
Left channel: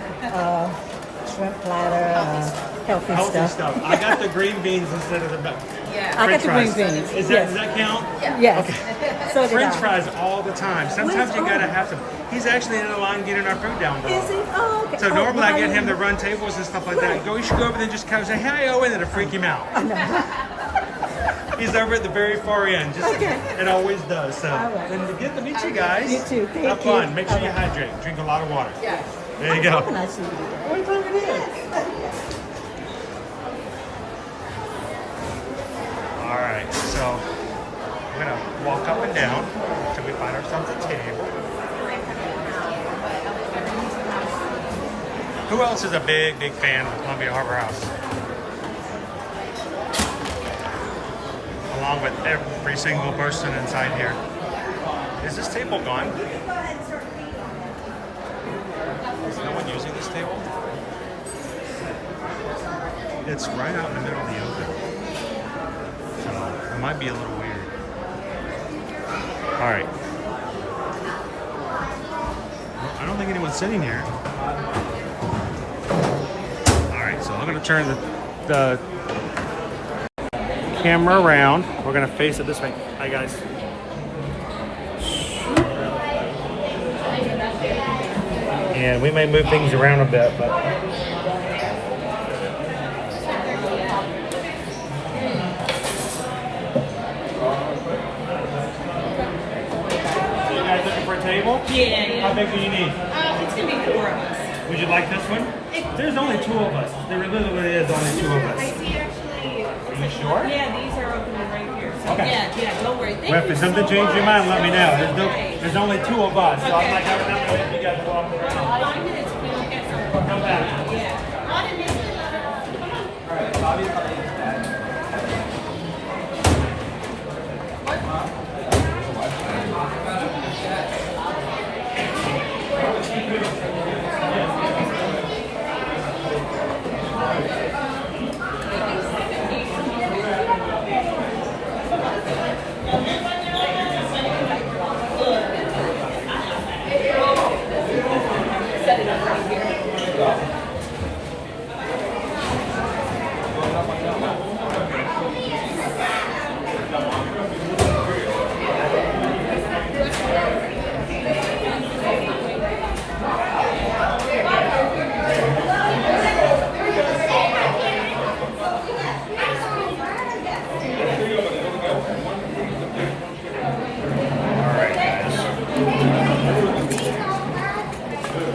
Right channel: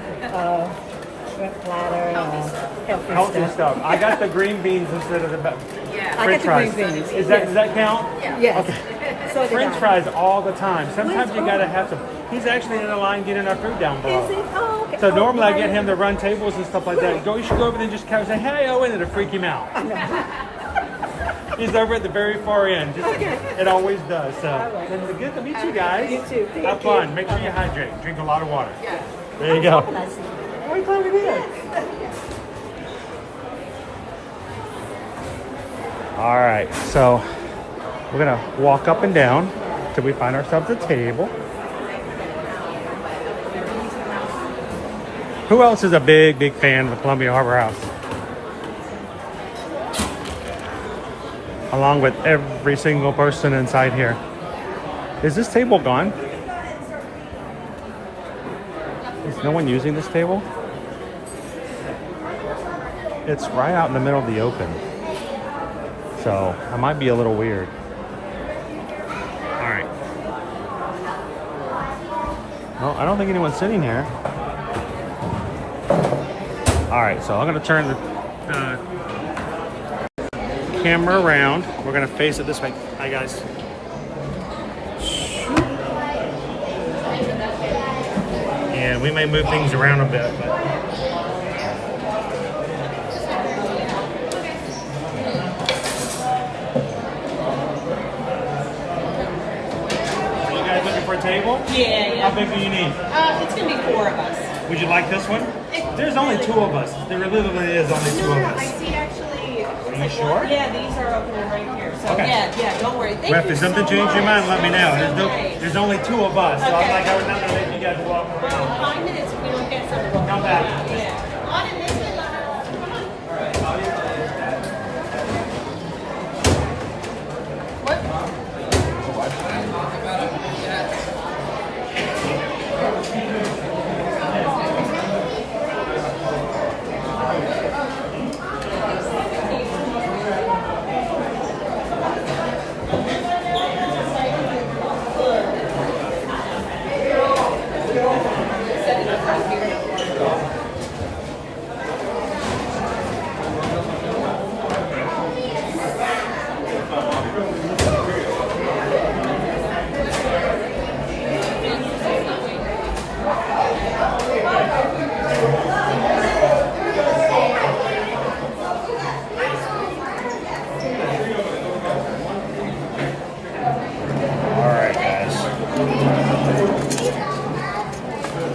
Shrimp platter. Healthy stuff. I got the green beans instead of the French fries. Green beans. Does that count? Yes. Okay. So French fries all the time. Sometimes you gotta have some. He's actually in the line getting our food down below. Oh, okay. So normally I get him to run tables and stuff like that. You should go over there and just kind of say, "Hey, Owen," and it'll freak him out. He's over at the very far end. It always does. So then good to meet you guys. You too. Have fun. Make sure you hydrate. Drink a lot of water. There you go. What time it is? All right. So we're gonna walk up and down till we find ourselves a table. Who else is a big fan of the Columbia Harbor House? Along with every single person inside here. Is this table gone? Is no one using this table? It's right out in the middle of the open. So it might be a little weird. All right. Well, I don't think anyone's sitting here. All right, so I'm gonna turn the camera around. We're gonna face it this way. Hi guys. And we may move things around a bit, but are you guys looking for a table? Yeah. How big do you need? It's gonna be 4 of us. Would you like this one? There's only 2 of us. There literally is only 2 of us. Are you sure? Yeah, these are opening right here. So Okay. yeah, don't worry. Well, if something changed your mind, let me know. There's only 2 of us, so I'm like, I was not gonna make you guys walk around. 5 minutes if we don't get some. Come back.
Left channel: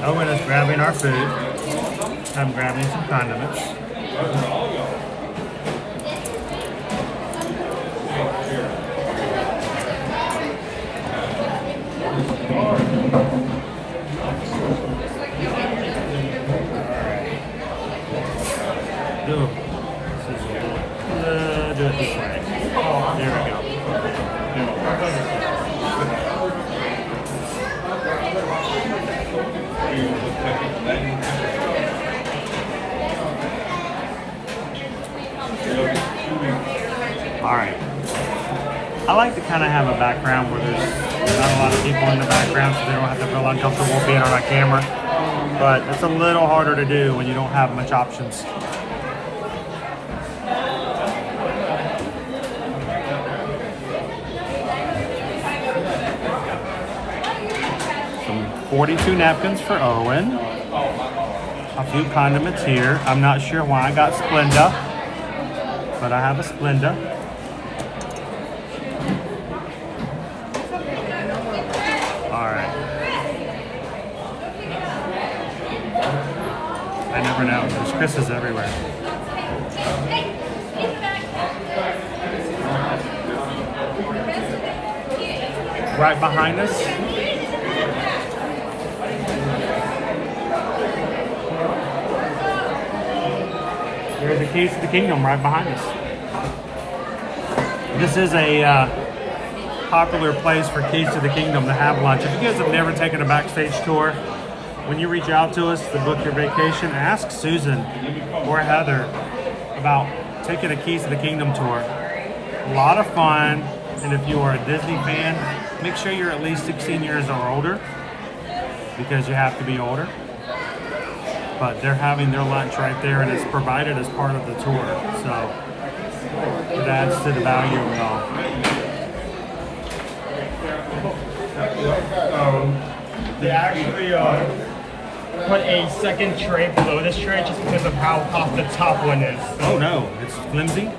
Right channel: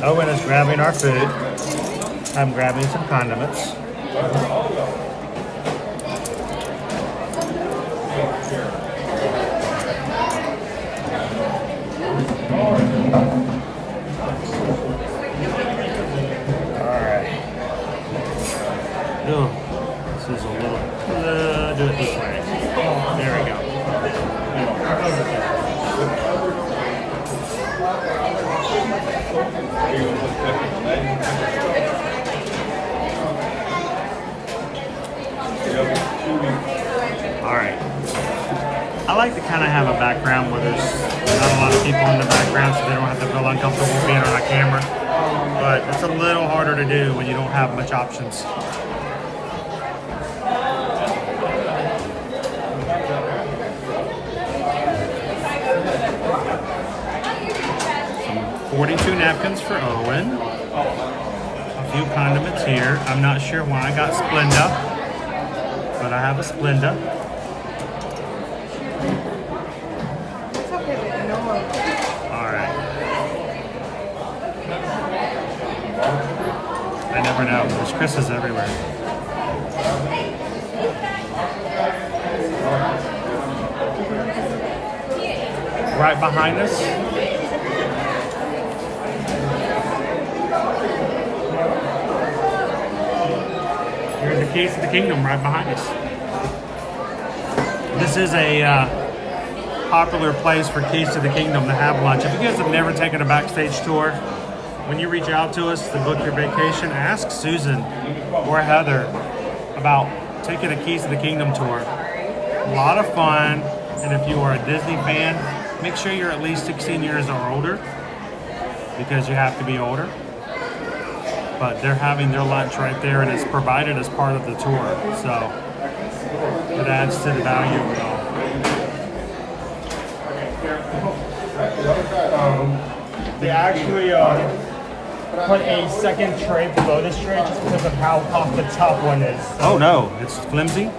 Owen is grabbing our food. I'm grabbing some condiments. Oh, this is a little. Do it this way. There we go. All right. I like to kind of have a background where there's not a lot of people in the background, so they don't have to feel uncomfortable being on our camera. But it's a little harder to do when you don't have much options. Some 42 napkins for Owen. A few condiments here. I'm not sure why I got Splenda, but I have a Splenda. All right. I never know. There's Chris's everywhere. Right behind us. There's the Keys to the Kingdom right behind us. This is a popular place for Keys to the Kingdom to have lunch. If you guys have never taken a backstage tour, when you reach out to us to book your vacation, ask Susan or Heather about taking a Keys to the Kingdom tour. A lot of fun, and if you are a Disney fan, make sure you're at least 16 years or older, because you have to be older. But they're having their lunch right there, and it's provided as part of the tour, so it adds to the value of it all. They actually put a second tray below this tray just because of how hot the top one is. Oh no, it's flimsy?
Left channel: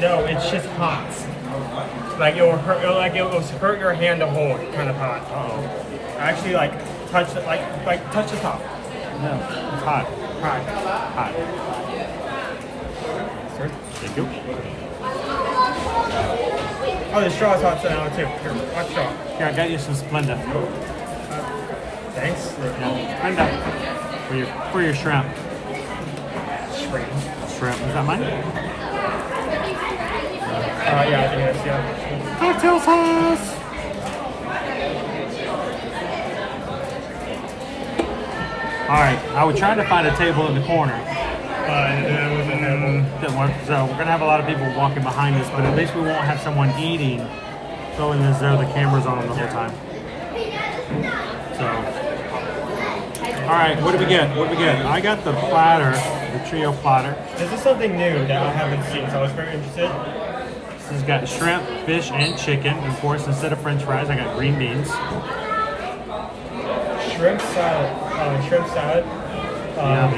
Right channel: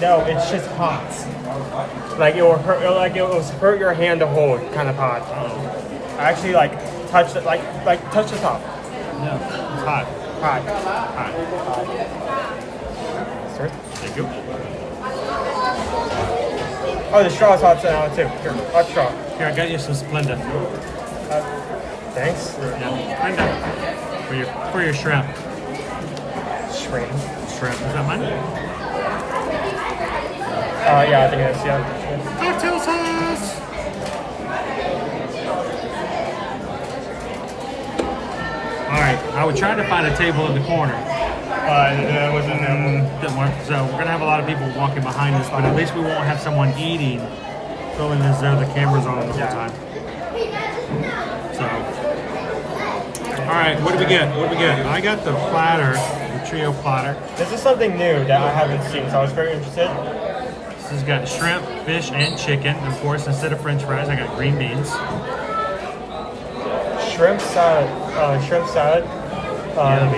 No, it's just hot. Like it will hurt, like it will hurt your hand to hold, kind of hot. Oh. Actually, like touch it, like touch the top. No, it's hot. Hot. Hot. Sir? Thank you. Oh, the straw's hot now too. Hot straw. Here, I got you some Splenda. Thanks. Yeah, Splenda. For your shrimp. Shrimp. Shrimp. Is that mine? Yeah, I think it is, yeah. Cocktail sauce! Alright, I was trying to find a table in the corner. There wasn't didn't work. So we're gonna have a lot of people walking behind us, but at least we won't have someone eating, feeling as though the camera's on them the whole time. So, alright, what do we get? What do we get? I got the platter, the trio platter. This is something new that I haven't seen, so I was very interested. This has got shrimp, fish, and chicken. And of course, instead of French fries, I got green beans. Shrimp salad.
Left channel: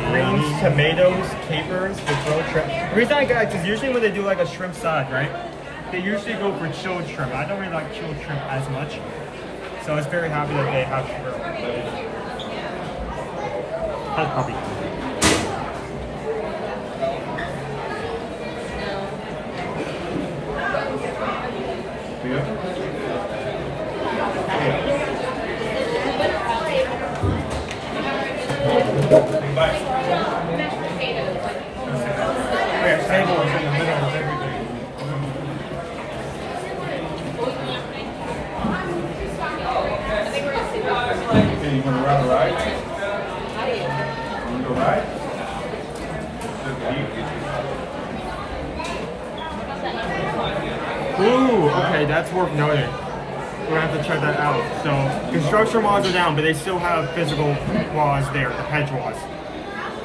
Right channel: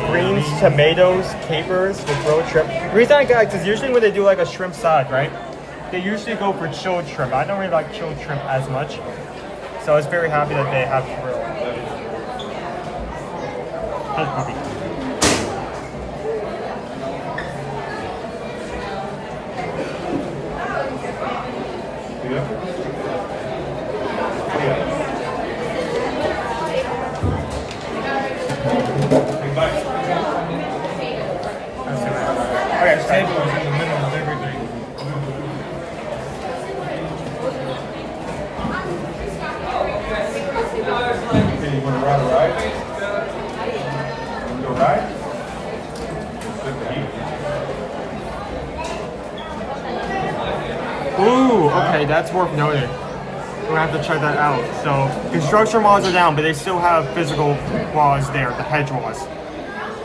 Greens, tomatoes, capers with grilled shrimp. The reason I got it is usually when they do like a shrimp salad, right? They usually go for chilled shrimp. I don't really like chilled shrimp as much, so I was very happy that they have grilled. Hush puppy. Table is in the middle of everything. Okay, you want to run right? You want to go right? Ooh, okay, that's worth noting. We're gonna have to check that out. So, construction walls are down, but they still have physical walls there, the hedge walls.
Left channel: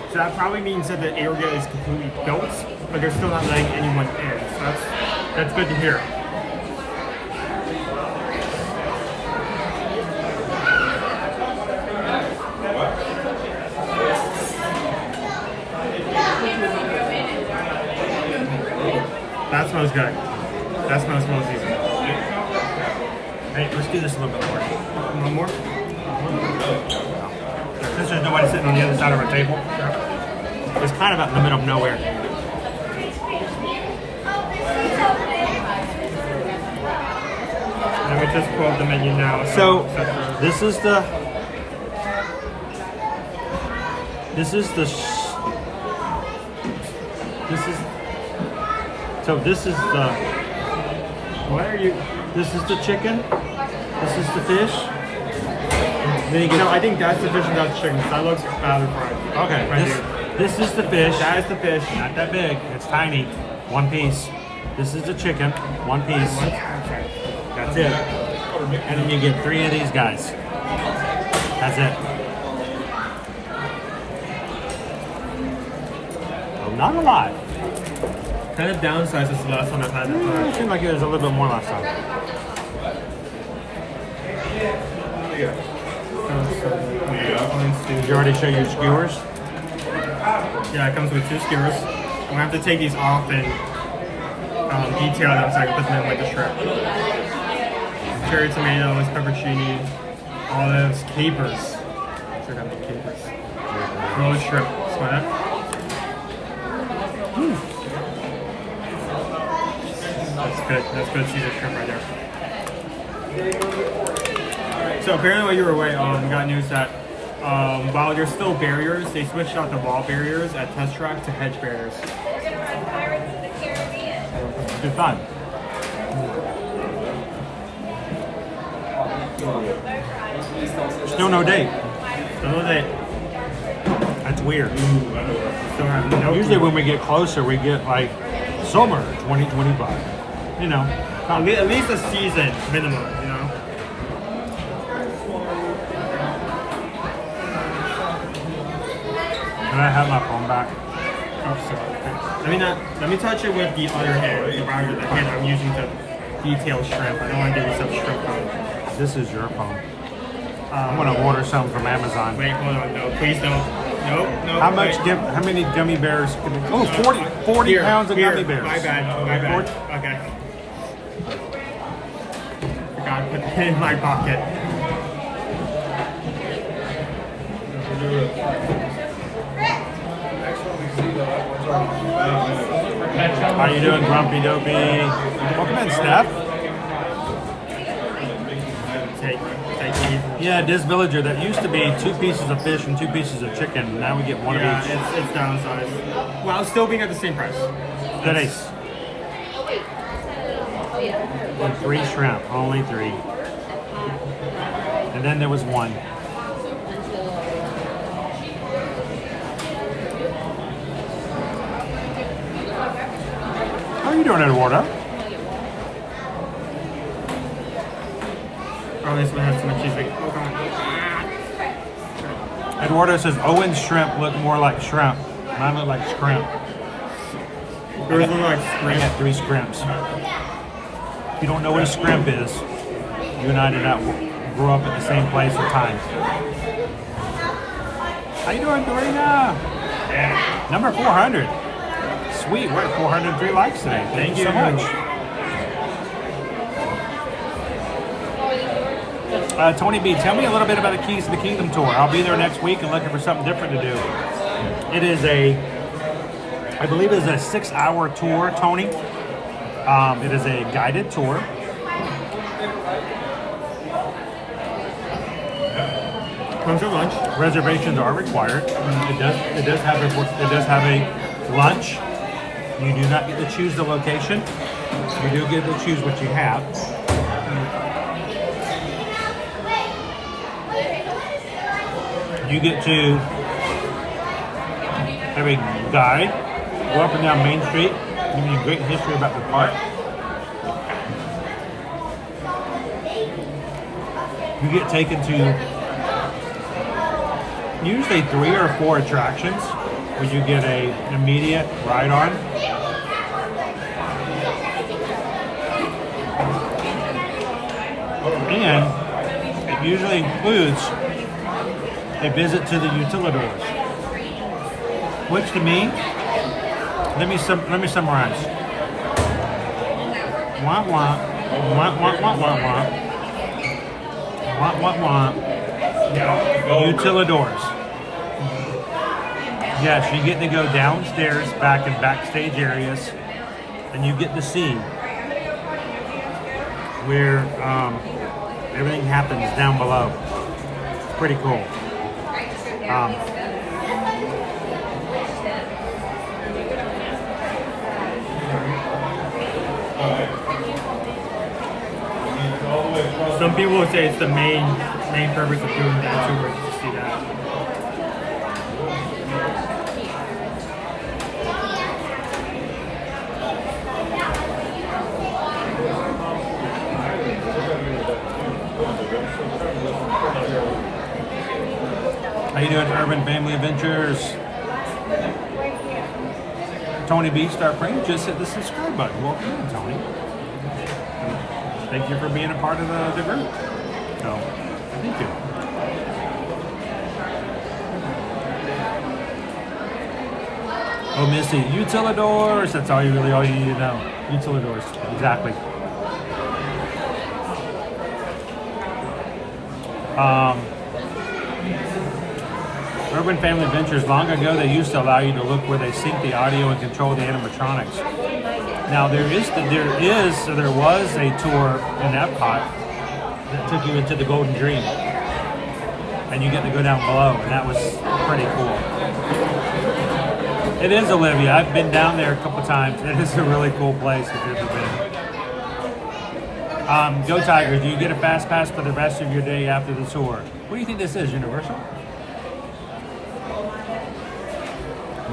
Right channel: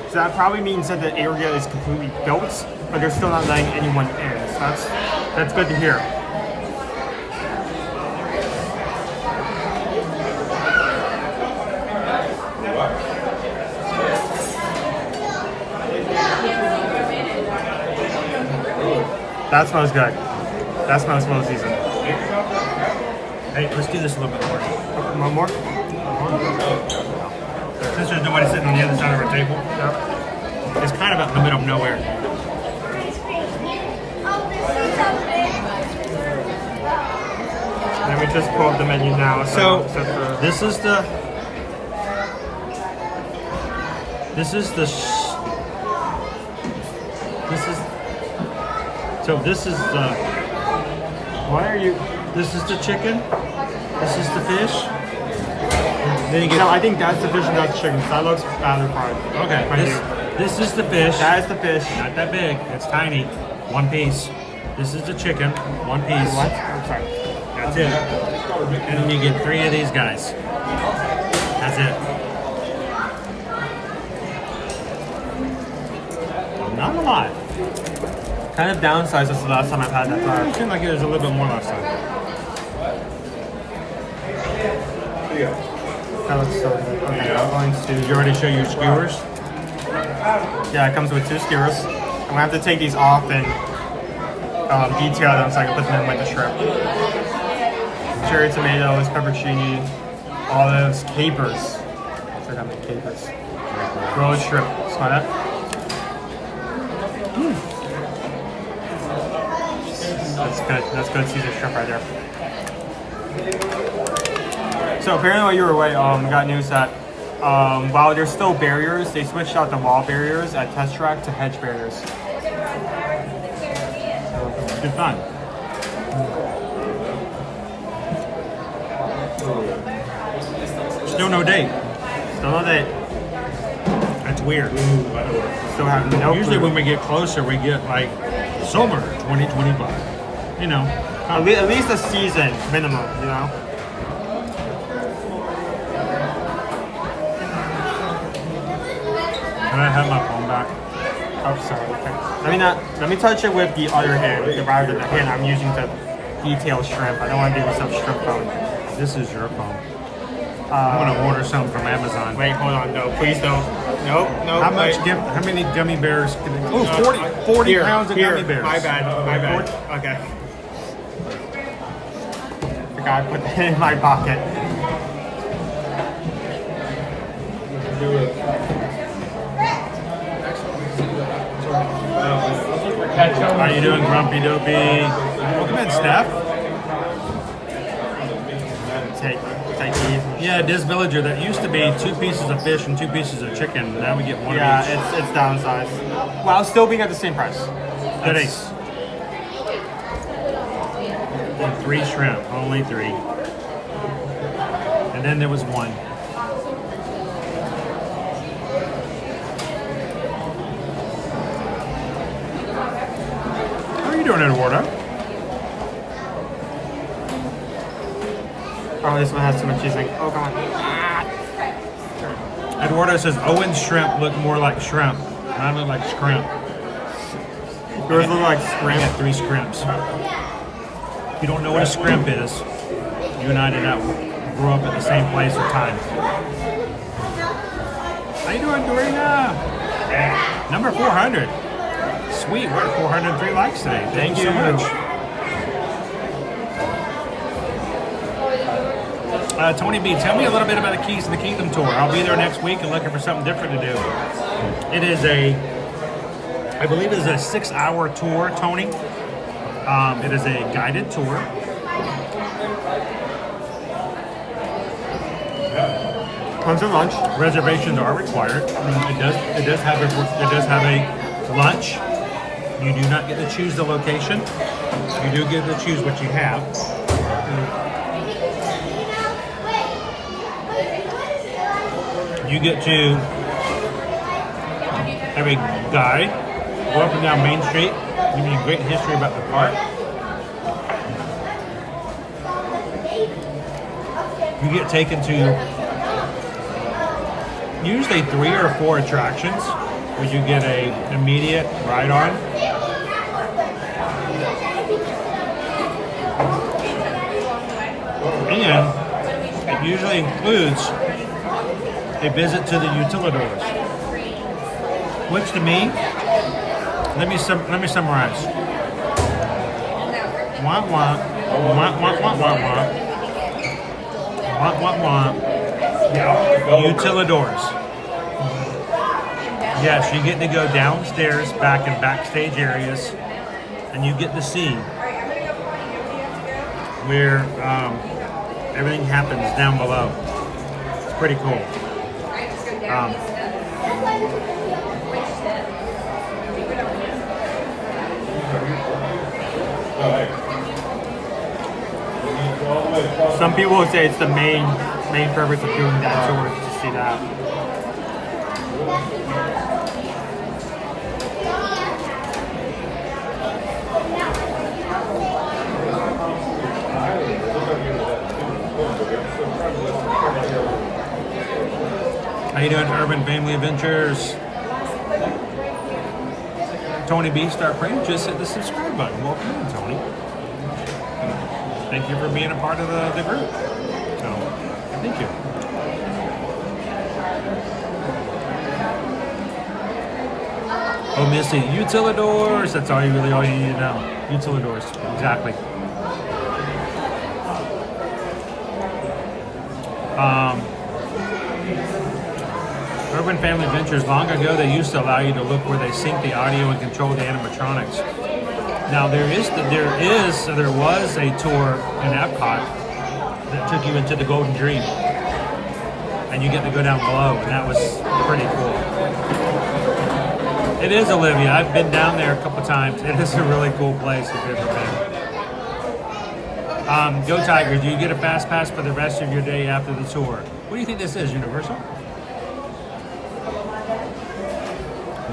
So that probably means that the area is completely built, but they're still not letting anyone in. So that's good to hear. That smells good. That smells seasoned. Hey, let's do this a little bit more. One more? Since there's nobody sitting on the other side of our table. It's kind of out in the middle of nowhere. Let me just pull up the menu now. So, this is the chicken. This is the fish. Then you get, no, I think that's the fish without the chicken. That looks rather fine. Okay, Right this is the fish. That is the fish. Not that big. It's tiny. One piece. This is the chicken. One piece. That's it. And then you get 3 of these guys. That's it. Not a lot. Kind of downsized since the last time I've had that. Yeah, it seemed like it was a little bit more last time. That looks so good. ones. Did you already show your skewers? Yeah, it comes with 2 skewers. I'm gonna have to take these off and detail them so I can put them in like a shrimp. Cherry tomatoes, pepperoni, olives, capers. I'm sure I got my capers. Rolled shrimp. Smell that? That's good. That's good Caesar shrimp right there. So apparently while you were away, we got news that while there's still barriers, they switched out the wall barriers at Test Track to hedge barriers. So it's good fun. Still no date. Still no date. That's weird. Still have no Usually clue. when we get closer, we get like summer 2025. You know. At least a season minimum, you know? Can I have my phone back? Oh, sorry. Let me touch it with the other hand, the right of the hand I'm using to detail shrimp. I don't want to do myself shrimp phone. This is your phone. I'm gonna order some from Amazon. Wait, hold on, no, please don't. Nope, nope. How much? wait. How many gummy bears? Can they, oh, 40 Here, pounds of here. gummy bears. My bad. Okay. I gotta put that in my pocket. How you doing, Grumpy Dopey? Welcome in, Steph. Take these. Yeah, this villager, that used to be 2 pieces of fish and 2 pieces of chicken. Now we get one of each. Yeah, it's downsized. While still being at the same price. That is. And 3 shrimp, only 3. And then there was 1. How are you doing, Eduardo? Oh, this one has too much cheese. Oh, come on. Eduardo says Owen's shrimp look more like shrimp. Mine look like scrimp. Yours look like I scrimp. got 3 scrimps. If you don't know what a scrimp is, you and I did not grow up at the same place or time. How you doing, Dorina? Number 400. Sweet, we're at 403 likes today. Thank you so much. Tony B, tell me a little bit about the Keys to the Kingdom tour. I'll be there next week and looking for something different to do. It is I believe it is a 6-hour tour, Tony. It is a guided tour. Lunch and lunch. Reservations are required. It does have a lunch. You do not get to choose the location. You do get to choose what you have. You get to have a guide, go up and down Main Street, give you a great history about the park. You get taken to usually 3 or 4 attractions where you get a immediate ride on. And it usually includes a visit to the utilidors, which to me, let me summarize. Wah wah, wah wah wah wah wah, wah wah wah. Utilidors. Yes, you get to go downstairs, back in backstage areas, and you get to see where everything happens down below. It's pretty cool. Some people would say it's the main purpose of doing that tour, to see that. How you doing, Urban Family Adventures? Tony B, start praying. Just hit the subscribe button. Welcome in, Tony. Thank you for being a part of the group. So, thank you. Oh, Missy, utilidors. That's all you need to know. Utilidors, exactly. Urban Family Ventures. Long ago, they used to allow you to look where they sync the audio and control the animatronics. Now there was a tour in Epcot that took you into the Golden Dream, and you get to go down below, and that was pretty cool. It is, Olivia. I've been down there a couple times. It is a really cool place if you've ever been. Go Tigers. Do you get a fast pass for the rest of your day after the tour? What do you think this is, Universal?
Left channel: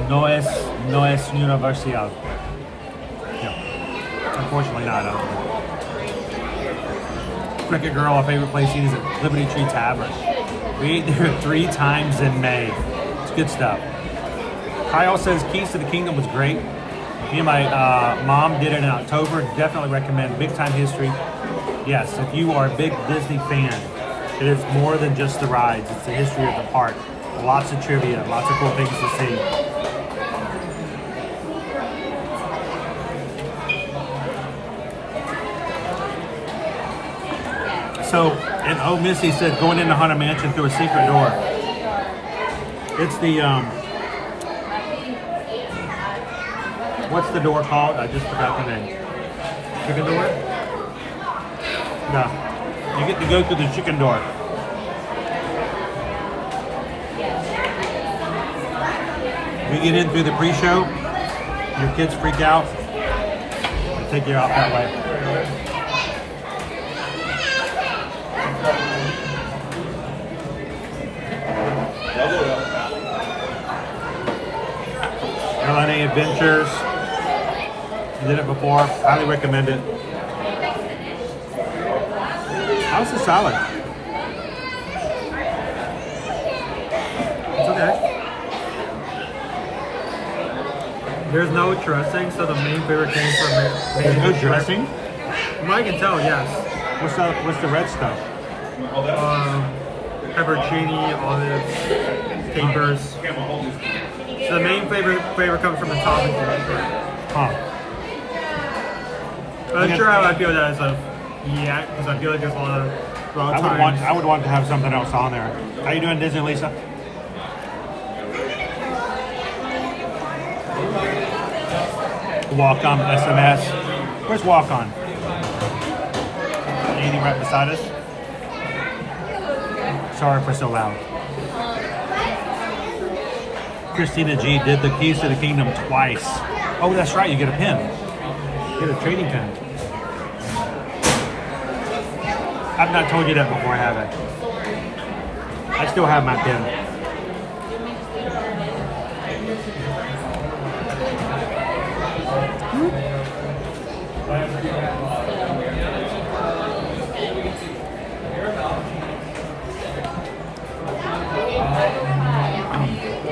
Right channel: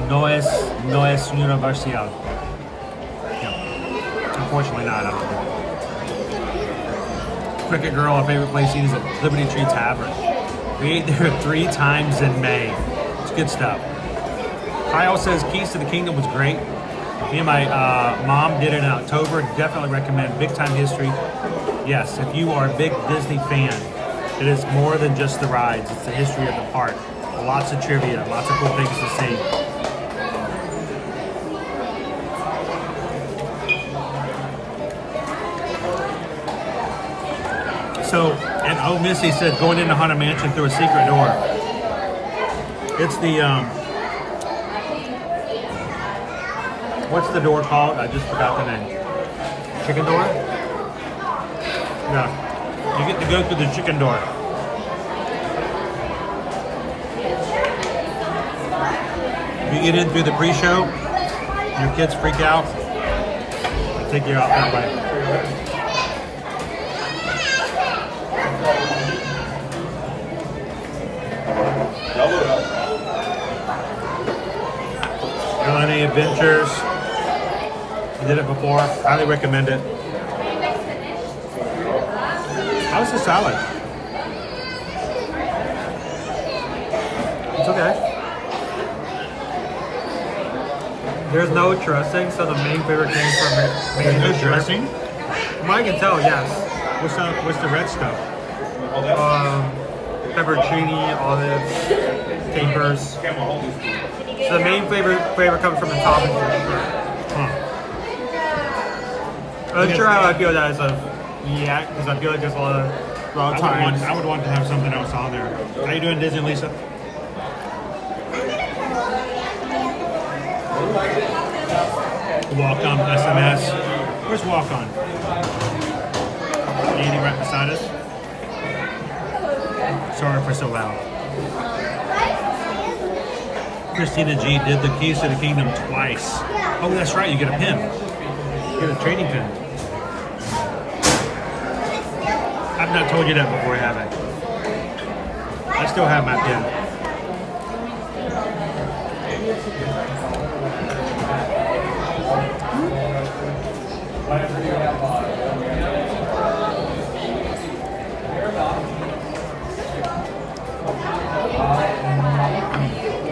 No es Universal. No. Unfortunately not, I don't think. Cricket Girl, our favorite place to eat is at Liberty Tree Tavern. We ate there 3 times in May. It's good stuff. Kyle says Keys to the Kingdom was great. Me and my mom did it in October. Definitely recommend. Big time history. Yes, if you are a big Disney fan, it is more than just the rides. It's the history of the park. Lots of trivia, lots of cool things to see. So, and oh, Missy said going into Haunted Mansion through a secret door. It's the, what's the door called? I just forgot the name. Chicken door? No. You get to go through the chicken door. You get in through the pre-show, your kids freak out, they take you out that way. Running Adventures. Did it before. Highly recommend it. How's the salad? It's okay. There's no dressing, so the main favorite came from There's no dressing? From what I can tell, yes. What's the red stuff? Pepperoncini, olives, capers. So the main flavor comes from the topping drink. Huh. I'm not sure how I feel that as a because I feel like there's a lot of times. I would want to have something else on there. How you doing, Disney Lisa? Walk on SMS. Where's Walk on? Anything right beside us? Sorry for so loud. Christina G did the Keys to the Kingdom twice. Oh, that's right. You get a pin. You get a trading pin. I've not told you that before, have I? I still have my pin.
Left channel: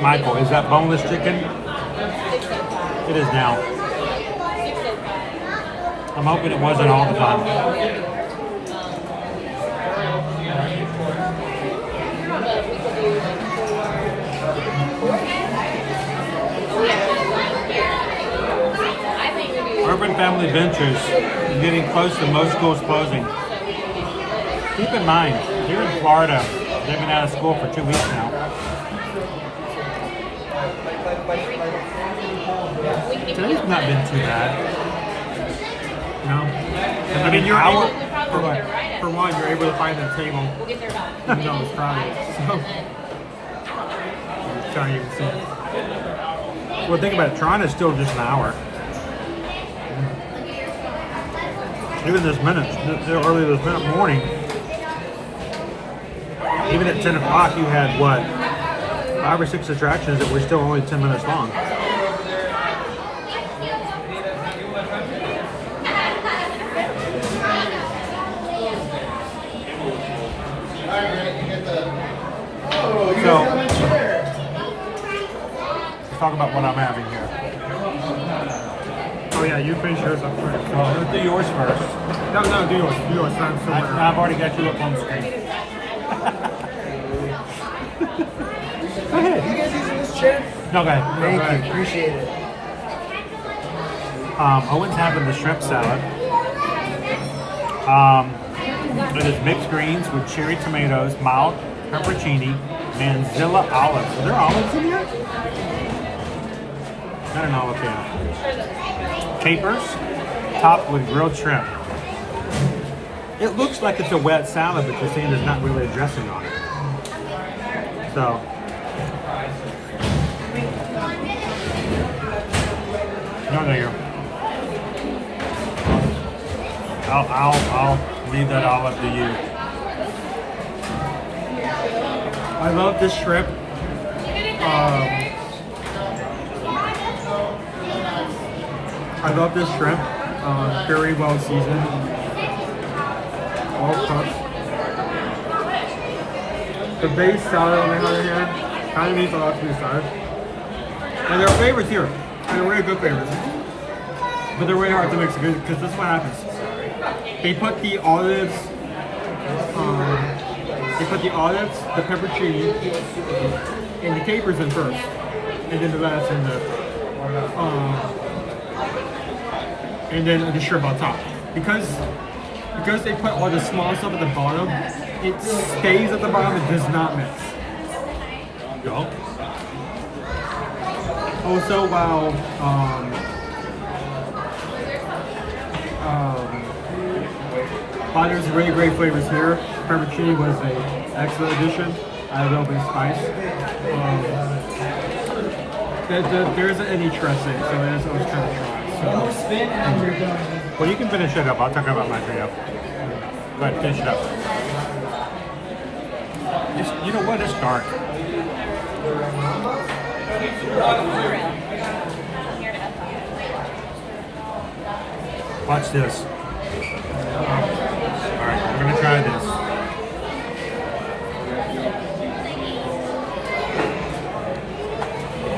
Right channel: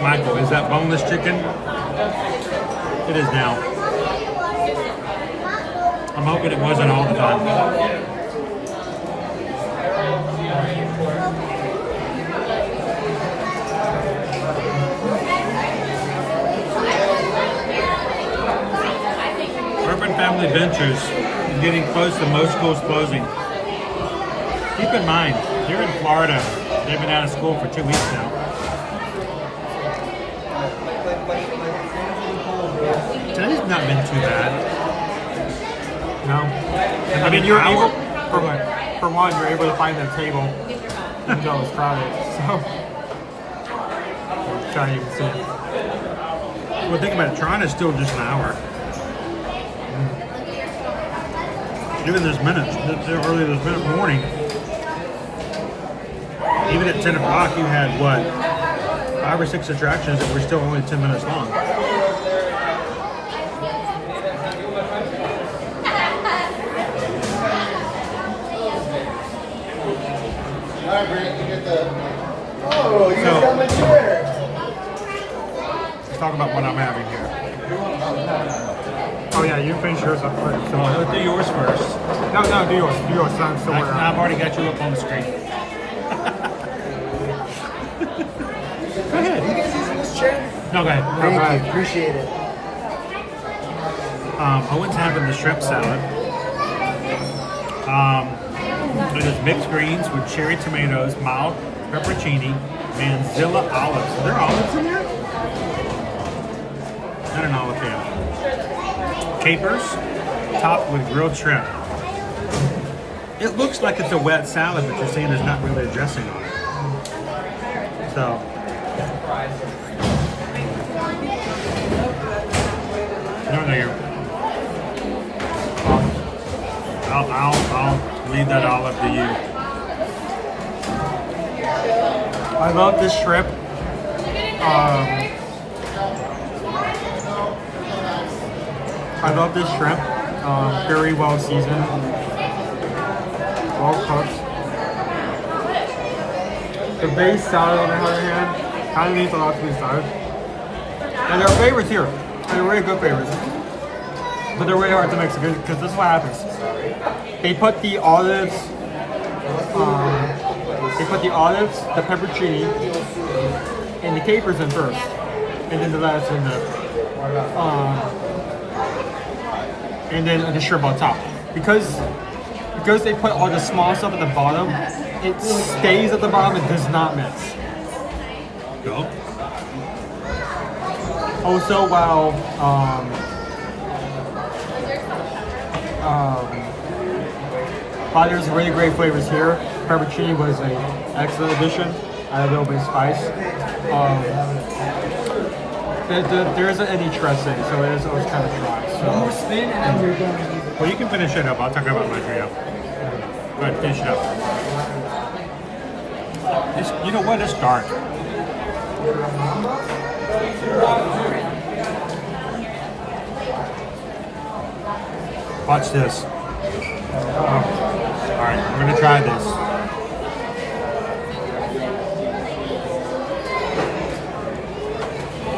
Michael, is that boneless chicken? It is now. I'm hoping it wasn't all the time. Urban Family Ventures is getting close to most schools closing. Keep in mind, here in Florida, they've been out of school for 2 weeks now. Today's not been too bad. No. I mean, for one, you're able to find a table, even though it's crowded. So, I'm trying to see. Well, think about it. Toronto is still just an hour. Even this minute, early this minute morning, even at 10 o'clock, you had what? 5 or 6 attractions that were still only 10 minutes long. So, let's talk about what I'm having here. Oh yeah, you finish yours up first. So I'll do yours first. No, do yours. Do yours. I've already got you up on the screen. Go ahead. You guys use this chair? No, go ahead. Thank you. Appreciate it. Owen's having the shrimp salad. It is mixed greens with cherry tomatoes, mild pepperoncini, and Zilla olives. Are there olives in here? Not an olive fan. Capers, topped with grilled shrimp. It looks like it's a wet salad, but you're saying there's not really a dressing on it. So, no, here. I'll leave that all up to you. I love this shrimp. I love this shrimp. Very well seasoned, well cooked. The base salad, on the other hand, kind of needs a lot to be salad. And there are flavors here. And they're really good flavors. But they're really hard to mix because this is what happens. They put the olives, the pepperoncini, and the capers in first. And then the lettuce and then the shrimp on top. Because they put all the small stuff at the bottom, it stays at the bottom and does not mix. Go. Also, while there's really great flavors here, pepperoncini was an excellent addition. I have a little bit of spice. There isn't any dressing, so it is always kind of dry. So, more spin and you're done. Well, you can finish it up. I'll talk about my trio. Go ahead, finish it up. You know what? It's dark. Watch this. Alright, we're gonna try this.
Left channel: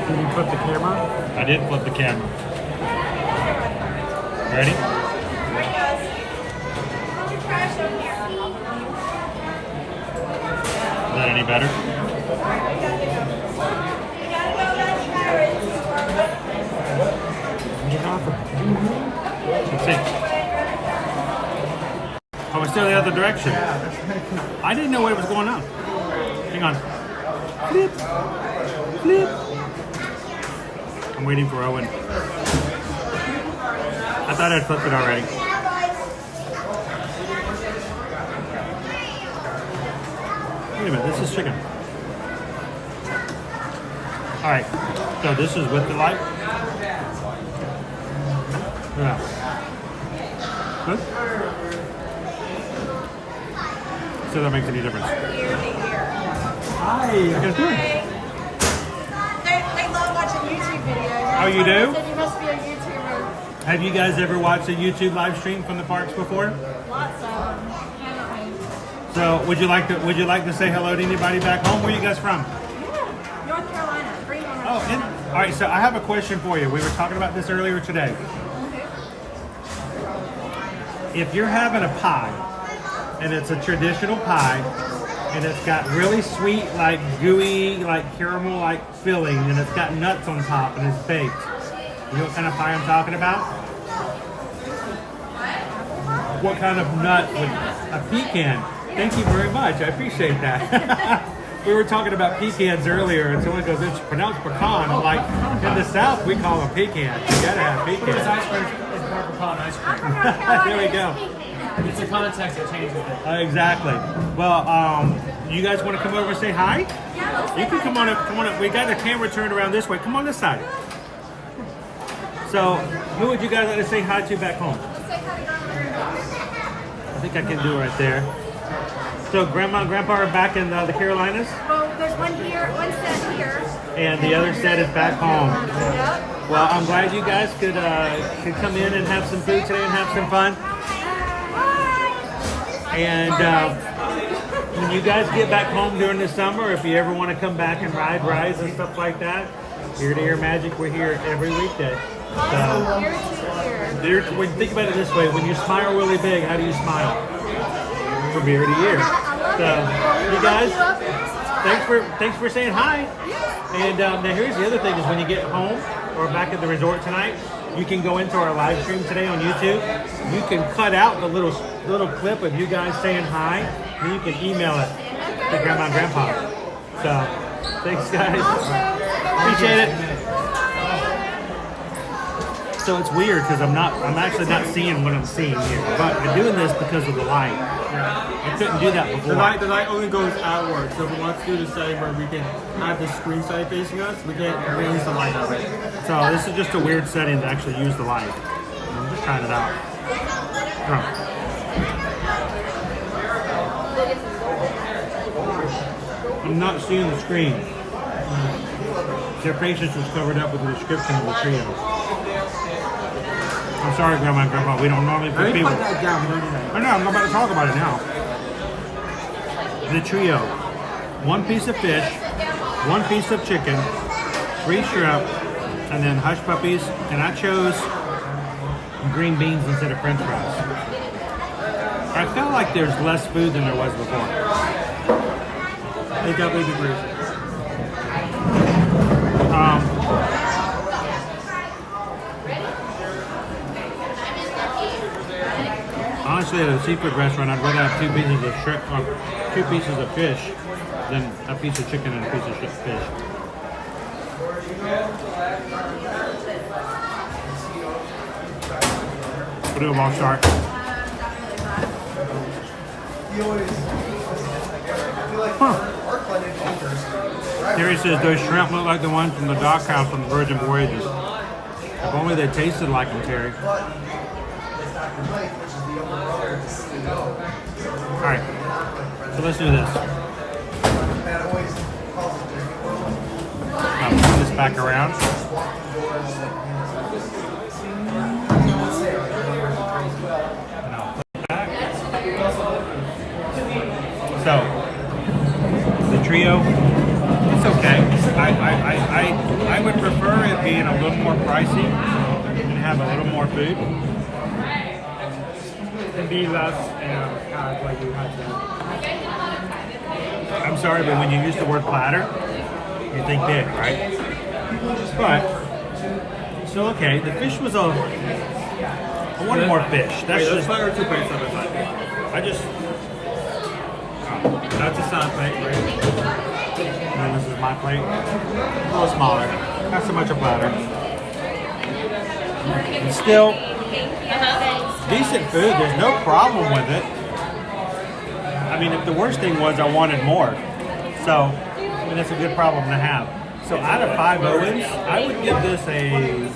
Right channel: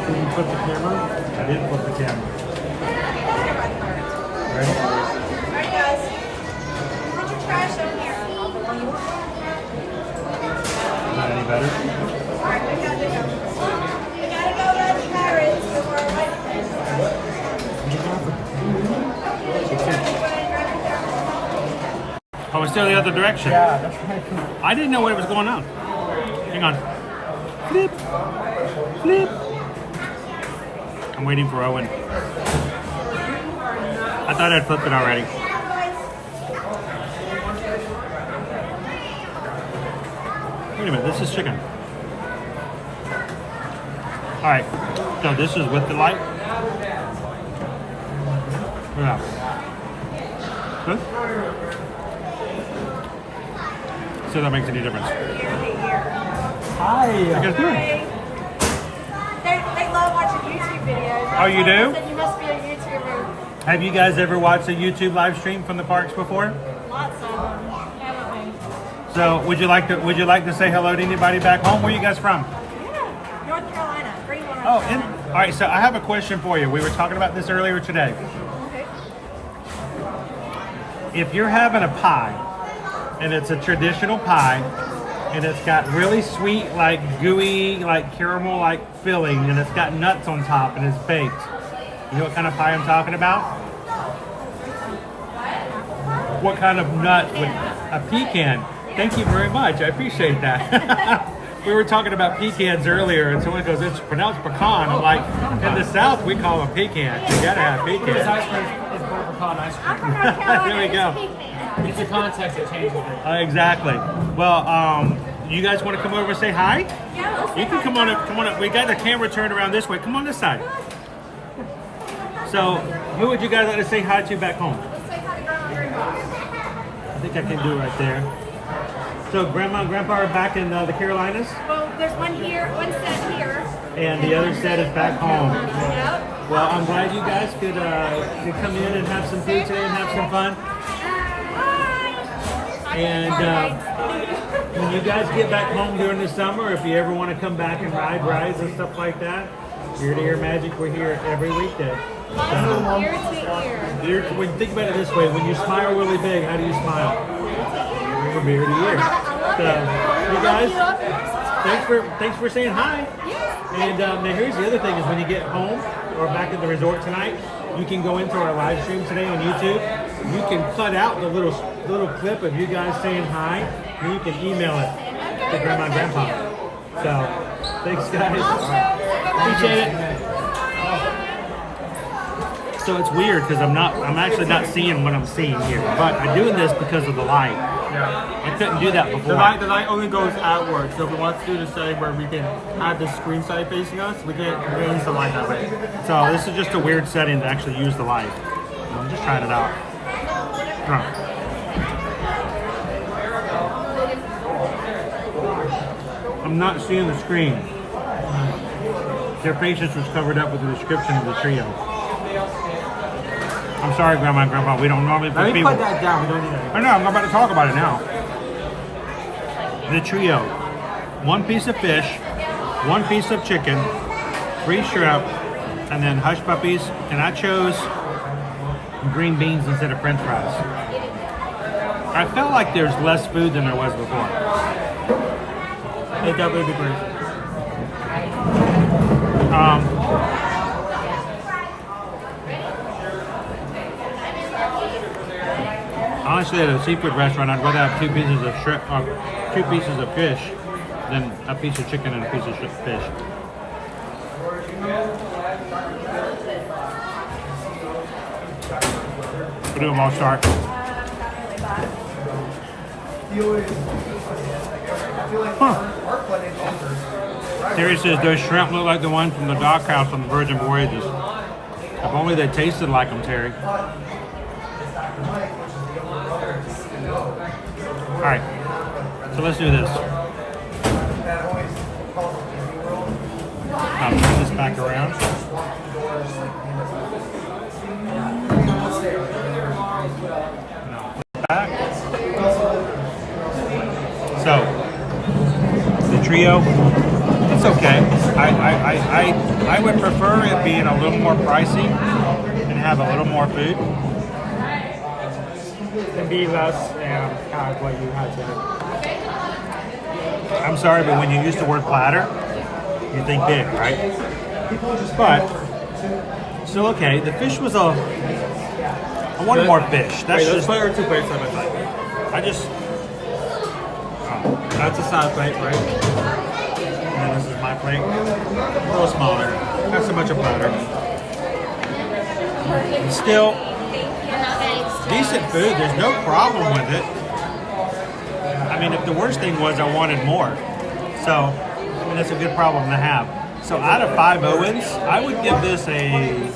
Did you flip the camera? I did flip the camera. Ready? Alright guys, put your trash down here. Is that any better? Alright, we gotta go let carrots to our right place. That's it. Oh, it's still the other direction. I didn't know what was going on. Hang on. Flip. Flip. I'm waiting for Owen. I thought I'd flipped it already. Wait a minute, this is chicken. Alright, so this is with the light. Yeah. Good? See if that makes any difference. Hi. You guys doing? I love watching YouTube videos. Oh, you do? You must be a YouTuber. Have you guys ever watched a YouTube live stream from the parks before? Lots of them. So, would you like to say hello to anybody back home? Where are you guys from? North Carolina. Greenville. Oh, all right. So, I have a question for you. We were talking about this earlier today. Okay. If you're having a pie, and it's a traditional pie, and it's got really sweet, like gooey, like caramel, like filling, and it's got nuts on top, and it's baked. You know what kind of pie I'm talking about? What kind of nut would a pecan? Thank you very much. I appreciate that. We were talking about pecans earlier, and someone goes, "It's pronounced pecan." I'm like, in the South, we call them pecans. You gotta have pecans. It's more pecan ice cream. There we go. It's the context that changes it. Exactly. Well, you guys want to come over and say hi? You can come on up. Come on up. We got the camera turned around this way. Come on this side. So, who would you guys like to say hi to back home? I think I can do it right there. So, Grandma and Grandpa are back in the Carolinas? Well, there's one here, one set here. And the other set is back home. Yep. Well, I'm glad you guys could come in and have some food today and have some fun. And when you guys get back home during the summer, if you ever want to come back and ride rides and stuff like that, Ear to Ear Magic, we're here every weekday. So, Ear to ear. When you think about it this way, when you smile really big, how do you smile? From ear to ear. So, you guys, thanks for saying hi. And now here's the other thing: is when you get home or back at the resort tonight, you can go into our live stream today on YouTube. You can cut out the little clip of you guys saying hi, and you can email it to Grandma and Grandpa. So, thanks guys. Appreciate it. So it's weird because I'm actually not seeing what I'm seeing here, but I'm doing this because of the light. I couldn't do that before. The light only goes outward, so if we want to do the setting where we can have the screen side facing us, we can raise the light out. So this is just a weird setting to actually use the light. I'm just trying it out. I'm not seeing the screen. Their patience was covered up with the description of the trio. I'm sorry, Grandma and Grandpa. We don't normally put people. I know. I'm about to talk about it now. The trio: 1 piece of fish, 1 piece of chicken, 3 shrimp, and then hush puppies. And I chose green beans instead of French fries. I felt like there's less food than there was before. It definitely degrees. Honestly, at a seafood restaurant, I'd rather have 2 pieces of shrimp, or 2 pieces of fish, than a piece of chicken and a piece of fish. We'll do a ball start. Huh. Terry says those shrimp look like the ones from the dockhouse on the Virgin Voyages. If only they tasted like them, Terry. Alright, so let's do this. I'll turn this back around. So, the trio, it's okay. I would prefer it being a little more pricey and have a little more food. And be less kind of like you had to do. I'm sorry, but when you use the word platter, you think big, right? But still okay. The fish was I wanted more fish. That's just. Wait, let's put 2 plates of it. I just. That's a side plate, right? And then this is my plate. A little smaller. Not so much a platter. And still. Decent food, there's no problem with it. I mean, if the worst thing was I wanted more. So, I mean, that's a good problem to have. So out of 5 Owens, I would give this I'd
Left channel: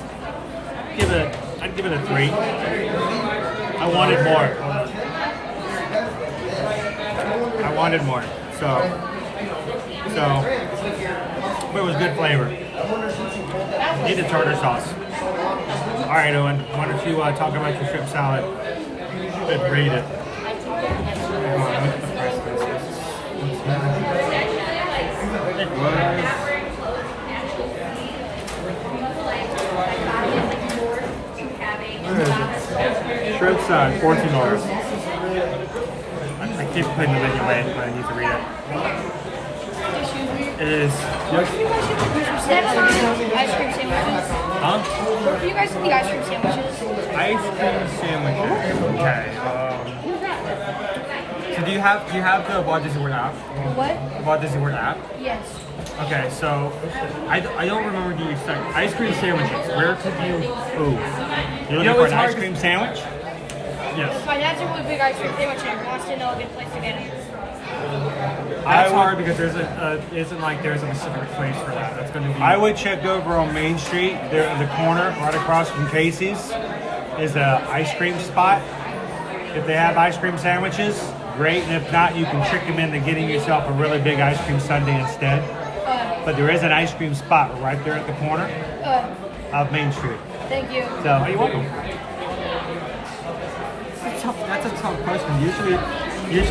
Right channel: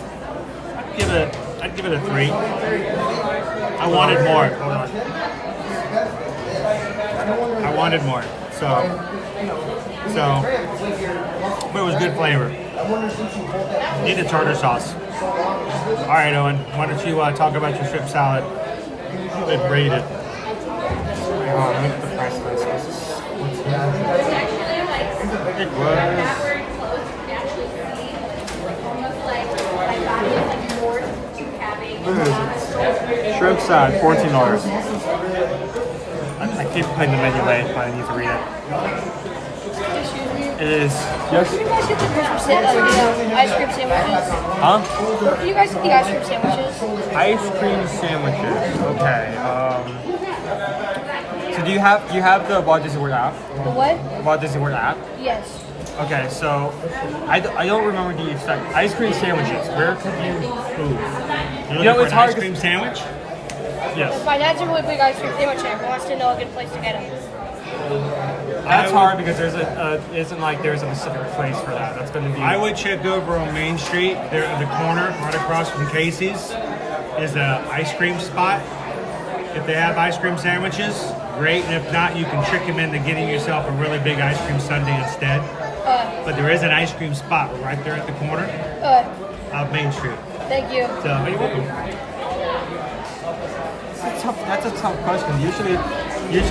give it a 3. I wanted more. So, but it was good flavor. Need a tartar sauce. All right, Owen, why don't you talk about your shrimp salad? Rate it. It was shrimp salad, $14. I keep putting the menu away, but I need to read it. It is. Yes. Ice cream sandwiches. Huh? Do you guys eat ice cream sandwiches? Ice cream sandwiches. Okay. So do you have the Walt Disney World app? What? Walt Disney World app? Yes. Okay, so I don't remember the exact ice cream sandwiches. Where could you? Ooh. You know it's hard. Ice cream sandwich? Yes. My dad's a really big ice cream sandwich and wants to know a good place to get it. That's hard because there's isn't like there's a specific place for that. That's going to be. I would check over on Main Street. There in the corner, right across from Casey's, is a ice cream spot. If they have ice cream sandwiches, great. And if not, you can trick them into getting yourself a really big ice cream sundae instead. But there is an ice cream spot right there at the corner of Main Street. Thank you. So you're welcome. That's a tough question. Usually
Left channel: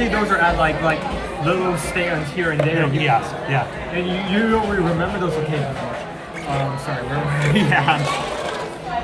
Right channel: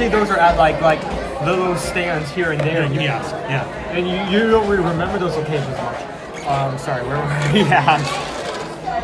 those are at like little stands here and there. Yeah. And you don't really remember those locations much. Sorry, where were we? Yeah.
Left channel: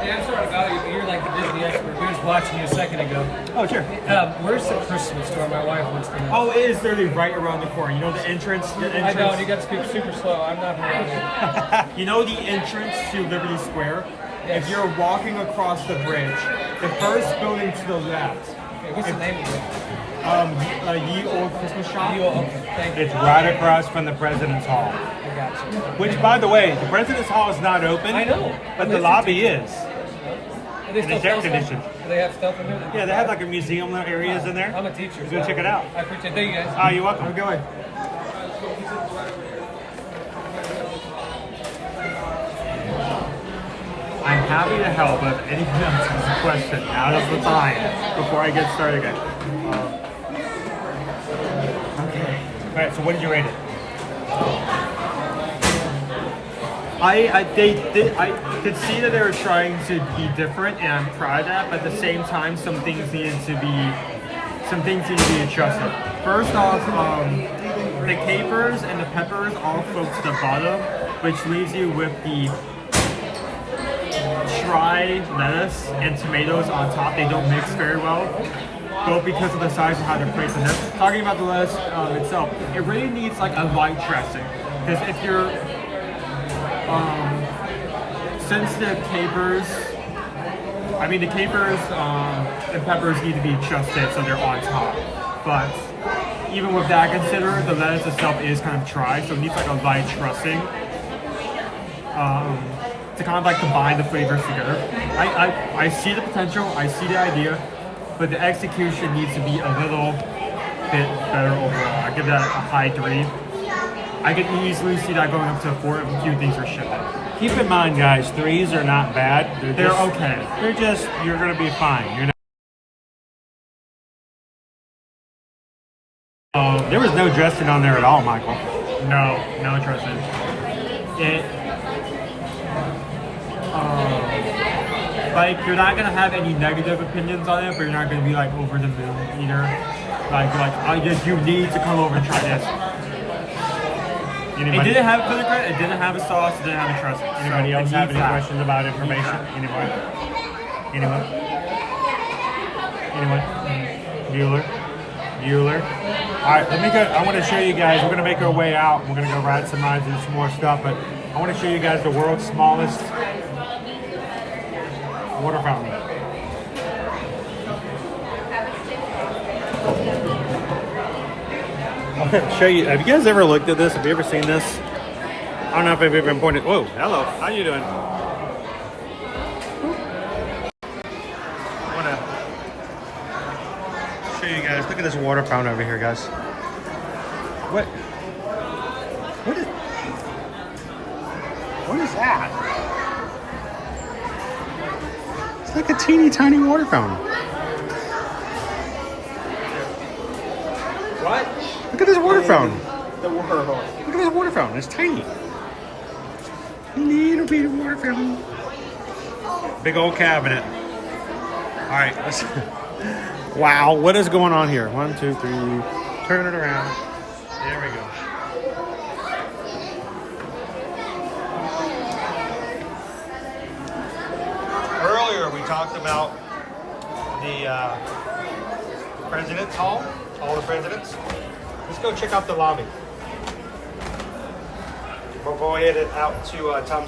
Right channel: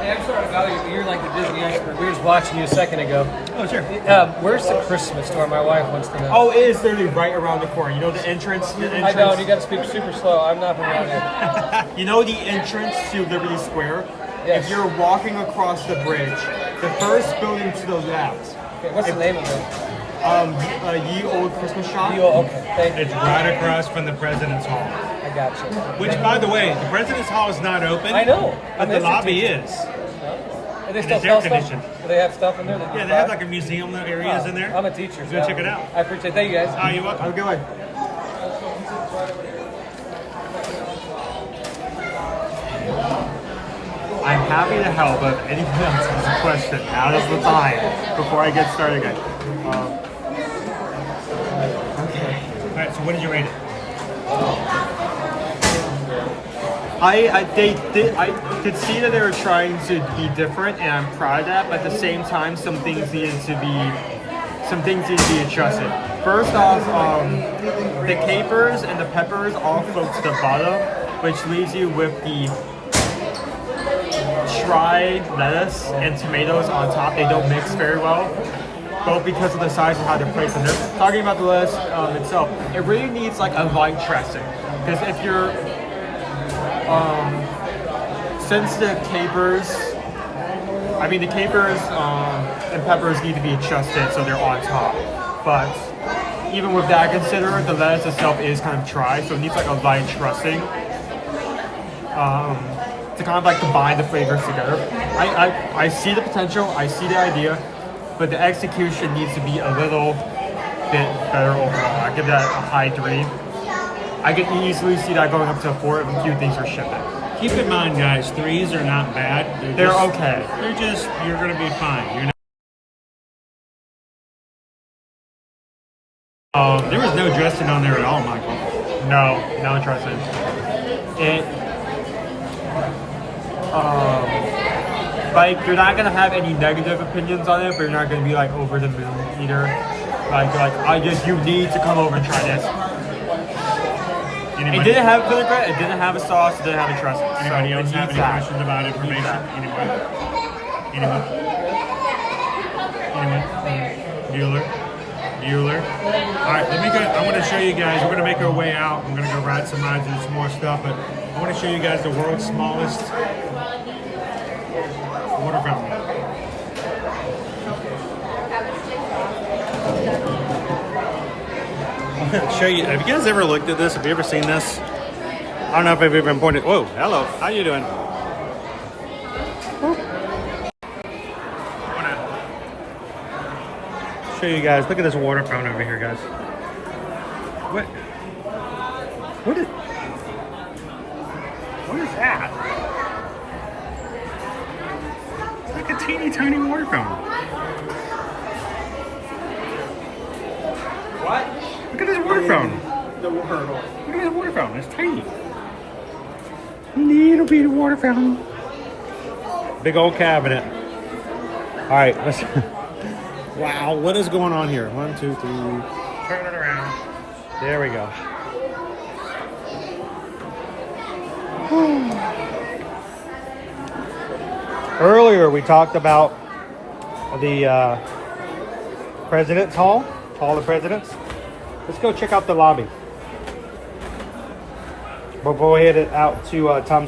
Yeah, I'm sort of value, but you're like the Disney expert. We were just watching you a second ago. Oh, sure. Where's the Christmas store? My wife wants to know. Oh, it is literally right around the corner. You know the entrance? I don't. You got to speak super slow. I'm not familiar. You know the entrance to Liberty Square? if you're walking across the bridge, the first building to the left. What's the name of it? Ye Old Christmas Shop. Okay. It's right across from the President's Hall. I got you. Which, by the way, the President's Hall is not open. I know. But the lobby is. And they And still it's air sell stuff? conditioned. Do they have stuff in there? Yeah, they have like a museum areas in there. I'm a teacher. Go check it out. I appreciate it. Thank you guys. Oh, you're welcome. I'm going. I'm happy to help if anyone else has a question. Out of the time before I get started again. Okay. All right, so what did you rate it? I could see that they were trying to be different, and I'm proud of that. But at the same time, some things need to be adjusted. First off, the capers and the peppers all float to the bottom, which leaves you with the dry lettuce and tomatoes on top. They don't mix very well, both because of the size and how they're placed in there. Talking about the lettuce itself, it really needs like a light dressing, because if you're since the capers and peppers need to be adjusted so they're on top, but even with that considered, the lettuce itself is kind of dry, so it needs like a light dressing to kind of like combine the flavors together. I see the potential, I see the idea, but the execution needs to be a little bit better overall. I give that a high 3. I could easily see that going up to a 4 if a few things are shipping. Keep in mind, guys, 3s are not bad. They're okay. You're going to be fine. There was no dressing on there at all, Michael. No dressing. Like, you're not gonna have any negative opinions on it, but you're not gonna be like over the moon either. Like, you need to come over and try this. Anybody? It didn't have vinaigrette, it didn't have a sauce, it didn't have a dressing. Anybody else have any that. questions about information? Anyone? Bueller. All right, I want to show you guys. We're gonna make our way out. We're gonna go ride some rides and some more stuff, but I want to show you guys the world's smallest water fountain. I'm gonna show you. Have you guys ever looked at this? Have you ever seen this? I don't know if I've ever pointed. Whoa, hello. How you doing? Show you guys. Look at this water fountain over here, guys. What is that? It's like a teeny tiny water fountain. What? Look at this water fountain. The world. Look at this water fountain. It's tiny. Little bitty water fountain. Big old cabinet. All right. Wow, what is going on here? 1, 2, 3. Turn it around. There we go. Earlier we talked about the President's Hall, Hall of Presidents. Let's go check out the lobby. Before we head out to Tom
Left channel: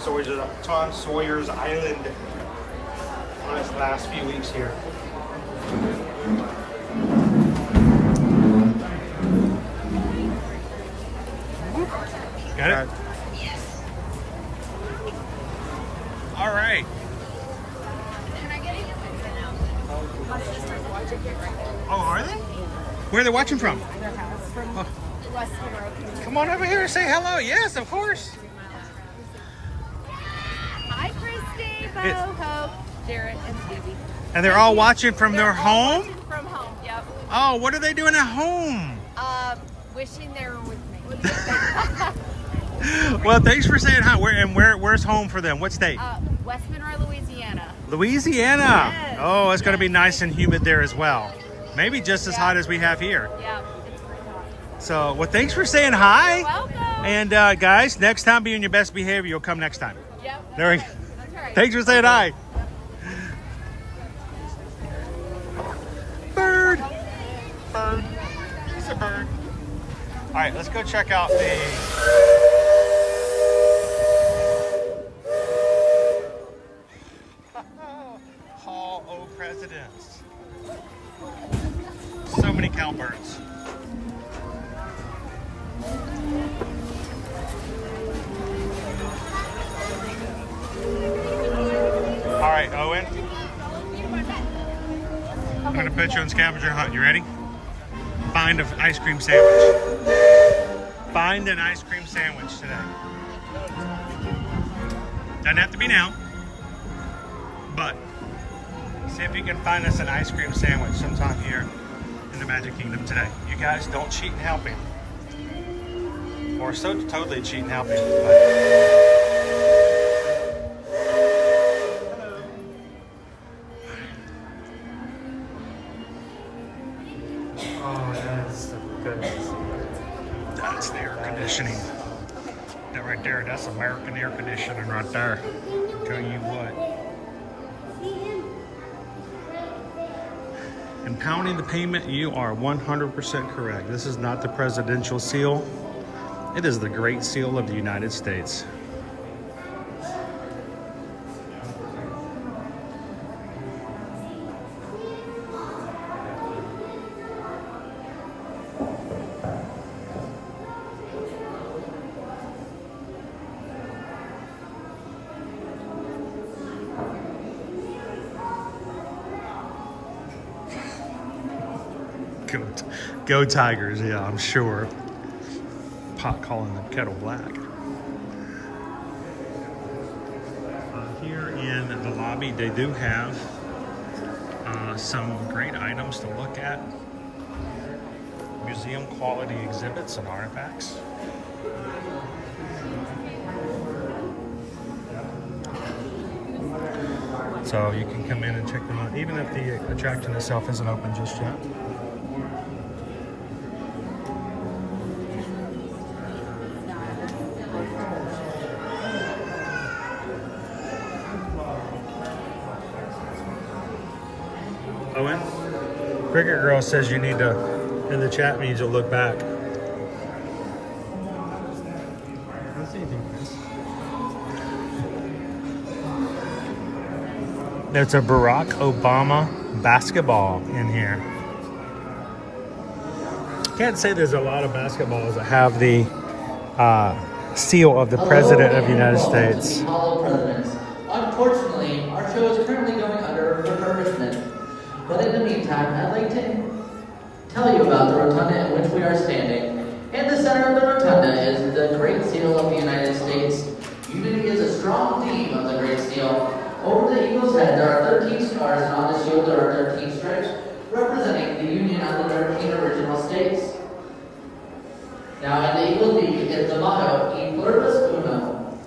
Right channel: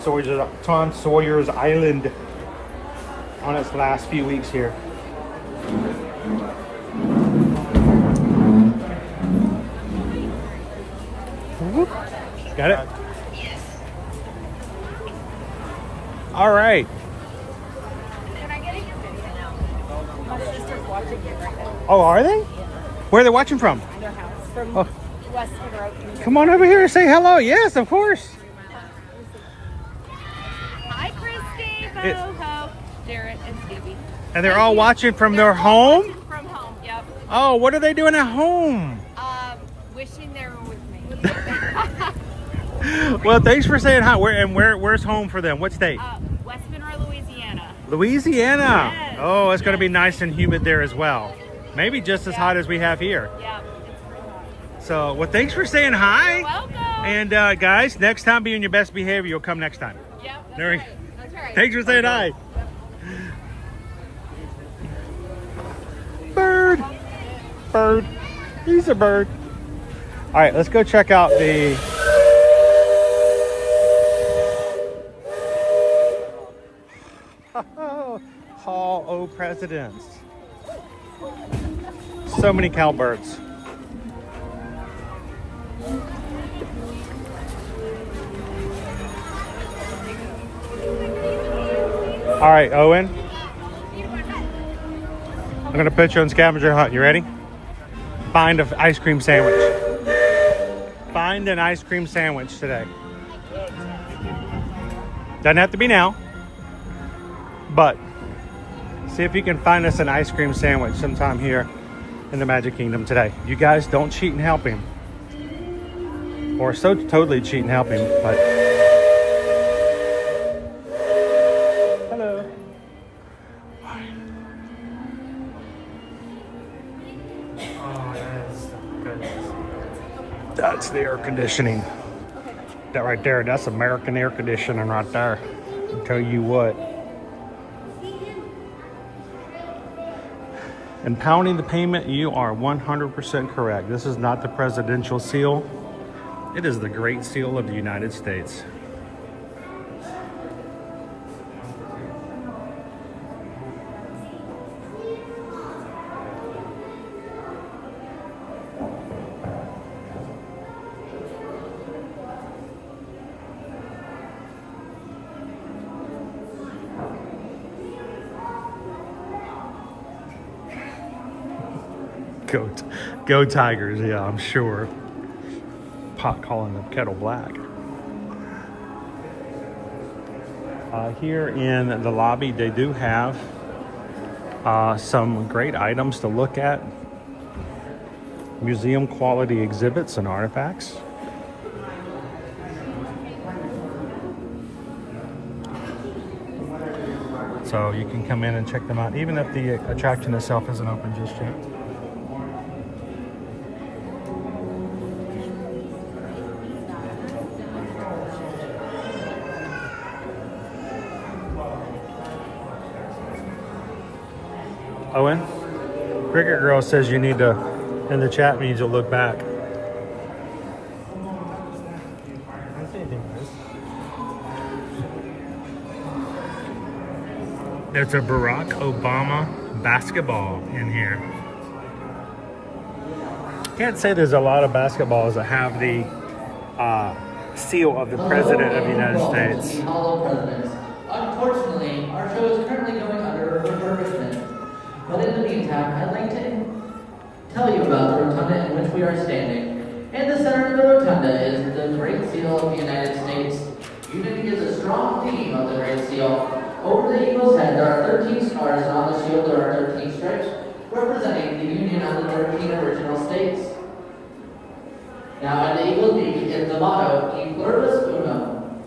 Sawyer's Island on its last few weeks here. Got it? Yes. All right. Oh, are they? Where are they watching from? Oh. Come on over here and say hello. Yes, of course. Hi, Christy, Bo, Hope, Jarrett, and Stevie. And they're all watching from their home? Watching from home, yep. Oh, what are they doing at home? Wishing they were with me. Well, thanks for saying hi. Where's home for them? What state? West Monroe, Louisiana. Louisiana. Yes. Oh, it's going to be nice and humid there as well. Maybe just as hot as we have here. Yeah, it's pretty hot. So, well, thanks for saying hi. You're welcome. And guys, next time be on your best behavior. You'll come next time. Yep, that's There we right. That's right. Thanks for saying hi. Bird. Bird. He's a bird. All right, let's go check out the... presidents. So many cowbirds. All right, Owen. I'm gonna put you on scavenger hunt. You ready? Find an ice cream sandwich. Find an ice cream sandwich today. Doesn't have to be now, but see if you can find us an ice cream sandwich sometime here in the Magic Kingdom today. You guys don't cheat in helping. Or so totally cheat in helping. But... Hello. That's the air conditioning. That right there, that's American air conditioning right there. I'll tell you what. And pounding the payment, you are 100% correct. This is not the presidential seal. It is the Great Seal of the United States. Go Tigers, yeah, I'm sure. Pot calling the kettle black. Here in the lobby, they do have some great items to look at. Museum quality exhibits and artifacts. So you can come in and check them out, even if the attraction itself isn't open just yet. Owen, Cricket Girl says you need to, in the chat means you'll look back. I don't see anything nice. There's a Barack Obama basketball in here. Can't say there's a lot of basketballs that have the seal of the President of the United States. Hello, Presidents. Unfortunately, our show is currently going under refurbishment. But in the meantime, I'd like to tell you about the rotunda in which we are standing. In the center of the rotunda is the Great Seal of the United States. Unity is a strong theme of the Great Seal. Over the eagle's head, there are 13 stars, and on the shield there are 13 stripes, representing the Union of the 13 original states. Now, in the eagle's beak is the motto, E pluribus unum.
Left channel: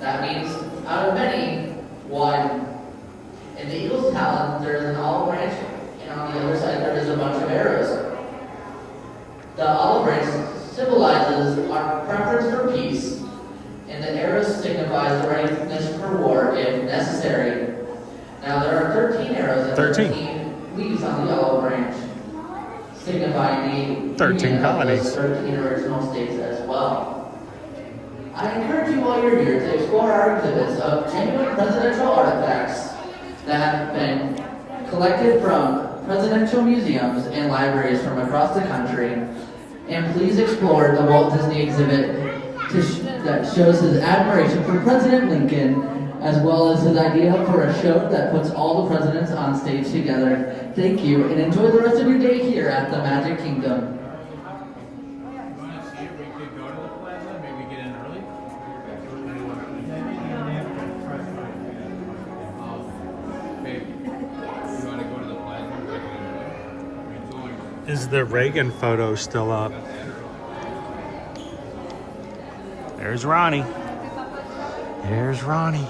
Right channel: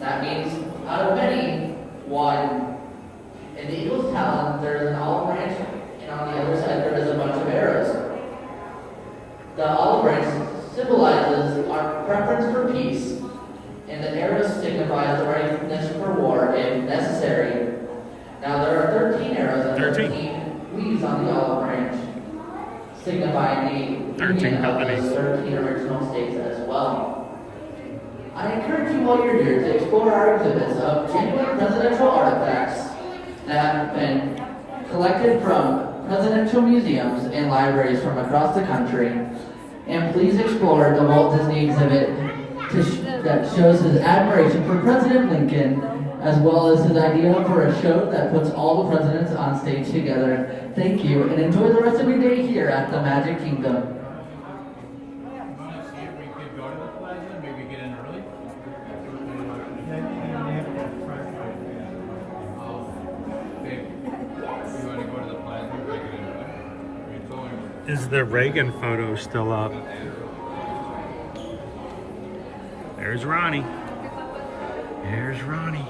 That means, out of many, one. In the eagle's talon, there is an olive branch, and on the other side, there is a bunch of arrows. The olive branch symbolizes our preference for peace, and the arrows signifies the readiness for war if necessary. Now, there are 13 arrows and 13 leaves on the olive branch, signifying the 13 companies, 13 original states as well. I encourage you while you're here to explore our exhibits of genuine presidential artifacts that have been collected from presidential museums and libraries from across the country. And please explore the Walt Disney exhibit that shows his admiration for President Lincoln, as well as his idea for a show that puts all the presidents on stage together. Thank you, and enjoy the rest of your day here at the Magic Kingdom. Is the Reagan photo still up? There's Ronnie. There's Ronnie.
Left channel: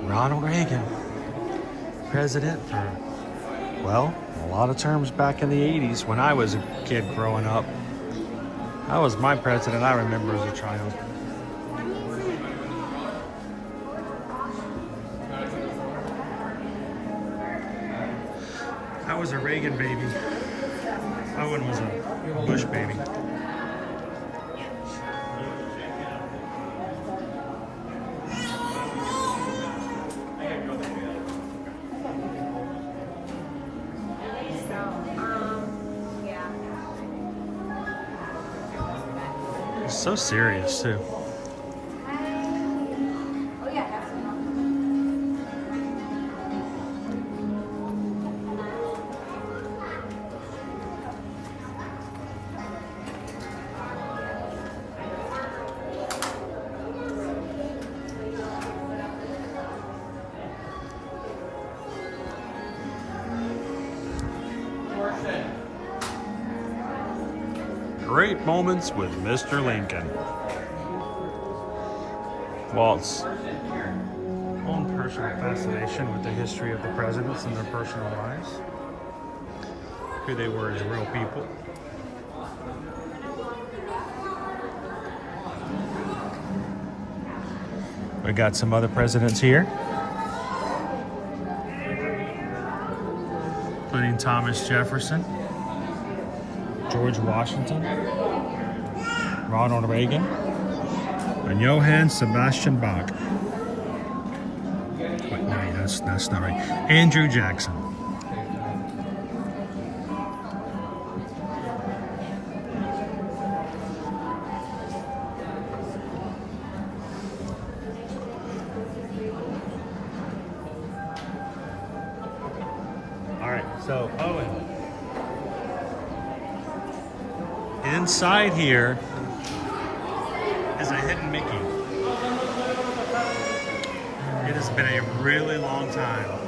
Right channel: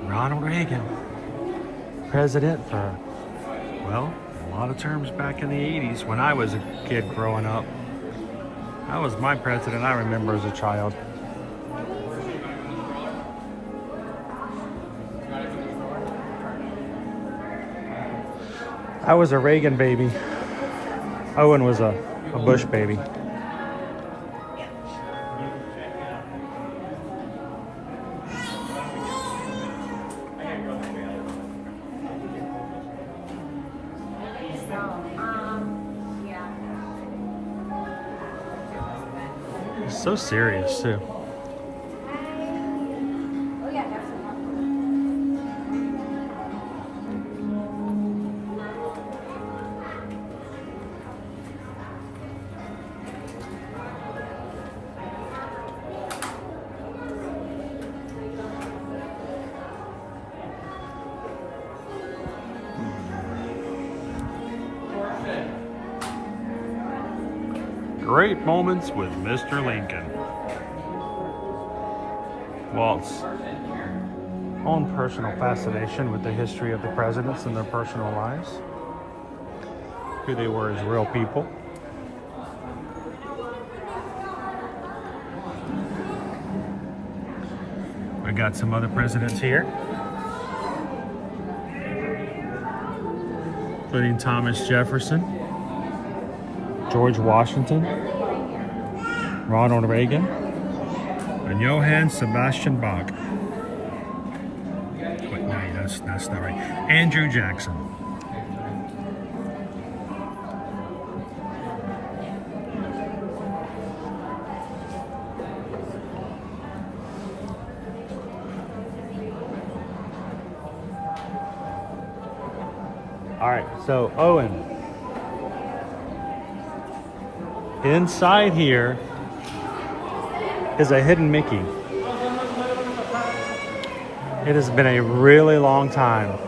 Ronald Reagan. President for, well, a lot of terms back in the 80s when I was a kid growing up. That was my president I remember as a child. I was a Reagan baby. Owen was a Bush baby. It's so serious too. Great moments with Mr. Lincoln. Walt's own personal fascination with the history of the presidents and their personal lives, who they were as real people. We got some other presidents here, including Thomas Jefferson, George Washington, Ronald Reagan, and Johann Sebastian Bach. Wait, that's not right. Andrew Jackson. All right, so Owen. Inside here is a hidden Mickey. It has been a really long time.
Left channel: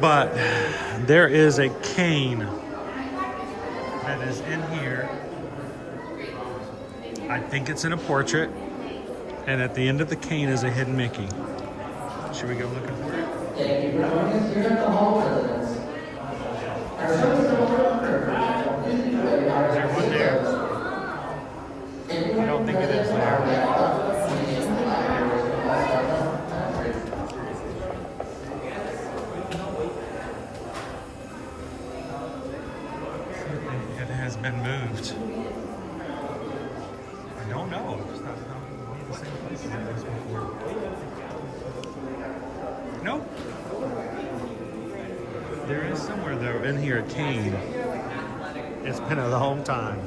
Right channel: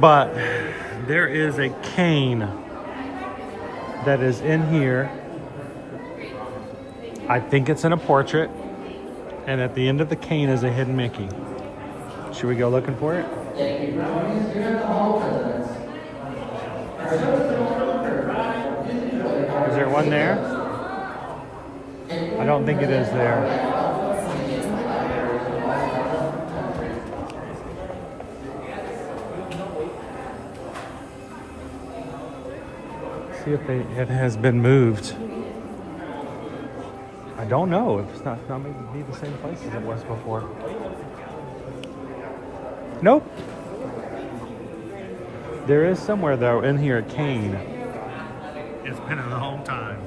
But there is a cane that is in here. I think it's in a portrait. And at the end of the cane is a hidden Mickey. Should we go looking for it? Thank you for joining us here at the Hall Presidents. Is there one there? I don't think it is there. See if it has been moved. I don't know. It's not in the same place as it was before. Nope. There is somewhere though in here a cane. It's been a long time.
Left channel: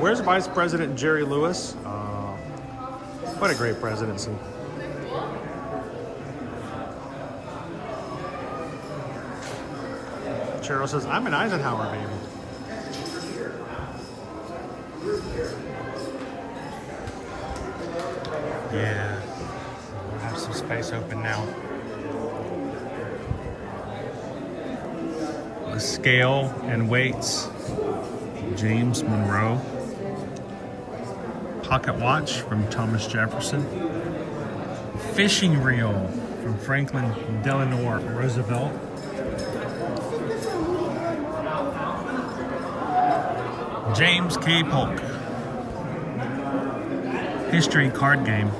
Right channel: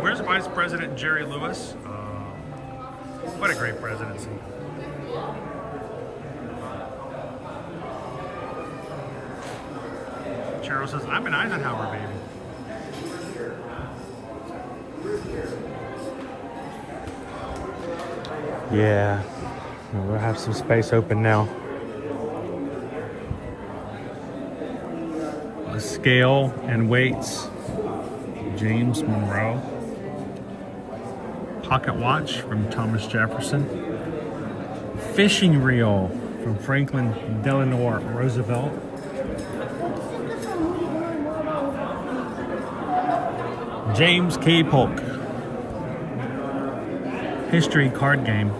Where's Vice President Jerry Lewis? What a great presidency. Cheryl says, I'm an Eisenhower baby. Yeah, we'll have some space open now. A scale and weights, James Monroe. Pocket watch from Thomas Jefferson. Fishing reel from Franklin Delano Roosevelt. James K. Polk. History card game.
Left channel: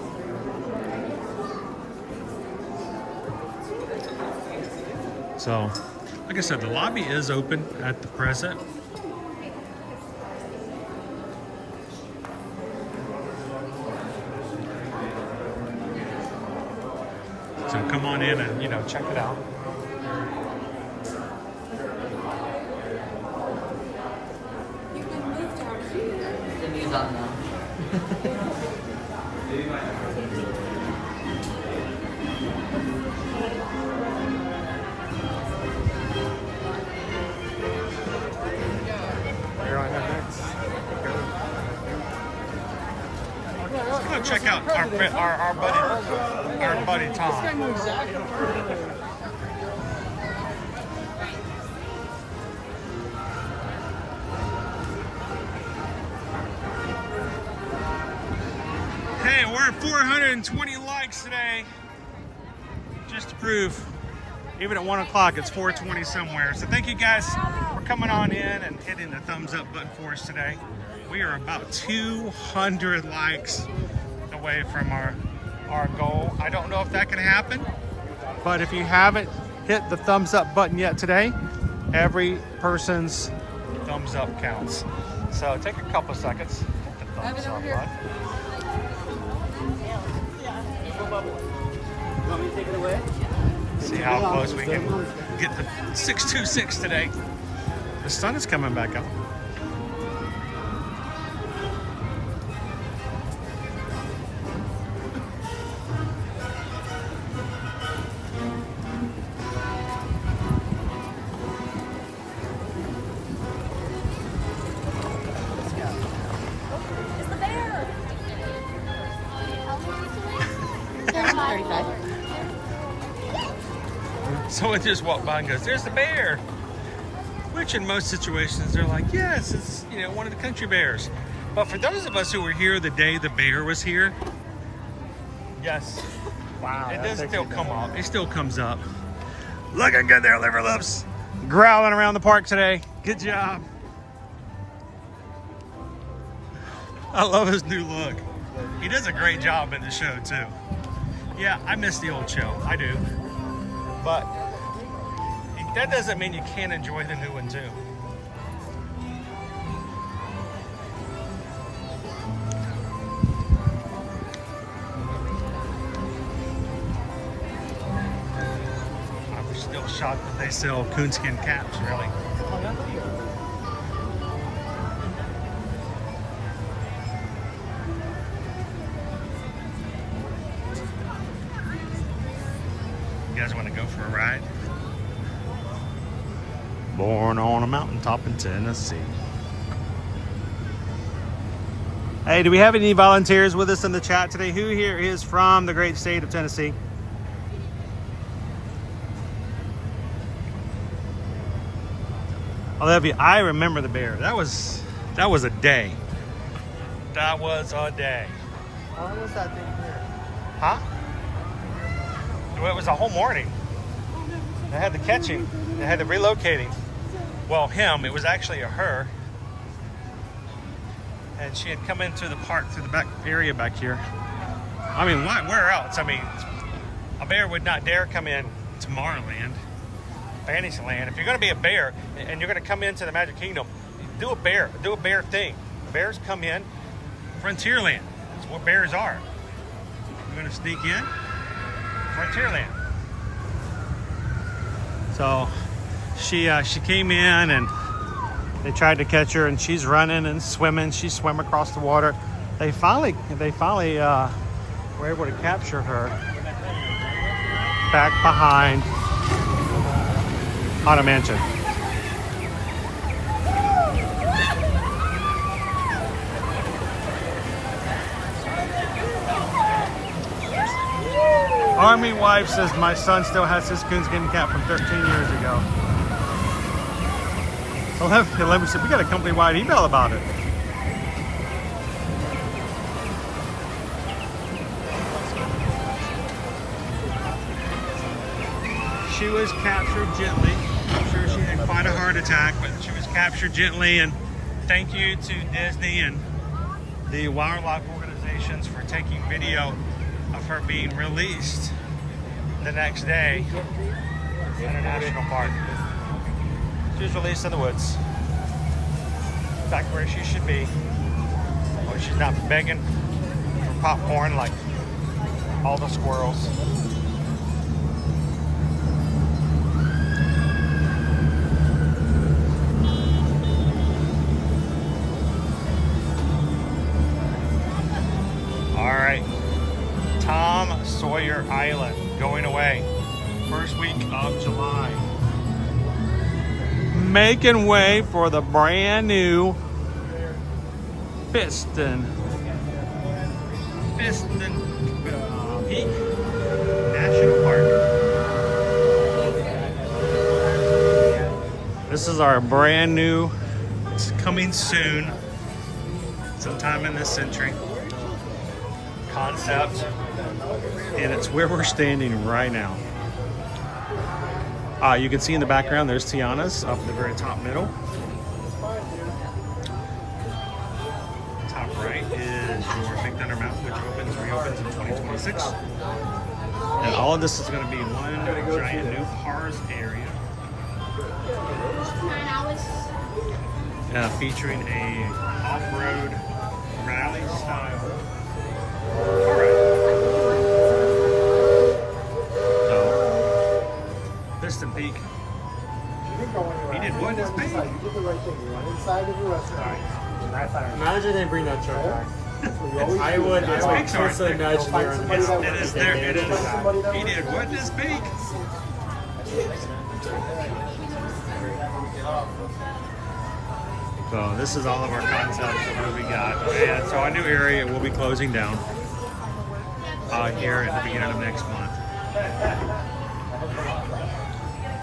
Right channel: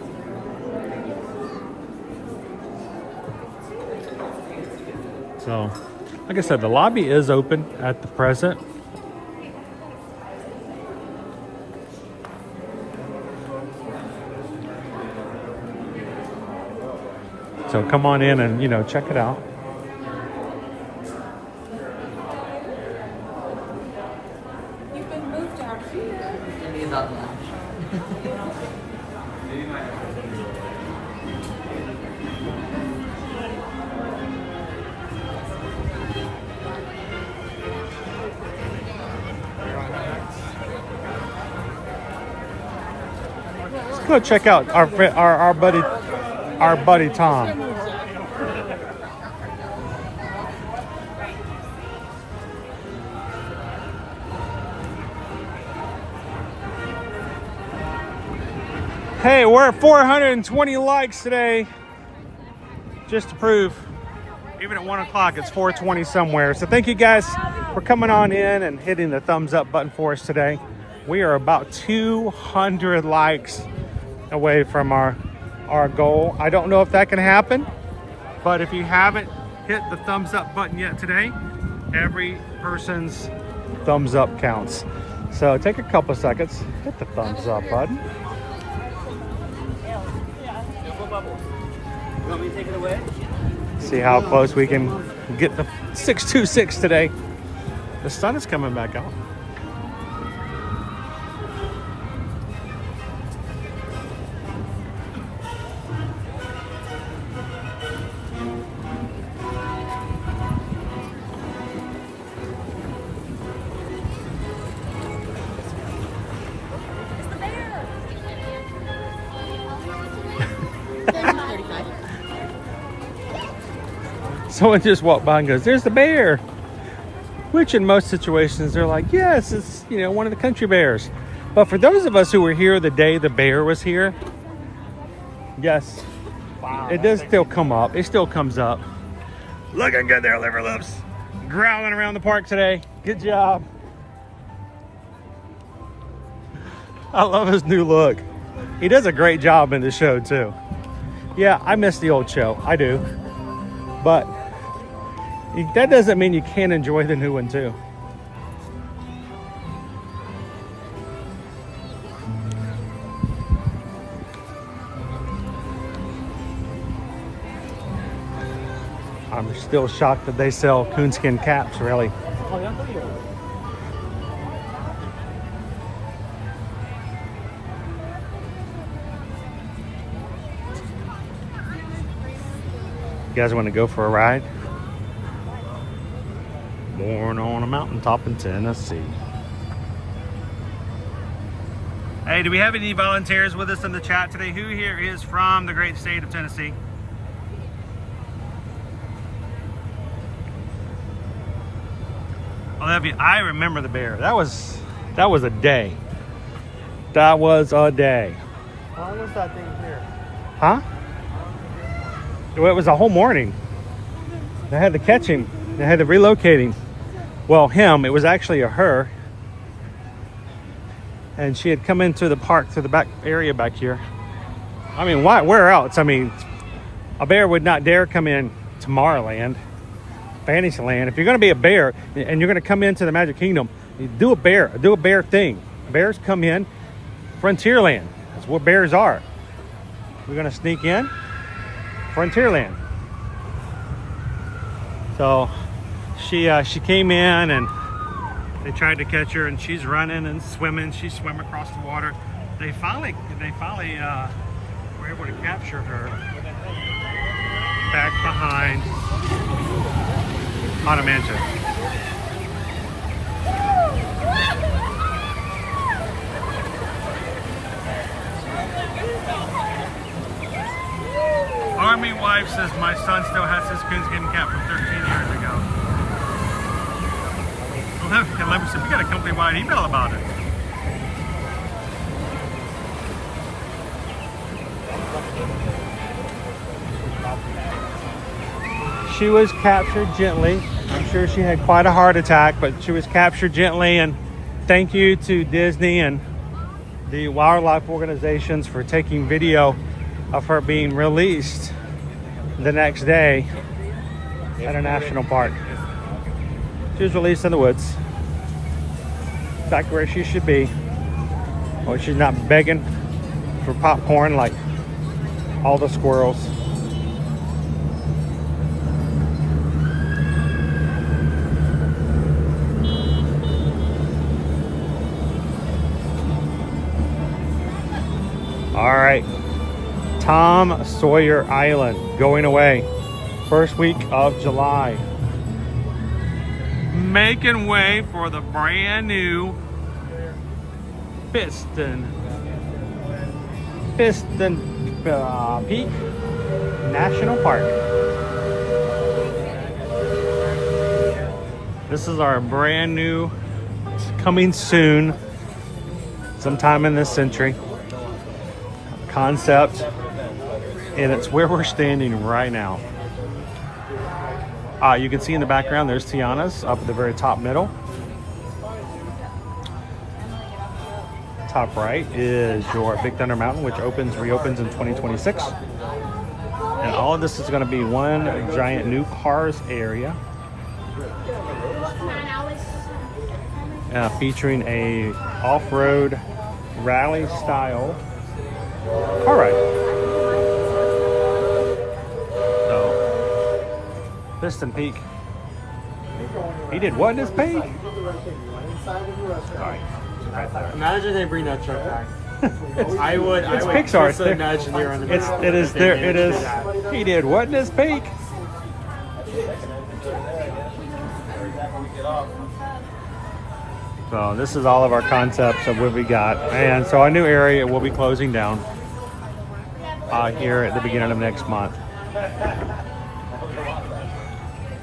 So, like I said, the lobby is open at the present. So come on in and, check it out. You've been moved to our feet. He's up now. Let's go check out our buddy Tom. Hey, we're at 420 likes today. Just to prove, even at 1 o'clock, it's 420 somewhere. So thank you guys for coming on in and hitting the thumbs up button for us today. We are about 200 likes away from our goal. I don't know if that can happen, but if you haven't hit the thumbs up button yet today, every person's thumbs up counts. So take a couple seconds, hit the thumbs up button. You want me to take it away? See how close we can get the 626 today. The sun is coming back out. Someone just walked by and goes, "There's the bear." Which in most situations they're like, yes, it's, you know, one of the country bears. But for those of us who were here the day the bear was here, yes, wow, it does still come up. It still comes up. Looking good there, Liver Lips. Growling around the park today. Good job. I love his new look. He does a great job in the show too. Yeah, I miss the old show. I do. But that doesn't mean you can't enjoy the new one too. I'm still shocked that they sell coonskin caps, really. Oh, yeah? You guys want to go for a ride? Born on a mountaintop in Tennessee. Hey, do we have any volunteers with us in the chat today? Who here is from the great state of Tennessee? Olivia, I remember the bear. That was a day. That was a day. Why is that thing here? Huh? Well, it was a whole morning. They had to catch him. They had to relocate him. Well, him, it was actually a her. And she had come into the park to the back area back here. I mean, why? Where else? I mean, a bear would not dare come in Tomorrowland, Fantasyland. If you're going to be a bear and you're going to come into the Magic Kingdom, you do a bear thing. Bears come in Frontierland. That's where bears are. We're going to sneak in Frontierland. So she came in and they tried to catch her, and she's running and swimming. She swam across the water. They finally were able to capture her back behind Haunted Mansion. Army wife says my son still has his coonskin cap from 13 years ago. 11 said we got a company-wide email about it. She was captured gently. I'm sure she had quite a heart attack, but she was captured gently, and thank you to Disney and the wildlife organizations for taking video of her being released the next day at a national park. She was released in the woods, back where she should be. Well, she's not begging for popcorn like all the squirrels. All right, Tom Sawyer Island going away, first week of July. Making way for the brand new Piston Peak National Park. This is our brand new, it's coming soon, sometime in this century, concept, and it's where we're standing right now. You can see in the background there's Tiana's up at the very top middle. Top right is your Big Thunder Mountain, which reopens in 2026. And all of this is going to be one giant new cars area. Featuring a off-road rally style car ride. So Piston Peak. He did what in his paint? Imagine they bring that truck back. I would Pixar. personally imagine they're on the It is there. It is. He did what in his peak? So this is all of our concepts of what we got, and so our new area will be closing down here at the beginning of next month.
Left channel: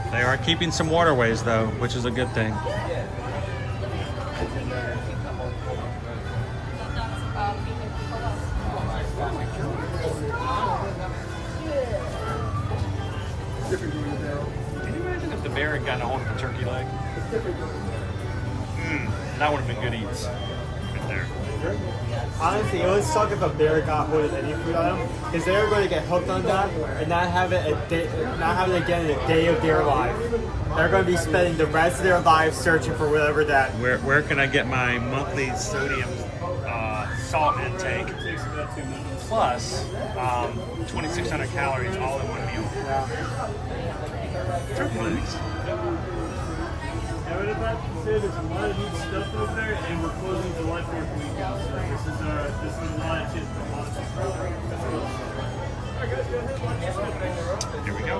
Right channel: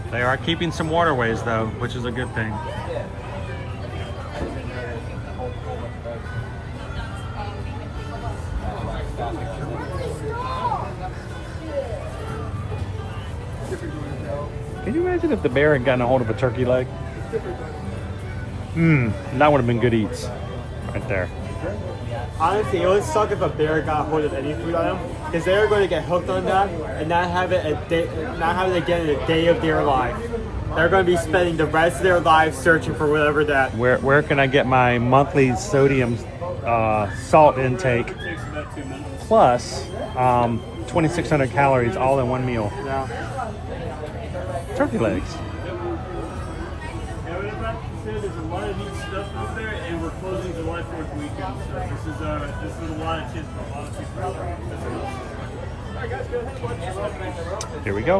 They are keeping some waterways though, which is a good thing. Can you imagine if the bear had gotten a hold of a turkey leg? That would have been good eats right there. Honestly, it would suck if a bear got hold of any food item, because they're going to get hooked on that and not have it again in a day of their life. They're going to be spending the rest of their life searching for whatever that. Where can I get my monthly sodium salt intake plus 2,600 calories all in one meal? Turkey legs. There's a lot of neat stuff over there, and we're closing July 4th weekend. So this is a lot of chance for a lot of people. Here we go.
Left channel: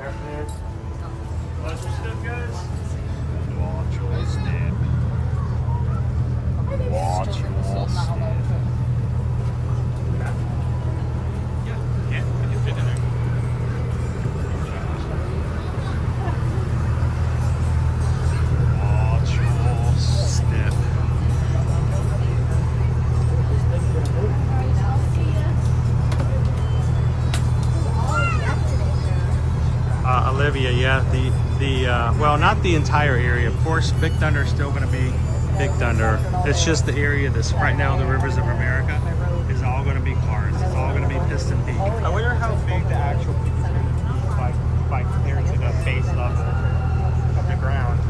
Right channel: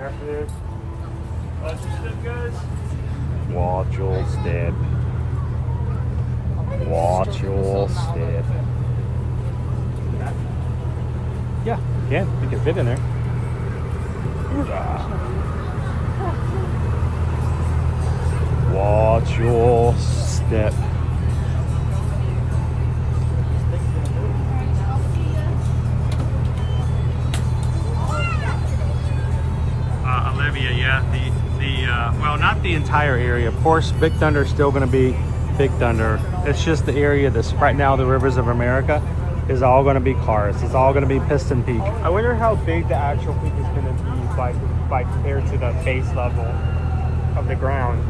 Afternoon. Watch your step, guys. Watch your step. Watch your step. Yeah, you can fit in there. Watch your step. Olivia, yeah, well, not the entire area. Of course, Big Thunder is still going to be Big Thunder. It's just the area that's right now the Rivers of America is all going to be cars. It's all going to be Piston Peak. I wonder how big the actual peak is going to be by compared to the base level of the ground.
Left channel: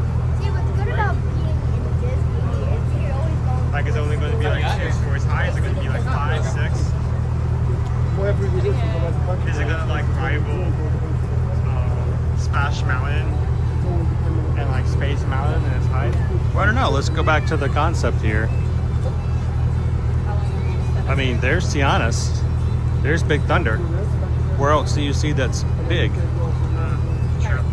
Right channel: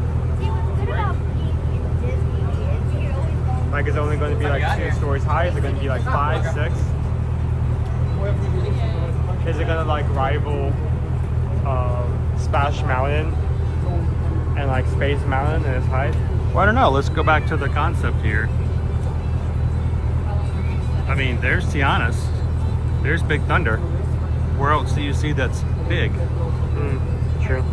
Like, it's only going to be like 6 stories high? Is it going to be like 5, 6? Is it going to like rival Splash Mountain and like Space Mountain in its height? Well, I don't know. Let's go back to the concept here. I mean, there's Tiana's. There's Big Thunder. Where else do you see that's big? True.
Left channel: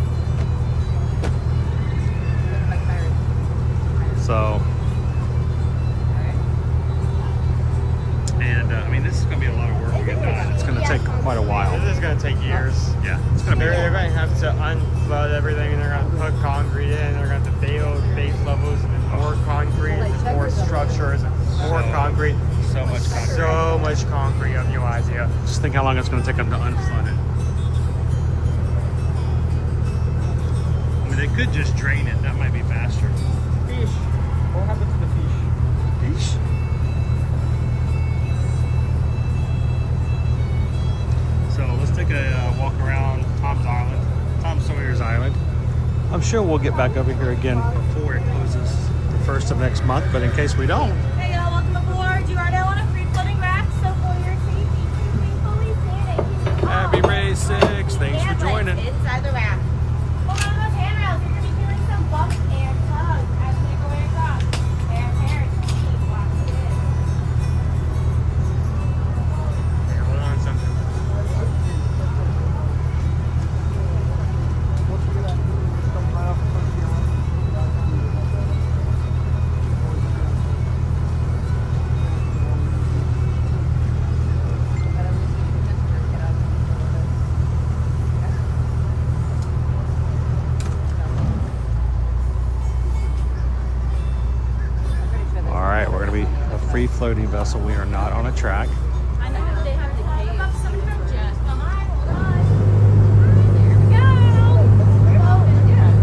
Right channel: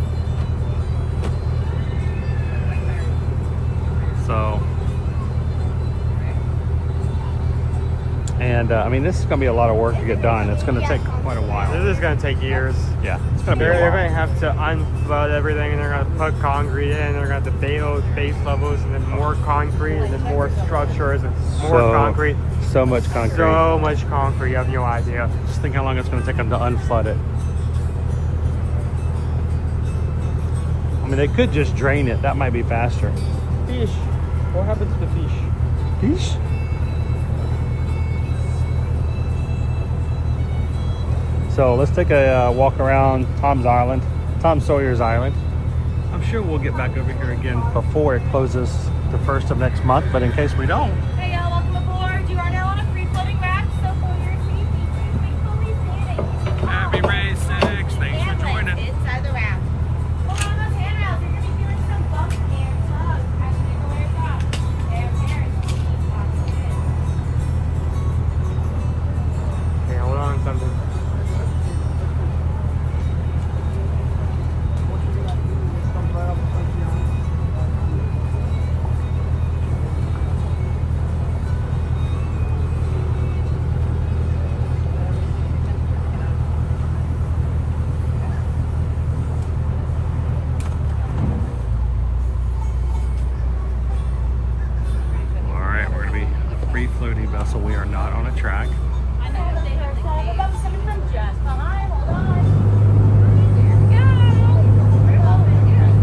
So, and I mean, this is going to be a lot of work to get done. It's going to take quite a while. This is going to take years. Yeah, it's going to be a while. They're going to have to unflood everything, and they're going to put concrete in. They're going to have to base levels, and then more concrete, and then more structures, and more concrete. So much concrete. So much concrete, you have no idea. Just think how long it's going to take them to unflood it. I mean, they could just drain it. That might be faster. Fish. What happened to the fish? Fish? So let's take a walk around Tom Sawyer's Island. I'm sure we'll get back over here again before it closes the 1st of next month, but in case we don't. Hey y'all, welcome aboard. You are now on a free floating raft, so for your seat, please stand. Happy Race 6. Thanks for joining. Inside the raft. Hold on those handrails. You're going to be feeling some bumps and tugs as we make our way across. Yeah, hold on something. Floating vessel. We are not on a track. I know they have to talk about something just behind. Hold on. There we go.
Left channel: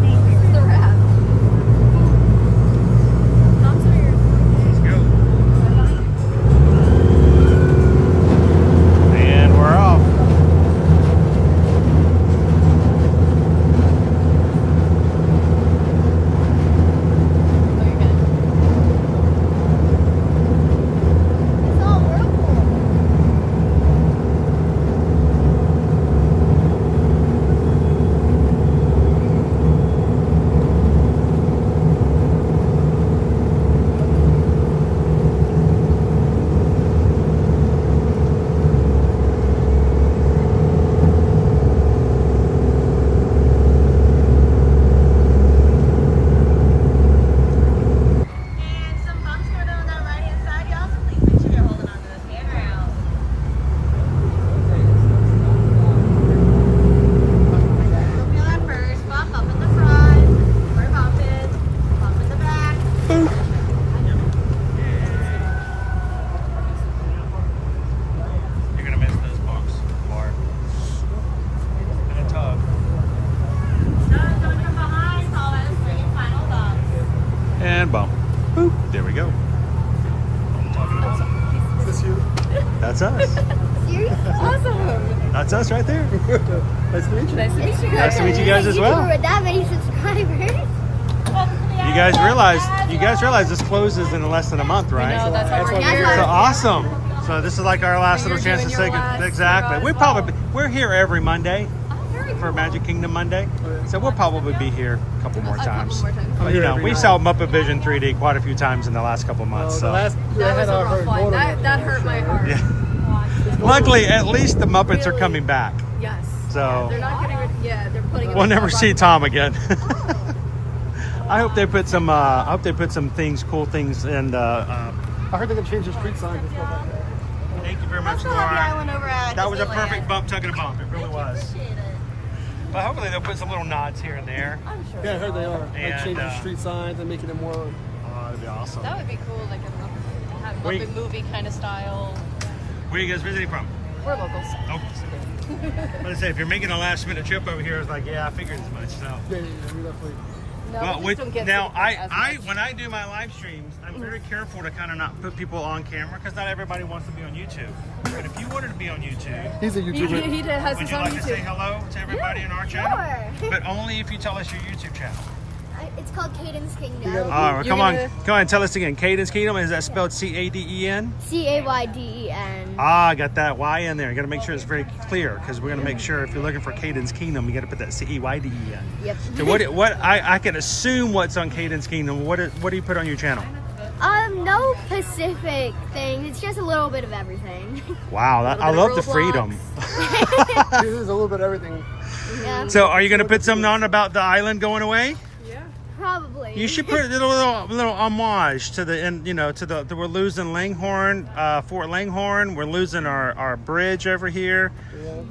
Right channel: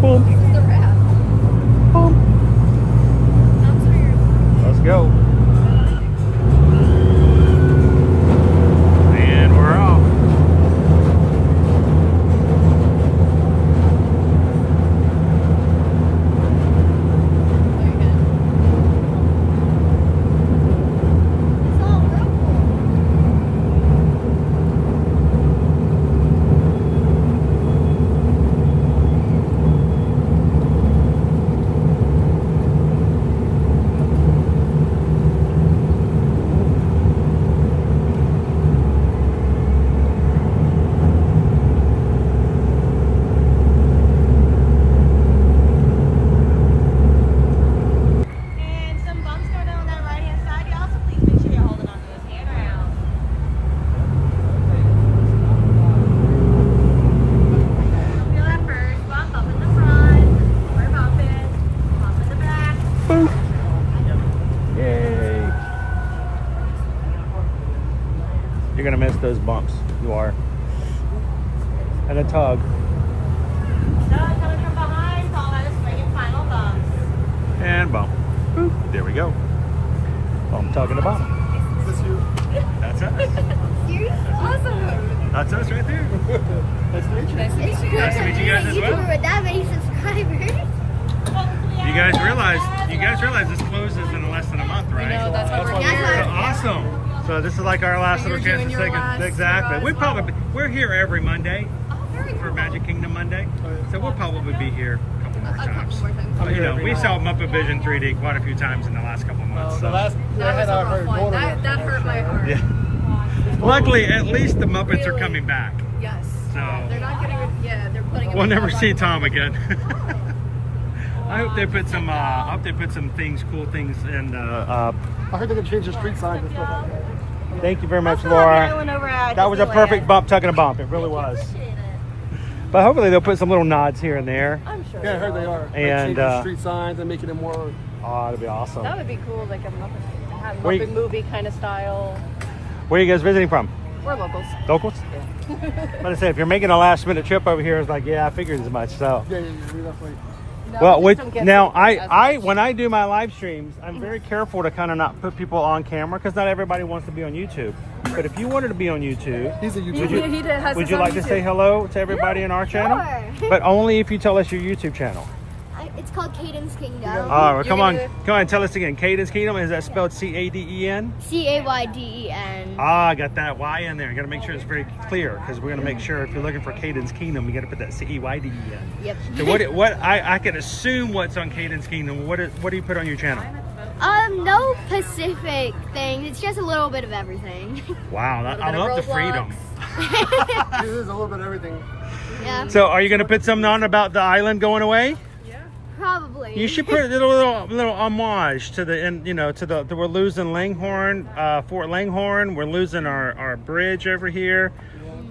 Boom. The raft. Boom. Let's go. And we're off. those bumps, Laura. And a tug. Coming from behind, pause, bring your final bump. And bump. Boop. There we go. I'm talking about. That's us. Awesome. That's us right there. Nice to meet you. Nice to meet you guys. Nice to meet you guys as well. We're that many subscribers. You guys realize this closes in less than a month, right? I know, that's why we're here. So awesome. So this is like our last little chance to say exactly. We're here every Monday for Magic Kingdom Monday. So we'll probably be here a couple more times. But you know, we saw Muppet Vision 3D quite a few times in the last couple months. So That was a rough one. That hurt my heart. yeah. Luckily, at least the Muppets are coming back. Yes. So They're not getting rid. Yeah, they're putting. we'll never see Tom again. I hope they put some. I hope they put some things, cool things, and I heard they're gonna change the street signs and stuff like that. Thank you very much, Laura. That was a perfect bump, tucking a bump. It really was. But hopefully they'll put some little nods here and there. I'm sure. Yeah, I heard they are. And like changing street signs and making it more. Oh, that'd be awesome. That would be cool, like a Wait. Muppet movie kind of style. Where are you guys visiting from? We're locals. Locals? But I say, if you're making a last minute trip over here, it's like, yeah, I figured as much. So. Yeah, we definitely. No, Well, we just don't get now to as I much. when I do my live streams, I'm very careful to kind of not put people on camera because not everybody wants to be on YouTube. But if you wanted to be on YouTube, he's a YouTuber. Would you like to say hello to everybody in our channel? Sure. But only if you tell us your YouTube channel. It's called Caden's Kingdom. All right, come on, and tell us again. Caden's Kingdom, is that spelled C-A-D-E-N? C-A-Y-D-E-N. Ah, I got that Y in there. You got to make sure it's very clear because we're going to make sure if you're looking for Caden's Kingdom, you got to put that C-E-Y-D-E-N. Yep. So what I can assume what's on Caden's Kingdom. What do you put on your channel? No specific thing. It's just a little bit of everything. Wow, I love the freedom. It is a little bit of everything. Yeah. So are you going to put something on about the island going away? Probably. You should put a little homage to the, and you know, to the we're losing Langhorne, Fort Langhorne. We're losing our bridge over here.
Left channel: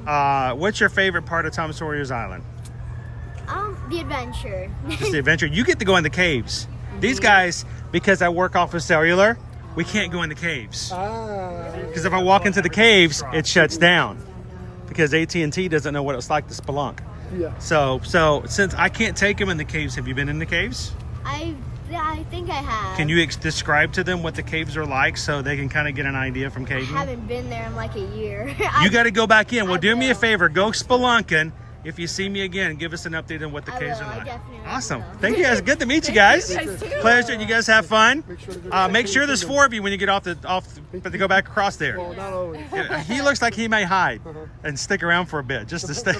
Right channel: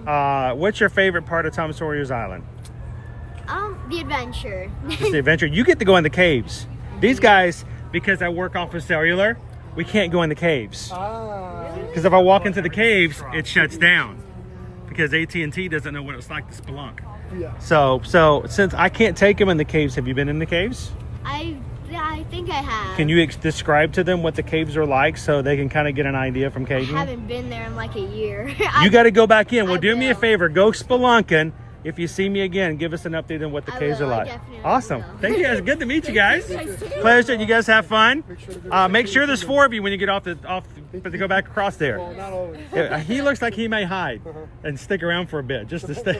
What's your favorite part of Tom Sawyer's Island? The adventure. Just the adventure. You get to go in the caves. These guys, because I work off of cellular, we can't go in the caves. Because if I walk into the caves, it shuts down. Because AT&T doesn't know what it's like to spelunk. Yeah. So since I can't take them in the caves, have you been in the caves? I think I have. Can you describe to them what the caves are like so they can kind of get an idea from Caden? I haven't been there in like a year. You got to go back in. Well, do me a favor. Go spelunking. If you see me again, give us an update on what the caves are like. Awesome. Thank you guys. Good to meet you guys. Pleasure. You guys have fun. Make sure there's 4 of you when you get off to go back across there. Yeah, he looks like he may hide and stick around for a bit just to stay.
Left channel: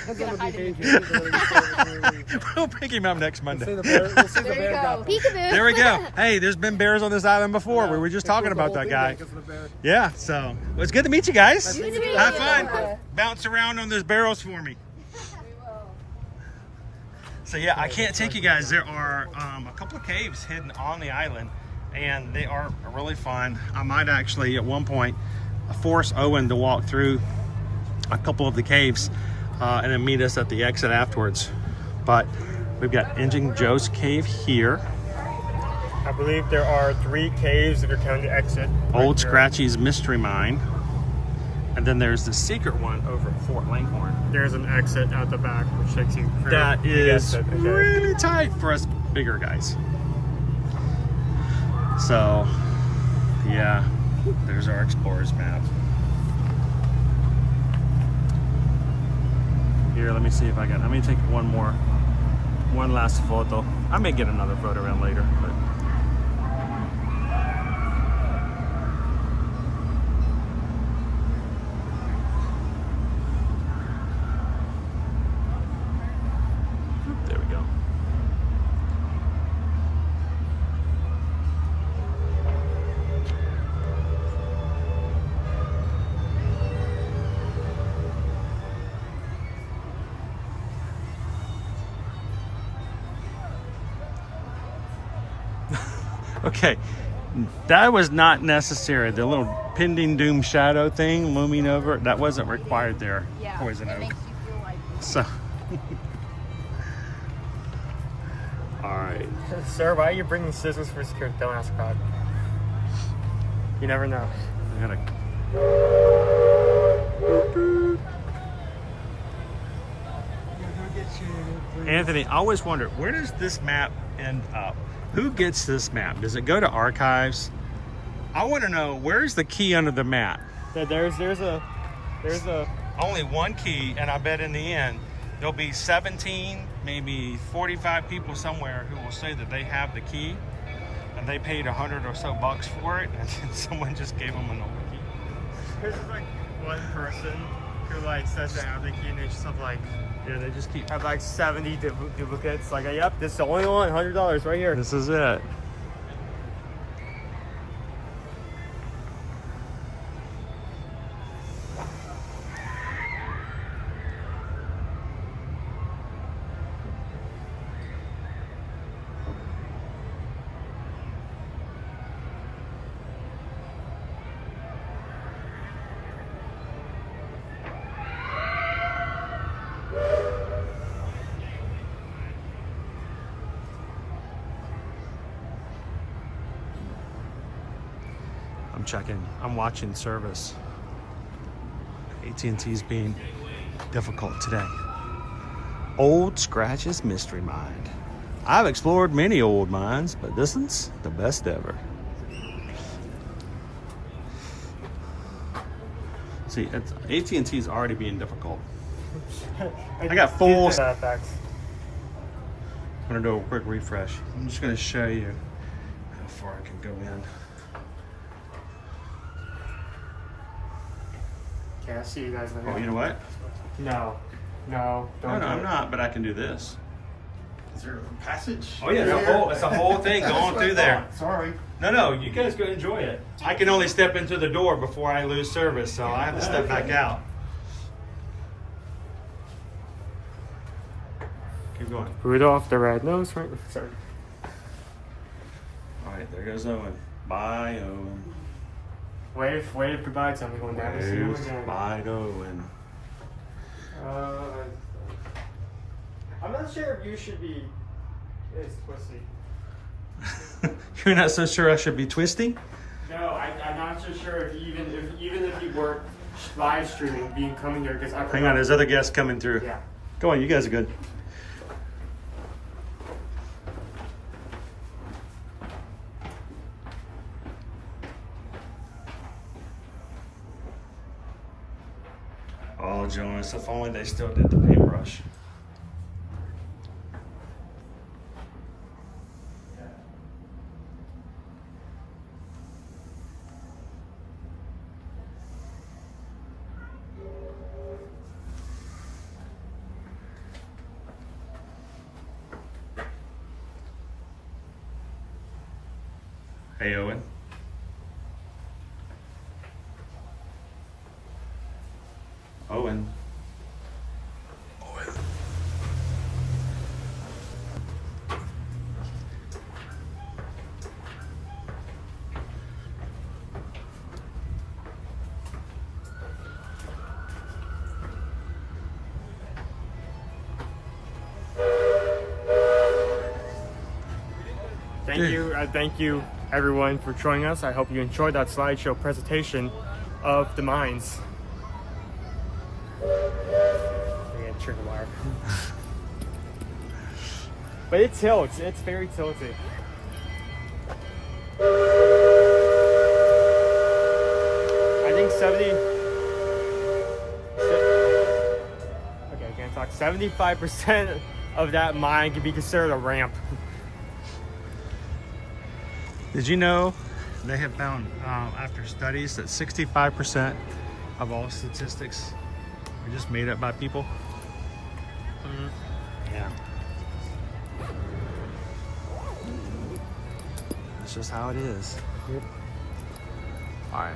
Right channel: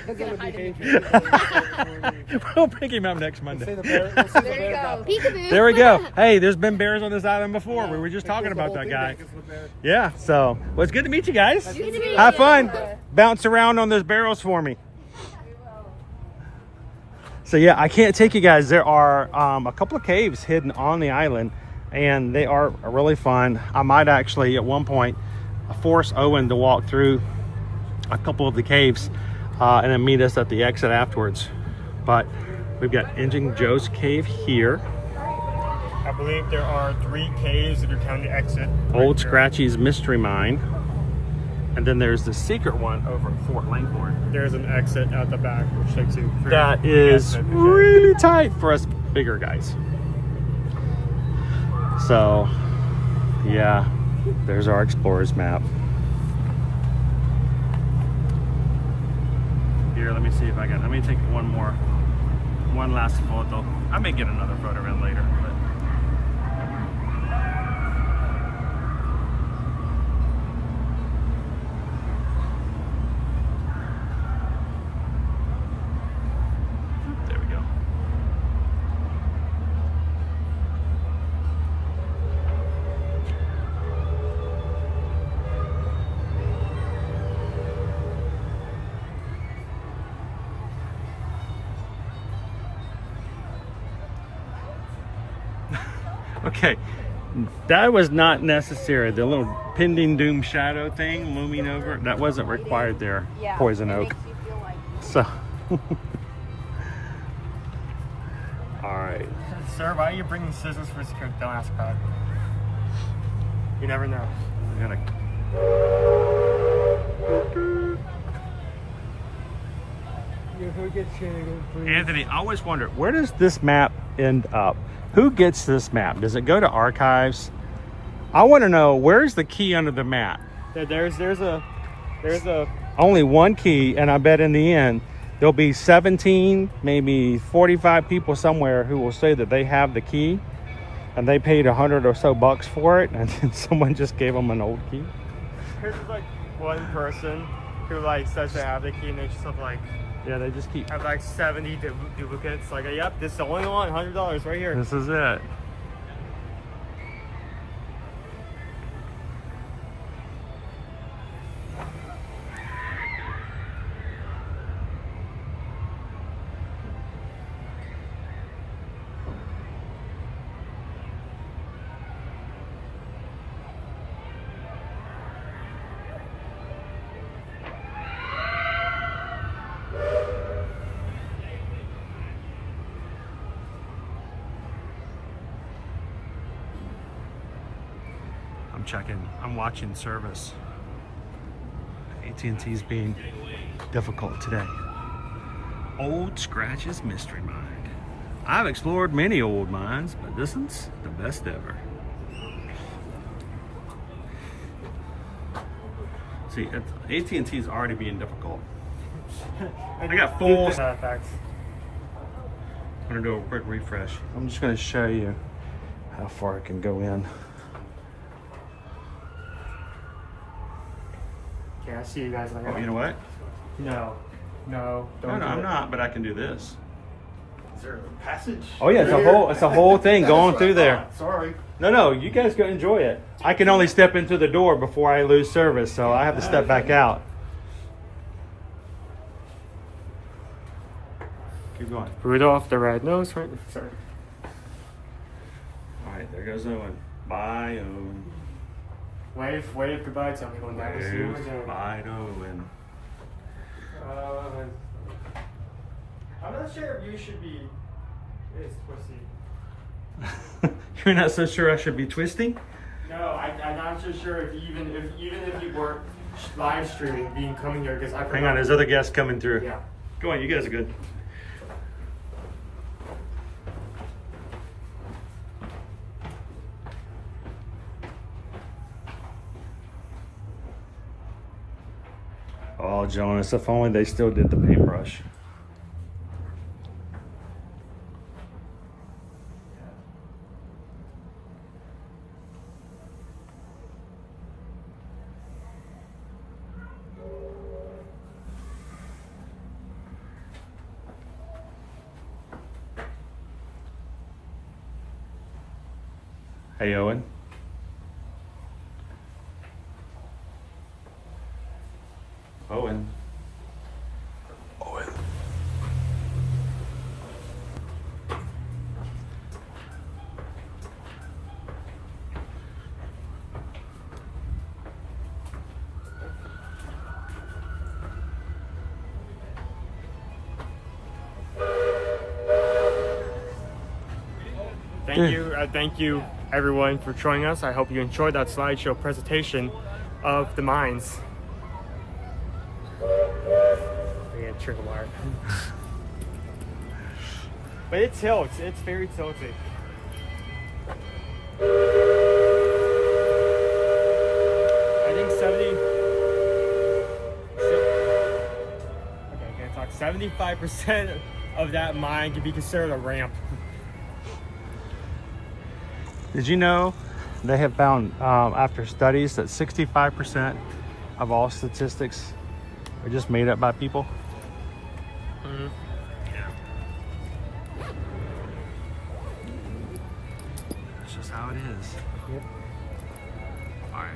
We'll pick him up next Monday. There you go. Peekaboo. There we go. Hey, there's been bears on this island before. We were just talking about that guy. Yeah, so well, it's good to meet you guys. Have fun. Bounce around on those barrels for me. So yeah, I can't take you guys. There are a couple of caves hidden on the island, and they are really fun. I might actually, at one point, force Owen to walk through a couple of the caves and then meet us at the exit afterwards. But we've got Engine Joe's cave here. I believe there are 3 caves that are kind of the exit. Old Scratchy's Mystery Mine. And then there's the secret one over at Fort Langhorne. There's an exit at the back, which takes you through. That is really tight for us bigger guys. So, yeah, there's our explorer's map. Here, let me see if I can. Let me take one last photo. I may get another photo in later. But. There we go. Okay, that was not necessary. The little pending doom shadow thing looming over, that wasn't required there, Poison Oak. So, all right. Sir, why are you bringing scissors for security? Don't ask God. You never know. I gotta. Anthony, I always wonder, where does this map end up? Who gets this map? Does it go to archives? I want to know, where's the key under the map? There's a Only one key, and I bet in the end, there'll be 17, maybe 45 people somewhere who will say that they have the key, and they paid $100 or so for it, and someone just gave them an old key. There's like one person who like says they have the key, and they just have like, yeah, they just keep have like 70 duplicates. Like, yep, this is the only one, $100 right here. This is it. I'm watching service. AT&T's being difficult today. Old Scratch's Mystery Mine. I've explored many old mines, but this one's the best ever. See, AT&T's already being difficult. I got full. I'm gonna do a quick refresh. I'm just gonna show you how far I can go in. Yeah, I see you guys later. Oh, you know what? No, I'm not, but I can do this. Is there a passage? Oh yeah, it's a whole thing going through there. Sorry. No, you guys go enjoy it. I can only step into the door before I lose service, so I have to step back out. Keep going. Rudolph the Red-Nosed Reindeer. Sorry. All right, there goes Owen. Bye, Owen. Wave goodbye to me going down to see him again. Bye, Owen. I'm not sure if you should be. It's twisty. You're not so sure I should be twisting? No, I'm not so sure if even if you were live streaming, being coming here because I. Hang on, there's other guests coming through. Yeah. Go on, you guys are good. Oh, jealous. If only they still did the paintbrush. Hey, Owen. Owen. Thank you everyone for joining us. I hope you enjoyed that slideshow presentation of the mines. Trickle wire. But it tilts, it's very tilted. I think 75% of that mine can be considered a ramp. Did you know they have found after studies that 65% of all statistics are just made up by people? Mm-hmm. Yeah. That's just how it is. Yep. All right,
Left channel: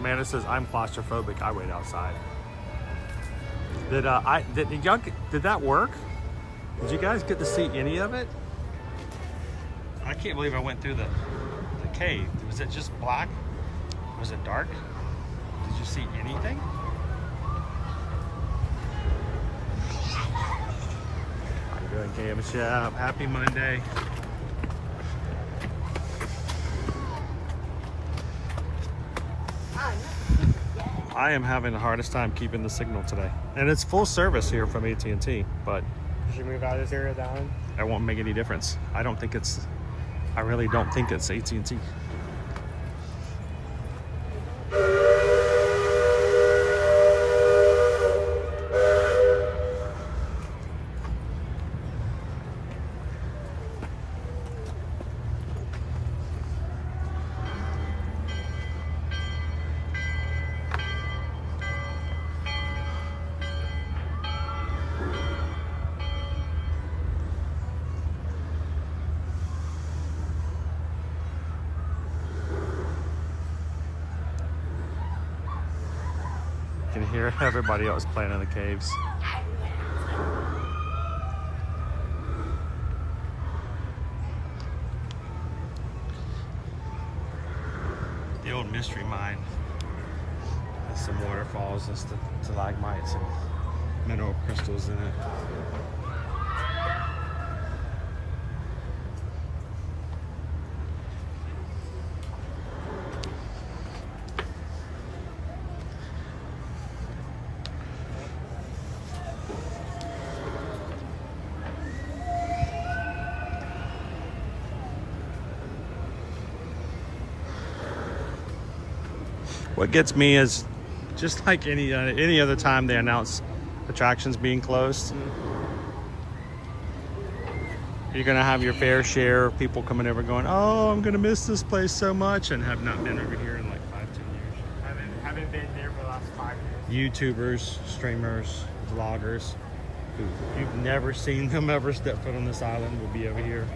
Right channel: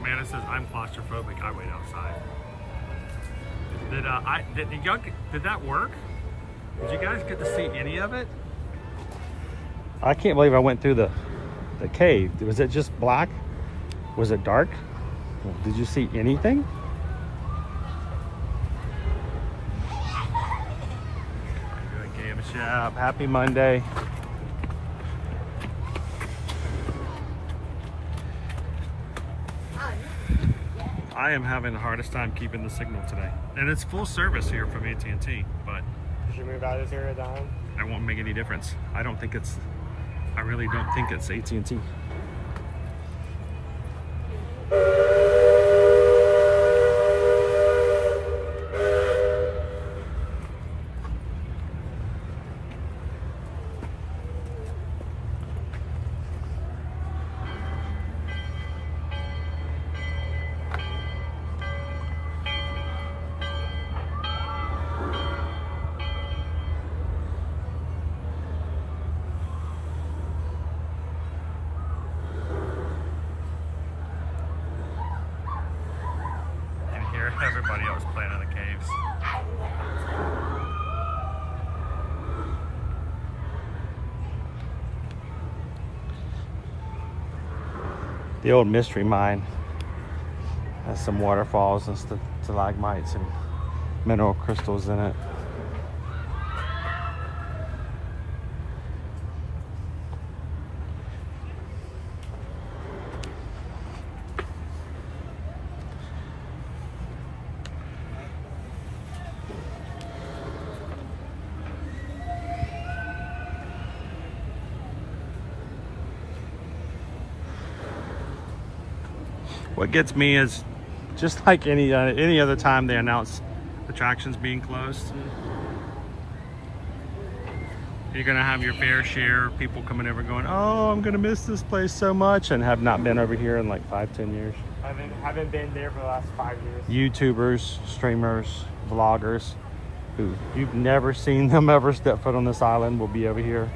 Amanda says I'm claustrophobic. I wait outside. Did that work? Did you guys get to see any of it? I can't believe I went through the cave. Was it just black? Was it dark? Did you see anything? How you doing, Cam? Shop? Happy Monday. I am having the hardest time keeping the signal today. And it's full service here from AT&T, but Should you move out of this area down? it won't make any difference. I really don't think it's AT&T. Hear everybody else playing in the caves. The old mystery mine has some waterfalls and stalagmites and mineral crystals in it. What gets me is just like any other time they announce attractions being closed, you're gonna have your fair share of people coming over going, oh, I'm gonna miss this place so much, and have not been over here in like 5-10 years. Haven't been there for the last 5 years. YouTubers, streamers, vloggers who you've never seen them ever step foot on this island will be over here.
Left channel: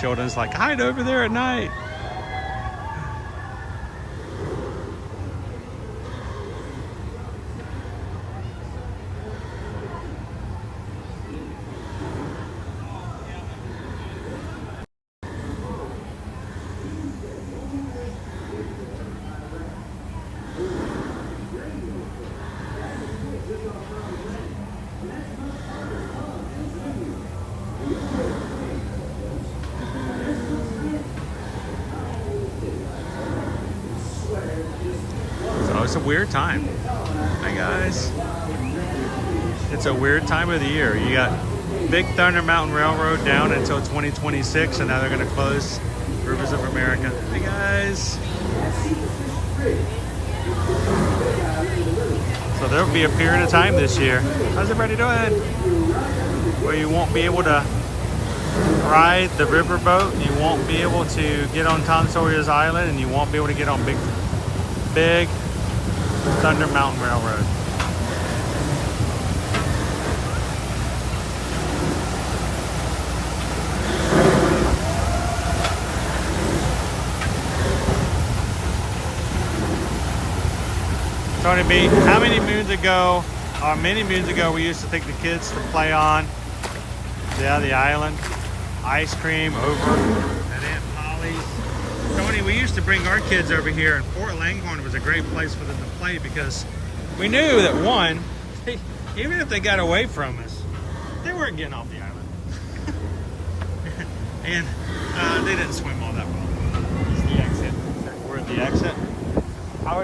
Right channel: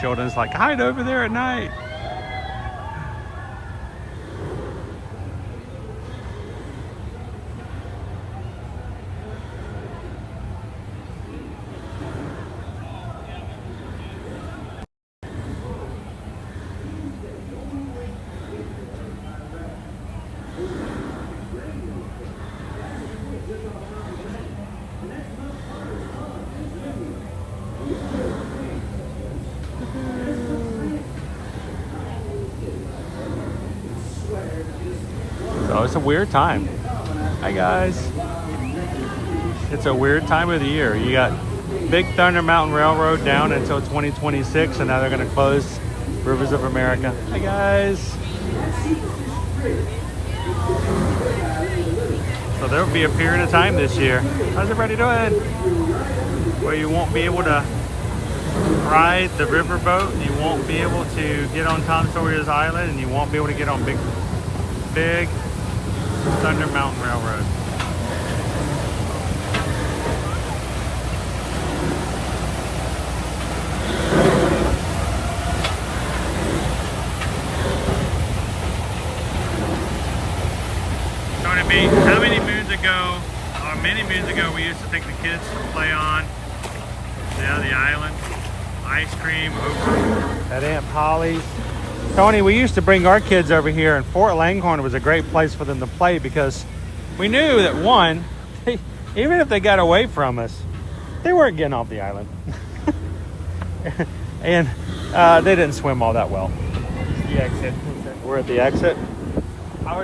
Sheldon's like, hide over there at night. So it's a weird time. Hi guys. It's a weird time of the year. You got Big Thunder Mountain Railroad down until 2026, and now they're going to close Rivers of America. Hi guys. So there will be a period of time this year. How's everybody doing? Where you won't be able to ride the riverboat, you won't be able to get on Tom Sawyer's Island, and you won't be able to get on Big Thunder Mountain Railroad. Tony B, how many moons ago, or many moons ago, we used to take the kids to play on the island? Ice cream over at Aunt Polly's. Tony, we used to bring our kids over here, and Fort Langhorne was a great place for them to play because we knew that, one, even if they got away from us, they weren't getting off the island. And they didn't swim all that well. The exit. We're at the exit. I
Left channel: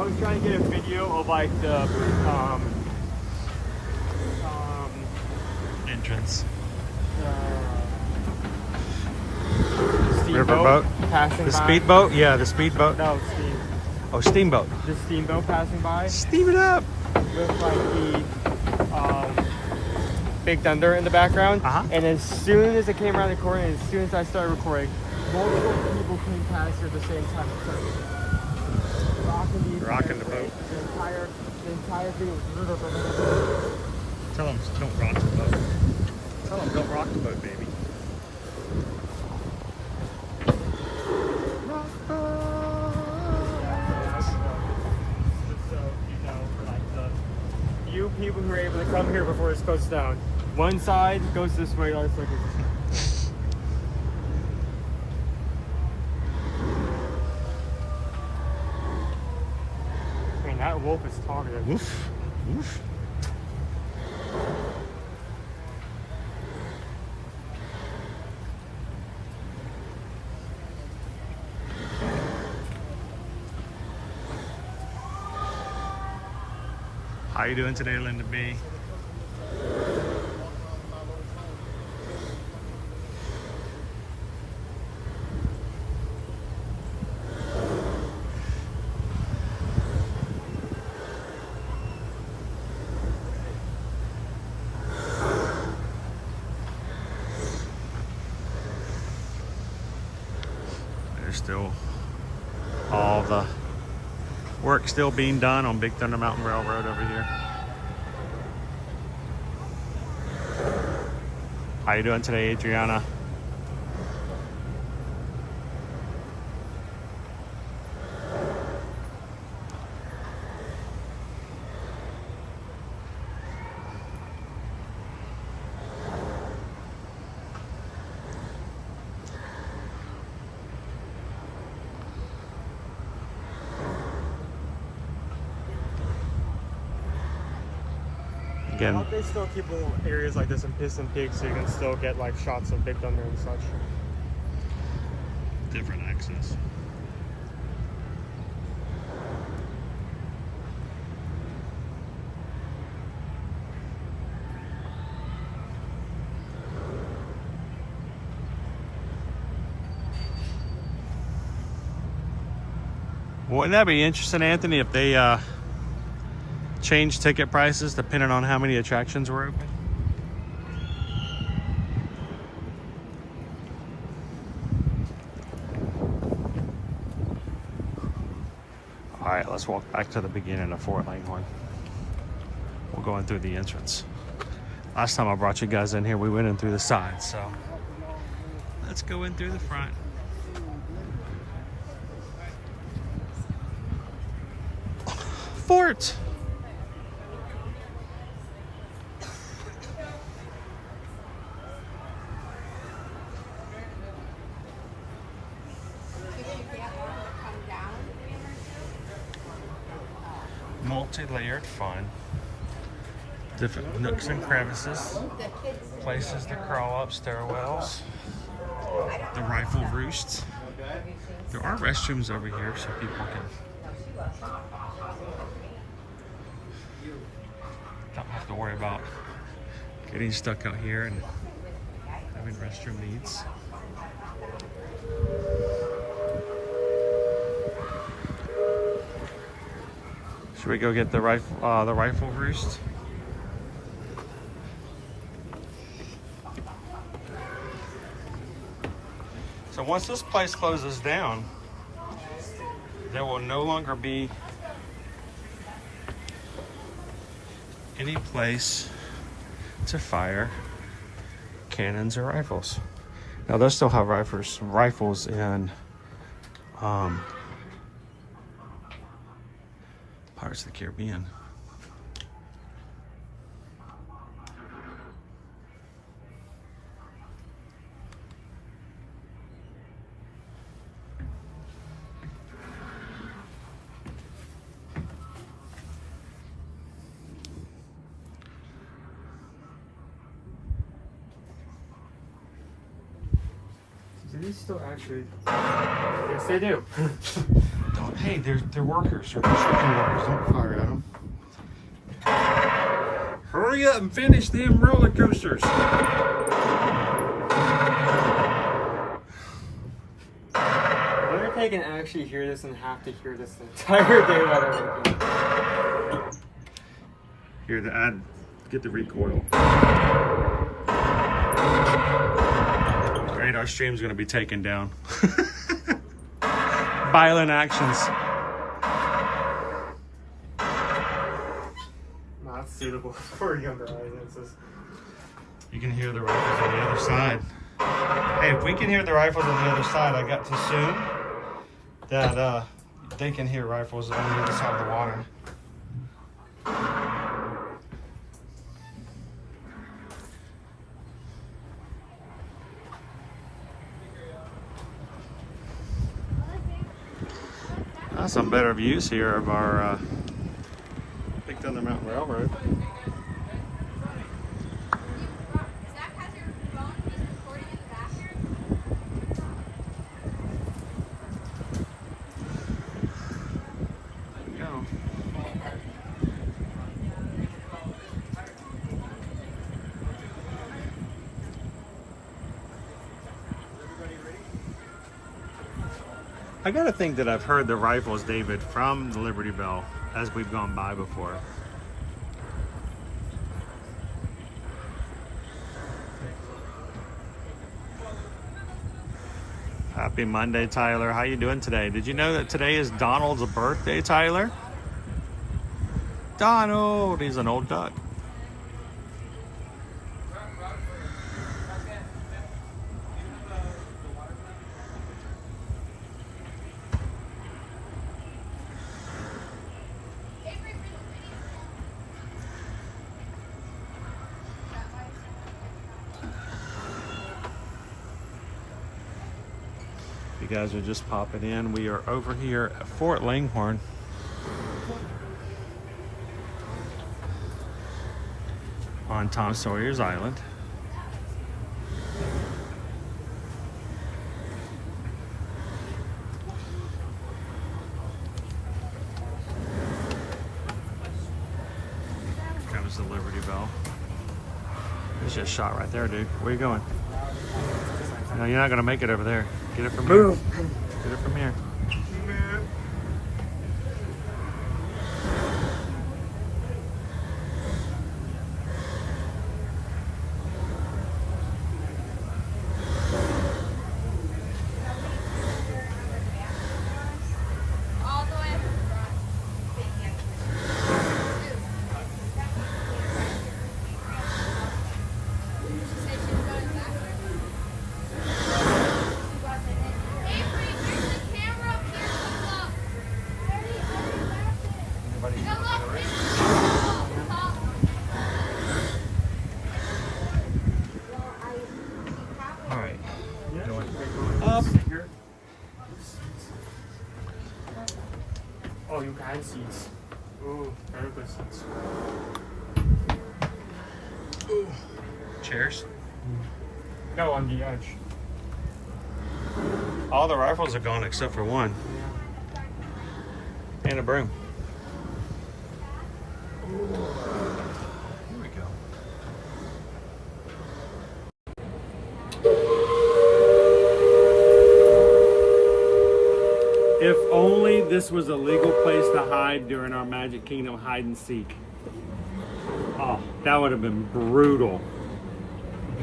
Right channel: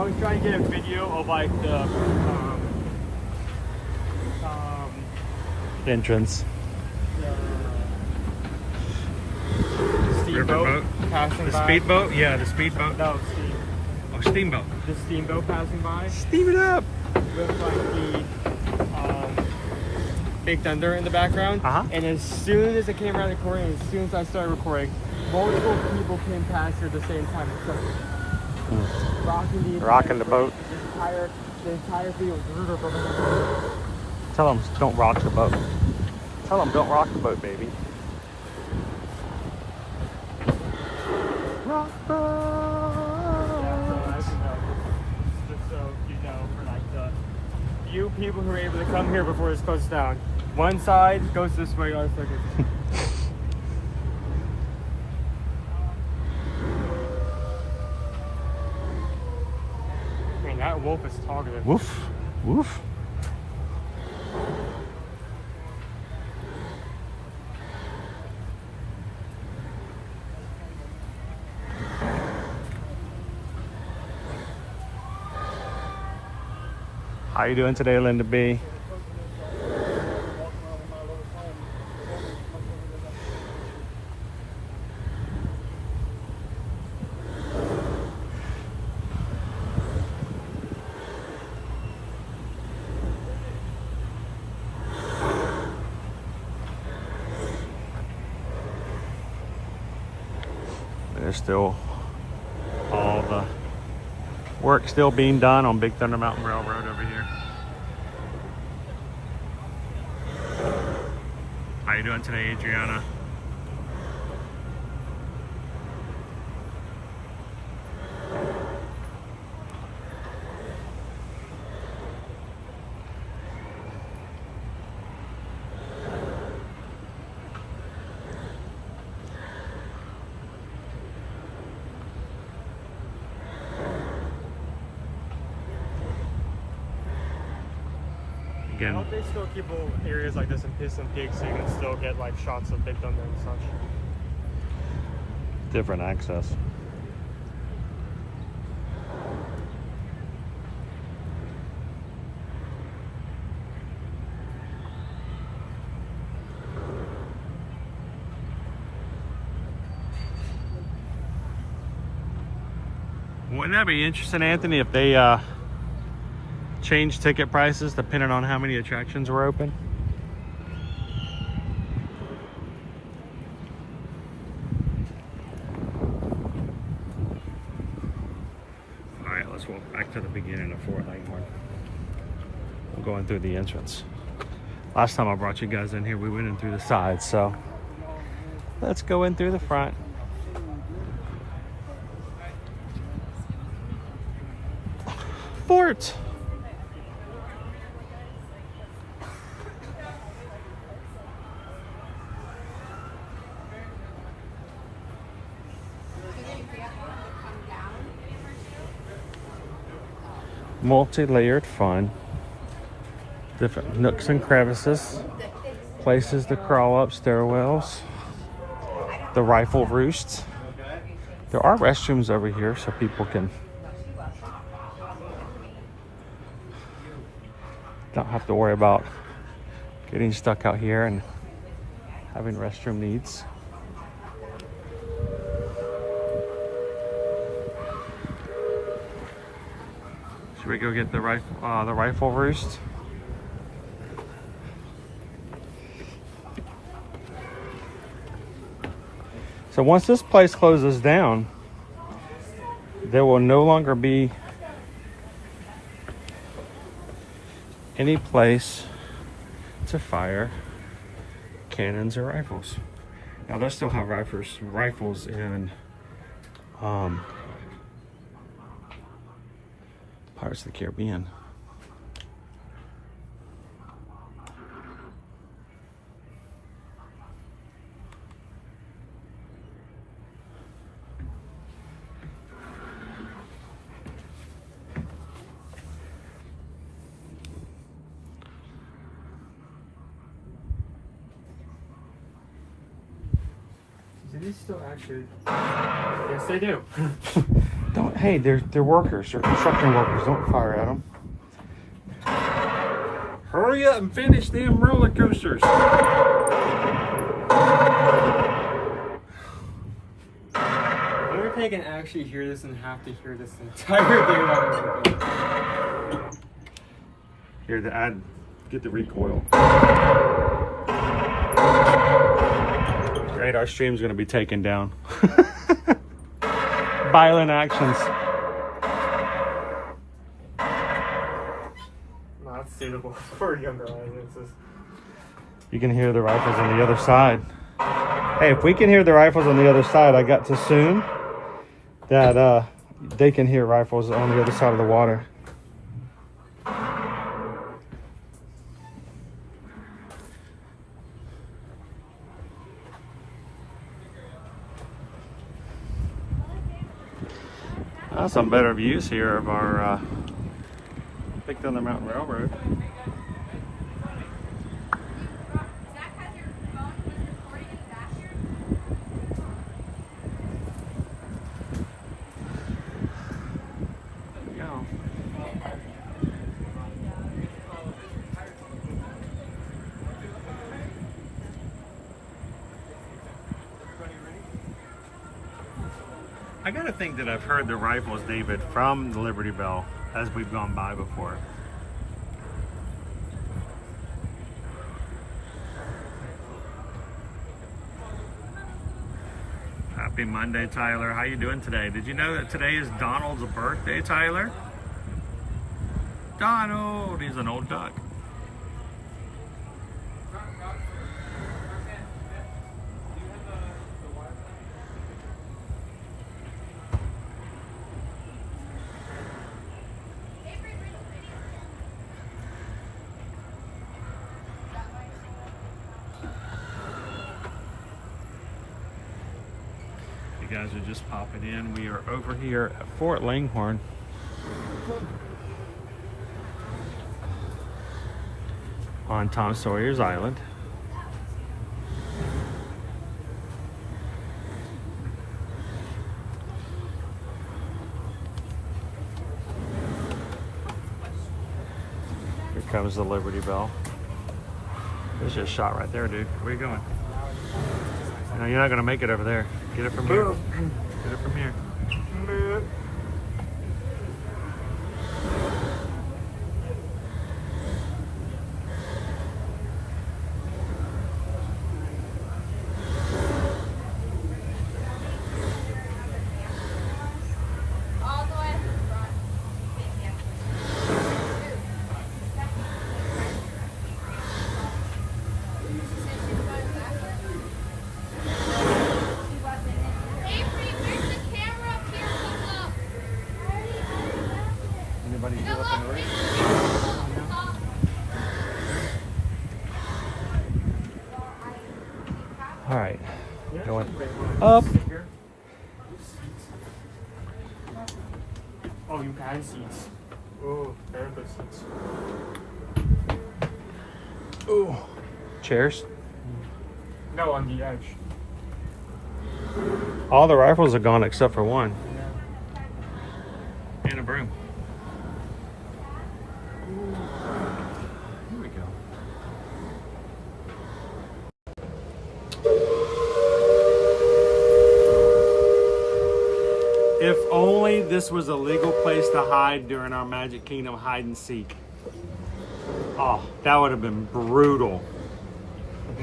was trying to get a video of like the entrance. Riverboat passing the speedboat? Yeah, the speedboat. No, steam. Oh, steamboat. The steamboat passing by. Steam it up. With like the Big Thunder in the background. And as soon as it came around the corner, and as soon as I started recording, multiple people came past at the same time. Rocking the boat. The entire thing. Tell them don't rock the boat. Tell them don't rock the boat, baby. Rock boat. doors close down. One side goes this way, the other side goes this way. Man, that wolf is talkative. Woof, woof. How you doing today, Linda B? There's still all the work still being done on Big Thunder Mountain Railroad over here. How you doing today, Adriana? Again, They still keep areas like this in Piss and Pig so you can still get like shots of Big Thunder and such. different access. Wouldn't that be interesting, Anthony, if they change ticket prices depending on how many attractions were open? All right, let's walk back to the beginning of Fort Langhorne. We're going through the entrance. Last time I brought you guys in here, we went in through the sides, so let's go in through the front. Fort! Multi-layered fun. Different nooks and crevices. Places to crawl up, stairwells. The rifle roosts. There are restrooms over here so people can don't have to worry about getting stuck out here and having restroom needs. Should we go get the rifle roost? So once this place closes down, there will no longer be any place to fire cannons or rifles. Now they'll still have rifles in Pirates of the Caribbean. Do these still actually? Yes, they do. Don't, hey, they're workers. They're construction workers. Don't fire at them. Hurry up and finish them roller coasters. I wonder if they can actually hear this and have to hear this the entire day. Here, get the recoil. Great, our stream's gonna be taken down. Violent actions. Not suitable for younger audiences. You can hear the rifles on the other side. Hey, if we can hear the rifles on the other side, I got to assume that they can hear rifles on the other side of the water. Some better views here of our Big Thunder Mountain Railroad. There we go. I gotta think that I've heard the rifles, David, from the Liberty Bell as we've gone by before. Happy Monday, Tyler. How you doing today? Did you know that today is Donald's birthday, Tyler? Donald, he's an old duck. You guys are just popping in. We are over here at Fort Langhorne. On Tom Sawyer's Island. Here comes the Liberty Bell. There's your shot right there, dude. Where are you going? No, you're not gonna make it over there. Get it from here. Get it from here. Alright, going up. Oh, you had seats. Oh, very good seats. Ooh. Chairs? No, on the edge. All the rifles are gone except for one. And a broom. Here we go. If only this was a legal place to hide during our Magic Kingdom hide and seek. Oh, that would have been brutal.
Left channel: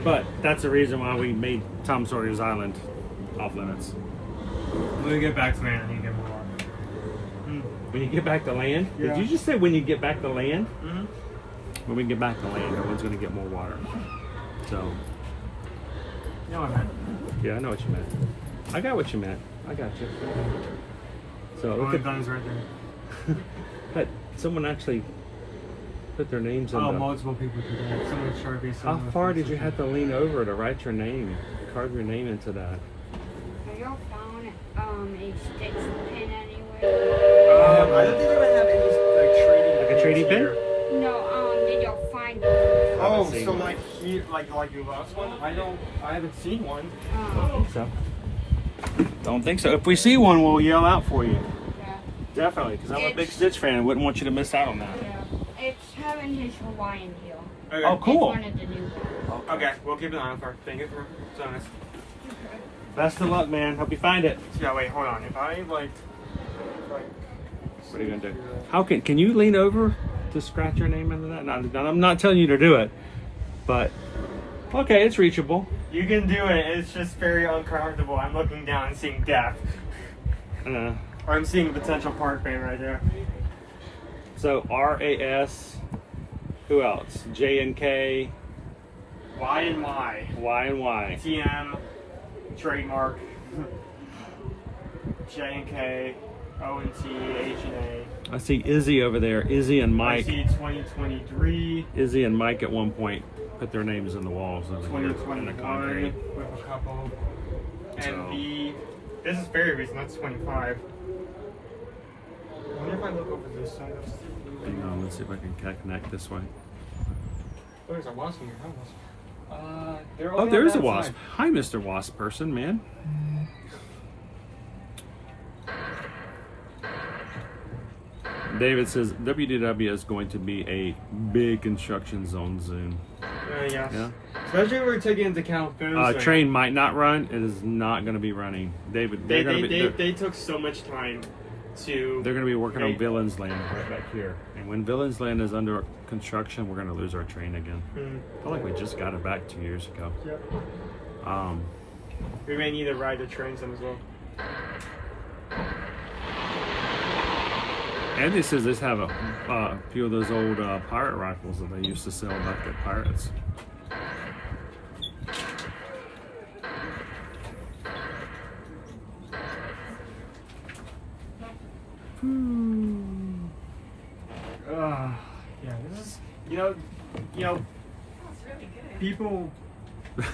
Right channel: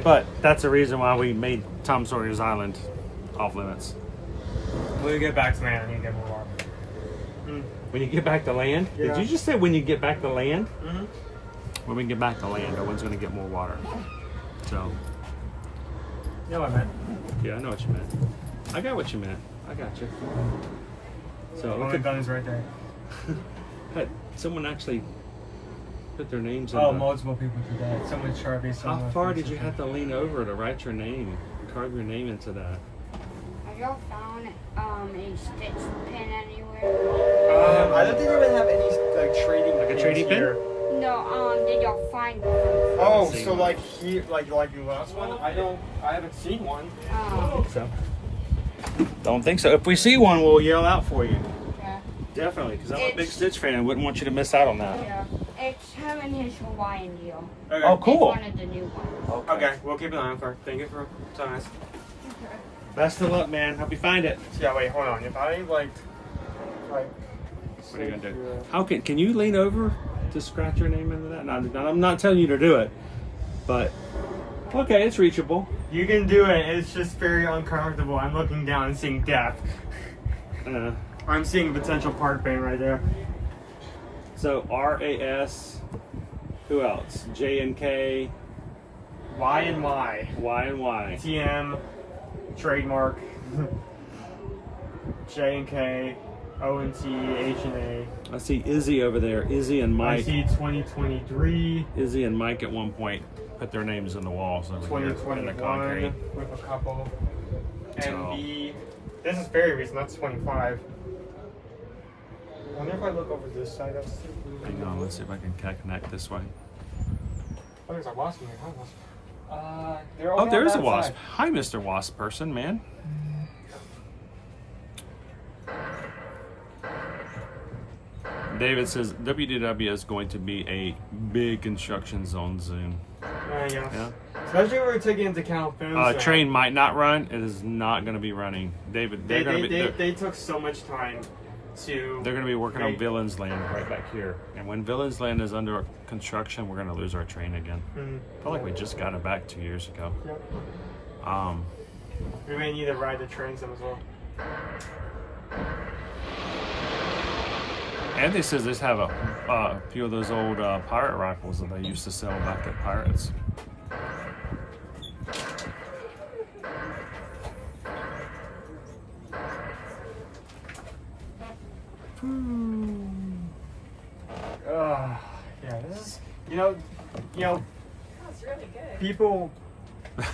But that's the reason why we made Tom Sawyer's Island off limits. When we get back to land, I need to get more. When you get back to land? Yeah. Did you just say when you get back to land? Mm-hmm. When we get back to land, everyone's going to get more water. So. You know what I meant. Yeah, I know what you meant. I got what you meant. I got you. So. Oh, my gun is right there. But someone actually put their names in. Oh, multiple people did that. Someone Sharpie. How far did you have to lean over to write your name? Carve your name into that? Y'all found a stitch pin anywhere? I don't think they even have any like trading. A trading pin? No, did y'all find Oh, so like here, like your last one? I haven't seen one. So. Don't think so. If we see one, we'll yell out for you. Yeah. Definitely, because I'm a big Stitch fan and wouldn't want you to miss out on that. Yeah. It's him and his Hawaiian deal. Okay. Oh, cool. It's one of the new ones. Okay, we'll keep an eye out for it. Thank you for telling us. Best of luck, man. Hope you find it. Yeah, wait, hold on. If I like. What are you gonna do? How can you lean over to scratch your name into that? No, I'm not telling you to do it, but okay, it's reachable. You can do it. It's just very uncomfortable. I'm looking down and seeing death. Or I'm seeing a potential park ban right there. So RAS. Who else? J and K. Y and Y. Y and Y. TM. Trademark. J and K. O and T. H and A. I see Izzy over there. Izzy and Mike. I see 2023. Izzy and Mike at one point put their names on the walls over here in the concrete. With a couple. And So. this is very recent. That's 25. wonder if I look over this side. Hang on, let's see if I can connect this way. Oh, there's a wasp in here. Oh, there's a wasp. Hi, Mr. Wasp person, man. David says WDW is going to be a big construction zone soon. Yeah. Especially if we're taking into account Train might not run. It is not going to be running. David, they took so much time to. They're going to be working on Villains Land right back here. And when Villains Land is under construction, we're going to lose our train again. I feel like we just got it back 2 years ago. Yep. We may need to ride the trains as well. Andy says they have a few of those old pirate rifles that they used to sell back at Pirates. Yeah, this is, you know, people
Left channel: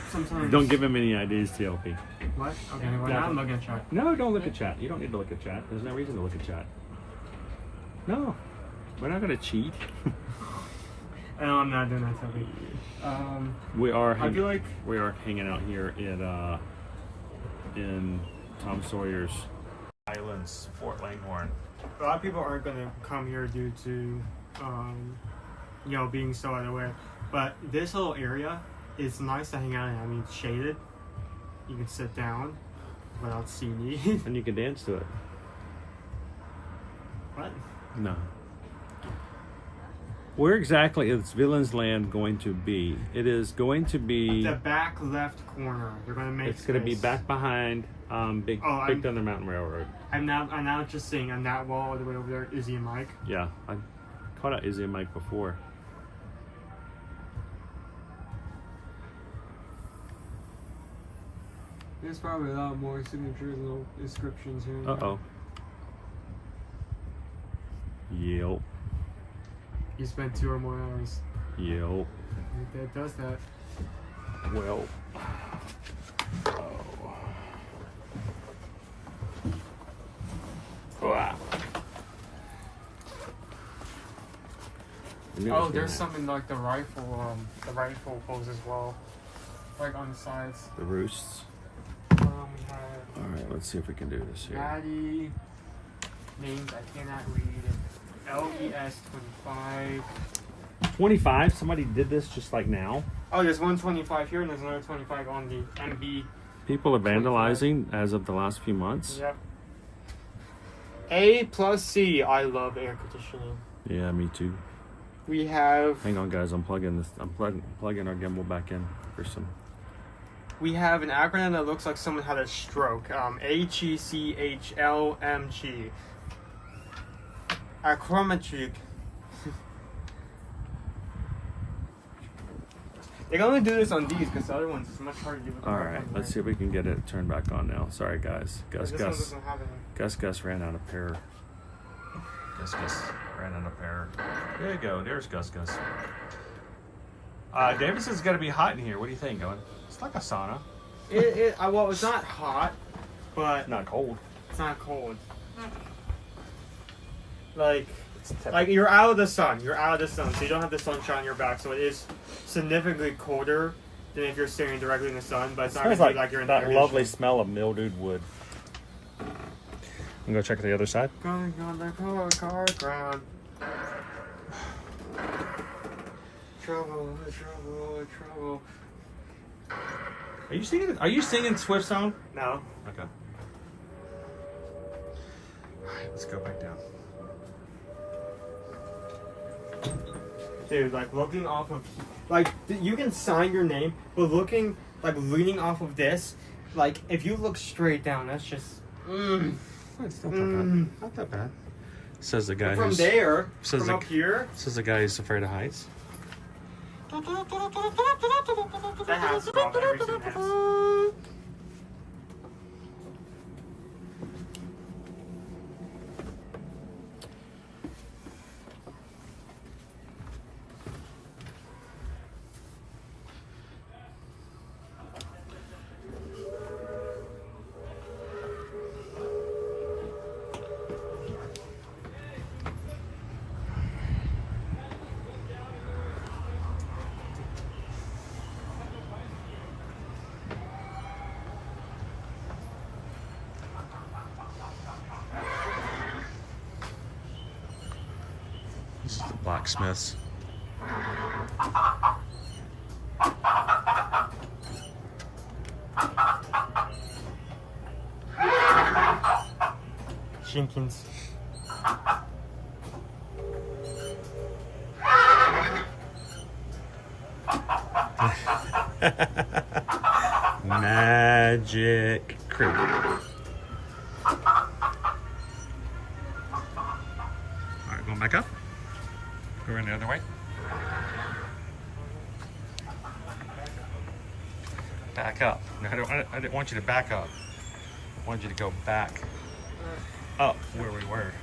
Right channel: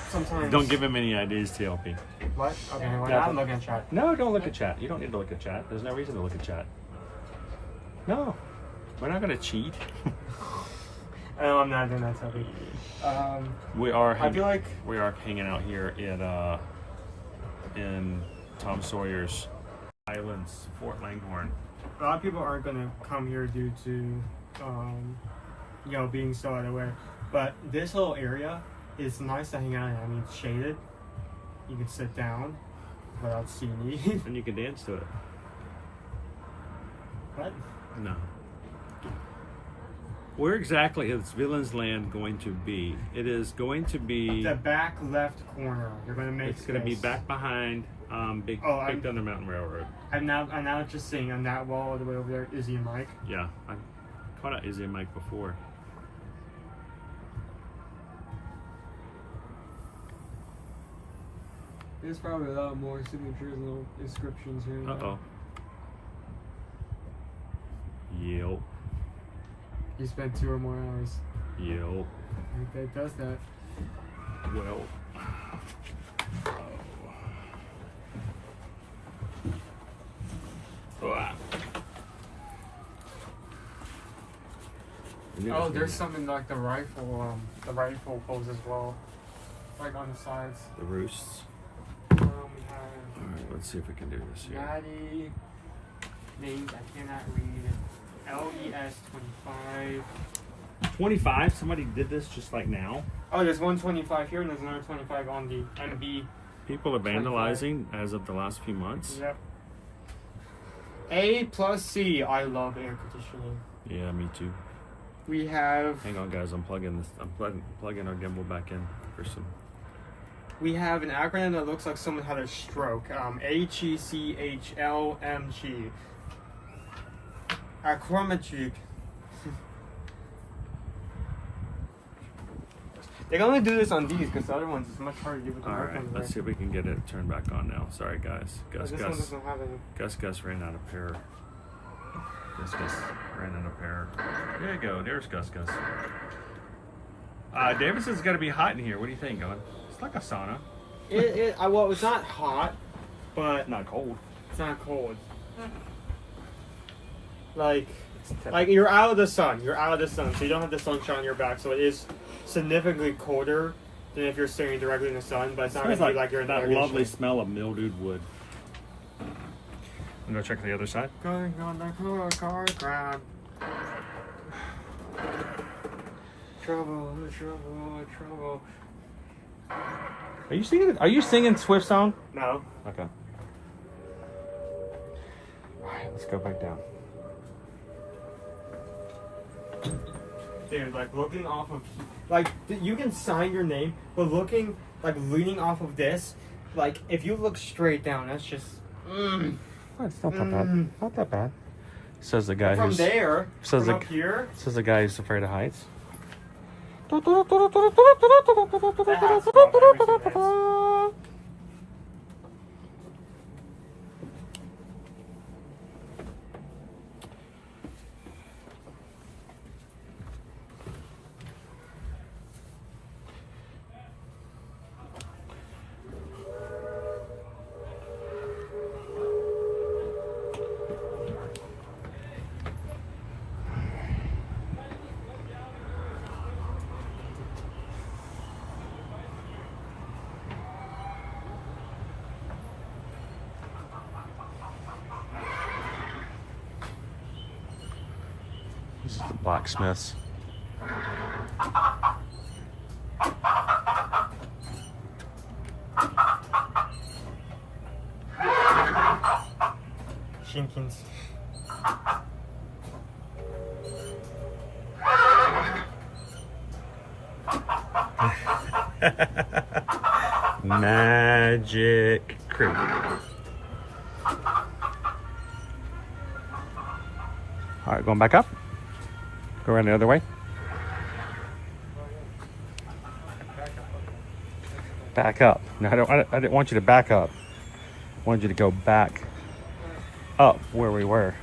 sometimes Don't give him any ideas, TLP. What? Okay, we're not looking at chat. No, don't look at chat. You don't need to look at chat. There's no reason to look at chat. No, we're not going to cheat. No, I'm not doing that, TLP. We are. I feel like we are hanging out here in Tom Sawyer's Islands, Fort Langhorne. a lot of people aren't going to come here due to, you know, being so out of the way. But this little area is nice to hang out in. I mean, it's shaded. You can sit down without seeing me. And you can dance to it. What? No. Where exactly is Villains Land going to be? It is going to be the back left corner. They're going to make. It's going to be back behind Big Thunder Mountain Railroad. I'm now just seeing on that wall all the way over there, Izzy and Mike. Yeah, I've caught out Izzy and Mike before. There's probably a lot more signatures and little inscriptions here. Uh-oh. Yep. You spent 2 or more hours. Yep. That does that. Well. Wow. Oh, there's something like the rifle pose as well, like on the sides. The roosts. We have Alright, let's see if we can do this here. Maddie, names I cannot read. LES 25. 25? Somebody did this just like now? Oh, there's 125 here and there's another 25 on the MB. People are vandalizing 25. As of the last few months. Yep. A+C. I love air conditioning. Yeah, me too. We have. Hang on, guys. I'm plugging this. I'm plugging our gimbal back in for some. We have an acronym that looks like someone had a stroke. HECHLMG. Acrometric. They can only do this on these because the other ones is much harder to do. Alright, let's see if we can get it turned back on now. Sorry, guys. Gus ran out of power. Gus ran out of power. There you go. There's Gus. Davison's gonna be hot in here. What do you think, Owen? It's like a sauna. Well, it's not hot, but not cold. It's not cold. Like you're out of the sun. You're out of the sun, so you don't have the sunshine on your back. So it is significantly colder than if you're staring directly in the sun. But it's not gonna be like you're in that the lovely smell of mildewed wood. You go check the other side. Going on the car ground. Trouble. Are you singing Swift song? No. Okay. Alright, let's go back down. Dude, like looking off of, like you can sign your name, but looking, like leaning off of this, like if you look straight down, that's just. It's not that bad. Not that bad. Says the guy from who's there. Says from the up here. Says the guy who's afraid of heights. That has to go every few minutes. This is the blacksmiths. Jenkins. Magic Creek. All right, going back up. Go around the other way. Back up. No, I didn't want you to back up. I wanted you to go back up where we were.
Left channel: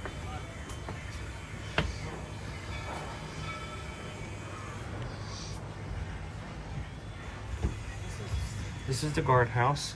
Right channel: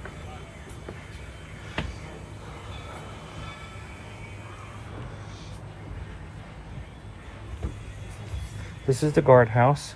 This is the guardhouse.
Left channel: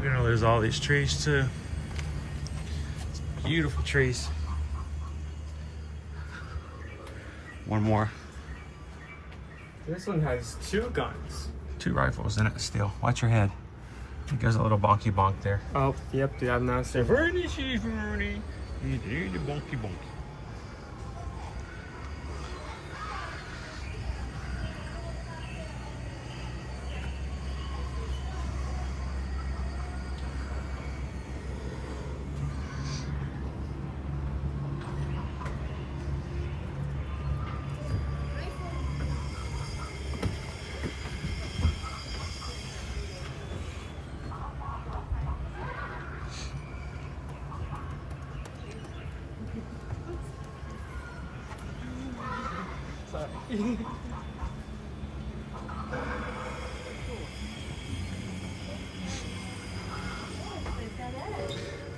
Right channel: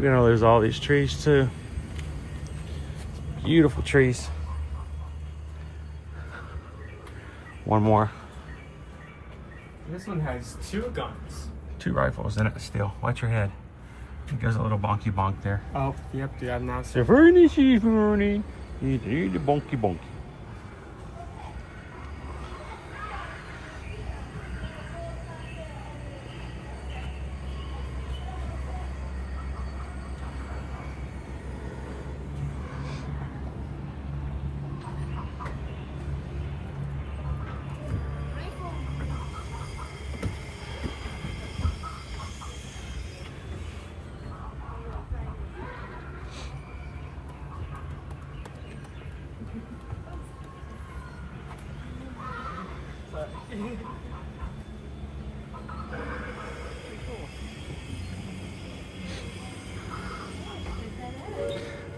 You know, there's all these trees too. Beautiful trees. One more. This one has 2 guns. 2 rifles in it still. Watch your head. It goes a little bonky bonk there. Oh, yep, dude, I've now seen. Bernie sees Bernie. You need the bonky bonky.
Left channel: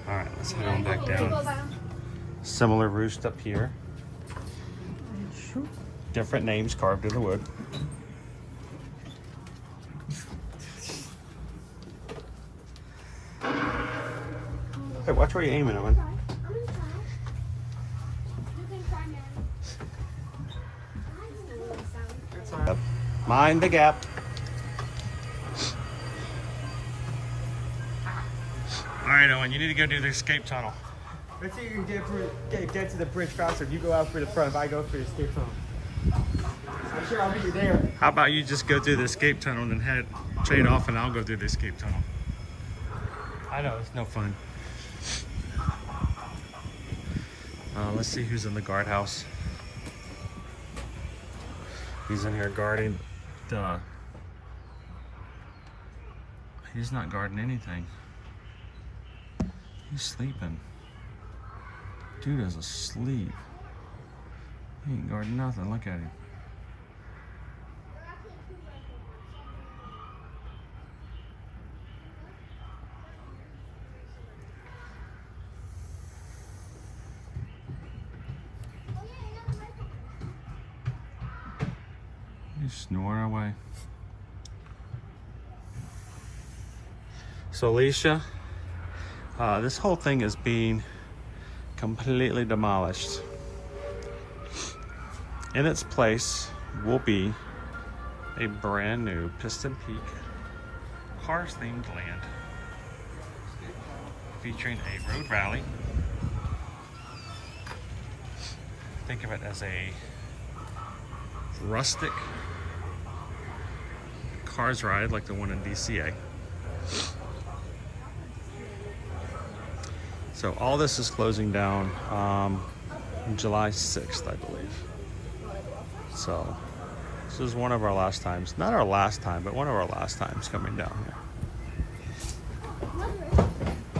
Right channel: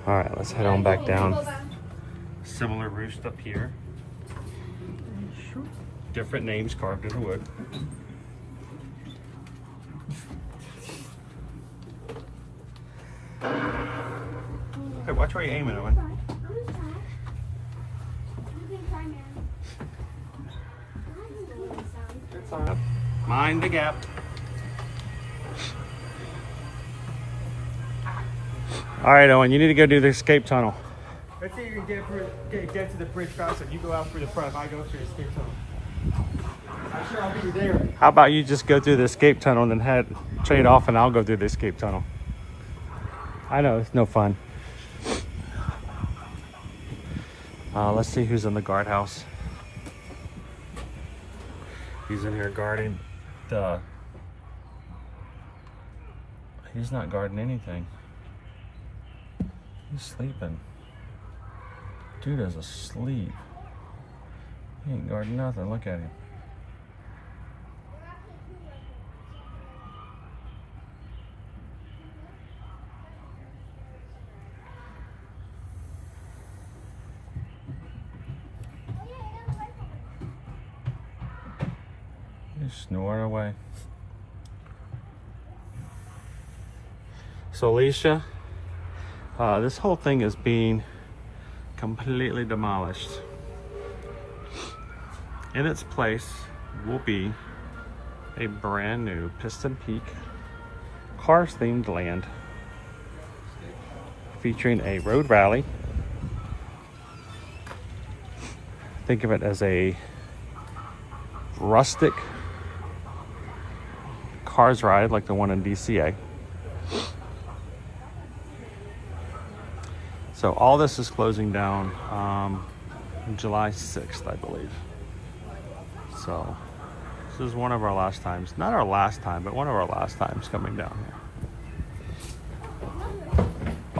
All right, let's head on back down. Similar roost up here. Different names carved in the wood. Hey, watch where you're aiming, Owen. Mind the gap. All right, Owen, you need to go do the escape tunnel. Let's see if you can get to the bridge faster. If you go out for the front, if I go for the escape tunnel. I'm sure I'll be there. How about you just go through the escape tunnel and then head trade off and I'll go through the escape tunnel. I know, it's no fun. Let's see who's in the guardhouse. He's in here guarding the... He's not guarding anything. He's sleeping. Dude is asleep. He ain't guarding nothing. Look at him. He's snoring away. So Alicia, this whole thing is being completely demolished. In its place will be a brand new Piston Peak cars themed land featuring a road rally. Think of it as a rustic cars ride like the one in DCA. So all this is closing down July 6th, I believe. So this is one of our last times, not our last time, but one of our last times coming down here.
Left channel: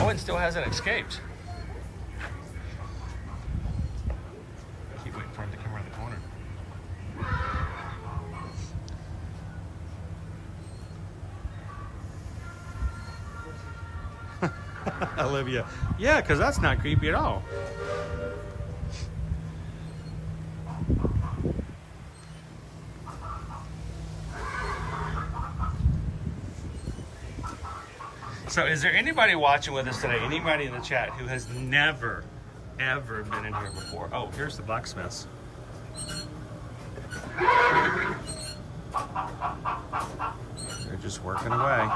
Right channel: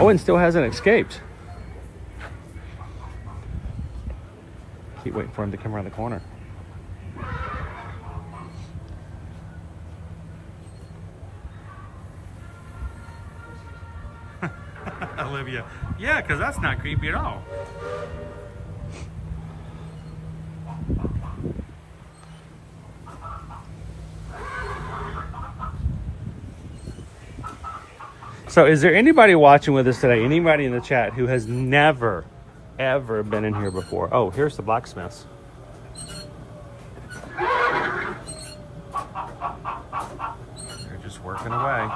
Owen still hasn't escaped. Keep waiting for him to come around the corner. Olivia. Yeah, because that's not creepy at all. So is there anybody watching with us today, anybody in the chat who has never, ever been in here before? Oh, here's the blacksmiths. They're just working away.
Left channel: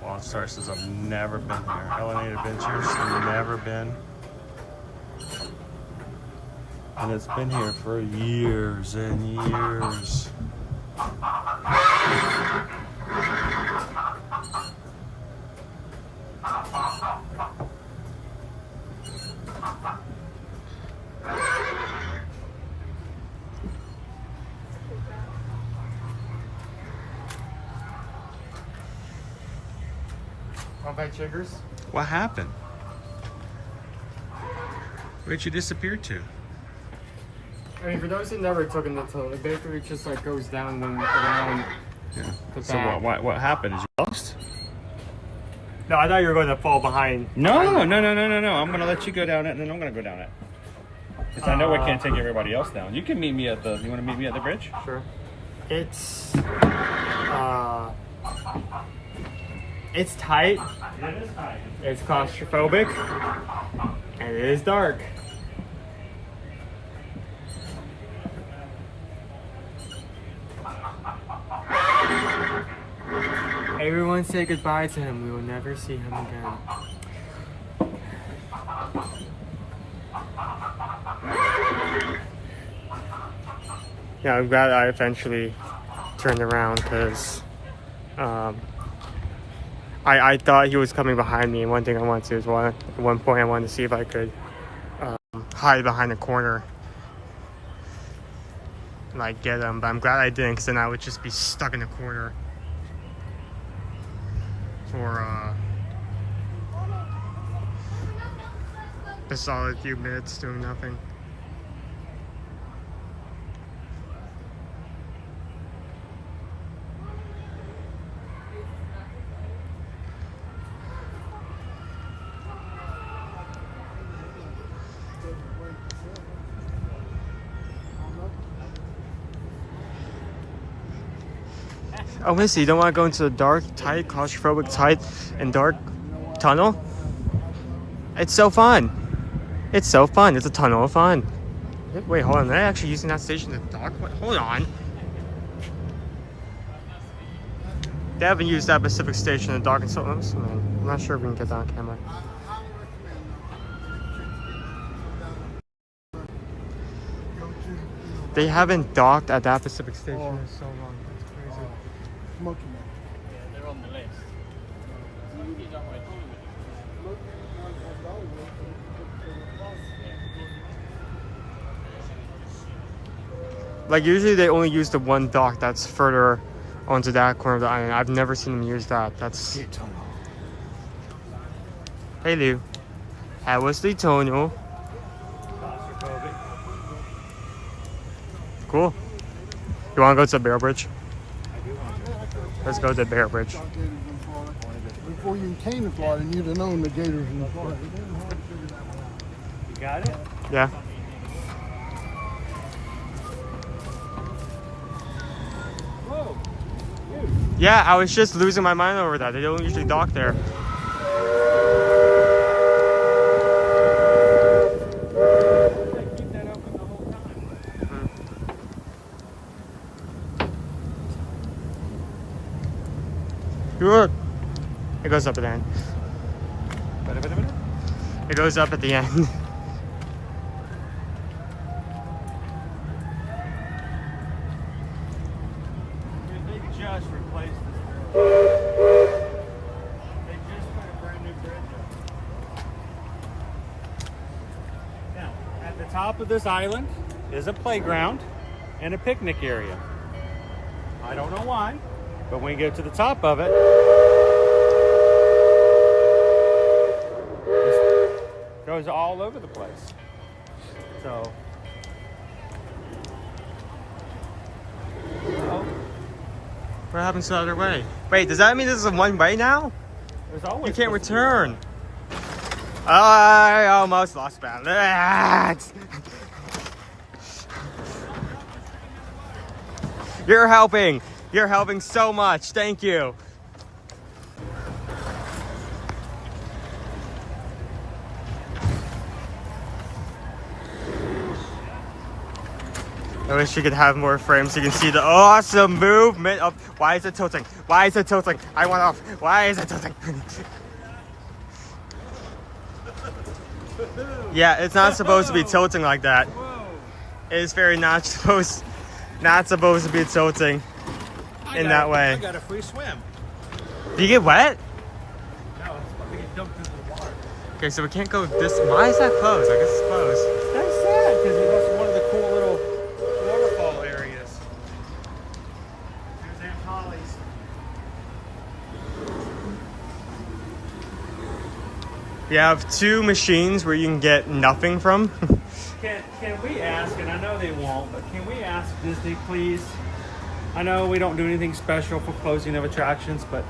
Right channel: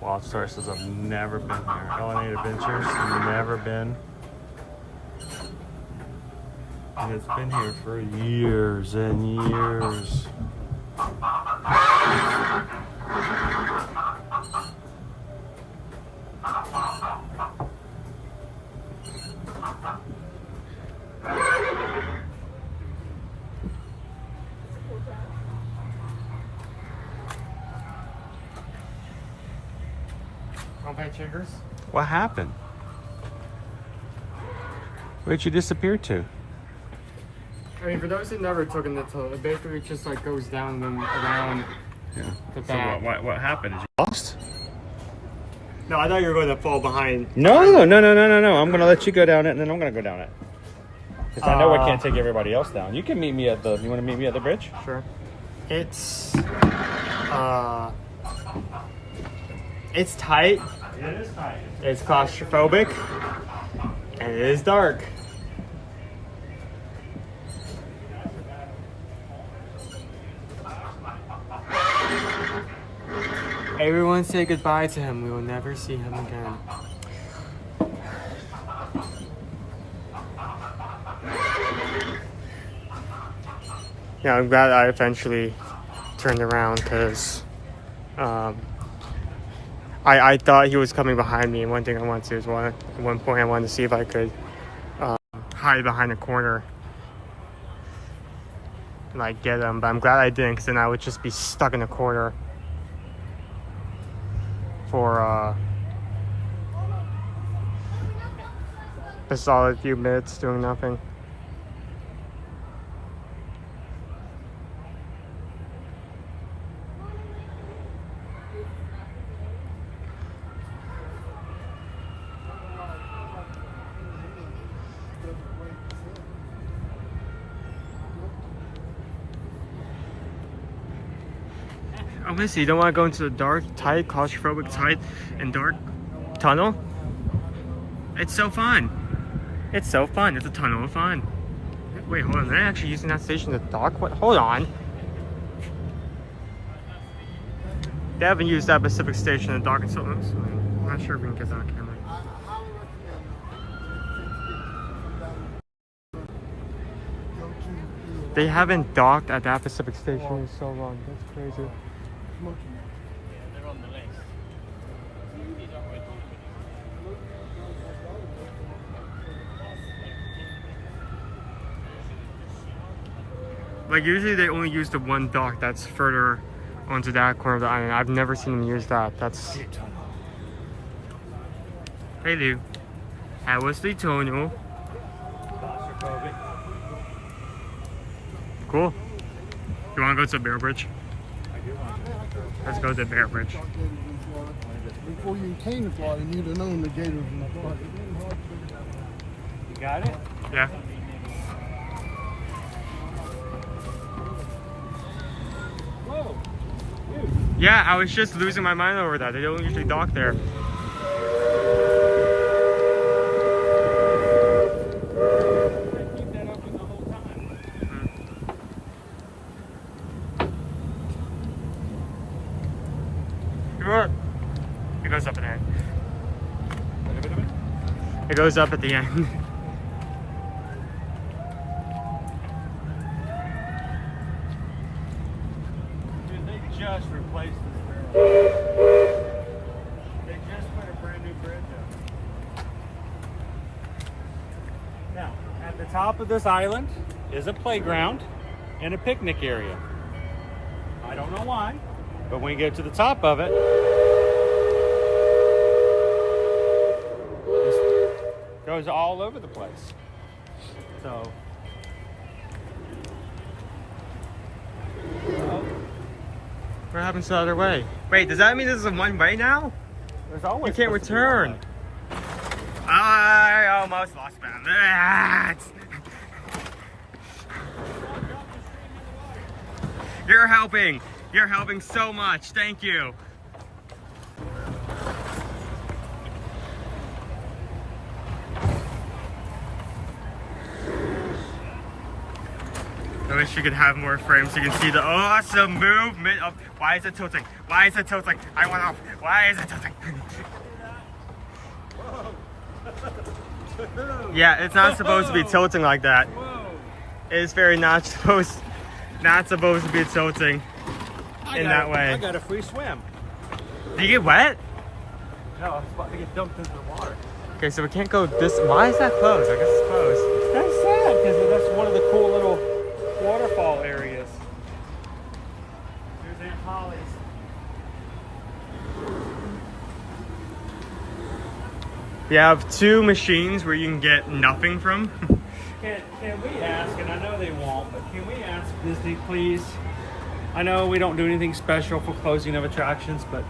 Wall Star says I've never been here. Elevated Adventures, never been. And it's been here for years and years. What happened? Where'd you disappear to? I mean, for those who never took in the tunnel, it basically just like goes down and then around the back. So what happened? Is you lost? No, I thought you were going to fall behind. No. I'm going to let you go down it, and then I'm going to go down it. Because I know I can't take everybody else down. You can meet me at the. You want to meet me at the bridge? Sure. It's tight. It is tight. It's claustrophobic, and it is dark. Everyone say goodbye to him. We will never see him again. Yeah, I'm glad I eventually turned around because I thought he was coming behind me, and one thing I wanted to do was at one point I wanted to see if I could hide behind a corner and like get him, but I'm glad I didn't because then I would just be stuck in a corner for a solid few minutes doing nothing. Oh, listen, you don't want to go into the dark, tight, claustrophobic, tight, and dark tunnel? It's so fun. It's so fun. It's a tunnel of fun. Wait, hold on. They're actually using that station to dock? What? Hold on. They haven't used that Pacific station to dock until I'm not sure if we can get that on camera. They haven't docked at that Pacific station in so long. That's crazy. They're on the list. Like usually they only use the one dock that's further onto that corner of the island. I've never seen them use that. That's... Hey Lou. How was the tunnel? Claustrophobic. Cool. You want to go to the Bear Bridge? I do want to go to the Bear Bridge. Let's go to the Bear Bridge. Before you came to Florida, you'd have known the gators in Florida. You got it? Yeah. Whoa. Yeah, I was just losing my mind over that. They don't usually dock there. Keep that open the whole time. Look. It goes up at the end. It goes up at the end. Dude, they just replaced this barrel. They just put a brand new bridge up. Now, at the top of this island is a playground and a picnic area. I don't know why, but when you get to the top of it, it goes all over the place. So What happens to the other way? Wait, does that mean this is a one way now? There's always You can't return. I almost lost balance. You're helping. You're helping so much. Thank you. I wish you could have more frames so you can see the awesome movement of... Why is it tilting? Why is it tilting? I went off. Why is it tilting? Yeah, it's not supposed to be tilting like that. It's very not supposed to be tilting in that way. I got a free swim. Do you get wet? No, I was about to get dumped into the water. Okay, so we can't go this... Why is that closed? I guess it's closed. That's sad, because that's one of the cool little waterfall areas. Here's Aunt Holly's. You have 2 machines where you can get nothing from. Can we ask, and I know they won't, but can we ask Disney, please? I know we don't do anything special for closing of attractions, but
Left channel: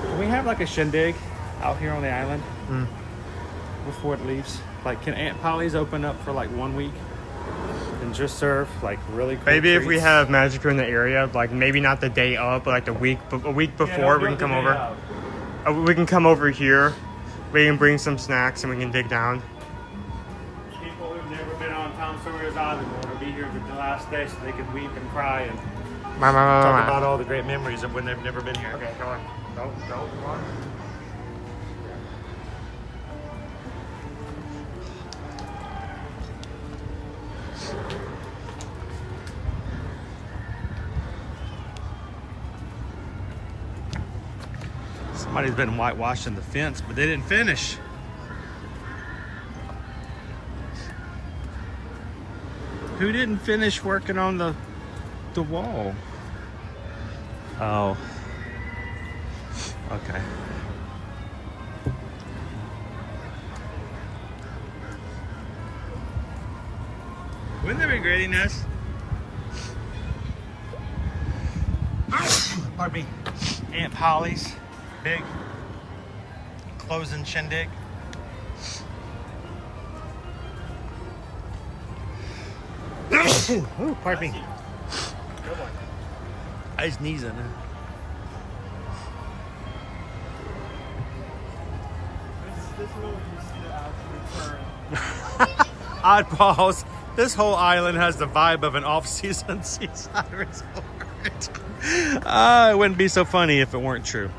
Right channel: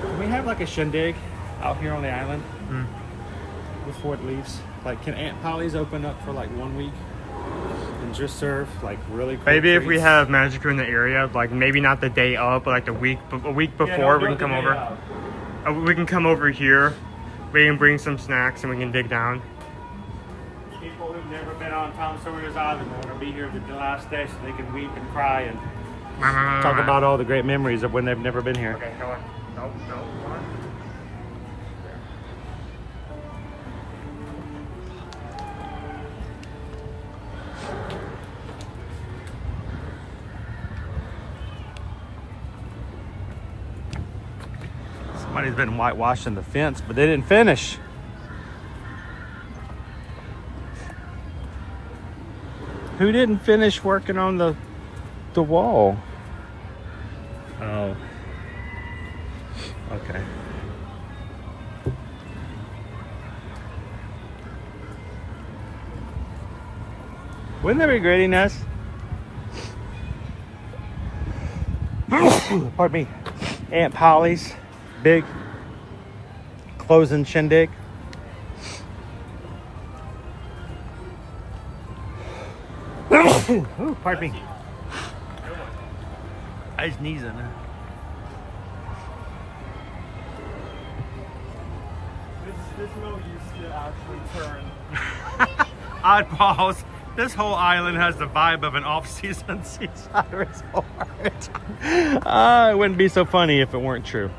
can we have like a shindig out here on the island before it leaves? Like, can Aunt Polly's open up for like 1 week and just serve like really cool Maybe if we treats? have Magic in the area, like maybe not the day of, but like a week before, we can come over. We can come over here. We can bring some snacks and we can dig down. People who've never been on Tom Sawyer's Island want to be here the last day so they can weep and cry and talk about all the great memories of when they've never been here. Somebody's been whitewashing the fence, but they didn't finish. Who didn't finish working on the wall? Oh. Okay. Wouldn't that be great, Inez? Pardon me. Aunt Polly's big closing shindig. Oh, pardon me. I was sneezing. Oddballs. This whole island has the vibe of an off-season seaside resort. It wouldn't be so funny if it weren't true.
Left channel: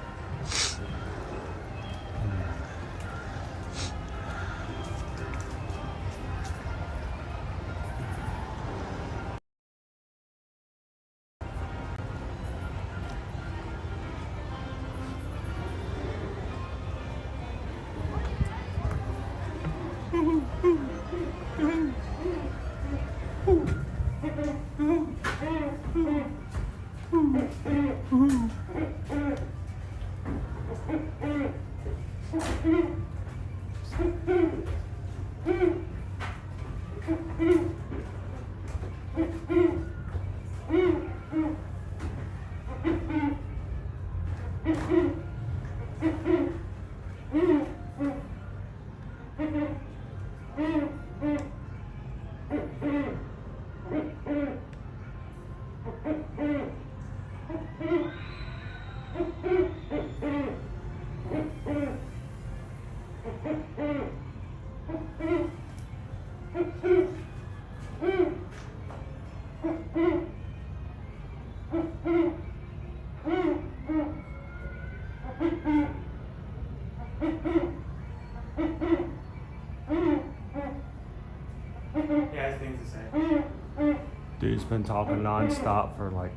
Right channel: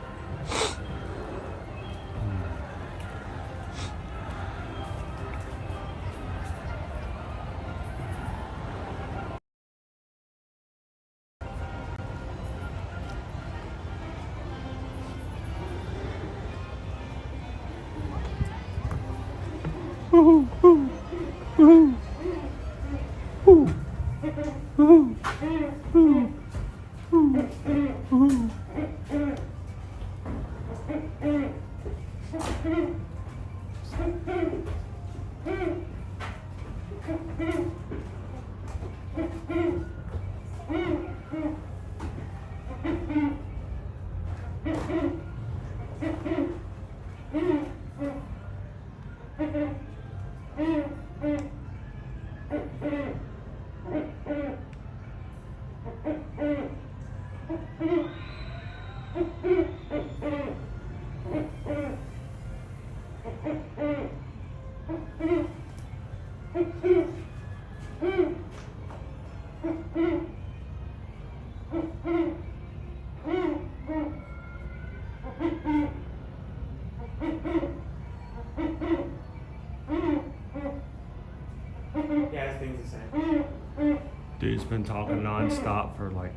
Dude's been talking non-stop for like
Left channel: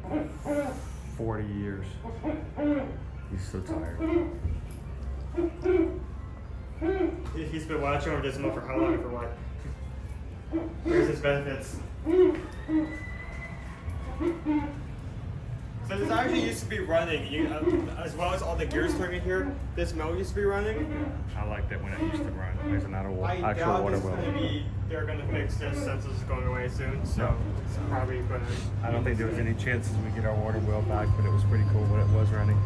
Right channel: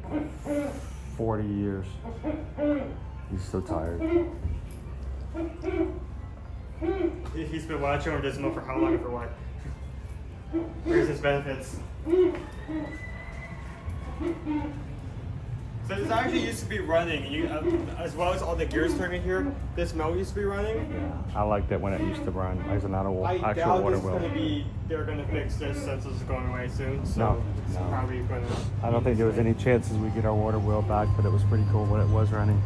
40 years. He's so tired. He's been watching over this for how long and for what? Where's his benefits? So this actually used to be running, as well as all the gears turning here. This mill used to be running. I liked it when it used to run. There's an actual water wheel. They're gonna fix this since this is going away soon. So No. it's probably gonna. I don't think there was any chances we get our water wheel back, but it was pretty cool when it was running.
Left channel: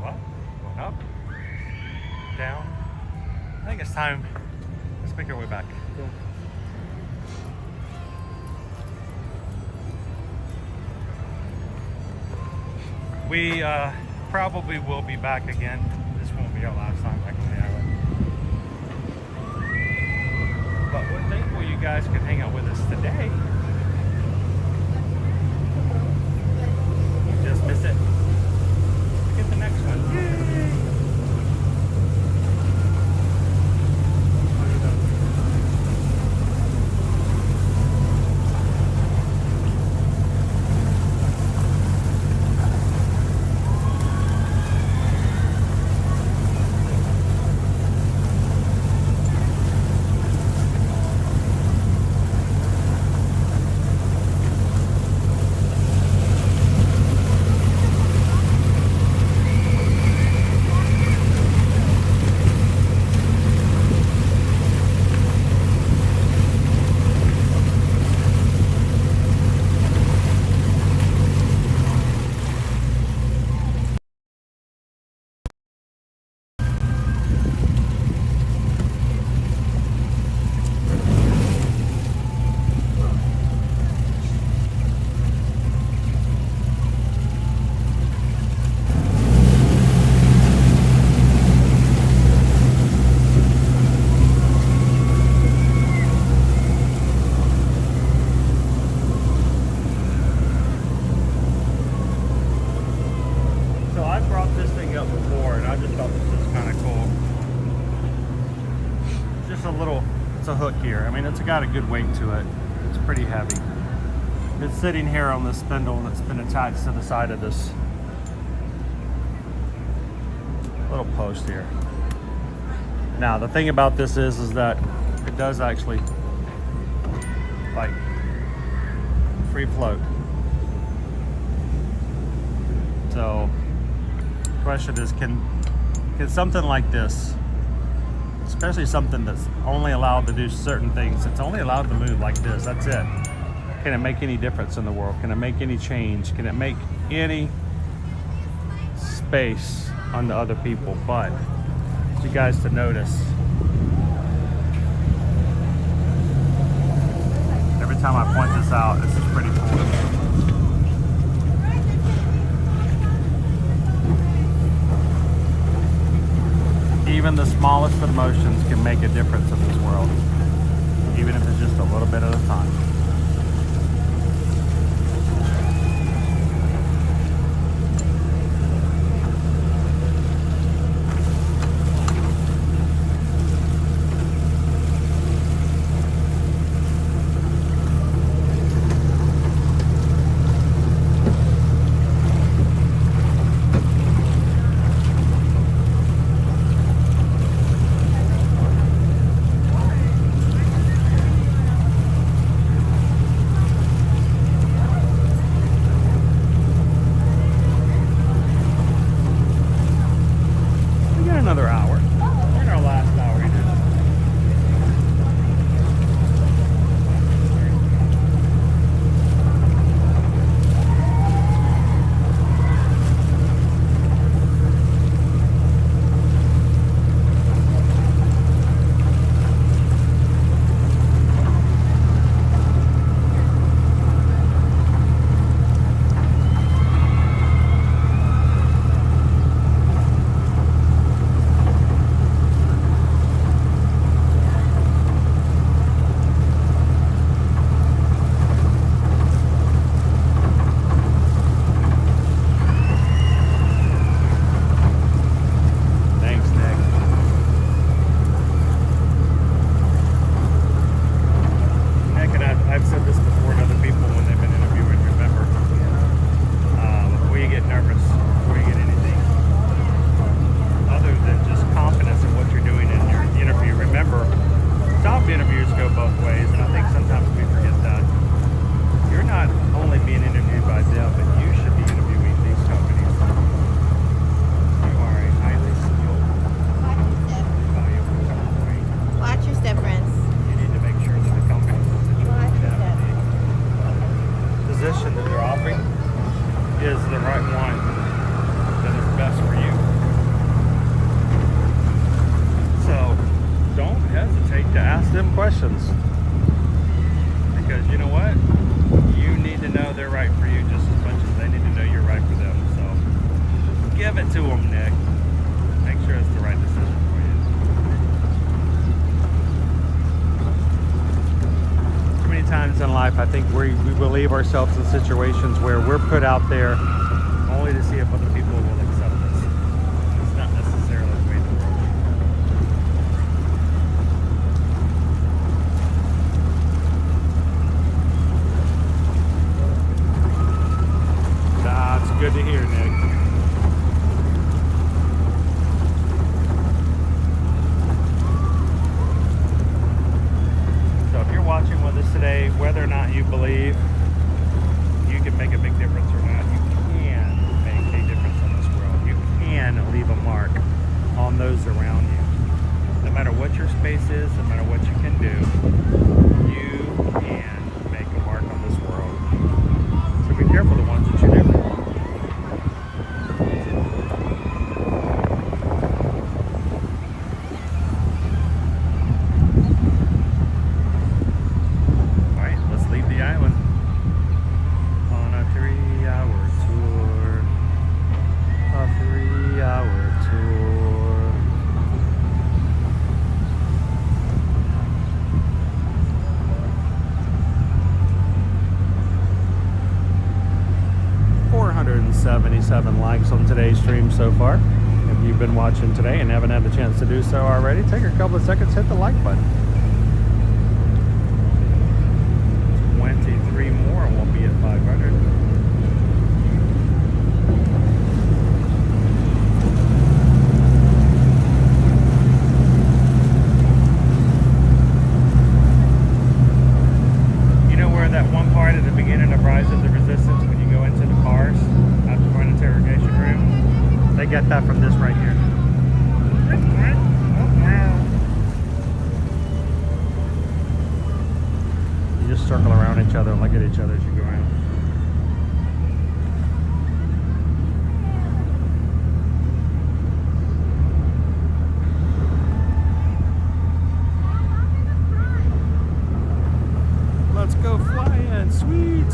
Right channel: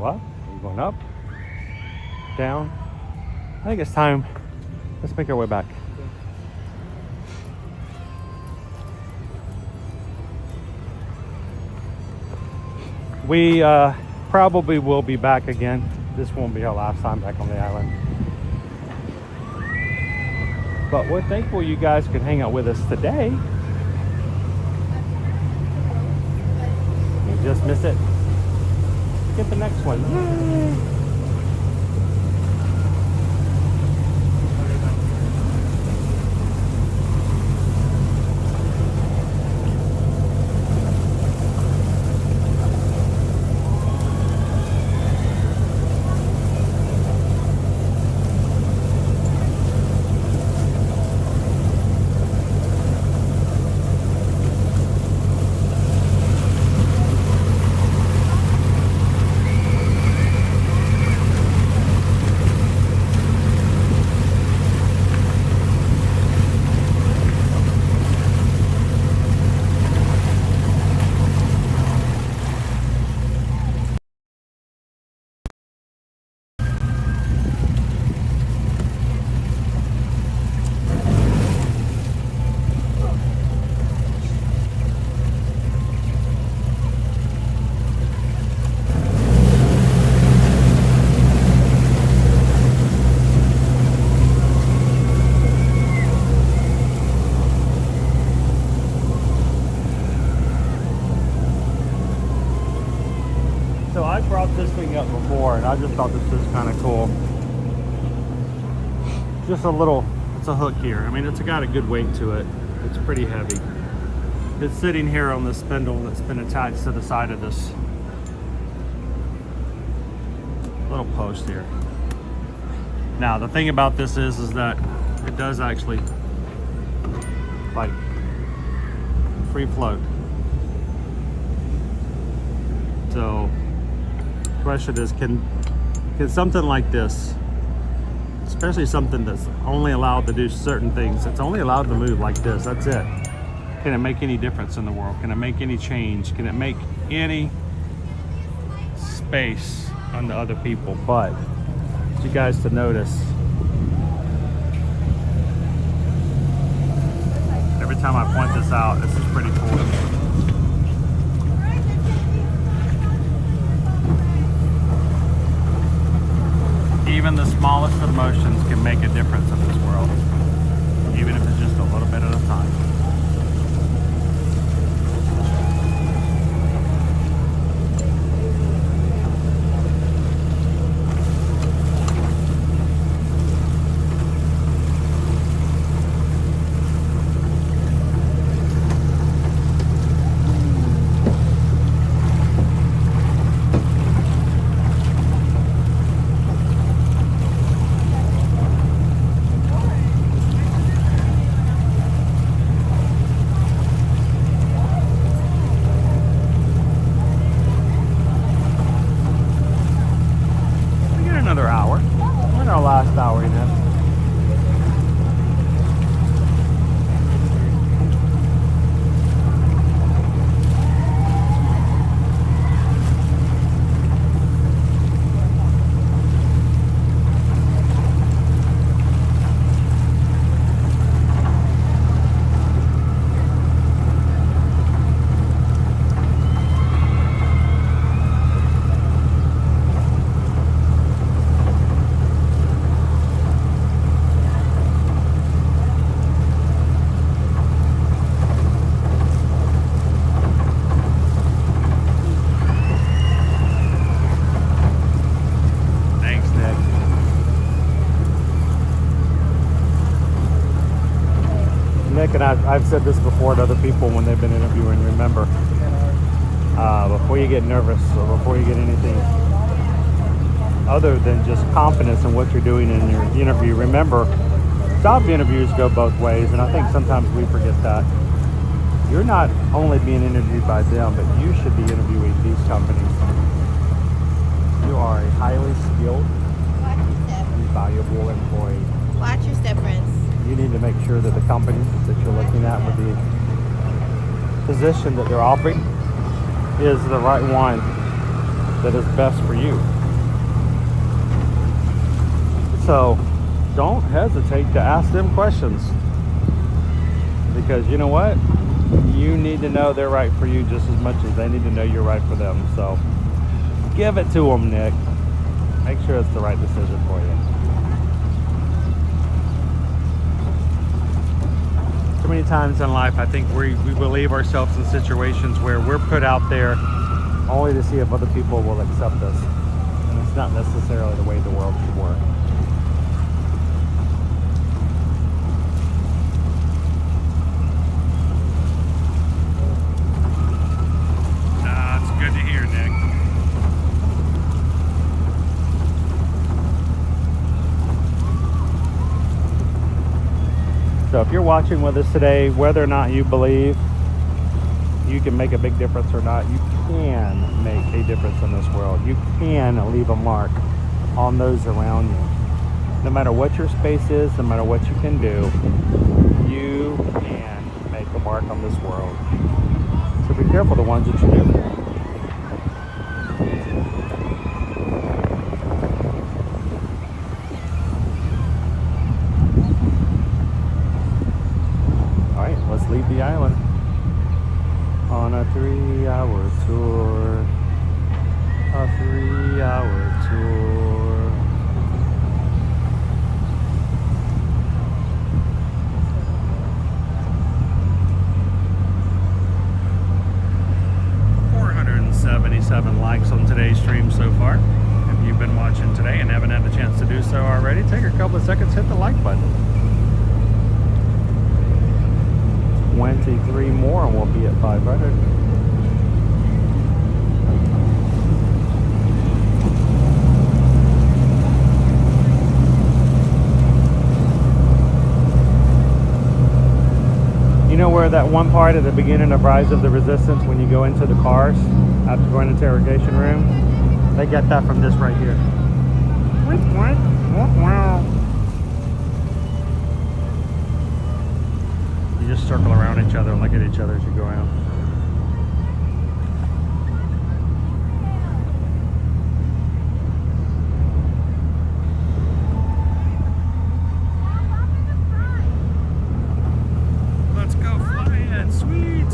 What? Going up? Down? I think it's time. Let's make our way back. We probably will be back again. This won't be our last time back on the island. But we're thankful you guys could hang out with us today. You just miss it. Get the next one. Yay! I just thought this was kind of cool. Just a little, it's a hook here. I mean, it's got a good weight to it. It's pretty heavy. It's sitting here on this spindle that's been attached to the side of this little post here. Now, the thing about this is that it does actually like free float. So the question is, can something like this, especially something that's only allowed to do certain things, it's only allowed to move like this, that's it. Can it make any difference in the world? Can it make any change? Can it make any space onto other people? But I want you guys to notice, every time I point this out, this is pretty cool. Even the smallest of motions can make a difference in this world, even if it's just a little bit at a time. you get nervous or before you get anything other than just confidence in what you're doing in your interview. Remember, job interviews go both ways, and I think sometimes we forget that. You're not only being interviewed by them, but you should be interviewing these companies. You are a highly skilled, valuable employee. Watch your step, friends. You need to make sure that the companies that you're looking at, the position that they're offering, is the right one that is best for you. So don't hesitate to ask them questions, because you know what? You need to know they're right for you just as much as they need to know you're right for them. So give it to them, Nick. Make sure it's the right decision for you. Too many times in life, I think we believe ourselves in situations where we're put out there only to see if other people will accept us. It's not necessarily the way the world should work. That's good to hear, Nick. So if you're watching with us today, whether or not you believe you can make a big difference or not, you can make a difference in this world. You can leave a mark on those around you. No matter what your space is, no matter what you can do, you can make a mark on this world. So be careful the ones that you do. Leave the island on a 3-hour tour. A 3-hour tour. $477 likes on today's stream so far. If you've been watching today and haven't had a chance to do so already, take a couple of seconds, hit the like button. 23 more and we'll be at 500. You know where that one part at the beginning of Rise of the Resistance, when you go into the cars after going to interrogation room, they get that from this right here. Wow. Just circle around each other and look at each other as you go around. Let's go flying, sweet!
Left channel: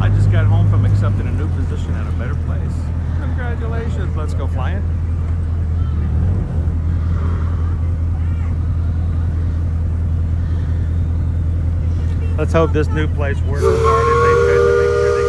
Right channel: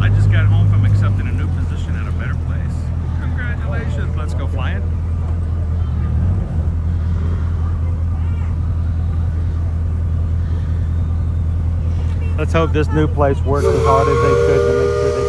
I just got home from accepting a new position at a better place. Congratulations, let's go flying. Let's hope this new place works as hard as they could to make sure they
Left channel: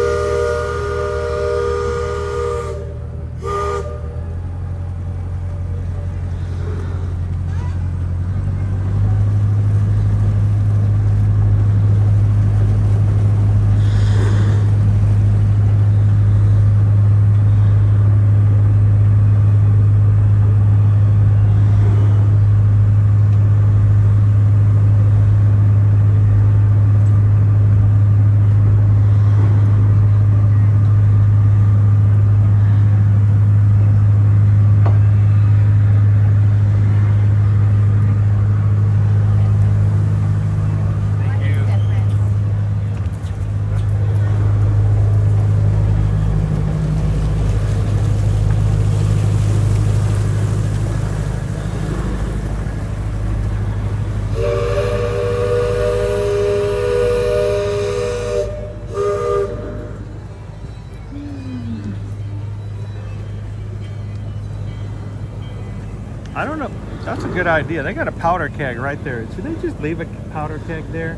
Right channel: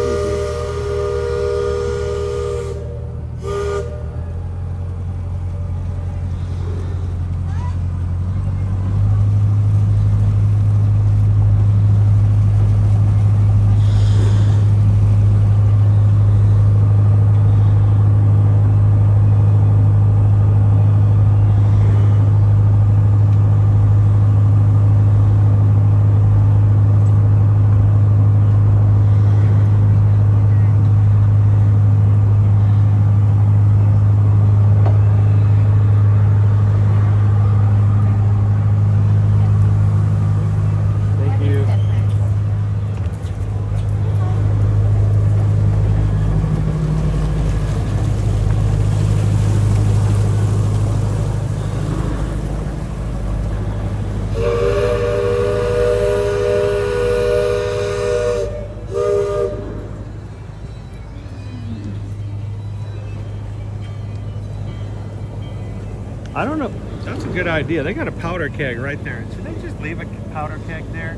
I don't know. That's a good idea. They got a powder keg right there. Should they just leave a powder keg there?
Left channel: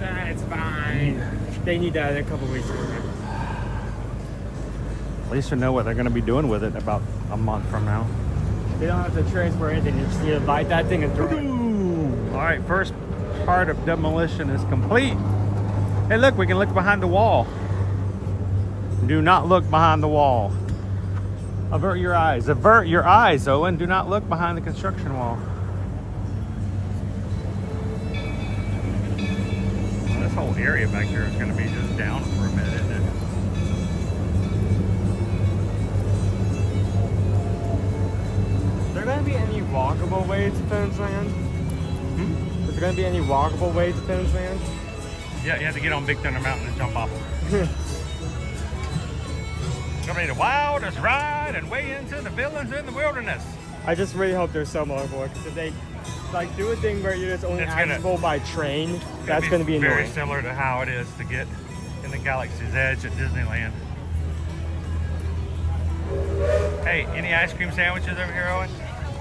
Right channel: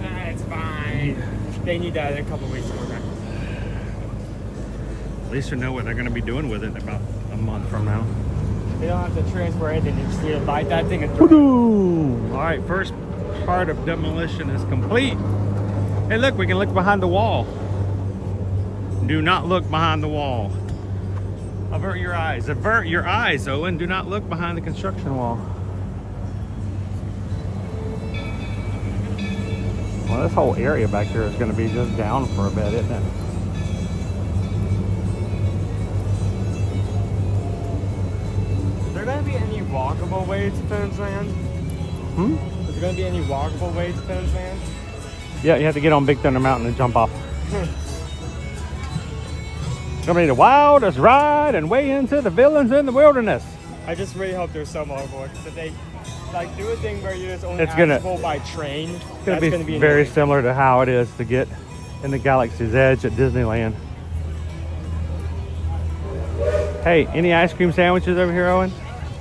It's fine. They need that in a couple weeks. At least you know what they're going to be doing with it about a month from now. They don't have to transfer anything. You just need to buy that thing and throw it. All right, first part of demolition is complete. Hey, look, we can look behind the wall. Do not look behind the wall. Avert your eyes. Avert your eyes, Owen. Do not look behind the construction wall. Well, this whole area back here is going to be just down for a bit, isn't it? Is there going to be any walkable way to Finn's Land? Hmm? Is there going to be any walkable way to Finn's Land? Yeah, you have to get on Big Thunder Mountain and jump off. Gonna be the wildest ride and way into the villains in the wilderness. I just really hope there's some walkable, because if they like do a thing where you're just only It's gonna- accessible by train, that's going to be very annoying. similar to how it is to get in the Galaxy's Edge at Disneyland. Hey, any ice cream sandwiches over here, Owen?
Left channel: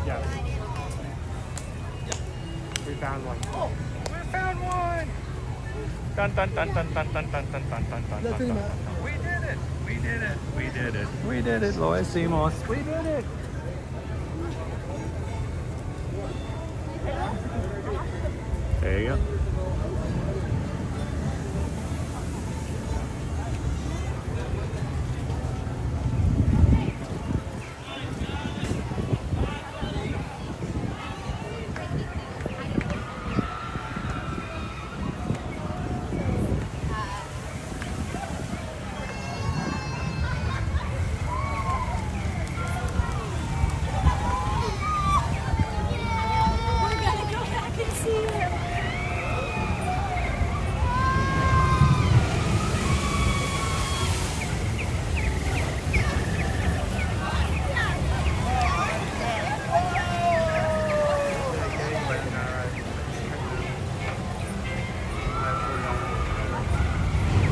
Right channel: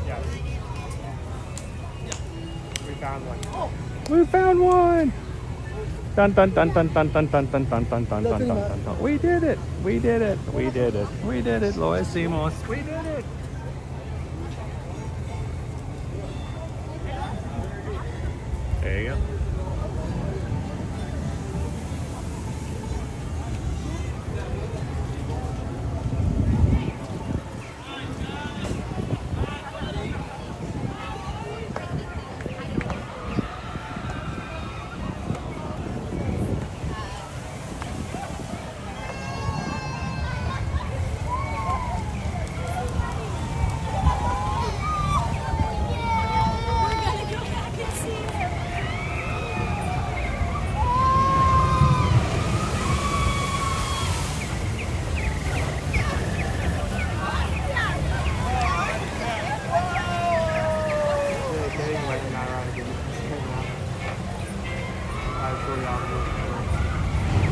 Yeah. We found one. We found one! Dun dun dun dun dun dun dun dun dun dun dun dun dun. We did it! We did it! We did it! We did it, Lois Simos! We did it! There you go.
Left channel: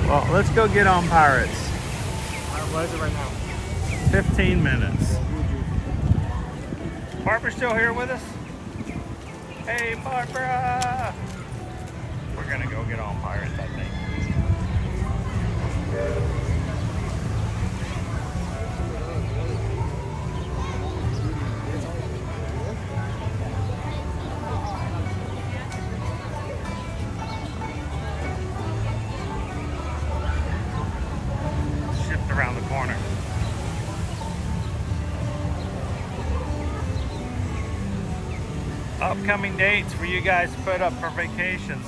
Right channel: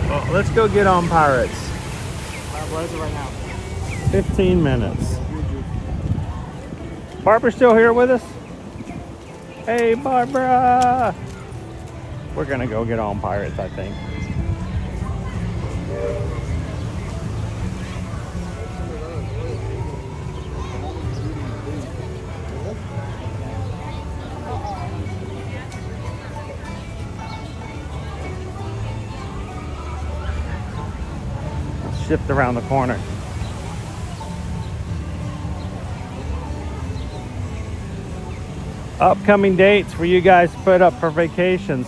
Well, let's go get on Pirates. What is it right now? 15 minutes. Barbara's still here with us? Hey, Barbara! We're gonna go get on Pirates, I think. Shift around the corner. Upcoming dates for you guys to put up for vacations.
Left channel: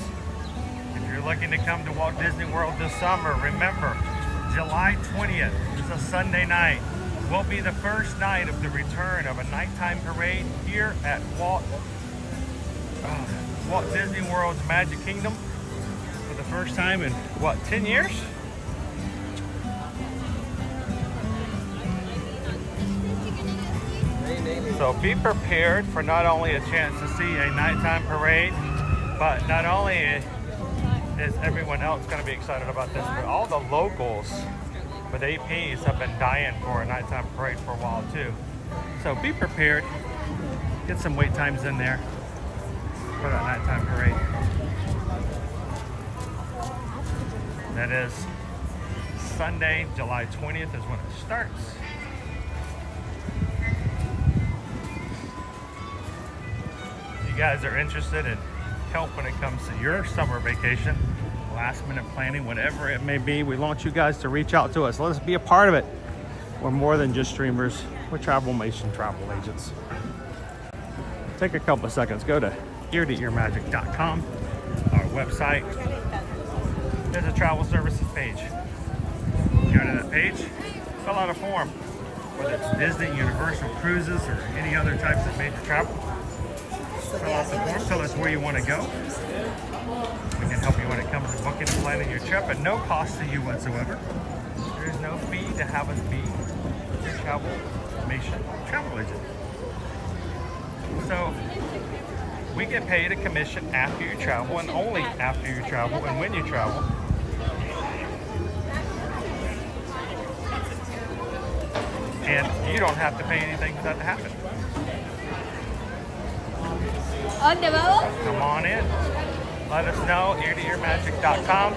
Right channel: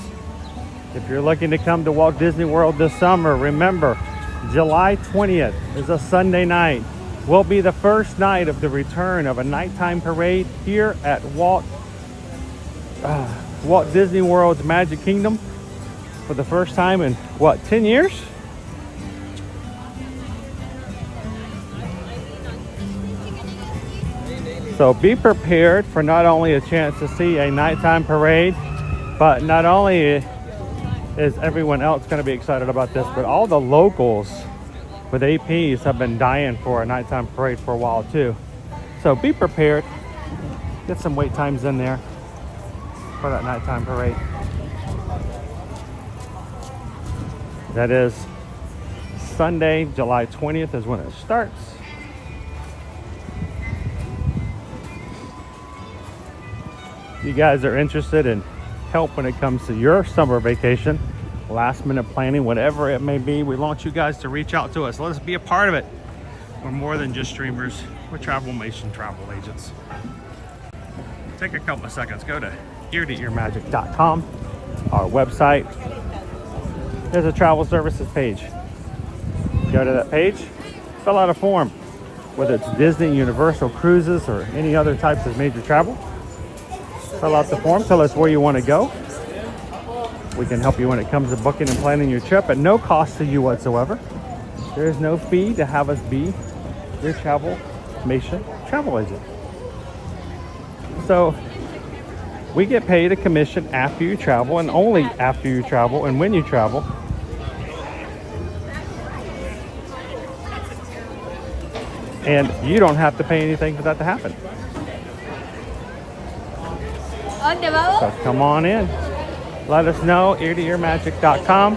If you're looking to come to Walt Disney World this summer, remember, July 20th is a Sunday night. Will be the first night of the return of a nighttime parade here at Walt Disney World's Magic Kingdom for the first time in, what, 10 years? So be prepared for not only a chance to see a nighttime parade, but not only is everyone else going to be excited about this, but all the locals with APs have been dying for a nighttime parade for a while too. So be prepared. Get some wait times in there for that nighttime parade. That is Sunday, July 20th is when it starts. You guys are interested in help when it comes to your summer vacation, last minute planning, whatever it may be, we want you guys to reach out to us. Let us be a part of it. We're more than just streamers. We're Travelmation travel agents. Take a couple of seconds, go to eartoearmagic.com, our website. There's a travel services page. Go to that page, fill out a form, whether it's Disney, Universal, cruises, or any other types of major travel. Fill out the form, tell us where you want to go. We can help you when it comes to booking and planning your trip at no cost to you whatsoever. There is no fee to have us be your Travelmation travel agent. So we get paid a commission after you travel, and only after you travel and when you travel. And you don't have to pay anything for that to happen. So come on in. Let us know, eartoearmagic.com.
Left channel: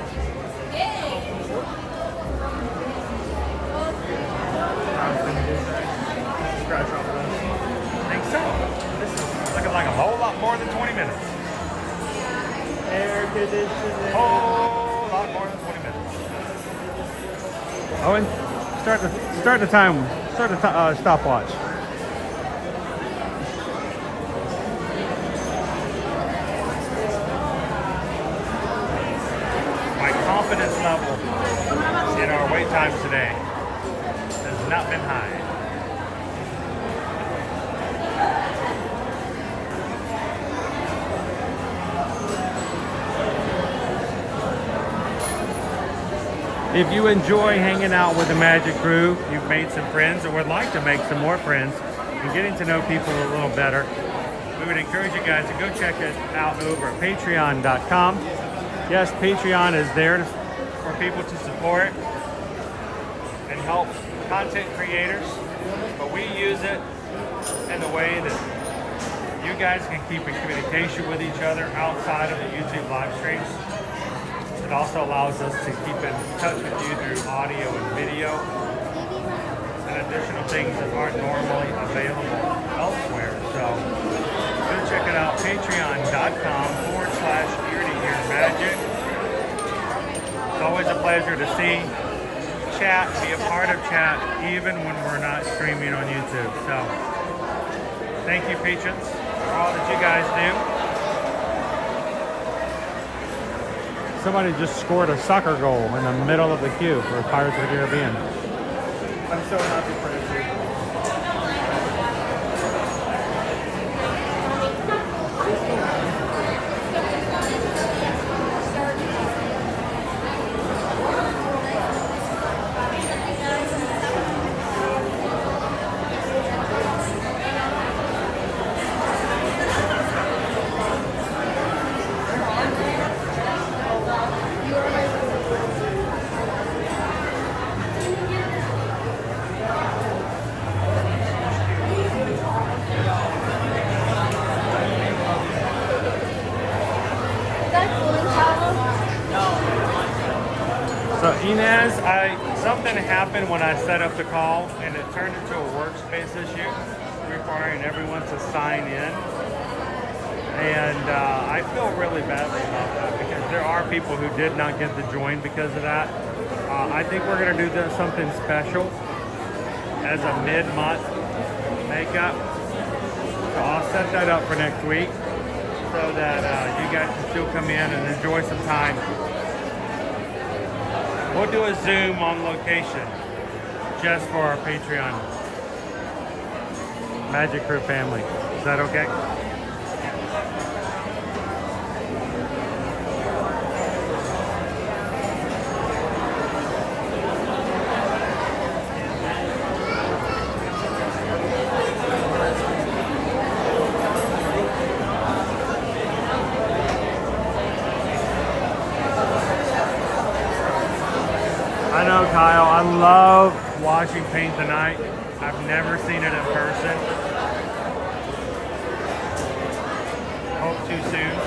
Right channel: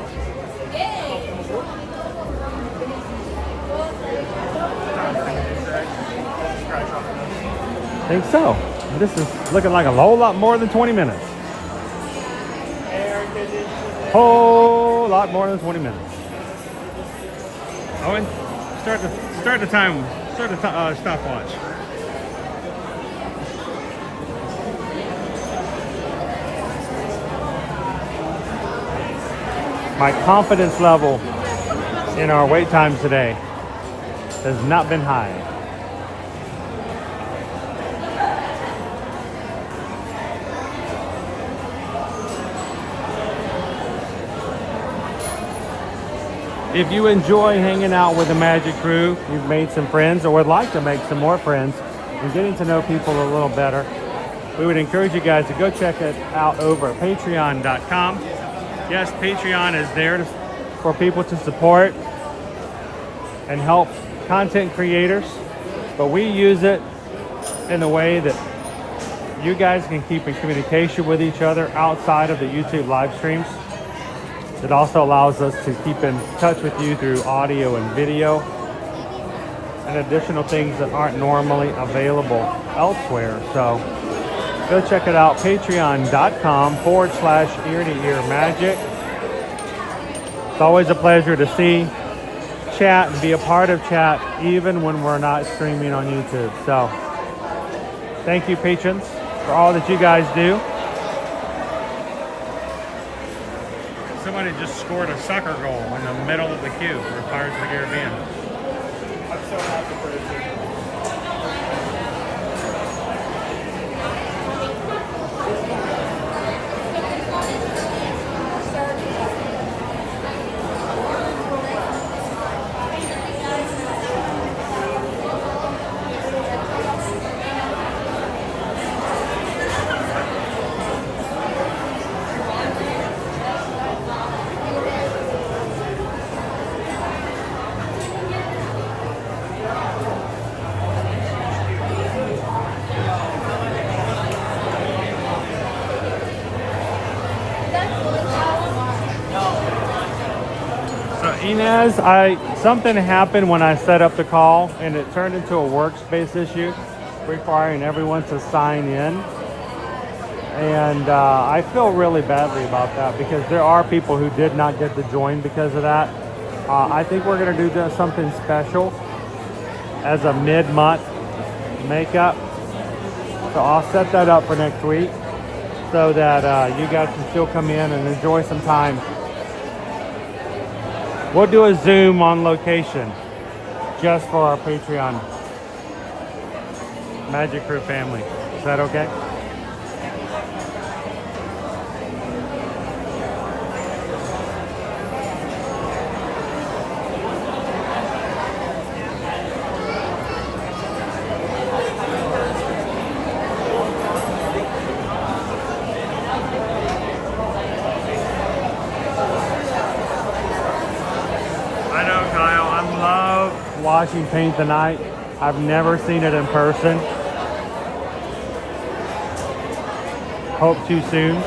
I think so. This is looking like a whole lot more than 20 minutes. Whole lot more than 20 minutes. Owen? Start the time. Start the stopwatch. My confidence level in our wait times today has not been high. If you enjoy hanging out with the Magic Crew, you've made some friends or would like to make some more friends and getting to know people a little better, we would encourage you guys to go check it out over at patreon.com. Yes, Patreon is there for people to support and help content creators, but we use it in a way that you guys can keep in communication with each other outside of the YouTube live streams. It also allows us to keep in touch with you through audio and video and additional things that aren't normally available elsewhere. So go check it out, patreon.com/ear-to-ear-magic. It's always a pleasure to see, chat, and be a part of chat, even when we're not streaming on YouTube. So thank you, patrons, for all that you guys do. Somebody just scored a soccer goal in the middle of the queue for Pirates of the Caribbean. I'm so happy for this. So Inez, something happened when I set up the call and it turned into a workspace issue requiring everyone to sign in. And I feel really badly about that because there are people who did not get to join because of that. I think we're going to do something special as a mid-month makeup. So I'll set that up for next week so that you guys can still come in and enjoy some time. We'll do a Zoom on location just for our Patreon Magic Crew family. Is that okay? Watching paint tonight. I've never seen it in person. Hope too soon.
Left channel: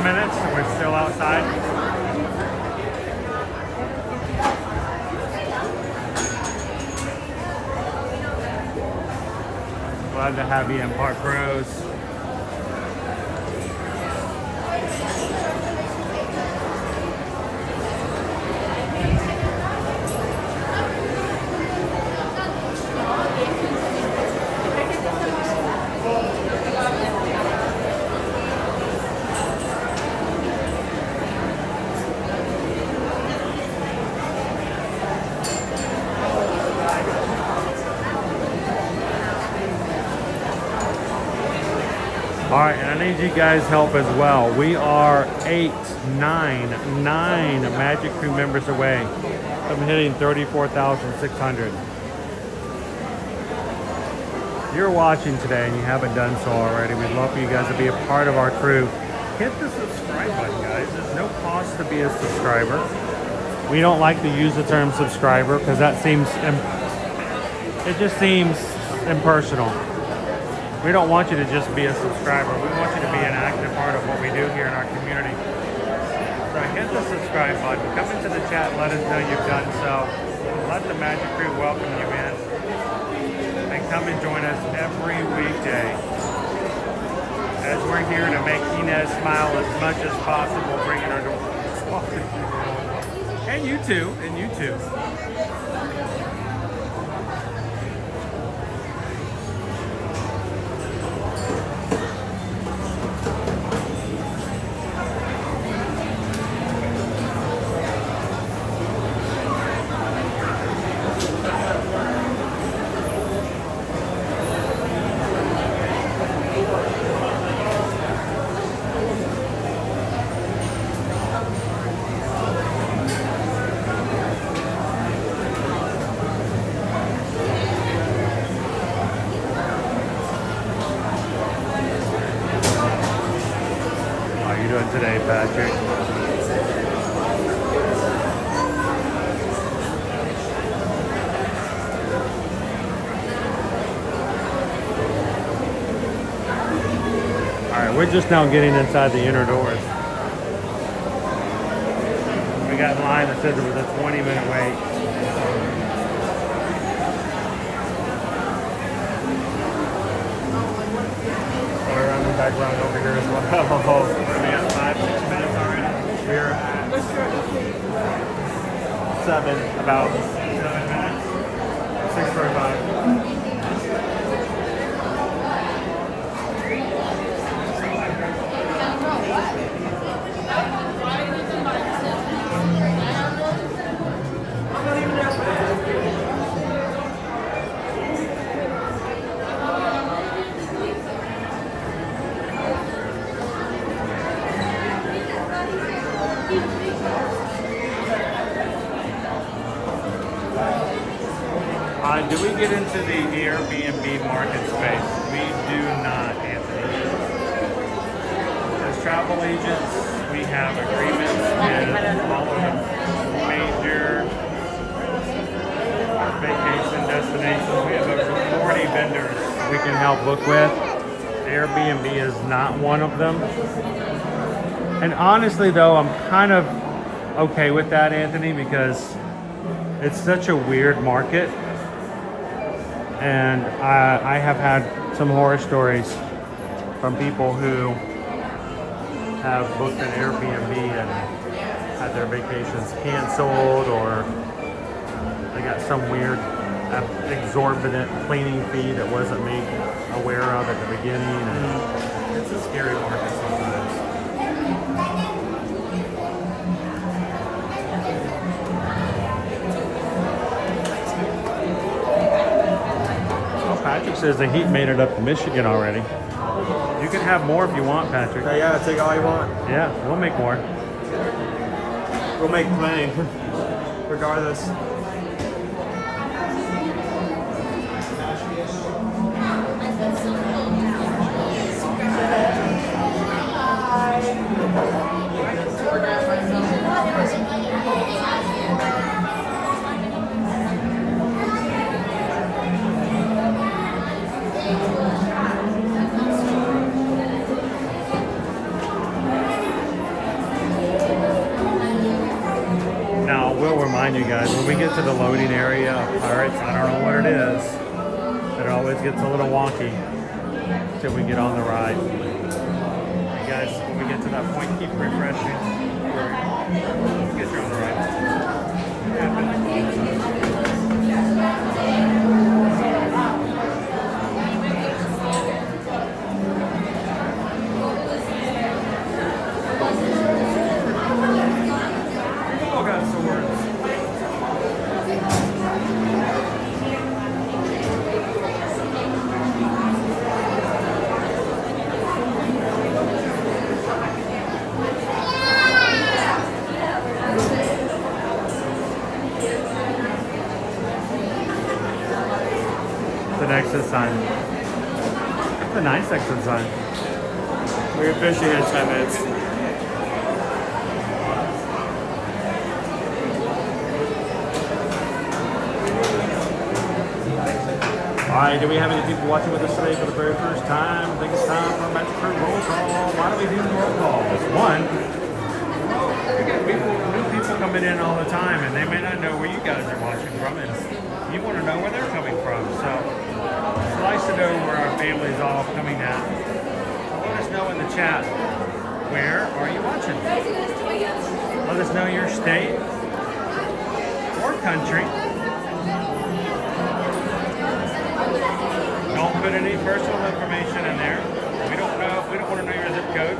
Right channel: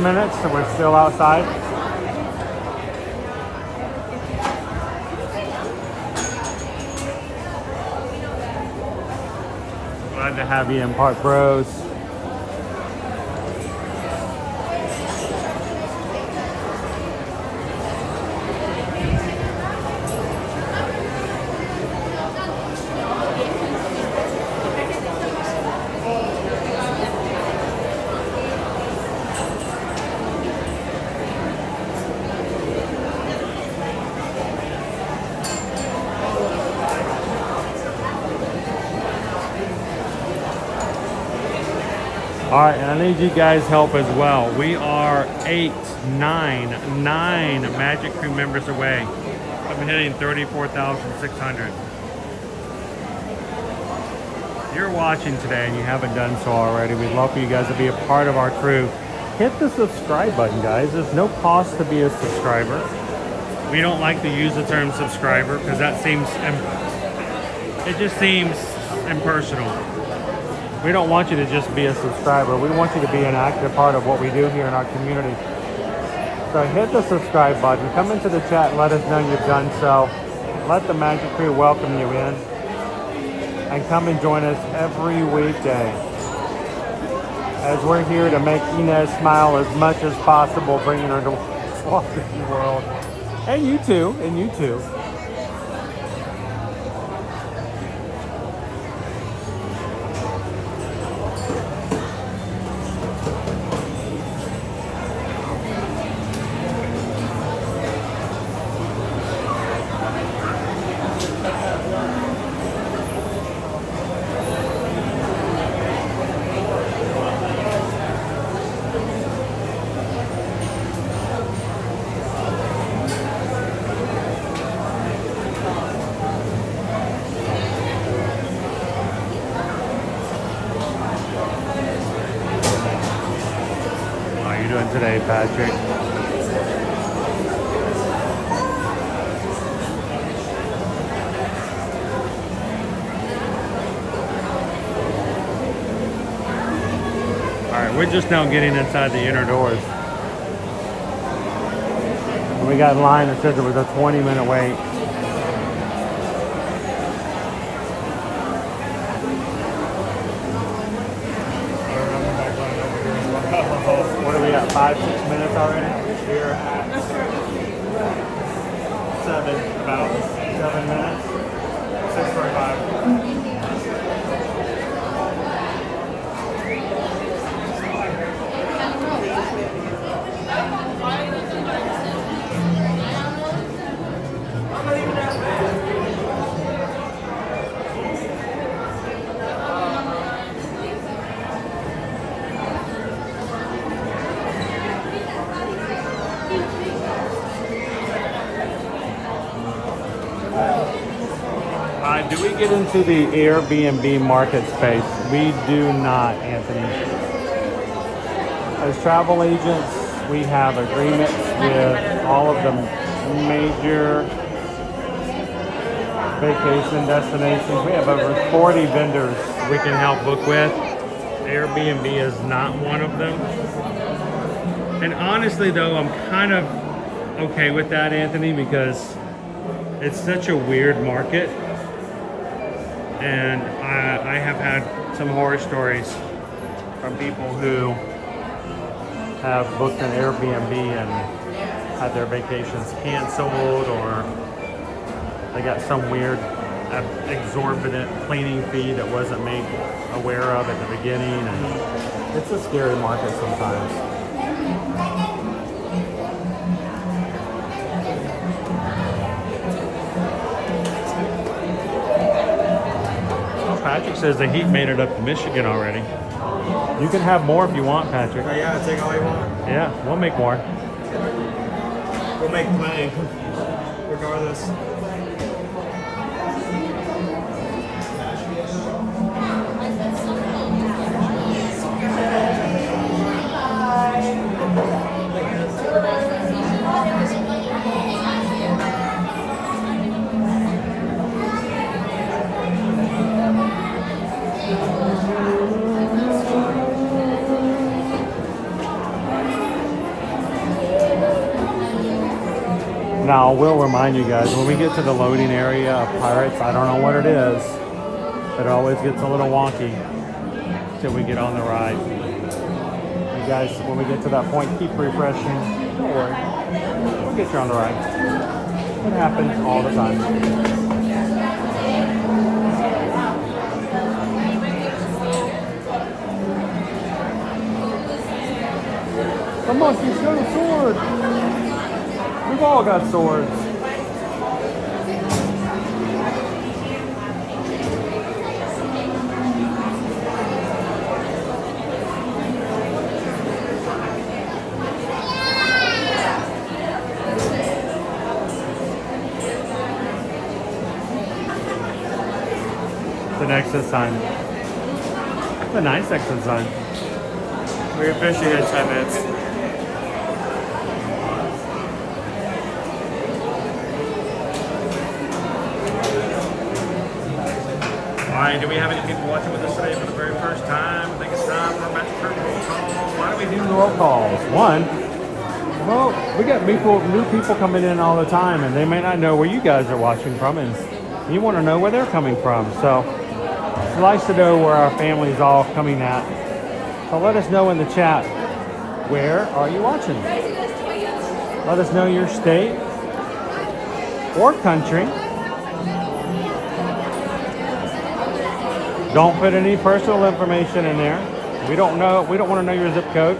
Minutes, so we're still outside. Glad to have you in Park Bros. All right, I need you guys' help as well. We are 9 Magic Crew members away from hitting 34,600. you're watching today and you haven't done so already, we'd love for you guys to be a part of our crew. Hit the subscribe button, guys. There's no cost to be a subscriber. We don't like to use the term subscriber because that seems, it just seems impersonal. We don't want you to just be a subscriber. We want you to be an active part of what we do here in our community. So hit the subscribe button. Come into the chat and let us know you've done so. Let the Magic Crew welcome you in. And come and join us every weekday as we're here to make Inez smile as much as possible, bringing her to Walt Disney World. And you too, and you too. Today, Patrick. All right, we're just now getting inside the inner doors. We got a line that said there was a 20-minute wait. We're on the back line over here as well. What are we at, 5-6 minutes already? Here. 7, about 7 minutes. 6:35. Do we get into the Airbnb market space? We do not, Anthony. As travel agents, we have agreements with all of the major vacation destinations. We have over 40 vendors we can help book with. Airbnb is not one of them. And honestly though, I'm kind of okay with that, Anthony, because it's such a weird market. And I have had some horror stories from people who have booked an Airbnb and had their vacations canceled, or they got some weird exorbitant cleaning fee that wasn't made aware of at the beginning. And it's a scary market sometimes. Patrick says the heat made it up to Michigan already. You can have more if you want, Patrick. Yeah, take all you want. Yeah, we'll make more. We'll make plenty, regardless. Now, I will remind you guys, when we get to the loading area of Pirates, I don't know what it is, but it always gets a little wonky till we get on the ride. You guys, when we get to that point, keep refreshing. We'll get you on the ride. It happens all the time. Come on, he's got a sword. We've all got swords. The Nexus sign. The nice exit sign. We're officially here in 10 minutes. Alright, do we have any people watching with us today for the very first time? I think it's time for a Magic Turn roll call. Why do we do roll calls? One, well, we get new people coming in all the time, and they may not know where you guys are watching from, and you want to know where they're coming from. So it's nice to know where our family's all coming at. So let us know in the chat, where are you watching? Let us know your state or country. Don't put any personal information in there. We don't want to know your zip code.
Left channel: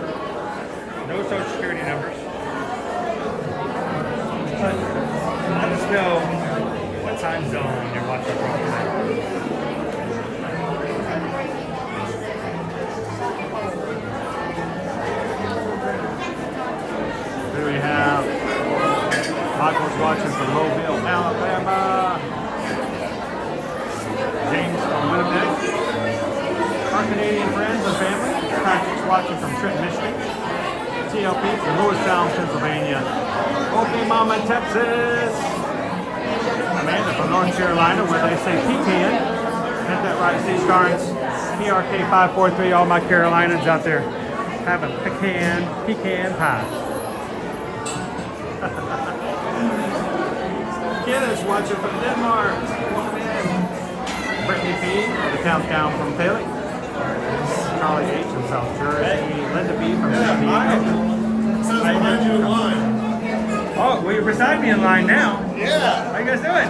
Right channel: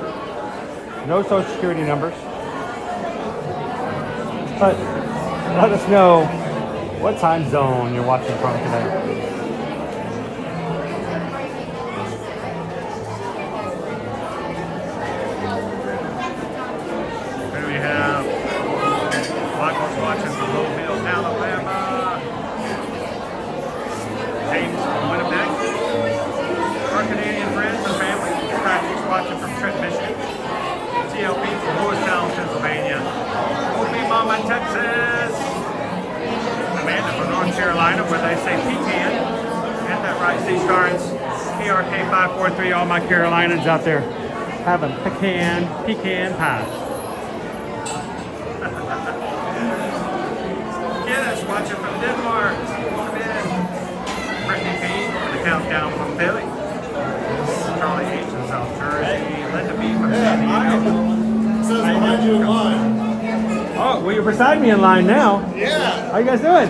No social security numbers. But let us know what time zone you're watching from today. Here we have Michael's watching from Mobile, Alabama. James from Winnipeg. Our Canadian friends and family. Patrick's watching from Trenton, Michigan. TLP from Lewistown, Pennsylvania. Mama, Texas. Amanda from North Carolina, where they say Pecan. Get that right, Steve Starnes. PRK543, all my Carolinians out there having pecan pie. Kenneth's watching from Denmark. Brittany B, the countdown from Philly. Charlie H in South Jersey. Linda B from Oh, well, you're beside me in line now. Yeah. How you guys doing?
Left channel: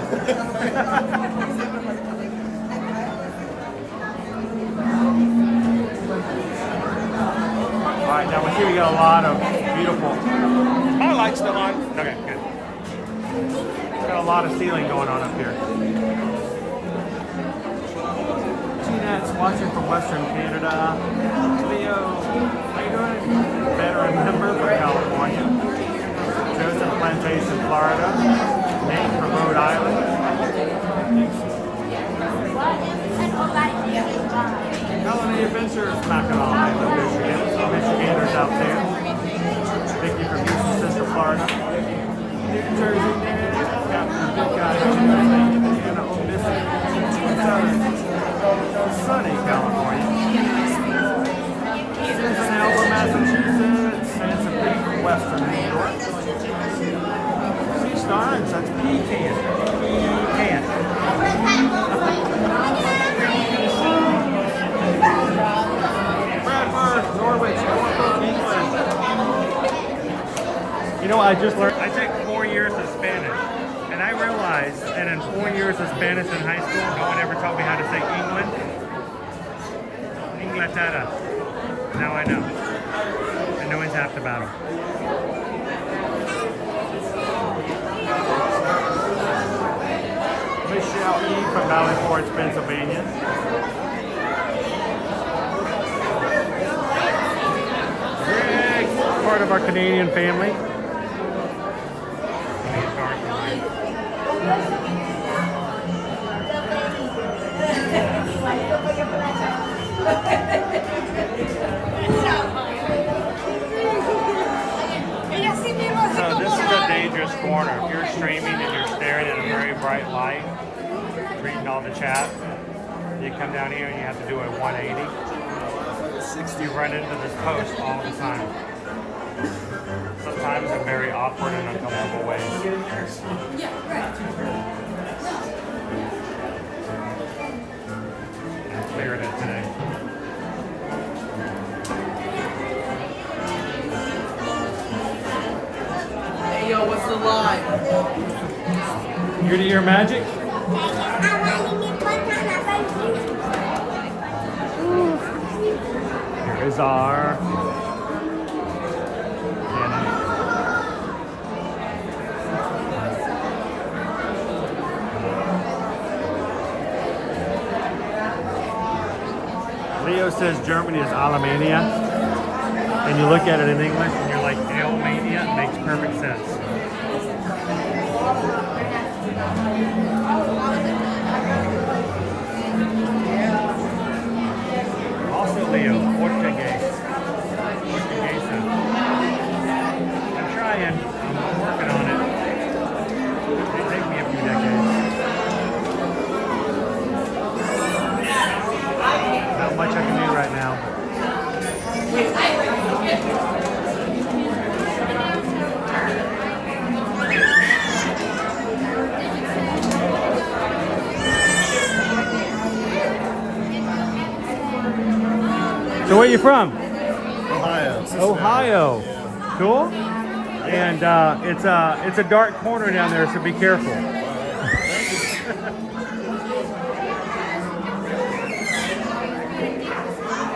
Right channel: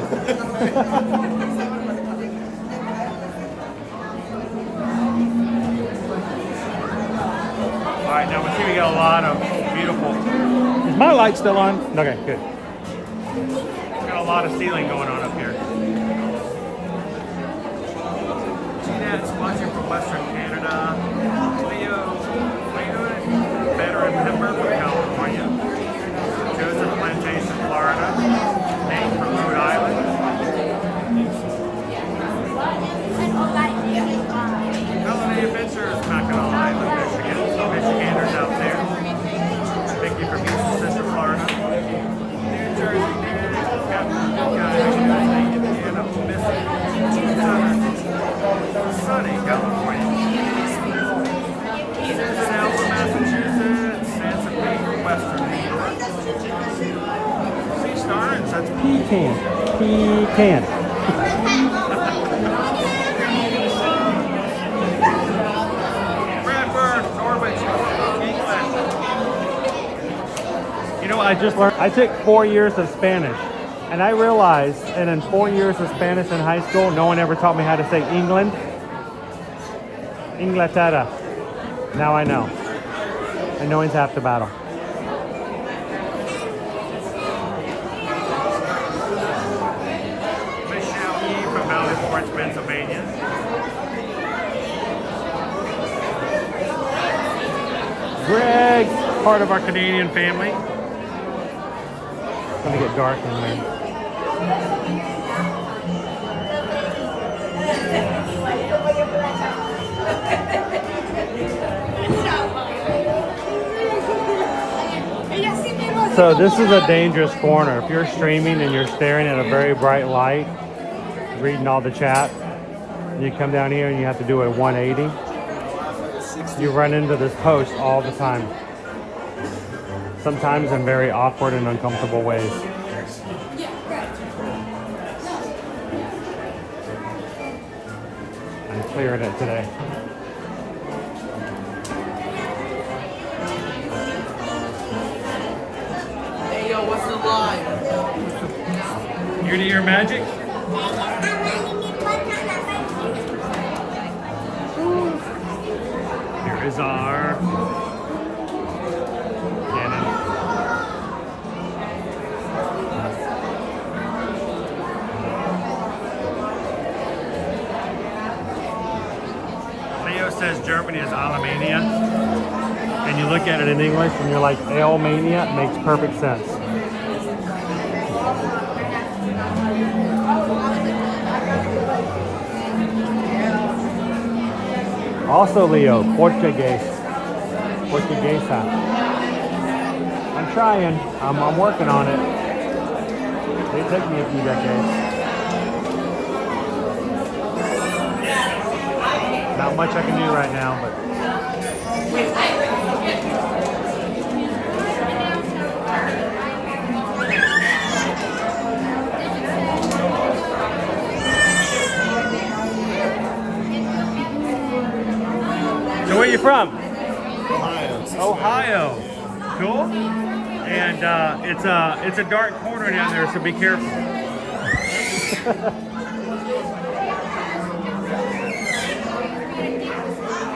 All right, now we see we got a lot of beautiful. Is my light still on? Okay, good. Got a lot of ceiling going on up here. Jeanette's watching from Western Canada. Leo, how you doing? Veteran member from California. Plantation, Florida. Name from Rhode Island. Holiday Adventures, not going to lie, Michigan. Michiganders out there. Thank you for Houston, Central Florida. New Jersey, sunny California. Cincinnati, Massachusetts. Sansa Baker, Western New York. That's Pecan. Pecan. You know, I just learned, I took 4 years of Spanish, and I realized, and in 4 years of Spanish in high school, no one ever taught me how to say England. Inglaterra. Now I know. And knowing's half the battle. From Davenport, Pennsylvania. Greg, part of our Canadian family. So this is a dangerous corner. If you're streaming and you're staring at a very bright light, reading all the chat, you come down here and you have to do a 180. You run into this post all the time. Sometimes in very awkward and uncomfortable ways. I'm clearing it today. Hey yo, what's the line? Ear-to-ear magic? Here is our cannon. Leo says Germany is Alemania, and you look at it in English and you're like, Alemania, it makes perfect sense. Also, Leo, Portuguese. Portuguesa. I'm trying. I'm working on it. It'll take me a few decades. Not much I can do right now, but. So where are you from? Ohio. Cool. And it's a dark corner down there, so be careful.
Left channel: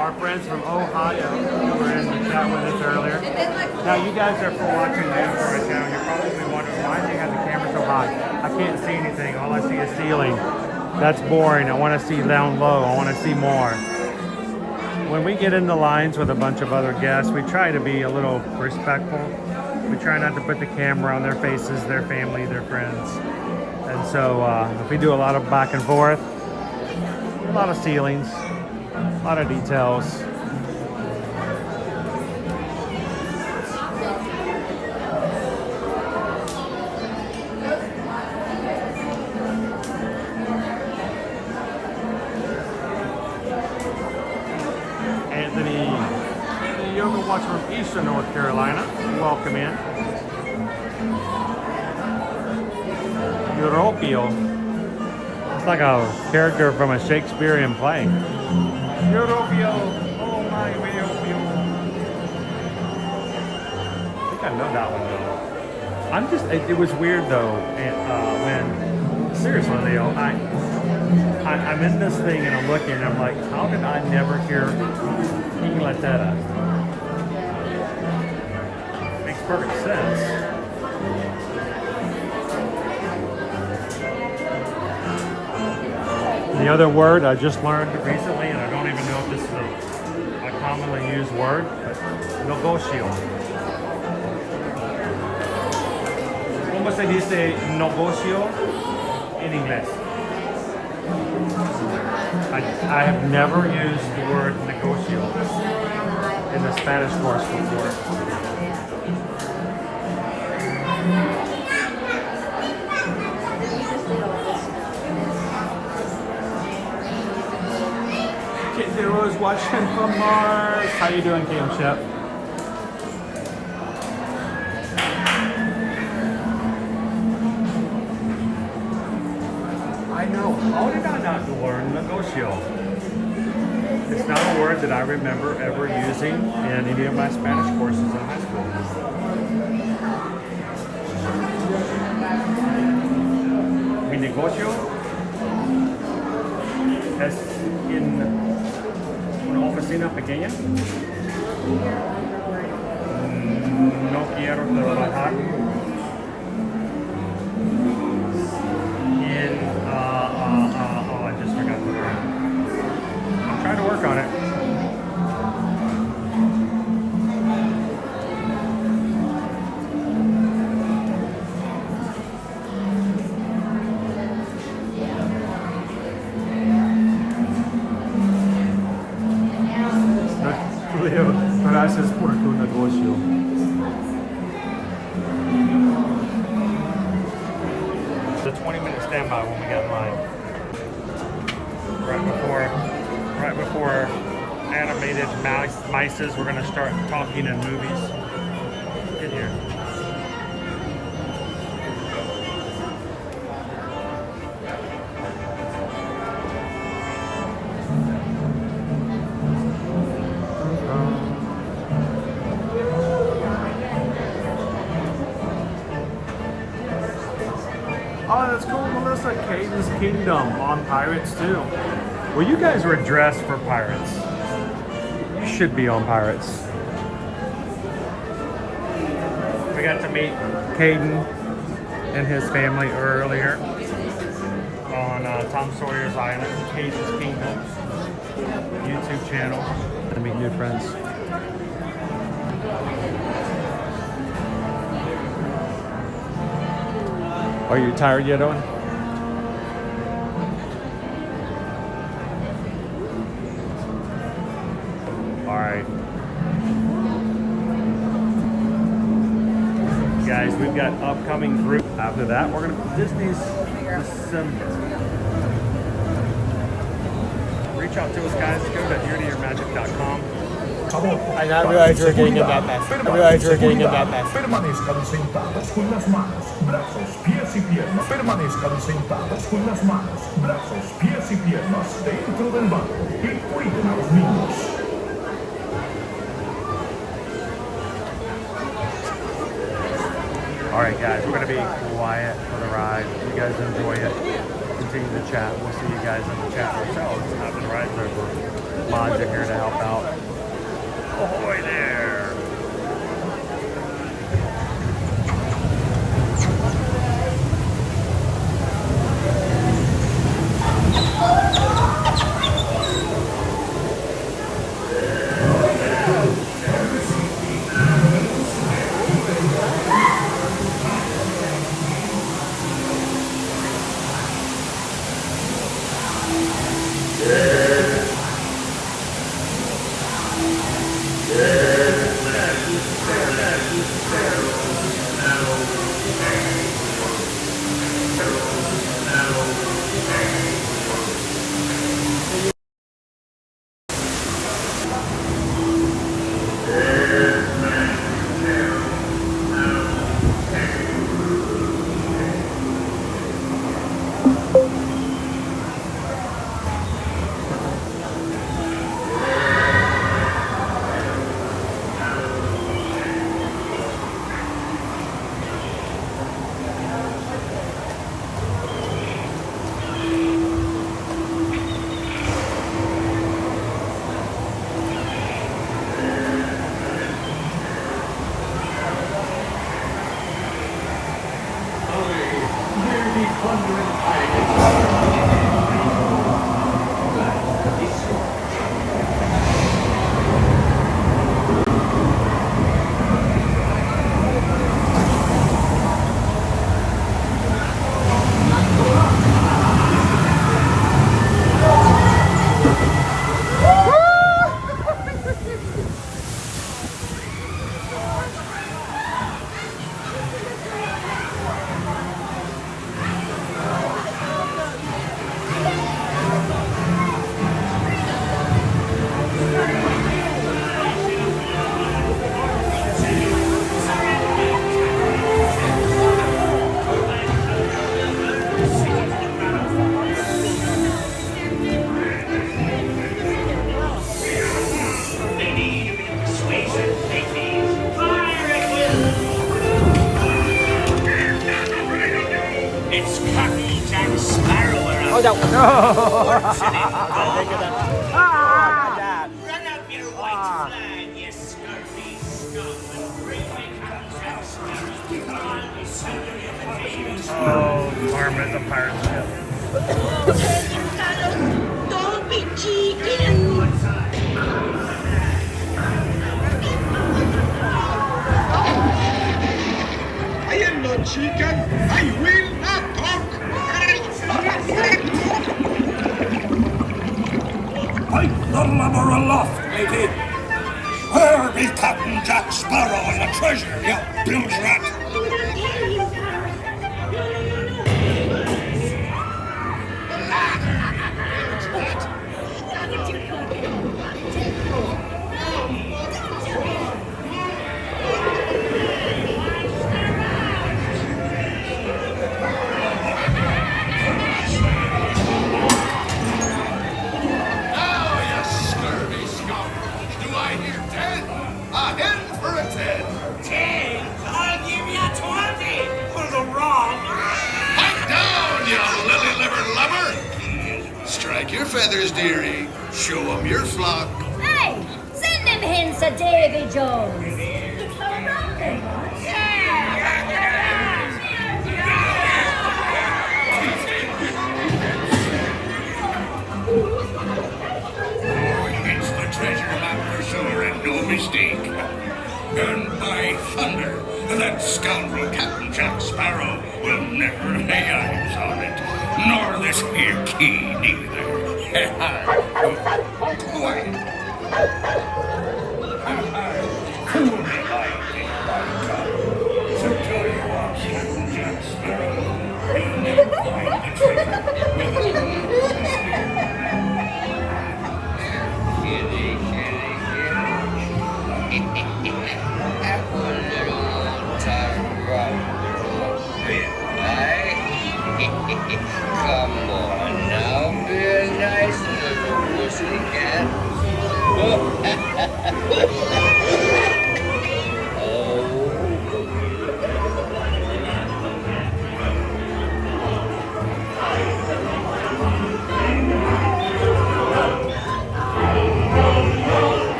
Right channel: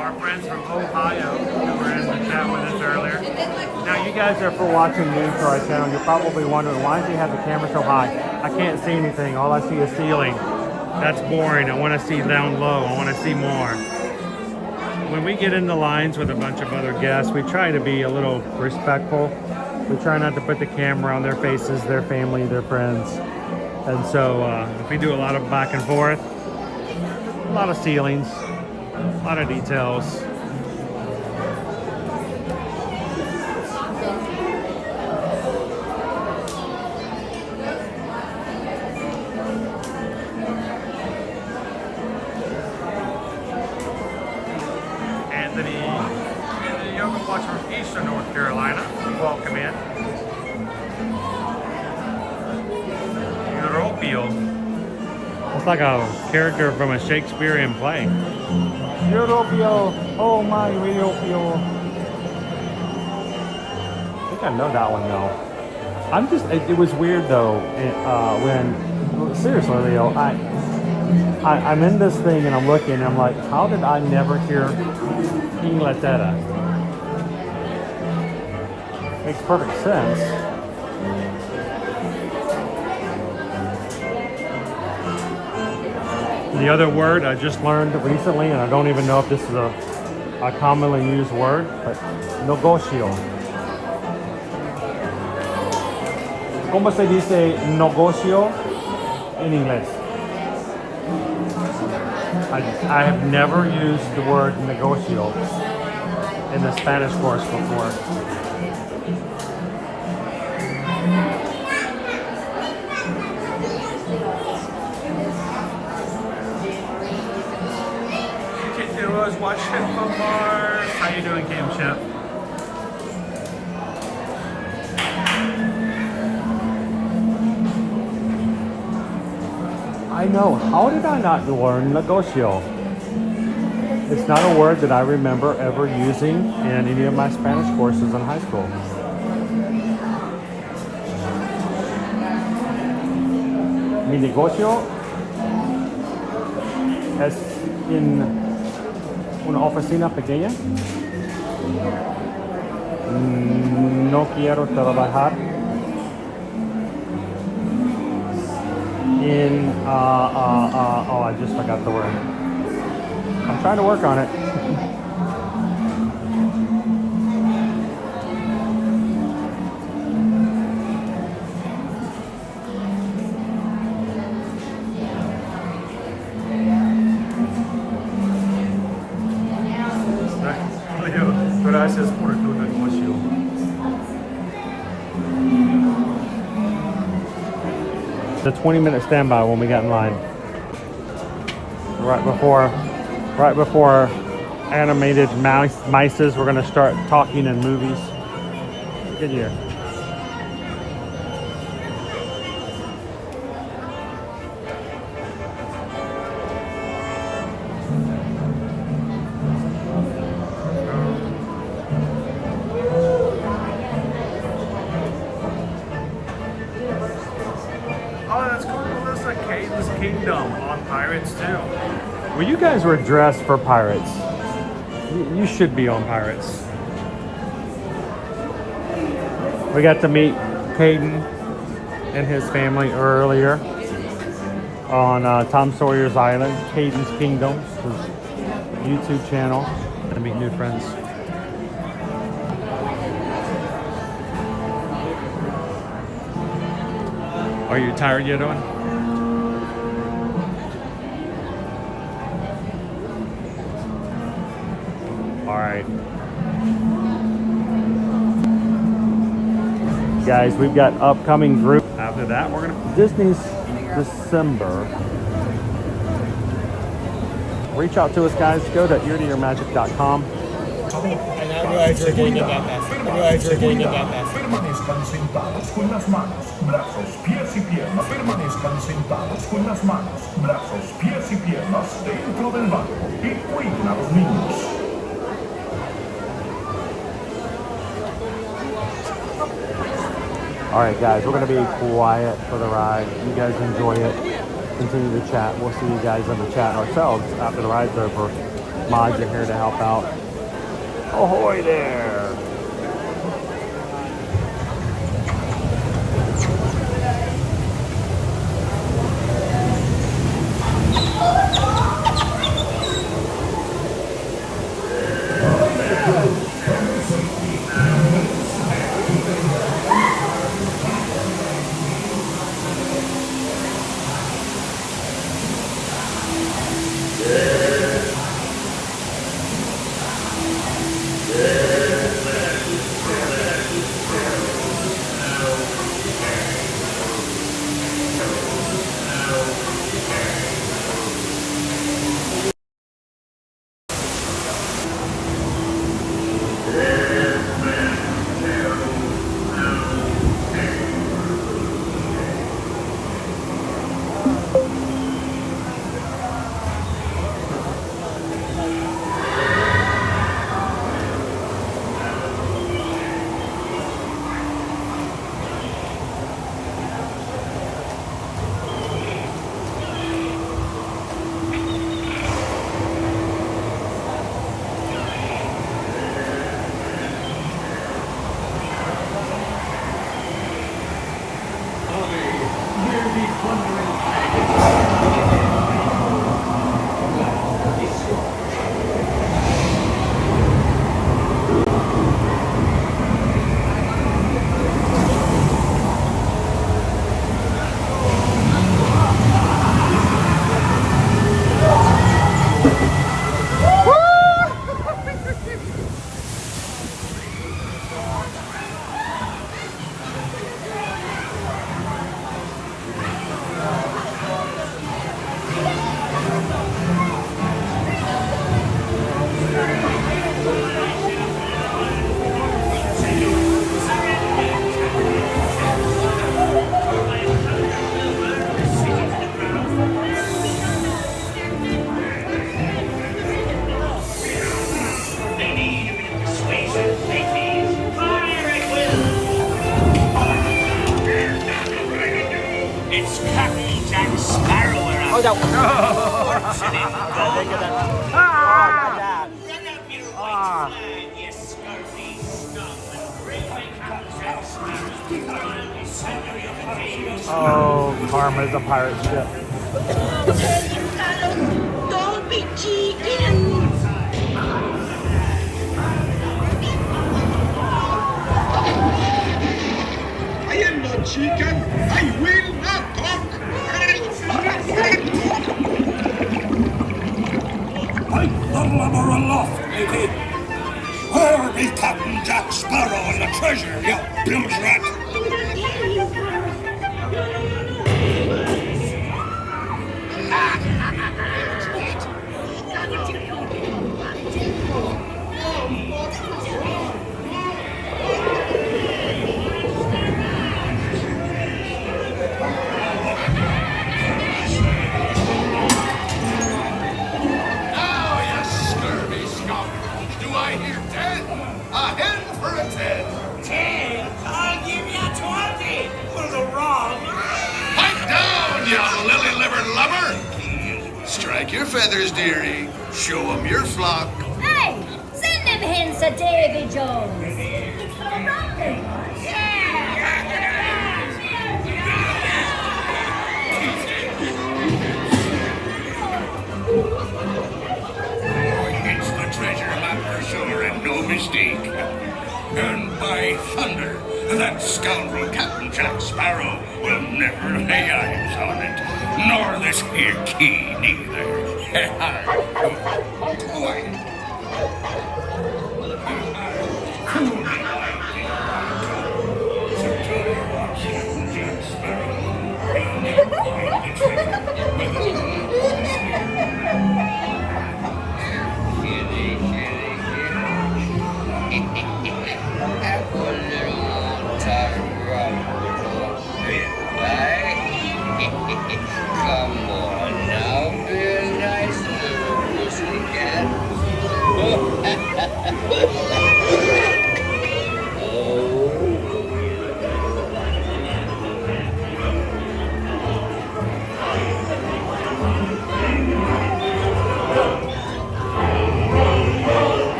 Our friends from Ohio who were in the chat with us earlier. Now you guys are for watching news for our channel. You're probably wondering, why does he have the camera so high? I can't see anything. All I see is ceiling. That's boring. I want to see down low. I want to see more. When we get in the lines with a bunch of other guests, we try to be a little respectful. We try not to put the camera on their faces, their family, their friends. And so if we do a lot of back and forth, a lot of ceilings, a lot of details. North Carolina, welcome in. Europio. It's like a character from a Shakespearean play. Europio, oh my Europio. I think I know that one though. I'm just, it was weird though, when, seriously Leo, I'm in this thing and I'm looking and I'm like, how did I never hear Inglaterra? Makes perfect sense. The other word I just learned recently, and I don't even know if this is a commonly used word, but negocio. ¿Cómo se dice negocio in English? I have never used the word negocio in the Spanish course before. Was watching from Mars. How you doing, Cam Shep? I know. How did I not learn negocio? It's not a word that I remember ever using in any of my Spanish courses in high school. Mi negocio es in una oficina pequeña. No quiero trabajar in oh, I just forgot the word. I'm trying to work on it. Gracias por tu negocio. The 20-minute standby when we got in line. Right before animated mices, we're gonna start talking in movies. Get here. On Pirates too. Well, you guys were dressed for Pirates. You should be on Pirates. We got to meet Caden and his family earlier on Tom Sawyer's Island, Caden's Kingdom, his YouTube channel, to meet new friends. Are you tired yet, Owen? All right. Guys, we've got upcoming group. After that, we're going to Disney's December. Reach out to us, guys. Go to eartoyourmagic.com. I now realize we're getting in that fast. I realize we're getting in that fast. Permanezcan sentadas con las manos, brazos, pies y piernas. Permanezcan sentadas con las manos, brazos, pies y piernas dentro del lago y cuiden a los niños. All right, guys, we're going to be quiet for the ride. You guys enjoy it. Continue to chat. We'll see you guys in the chat ourselves after the ride's over. Mods are here to help out. Ahoy there! It's Captain Jack Sparrow around. Oh, no. Run up your white flag, you scurvy scum. Bring me Captain Sparrow. Oh, Carmen is a pirate ship. Don't be cheeky. I am not chicken. I will not talk. Fight the lubber aloft, lady. Where be Captain Jack Sparrow and the treasure, you bilge rat? Strike your feathers, dearie. Show 'em your flock. Hey, send them hints to Davy Jones. It's the treasure map for sure, and no mistake. And by thunder, that scoundrel Captain Jack Sparrow will never lay eyes on it. Nor this here key, neither. Quiet.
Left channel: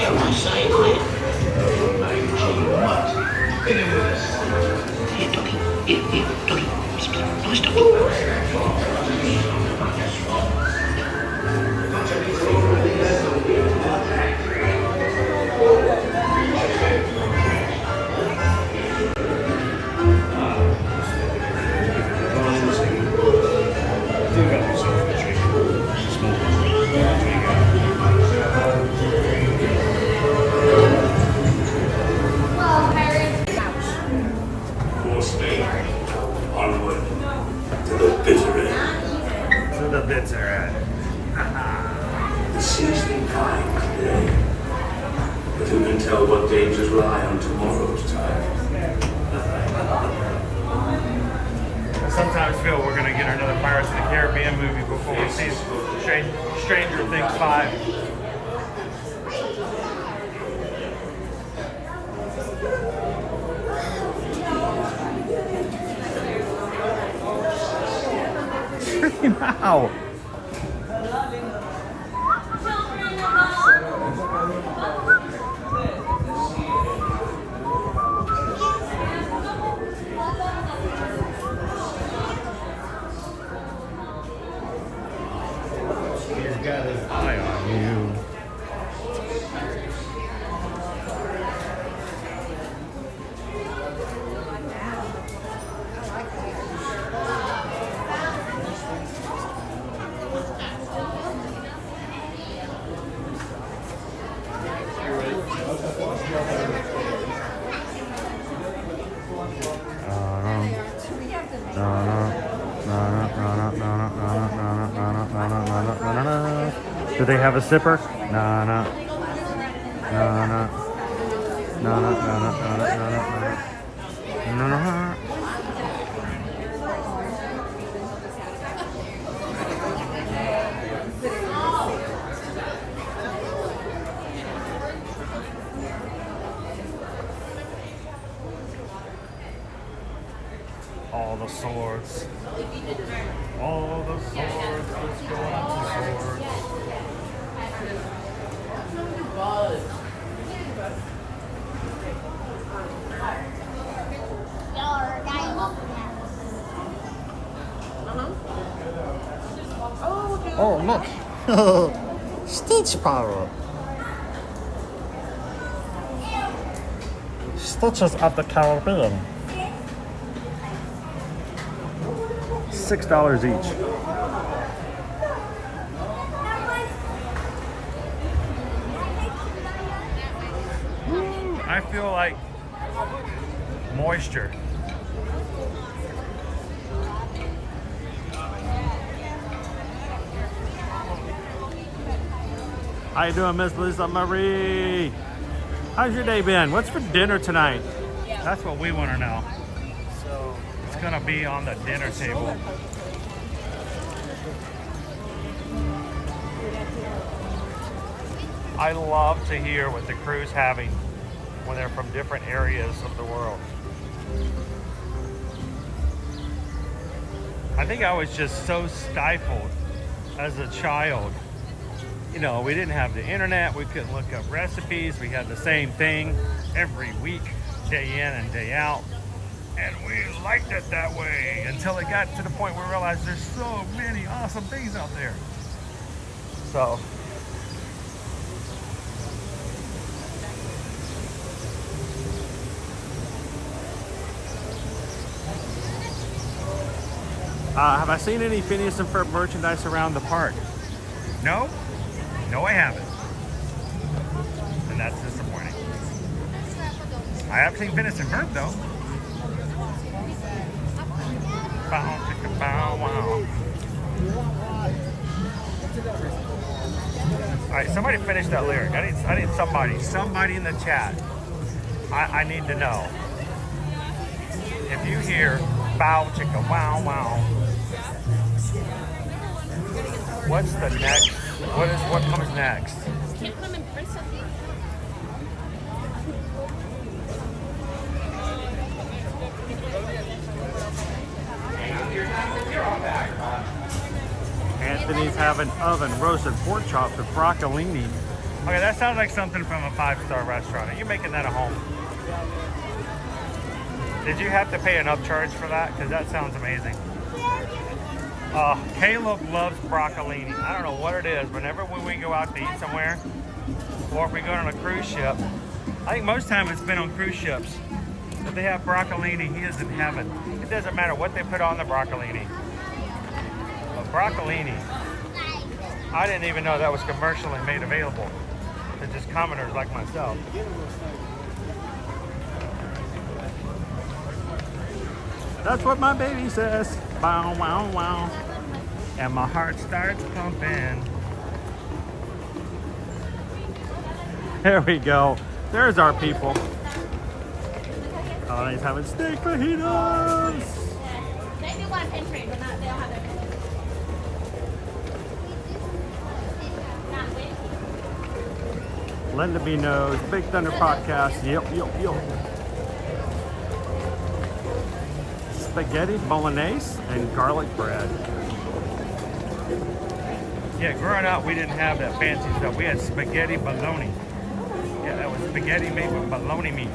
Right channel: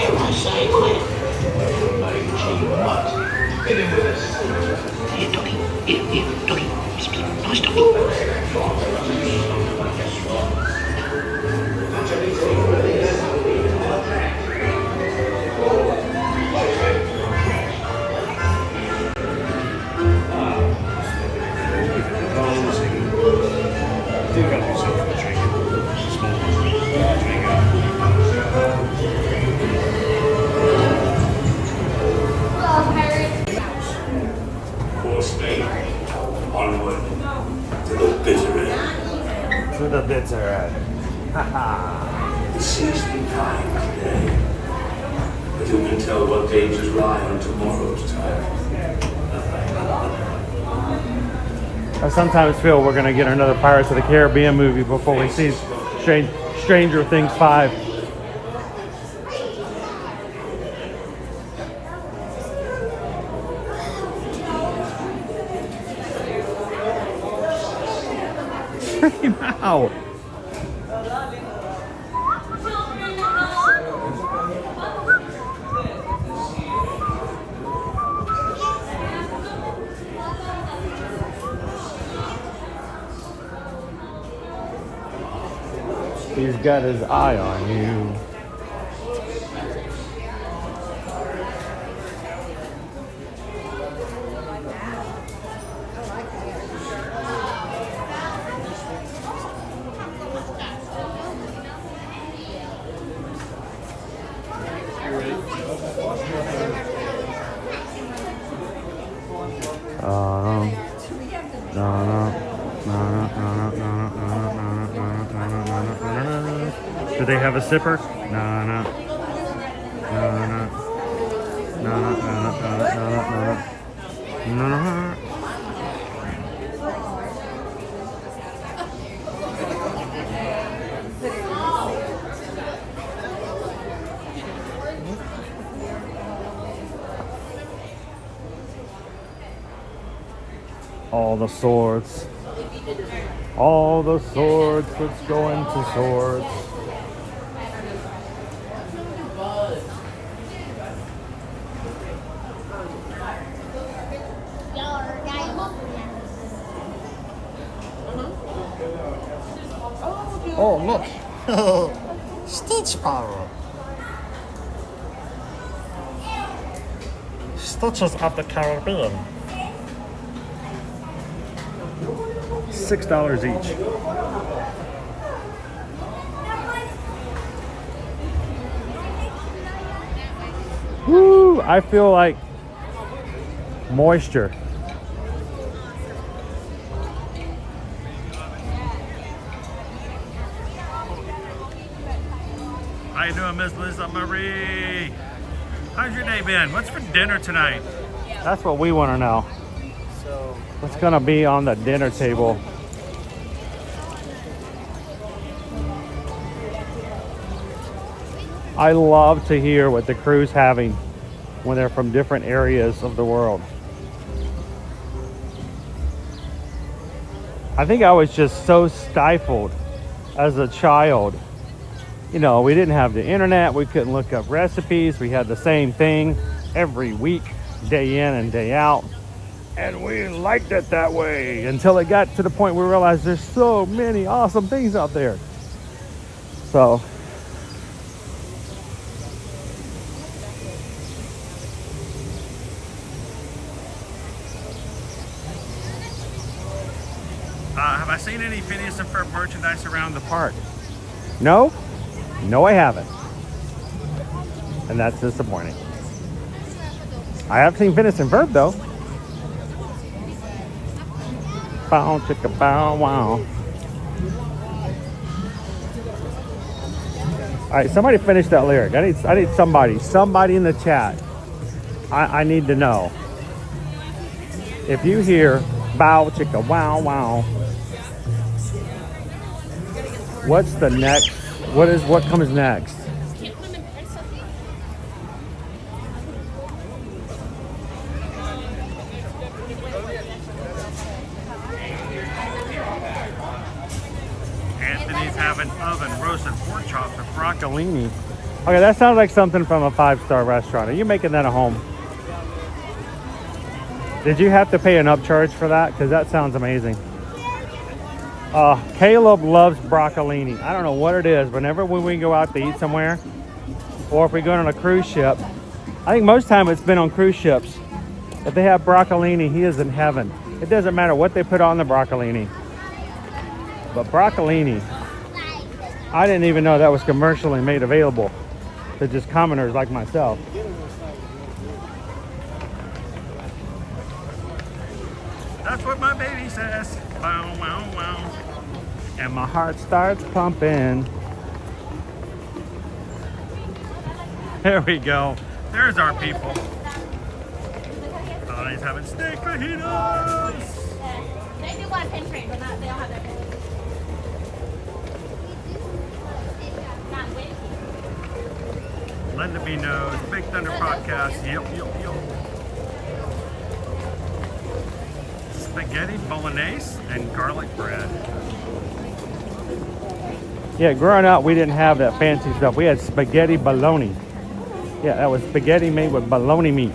have to say it. Here, doggy. Here, doggy. Nice doggy. Do help yourself to a drink. Small drink out. Hello, Pirate. For Spain, onward to the bitter end. To the bitter end. The sea's been kind today, but who can tell what dangers lie on tomorrow's tide? I sometimes feel we're gonna get another Pirates of the Caribbean movie before we see Stranger Things 5. Wow. He's got his eye on you. Do they have a sipper? No, no. No, no. No, no, no, no, no, no, no, no, no, no. All the swords. All the swords, let's go into swords. Oh, look. Stitch power. Stitches of the Caribbean. $6 each. Woo! I feel like moisture. How you doing, Miss Lisa Marie? How's your day been? What's for dinner tonight? That's what we want to know. What's gonna be on the dinner table? I love to hear what the crew's having when they're from different areas of the world. I think I was just so stifled as a child. You know, we didn't have the internet, we couldn't look up recipes, we had the same thing every week, day in and day out. And we liked it that way until it got to the point where we realized there's so many awesome things out there. So, have I seen any Phineas and Ferb merchandise around the park? No? No, I haven't. And that's disappointing. I have seen Phineas and Ferb though. Bow, chicka, bow, wow. All right, somebody finish that lyric. I need somebody in the chat. I need to know. If you hear bow, chicka, wow, wow, what's the next? What comes next? Anthony's having oven roasted pork chops with broccolini Okay, that sounds like something from a 5-star restaurant. Are you making that at home? Did you have to pay an upcharge for that? Because that sounds amazing. Caleb loves broccolini. I don't know what it is. Whenever when we go out to eat somewhere, or if we go on a cruise ship, I think most time it's been on cruise ships. If they have broccolini, he is in heaven. It doesn't matter what they put on the broccolini. But broccolini, I didn't even know that was commercially made available to just commoners like myself. That's what my baby says. Wow, wow, wow. And my heart starts pumping. There we go. There's our people. Oh, he's having steak fajitas. They do want pen train, but not, they don't have that pen. Linda B knows. Big Thunder Podcast. Yep. Spaghetti bolognese and garlic bread. Yeah, growing up, we didn't have that fancy stuff. We had spaghetti bologna. Yeah, that was spaghetti made with bologna meat.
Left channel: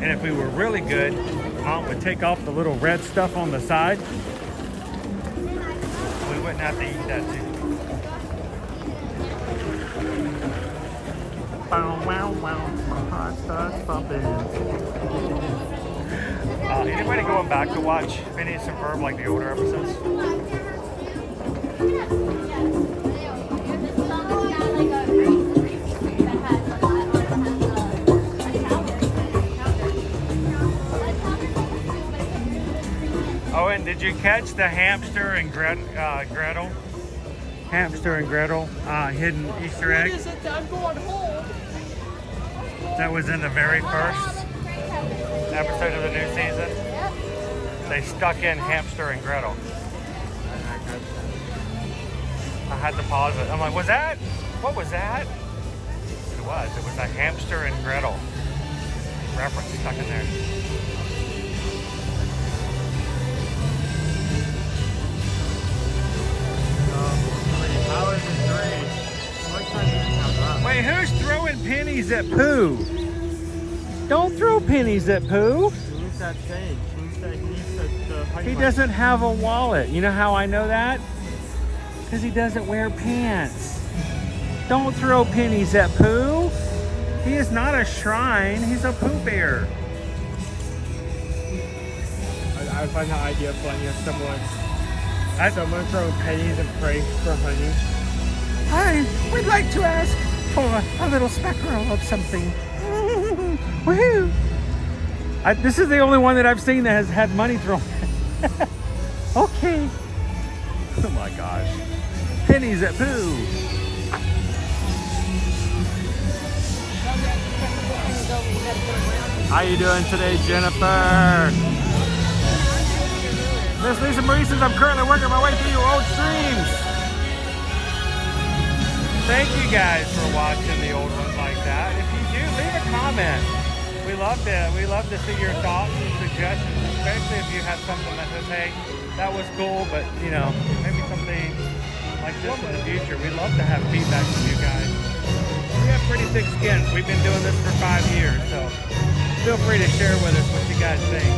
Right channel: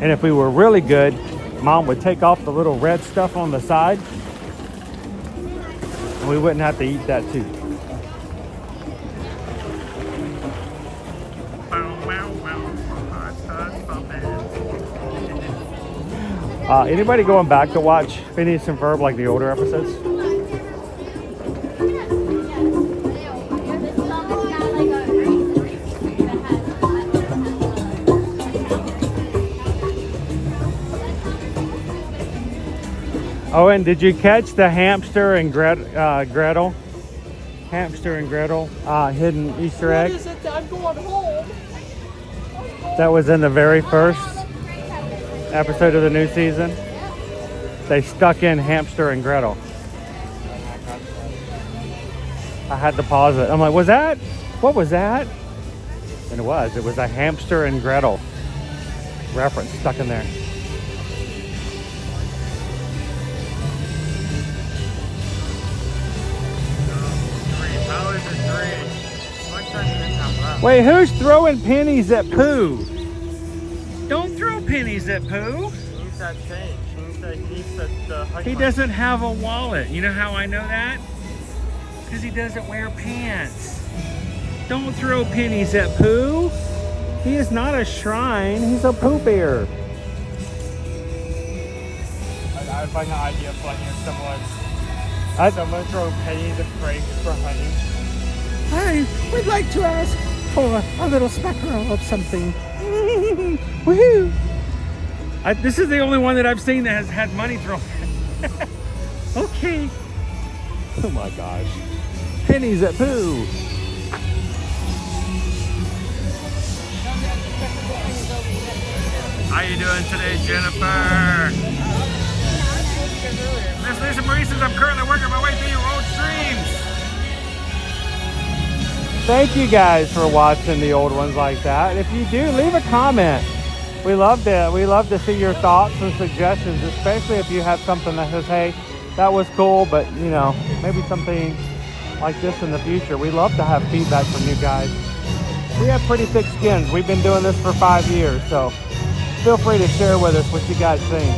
And if we were really good, Mom would take off the little red stuff on the side. We wouldn't have to eat that too. Anybody going back to watch Phineas and Ferb, like the older episodes? Owen, did you catch the hamster and Gretel? Hamster and Gretel hidden Easter egg? That was in the very first episode of the new season. They stuck in Hamster and Gretel. I had to pause it. I'm like, what was that? And it was a Hamster and Gretel reference stuck in there. Wait, who's throwing pennies at Pooh? Don't throw pennies at Pooh. He doesn't have a wallet. You know how I know that? Because he doesn't wear pants. Don't throw pennies at Pooh. He is not a shrine. He's a Pooh Bear. I find the idea funny. Someone throw pennies at Frank from honey. I would like to ask for a little spectral of something. Woohoo! This is the only one that I've seen that has had money thrown. Okay. Oh my gosh. Pennies at Pooh. How you doing today, Jennifer? Miss Lisa Marie says I'm currently working my way through your old streams. Thank you guys for watching the old ones like that. And if you do, leave a comment. We love to see your thoughts and suggestions, especially if you have something that says, hey, that was cool, but you know, maybe something like this in the future. We love to have feedback from you guys. We have pretty thick skins. We've been doing this for 5 years, so feel free to share with us what you guys think.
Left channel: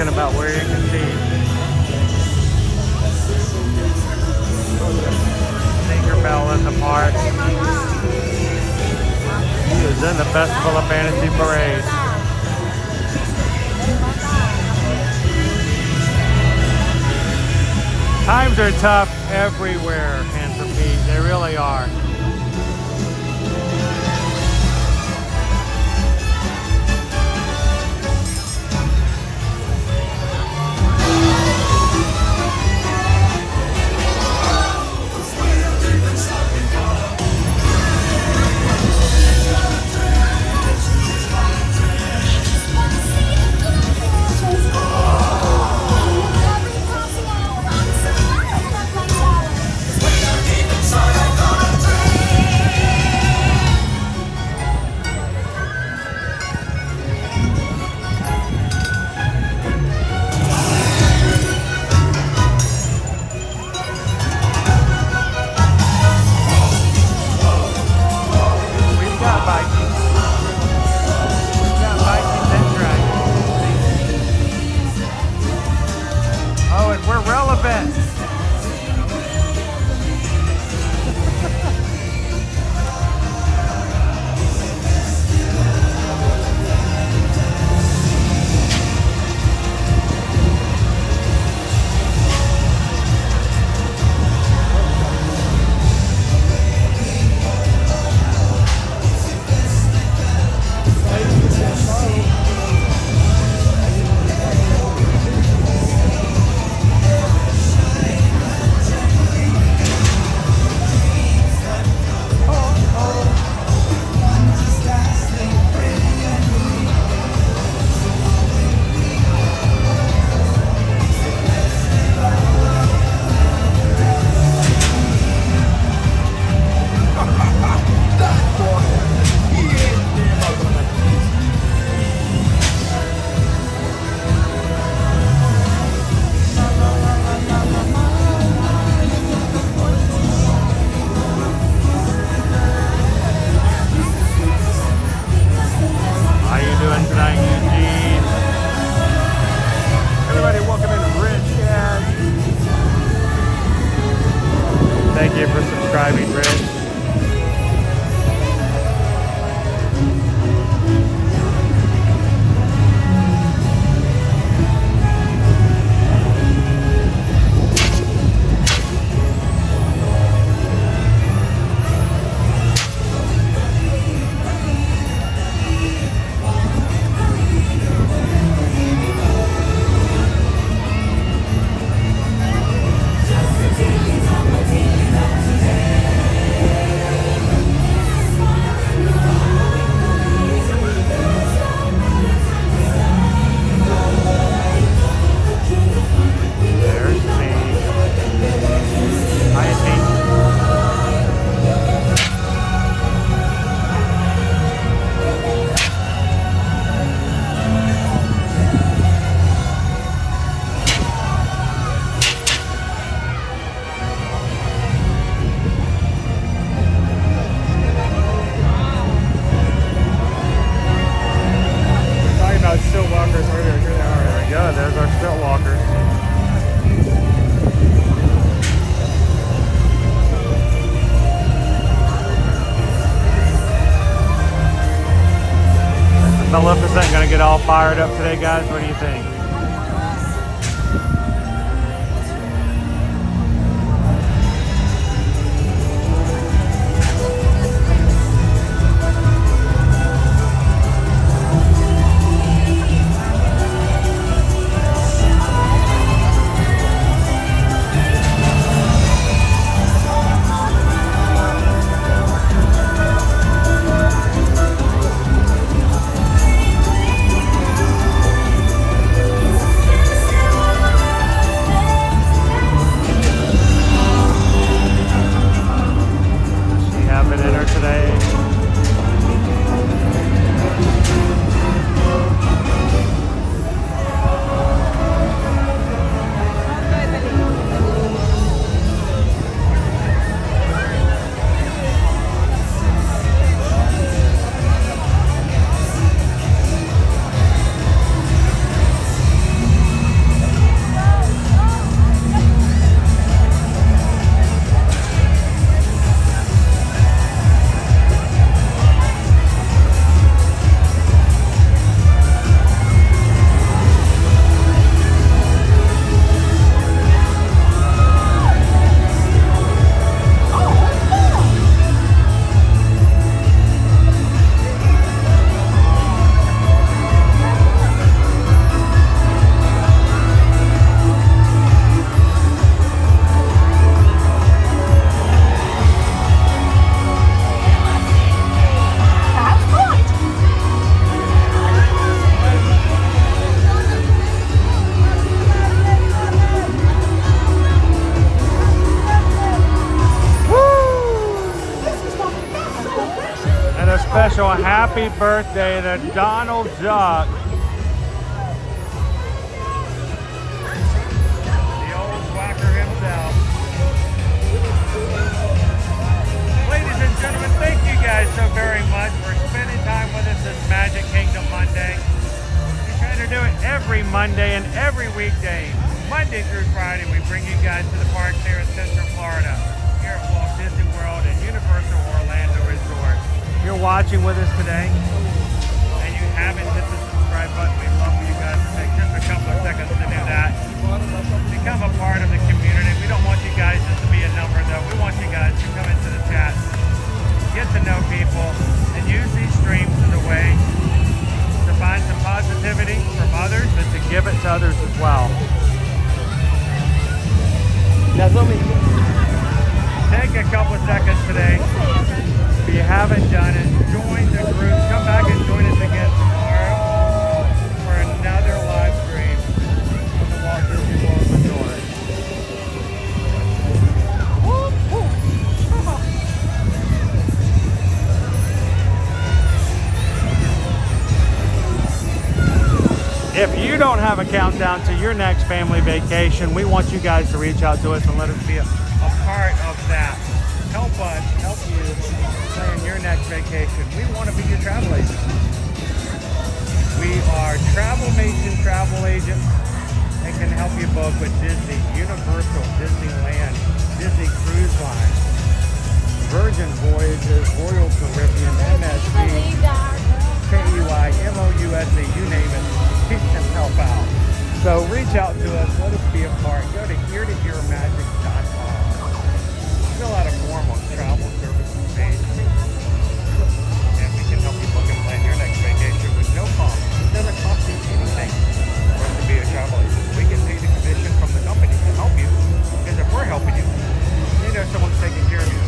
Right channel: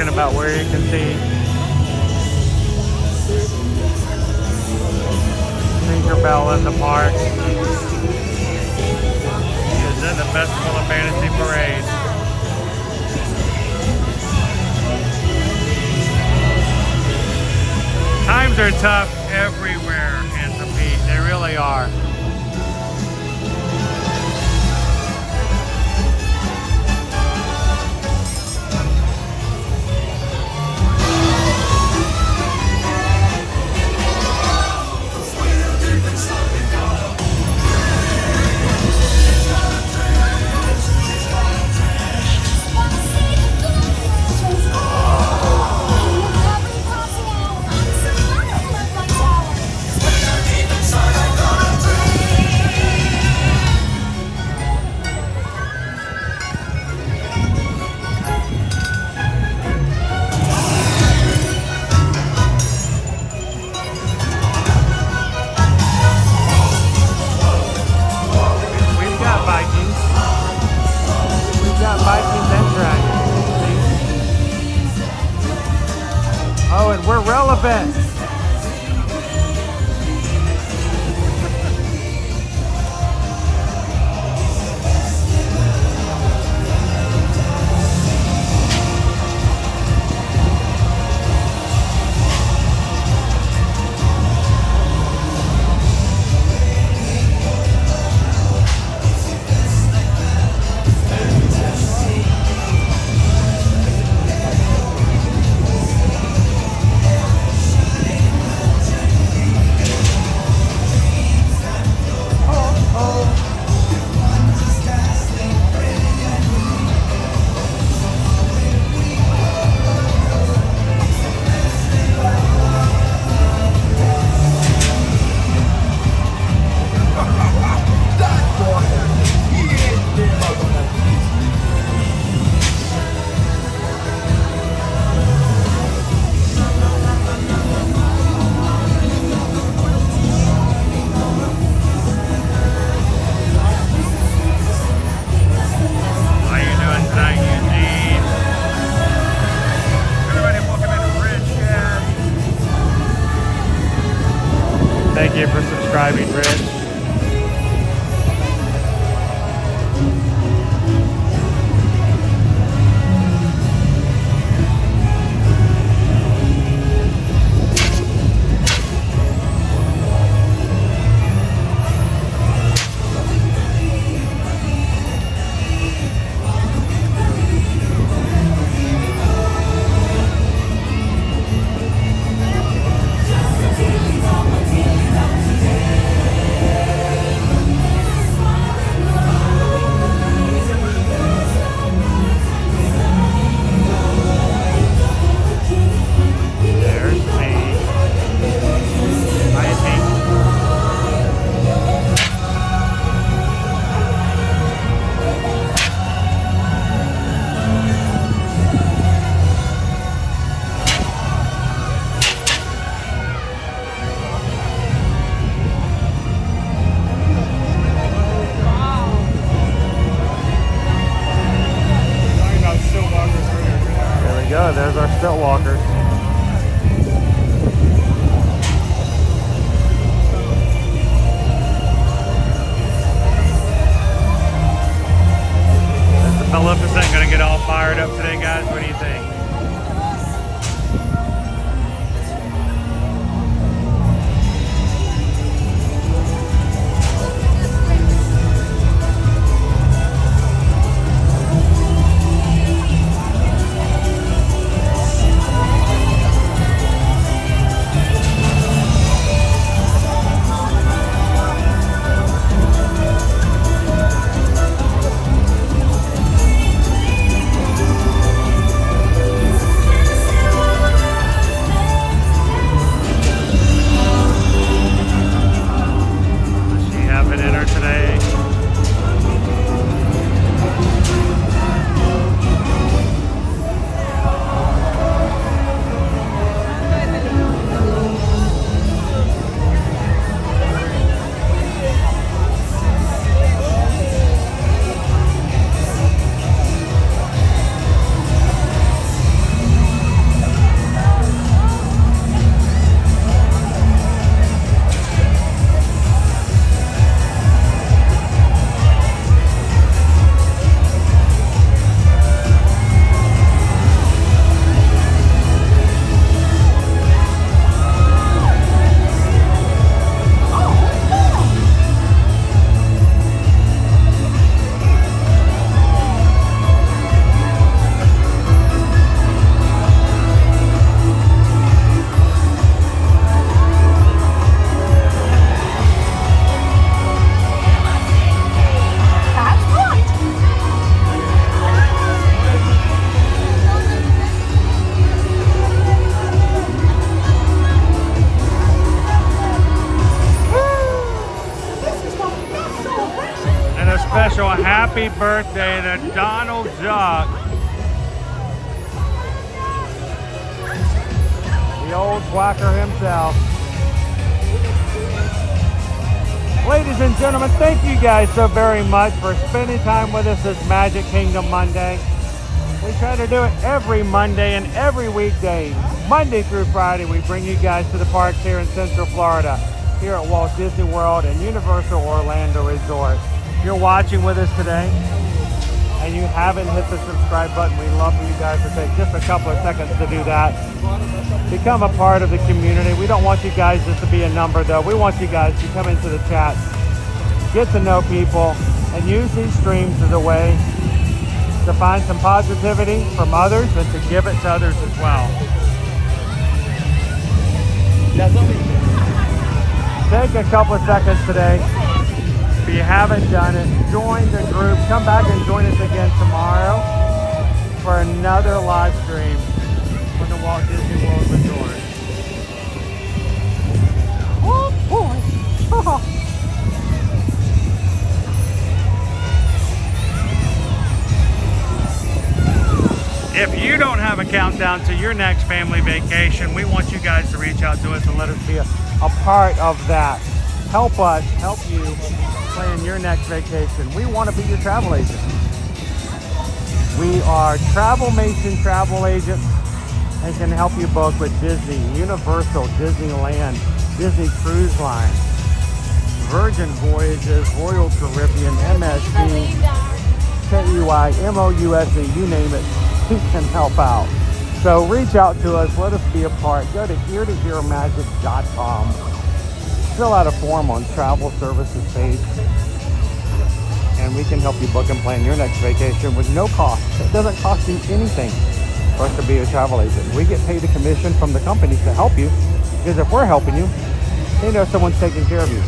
talking about where you can see Tinkerbell in the park. He is in the Festival of Fantasy Parade. Times are tough everywhere, Handsome Pete. They really are. Thank you for subscribing, Rich. There's our stilt walkers. Is the Maleficent gonna get all fired up today, guys? What do you think? special happy birthday to Donald Duck. The old quacker himself. Ladies and gentlemen, thank you guys so very much for spending time with us this Magic Kingdom Monday. We try to do it every Monday and every weekday, Monday through Friday. We bring you guys to the parks here in Central Florida, here at Walt Disney World and Universal Orlando Resort. If you're watching with us today and you haven't hit the subscribe button, we'd love for you guys to take just a couple of seconds to do that. Become a part of the community. We don't want you guys just to be a number though. We want you guys to come into the chat, get to know people, and use these streams as a way to find some positivity from others and to give it to others as well. Take a couple of seconds today. If you haven't done it, join the group. Come back and join us again tomorrow for another live stream from the Walt Disney World Resort. Oh boy! If you don't have a countdown to your next family vacation, we want you guys to reach out to us and let us be a part of that. Help us help you plan your next vacation. We want to be your travel agent. We are Travelmation travel agents and can help you book with Disney, Universal, Disneyland, Disney Cruise Line, Virgin Voyages, Royal Caribbean, MSC, KEY, MOUSE, you name it. We can help out. So reach out to us, let us be a part. Go to heretohearmagic.com. Fill out a form on travel services page, and we can help you book and plan your next vacation with no cost. It doesn't cost you anything for us to be a travel agent. We get paid a commission from the company to help you, because if we're helping you, they know someone's taking care of you.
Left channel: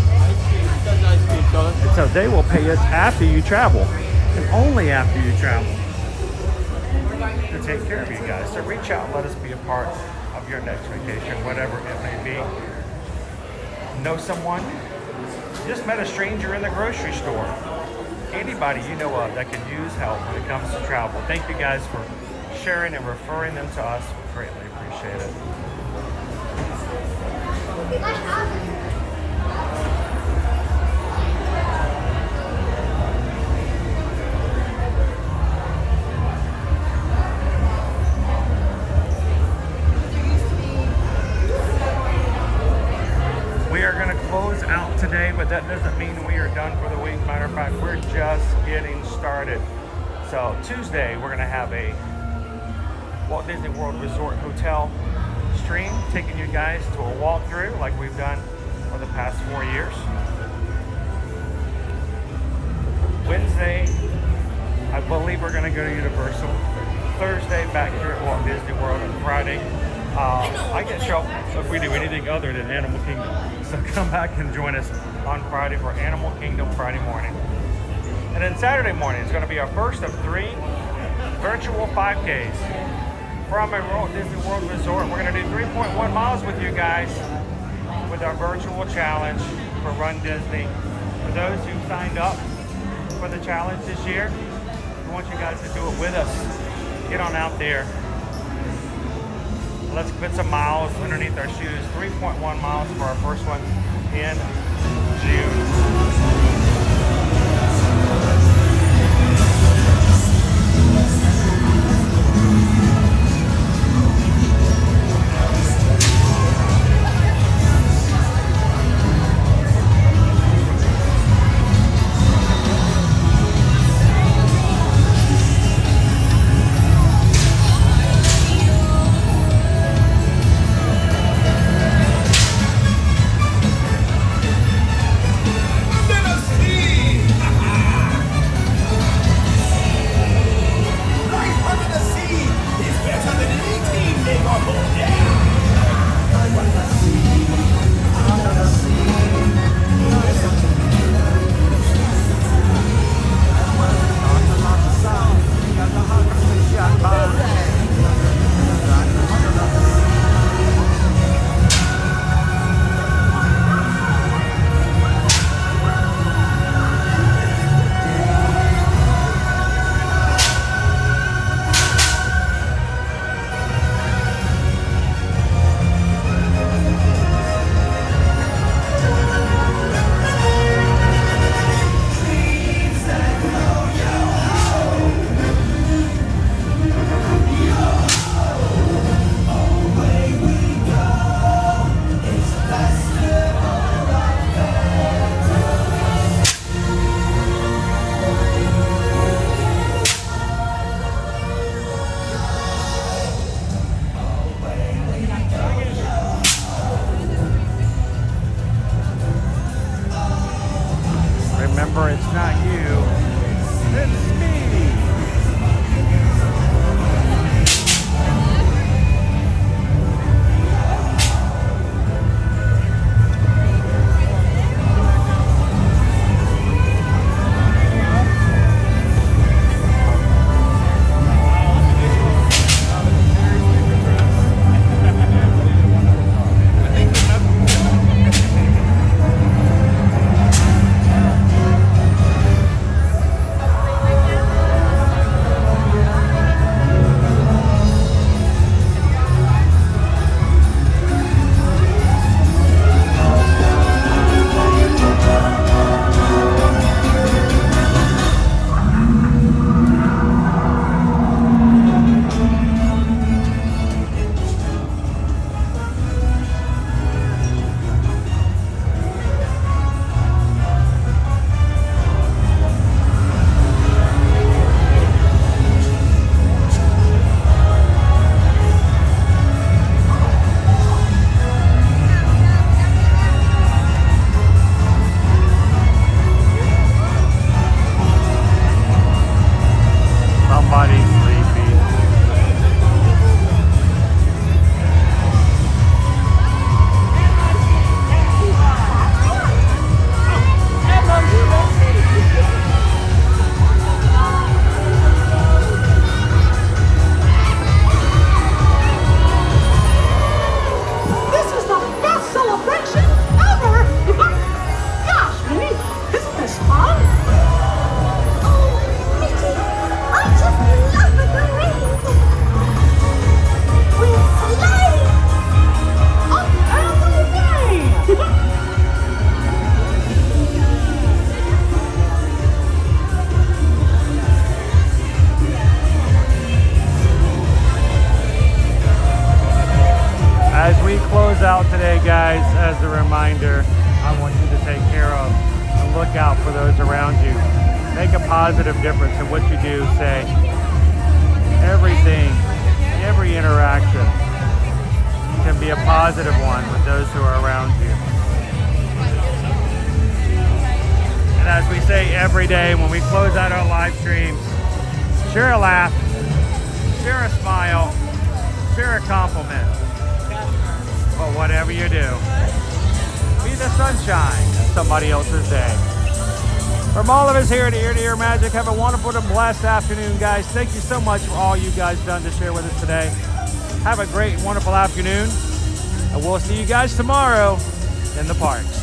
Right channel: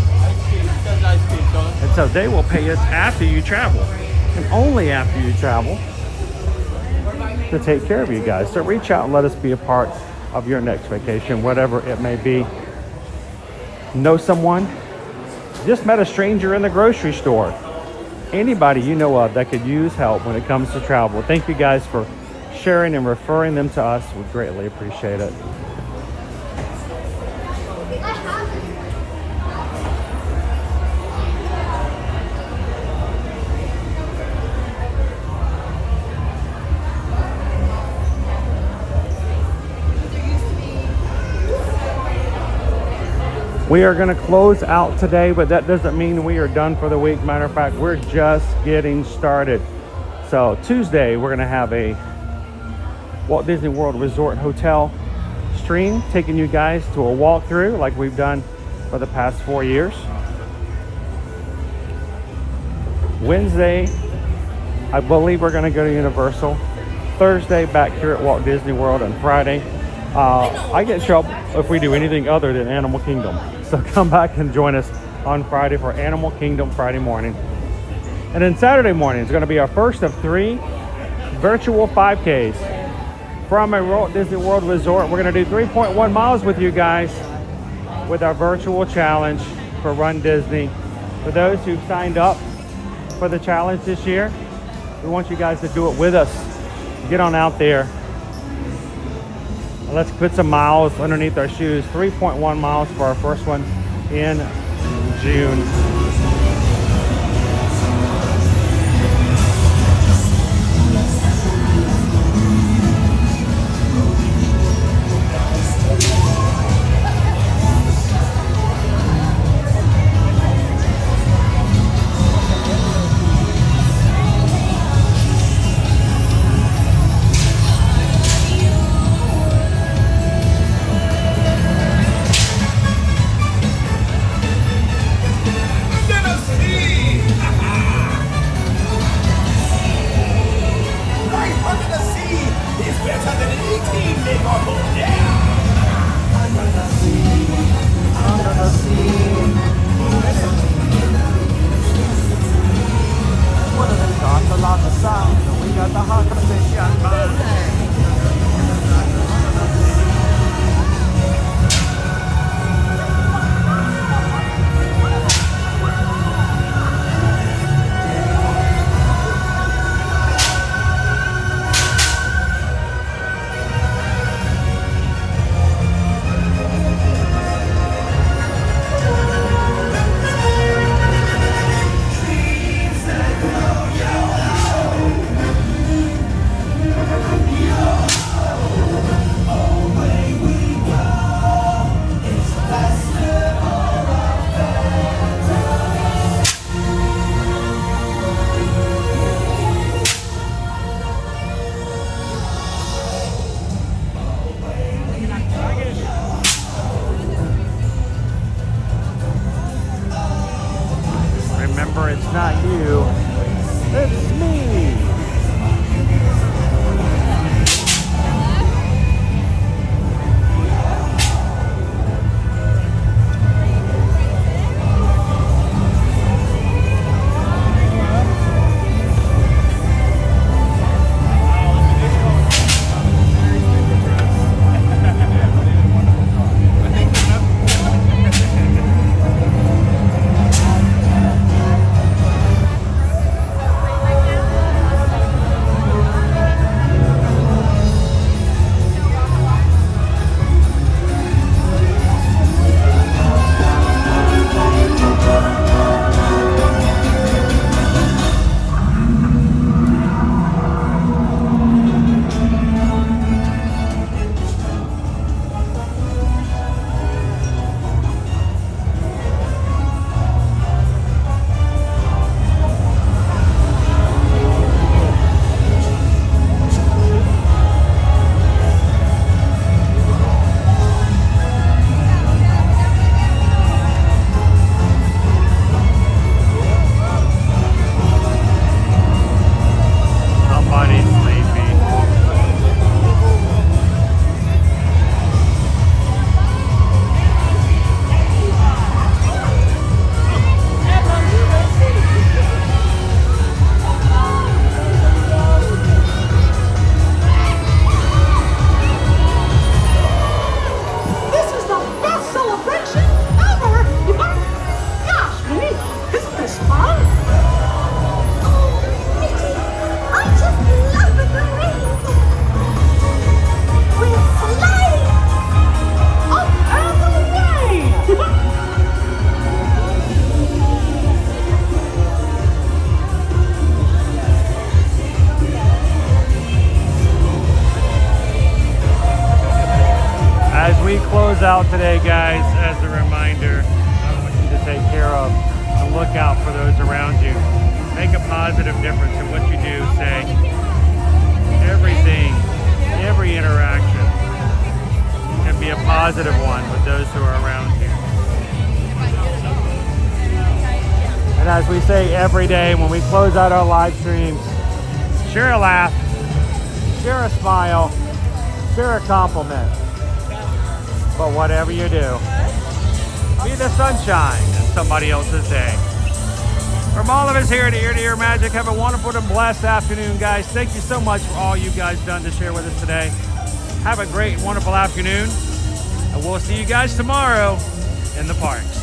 And so they will pay us after you travel, and only after you travel, to take care of you guys. So reach out and let us be a part of your next vacation, whatever it may be. Know someone? Just met a stranger in the grocery store. Anybody you know of that could use help when it comes to travel. Thank you guys for sharing and referring them to us. We greatly appreciate it. We are going to close out today, but that doesn't mean we are done for the week. Matter of fact, we're just getting started. So Tuesday, we're going to have a Walt Disney World Resort Hotel stream, taking you guys to a walkthrough like we've done for the past 4 years. Wednesday, I believe we're going to go to Universal. Thursday, back here at Walt Disney World. And Friday, I get trouble if we do anything other than Animal Kingdom. So come back and join us on Friday for Animal Kingdom Friday morning. And then Saturday morning is going to be our first of 3 virtual 5Ks from a Walt Disney World Resort. We're going to do 3.1 miles with you guys with our virtual challenge for Run Disney. For those who signed up for the challenge this year, we want you guys to do it with us. Get on out there. Let's put some miles underneath our shoes. 3.1 miles for our first one in June. out today, guys, as a reminder, I want you to take care of and look out for those around you. Make a positive difference in what you do, say. Everything, every interaction can be a positive one with those who are around you. And as we say every day when we close out our live streams, share a laugh, share a smile, share a compliment. But whatever you do, be the sunshine in somebody else's day. From all of us here at Ear to Ear Magic, have a wonderful and blessed afternoon, guys. Thank you so much for all you guys done to share with us today. Have a great and wonderful afternoon, and we'll see you guys tomorrow in the parks.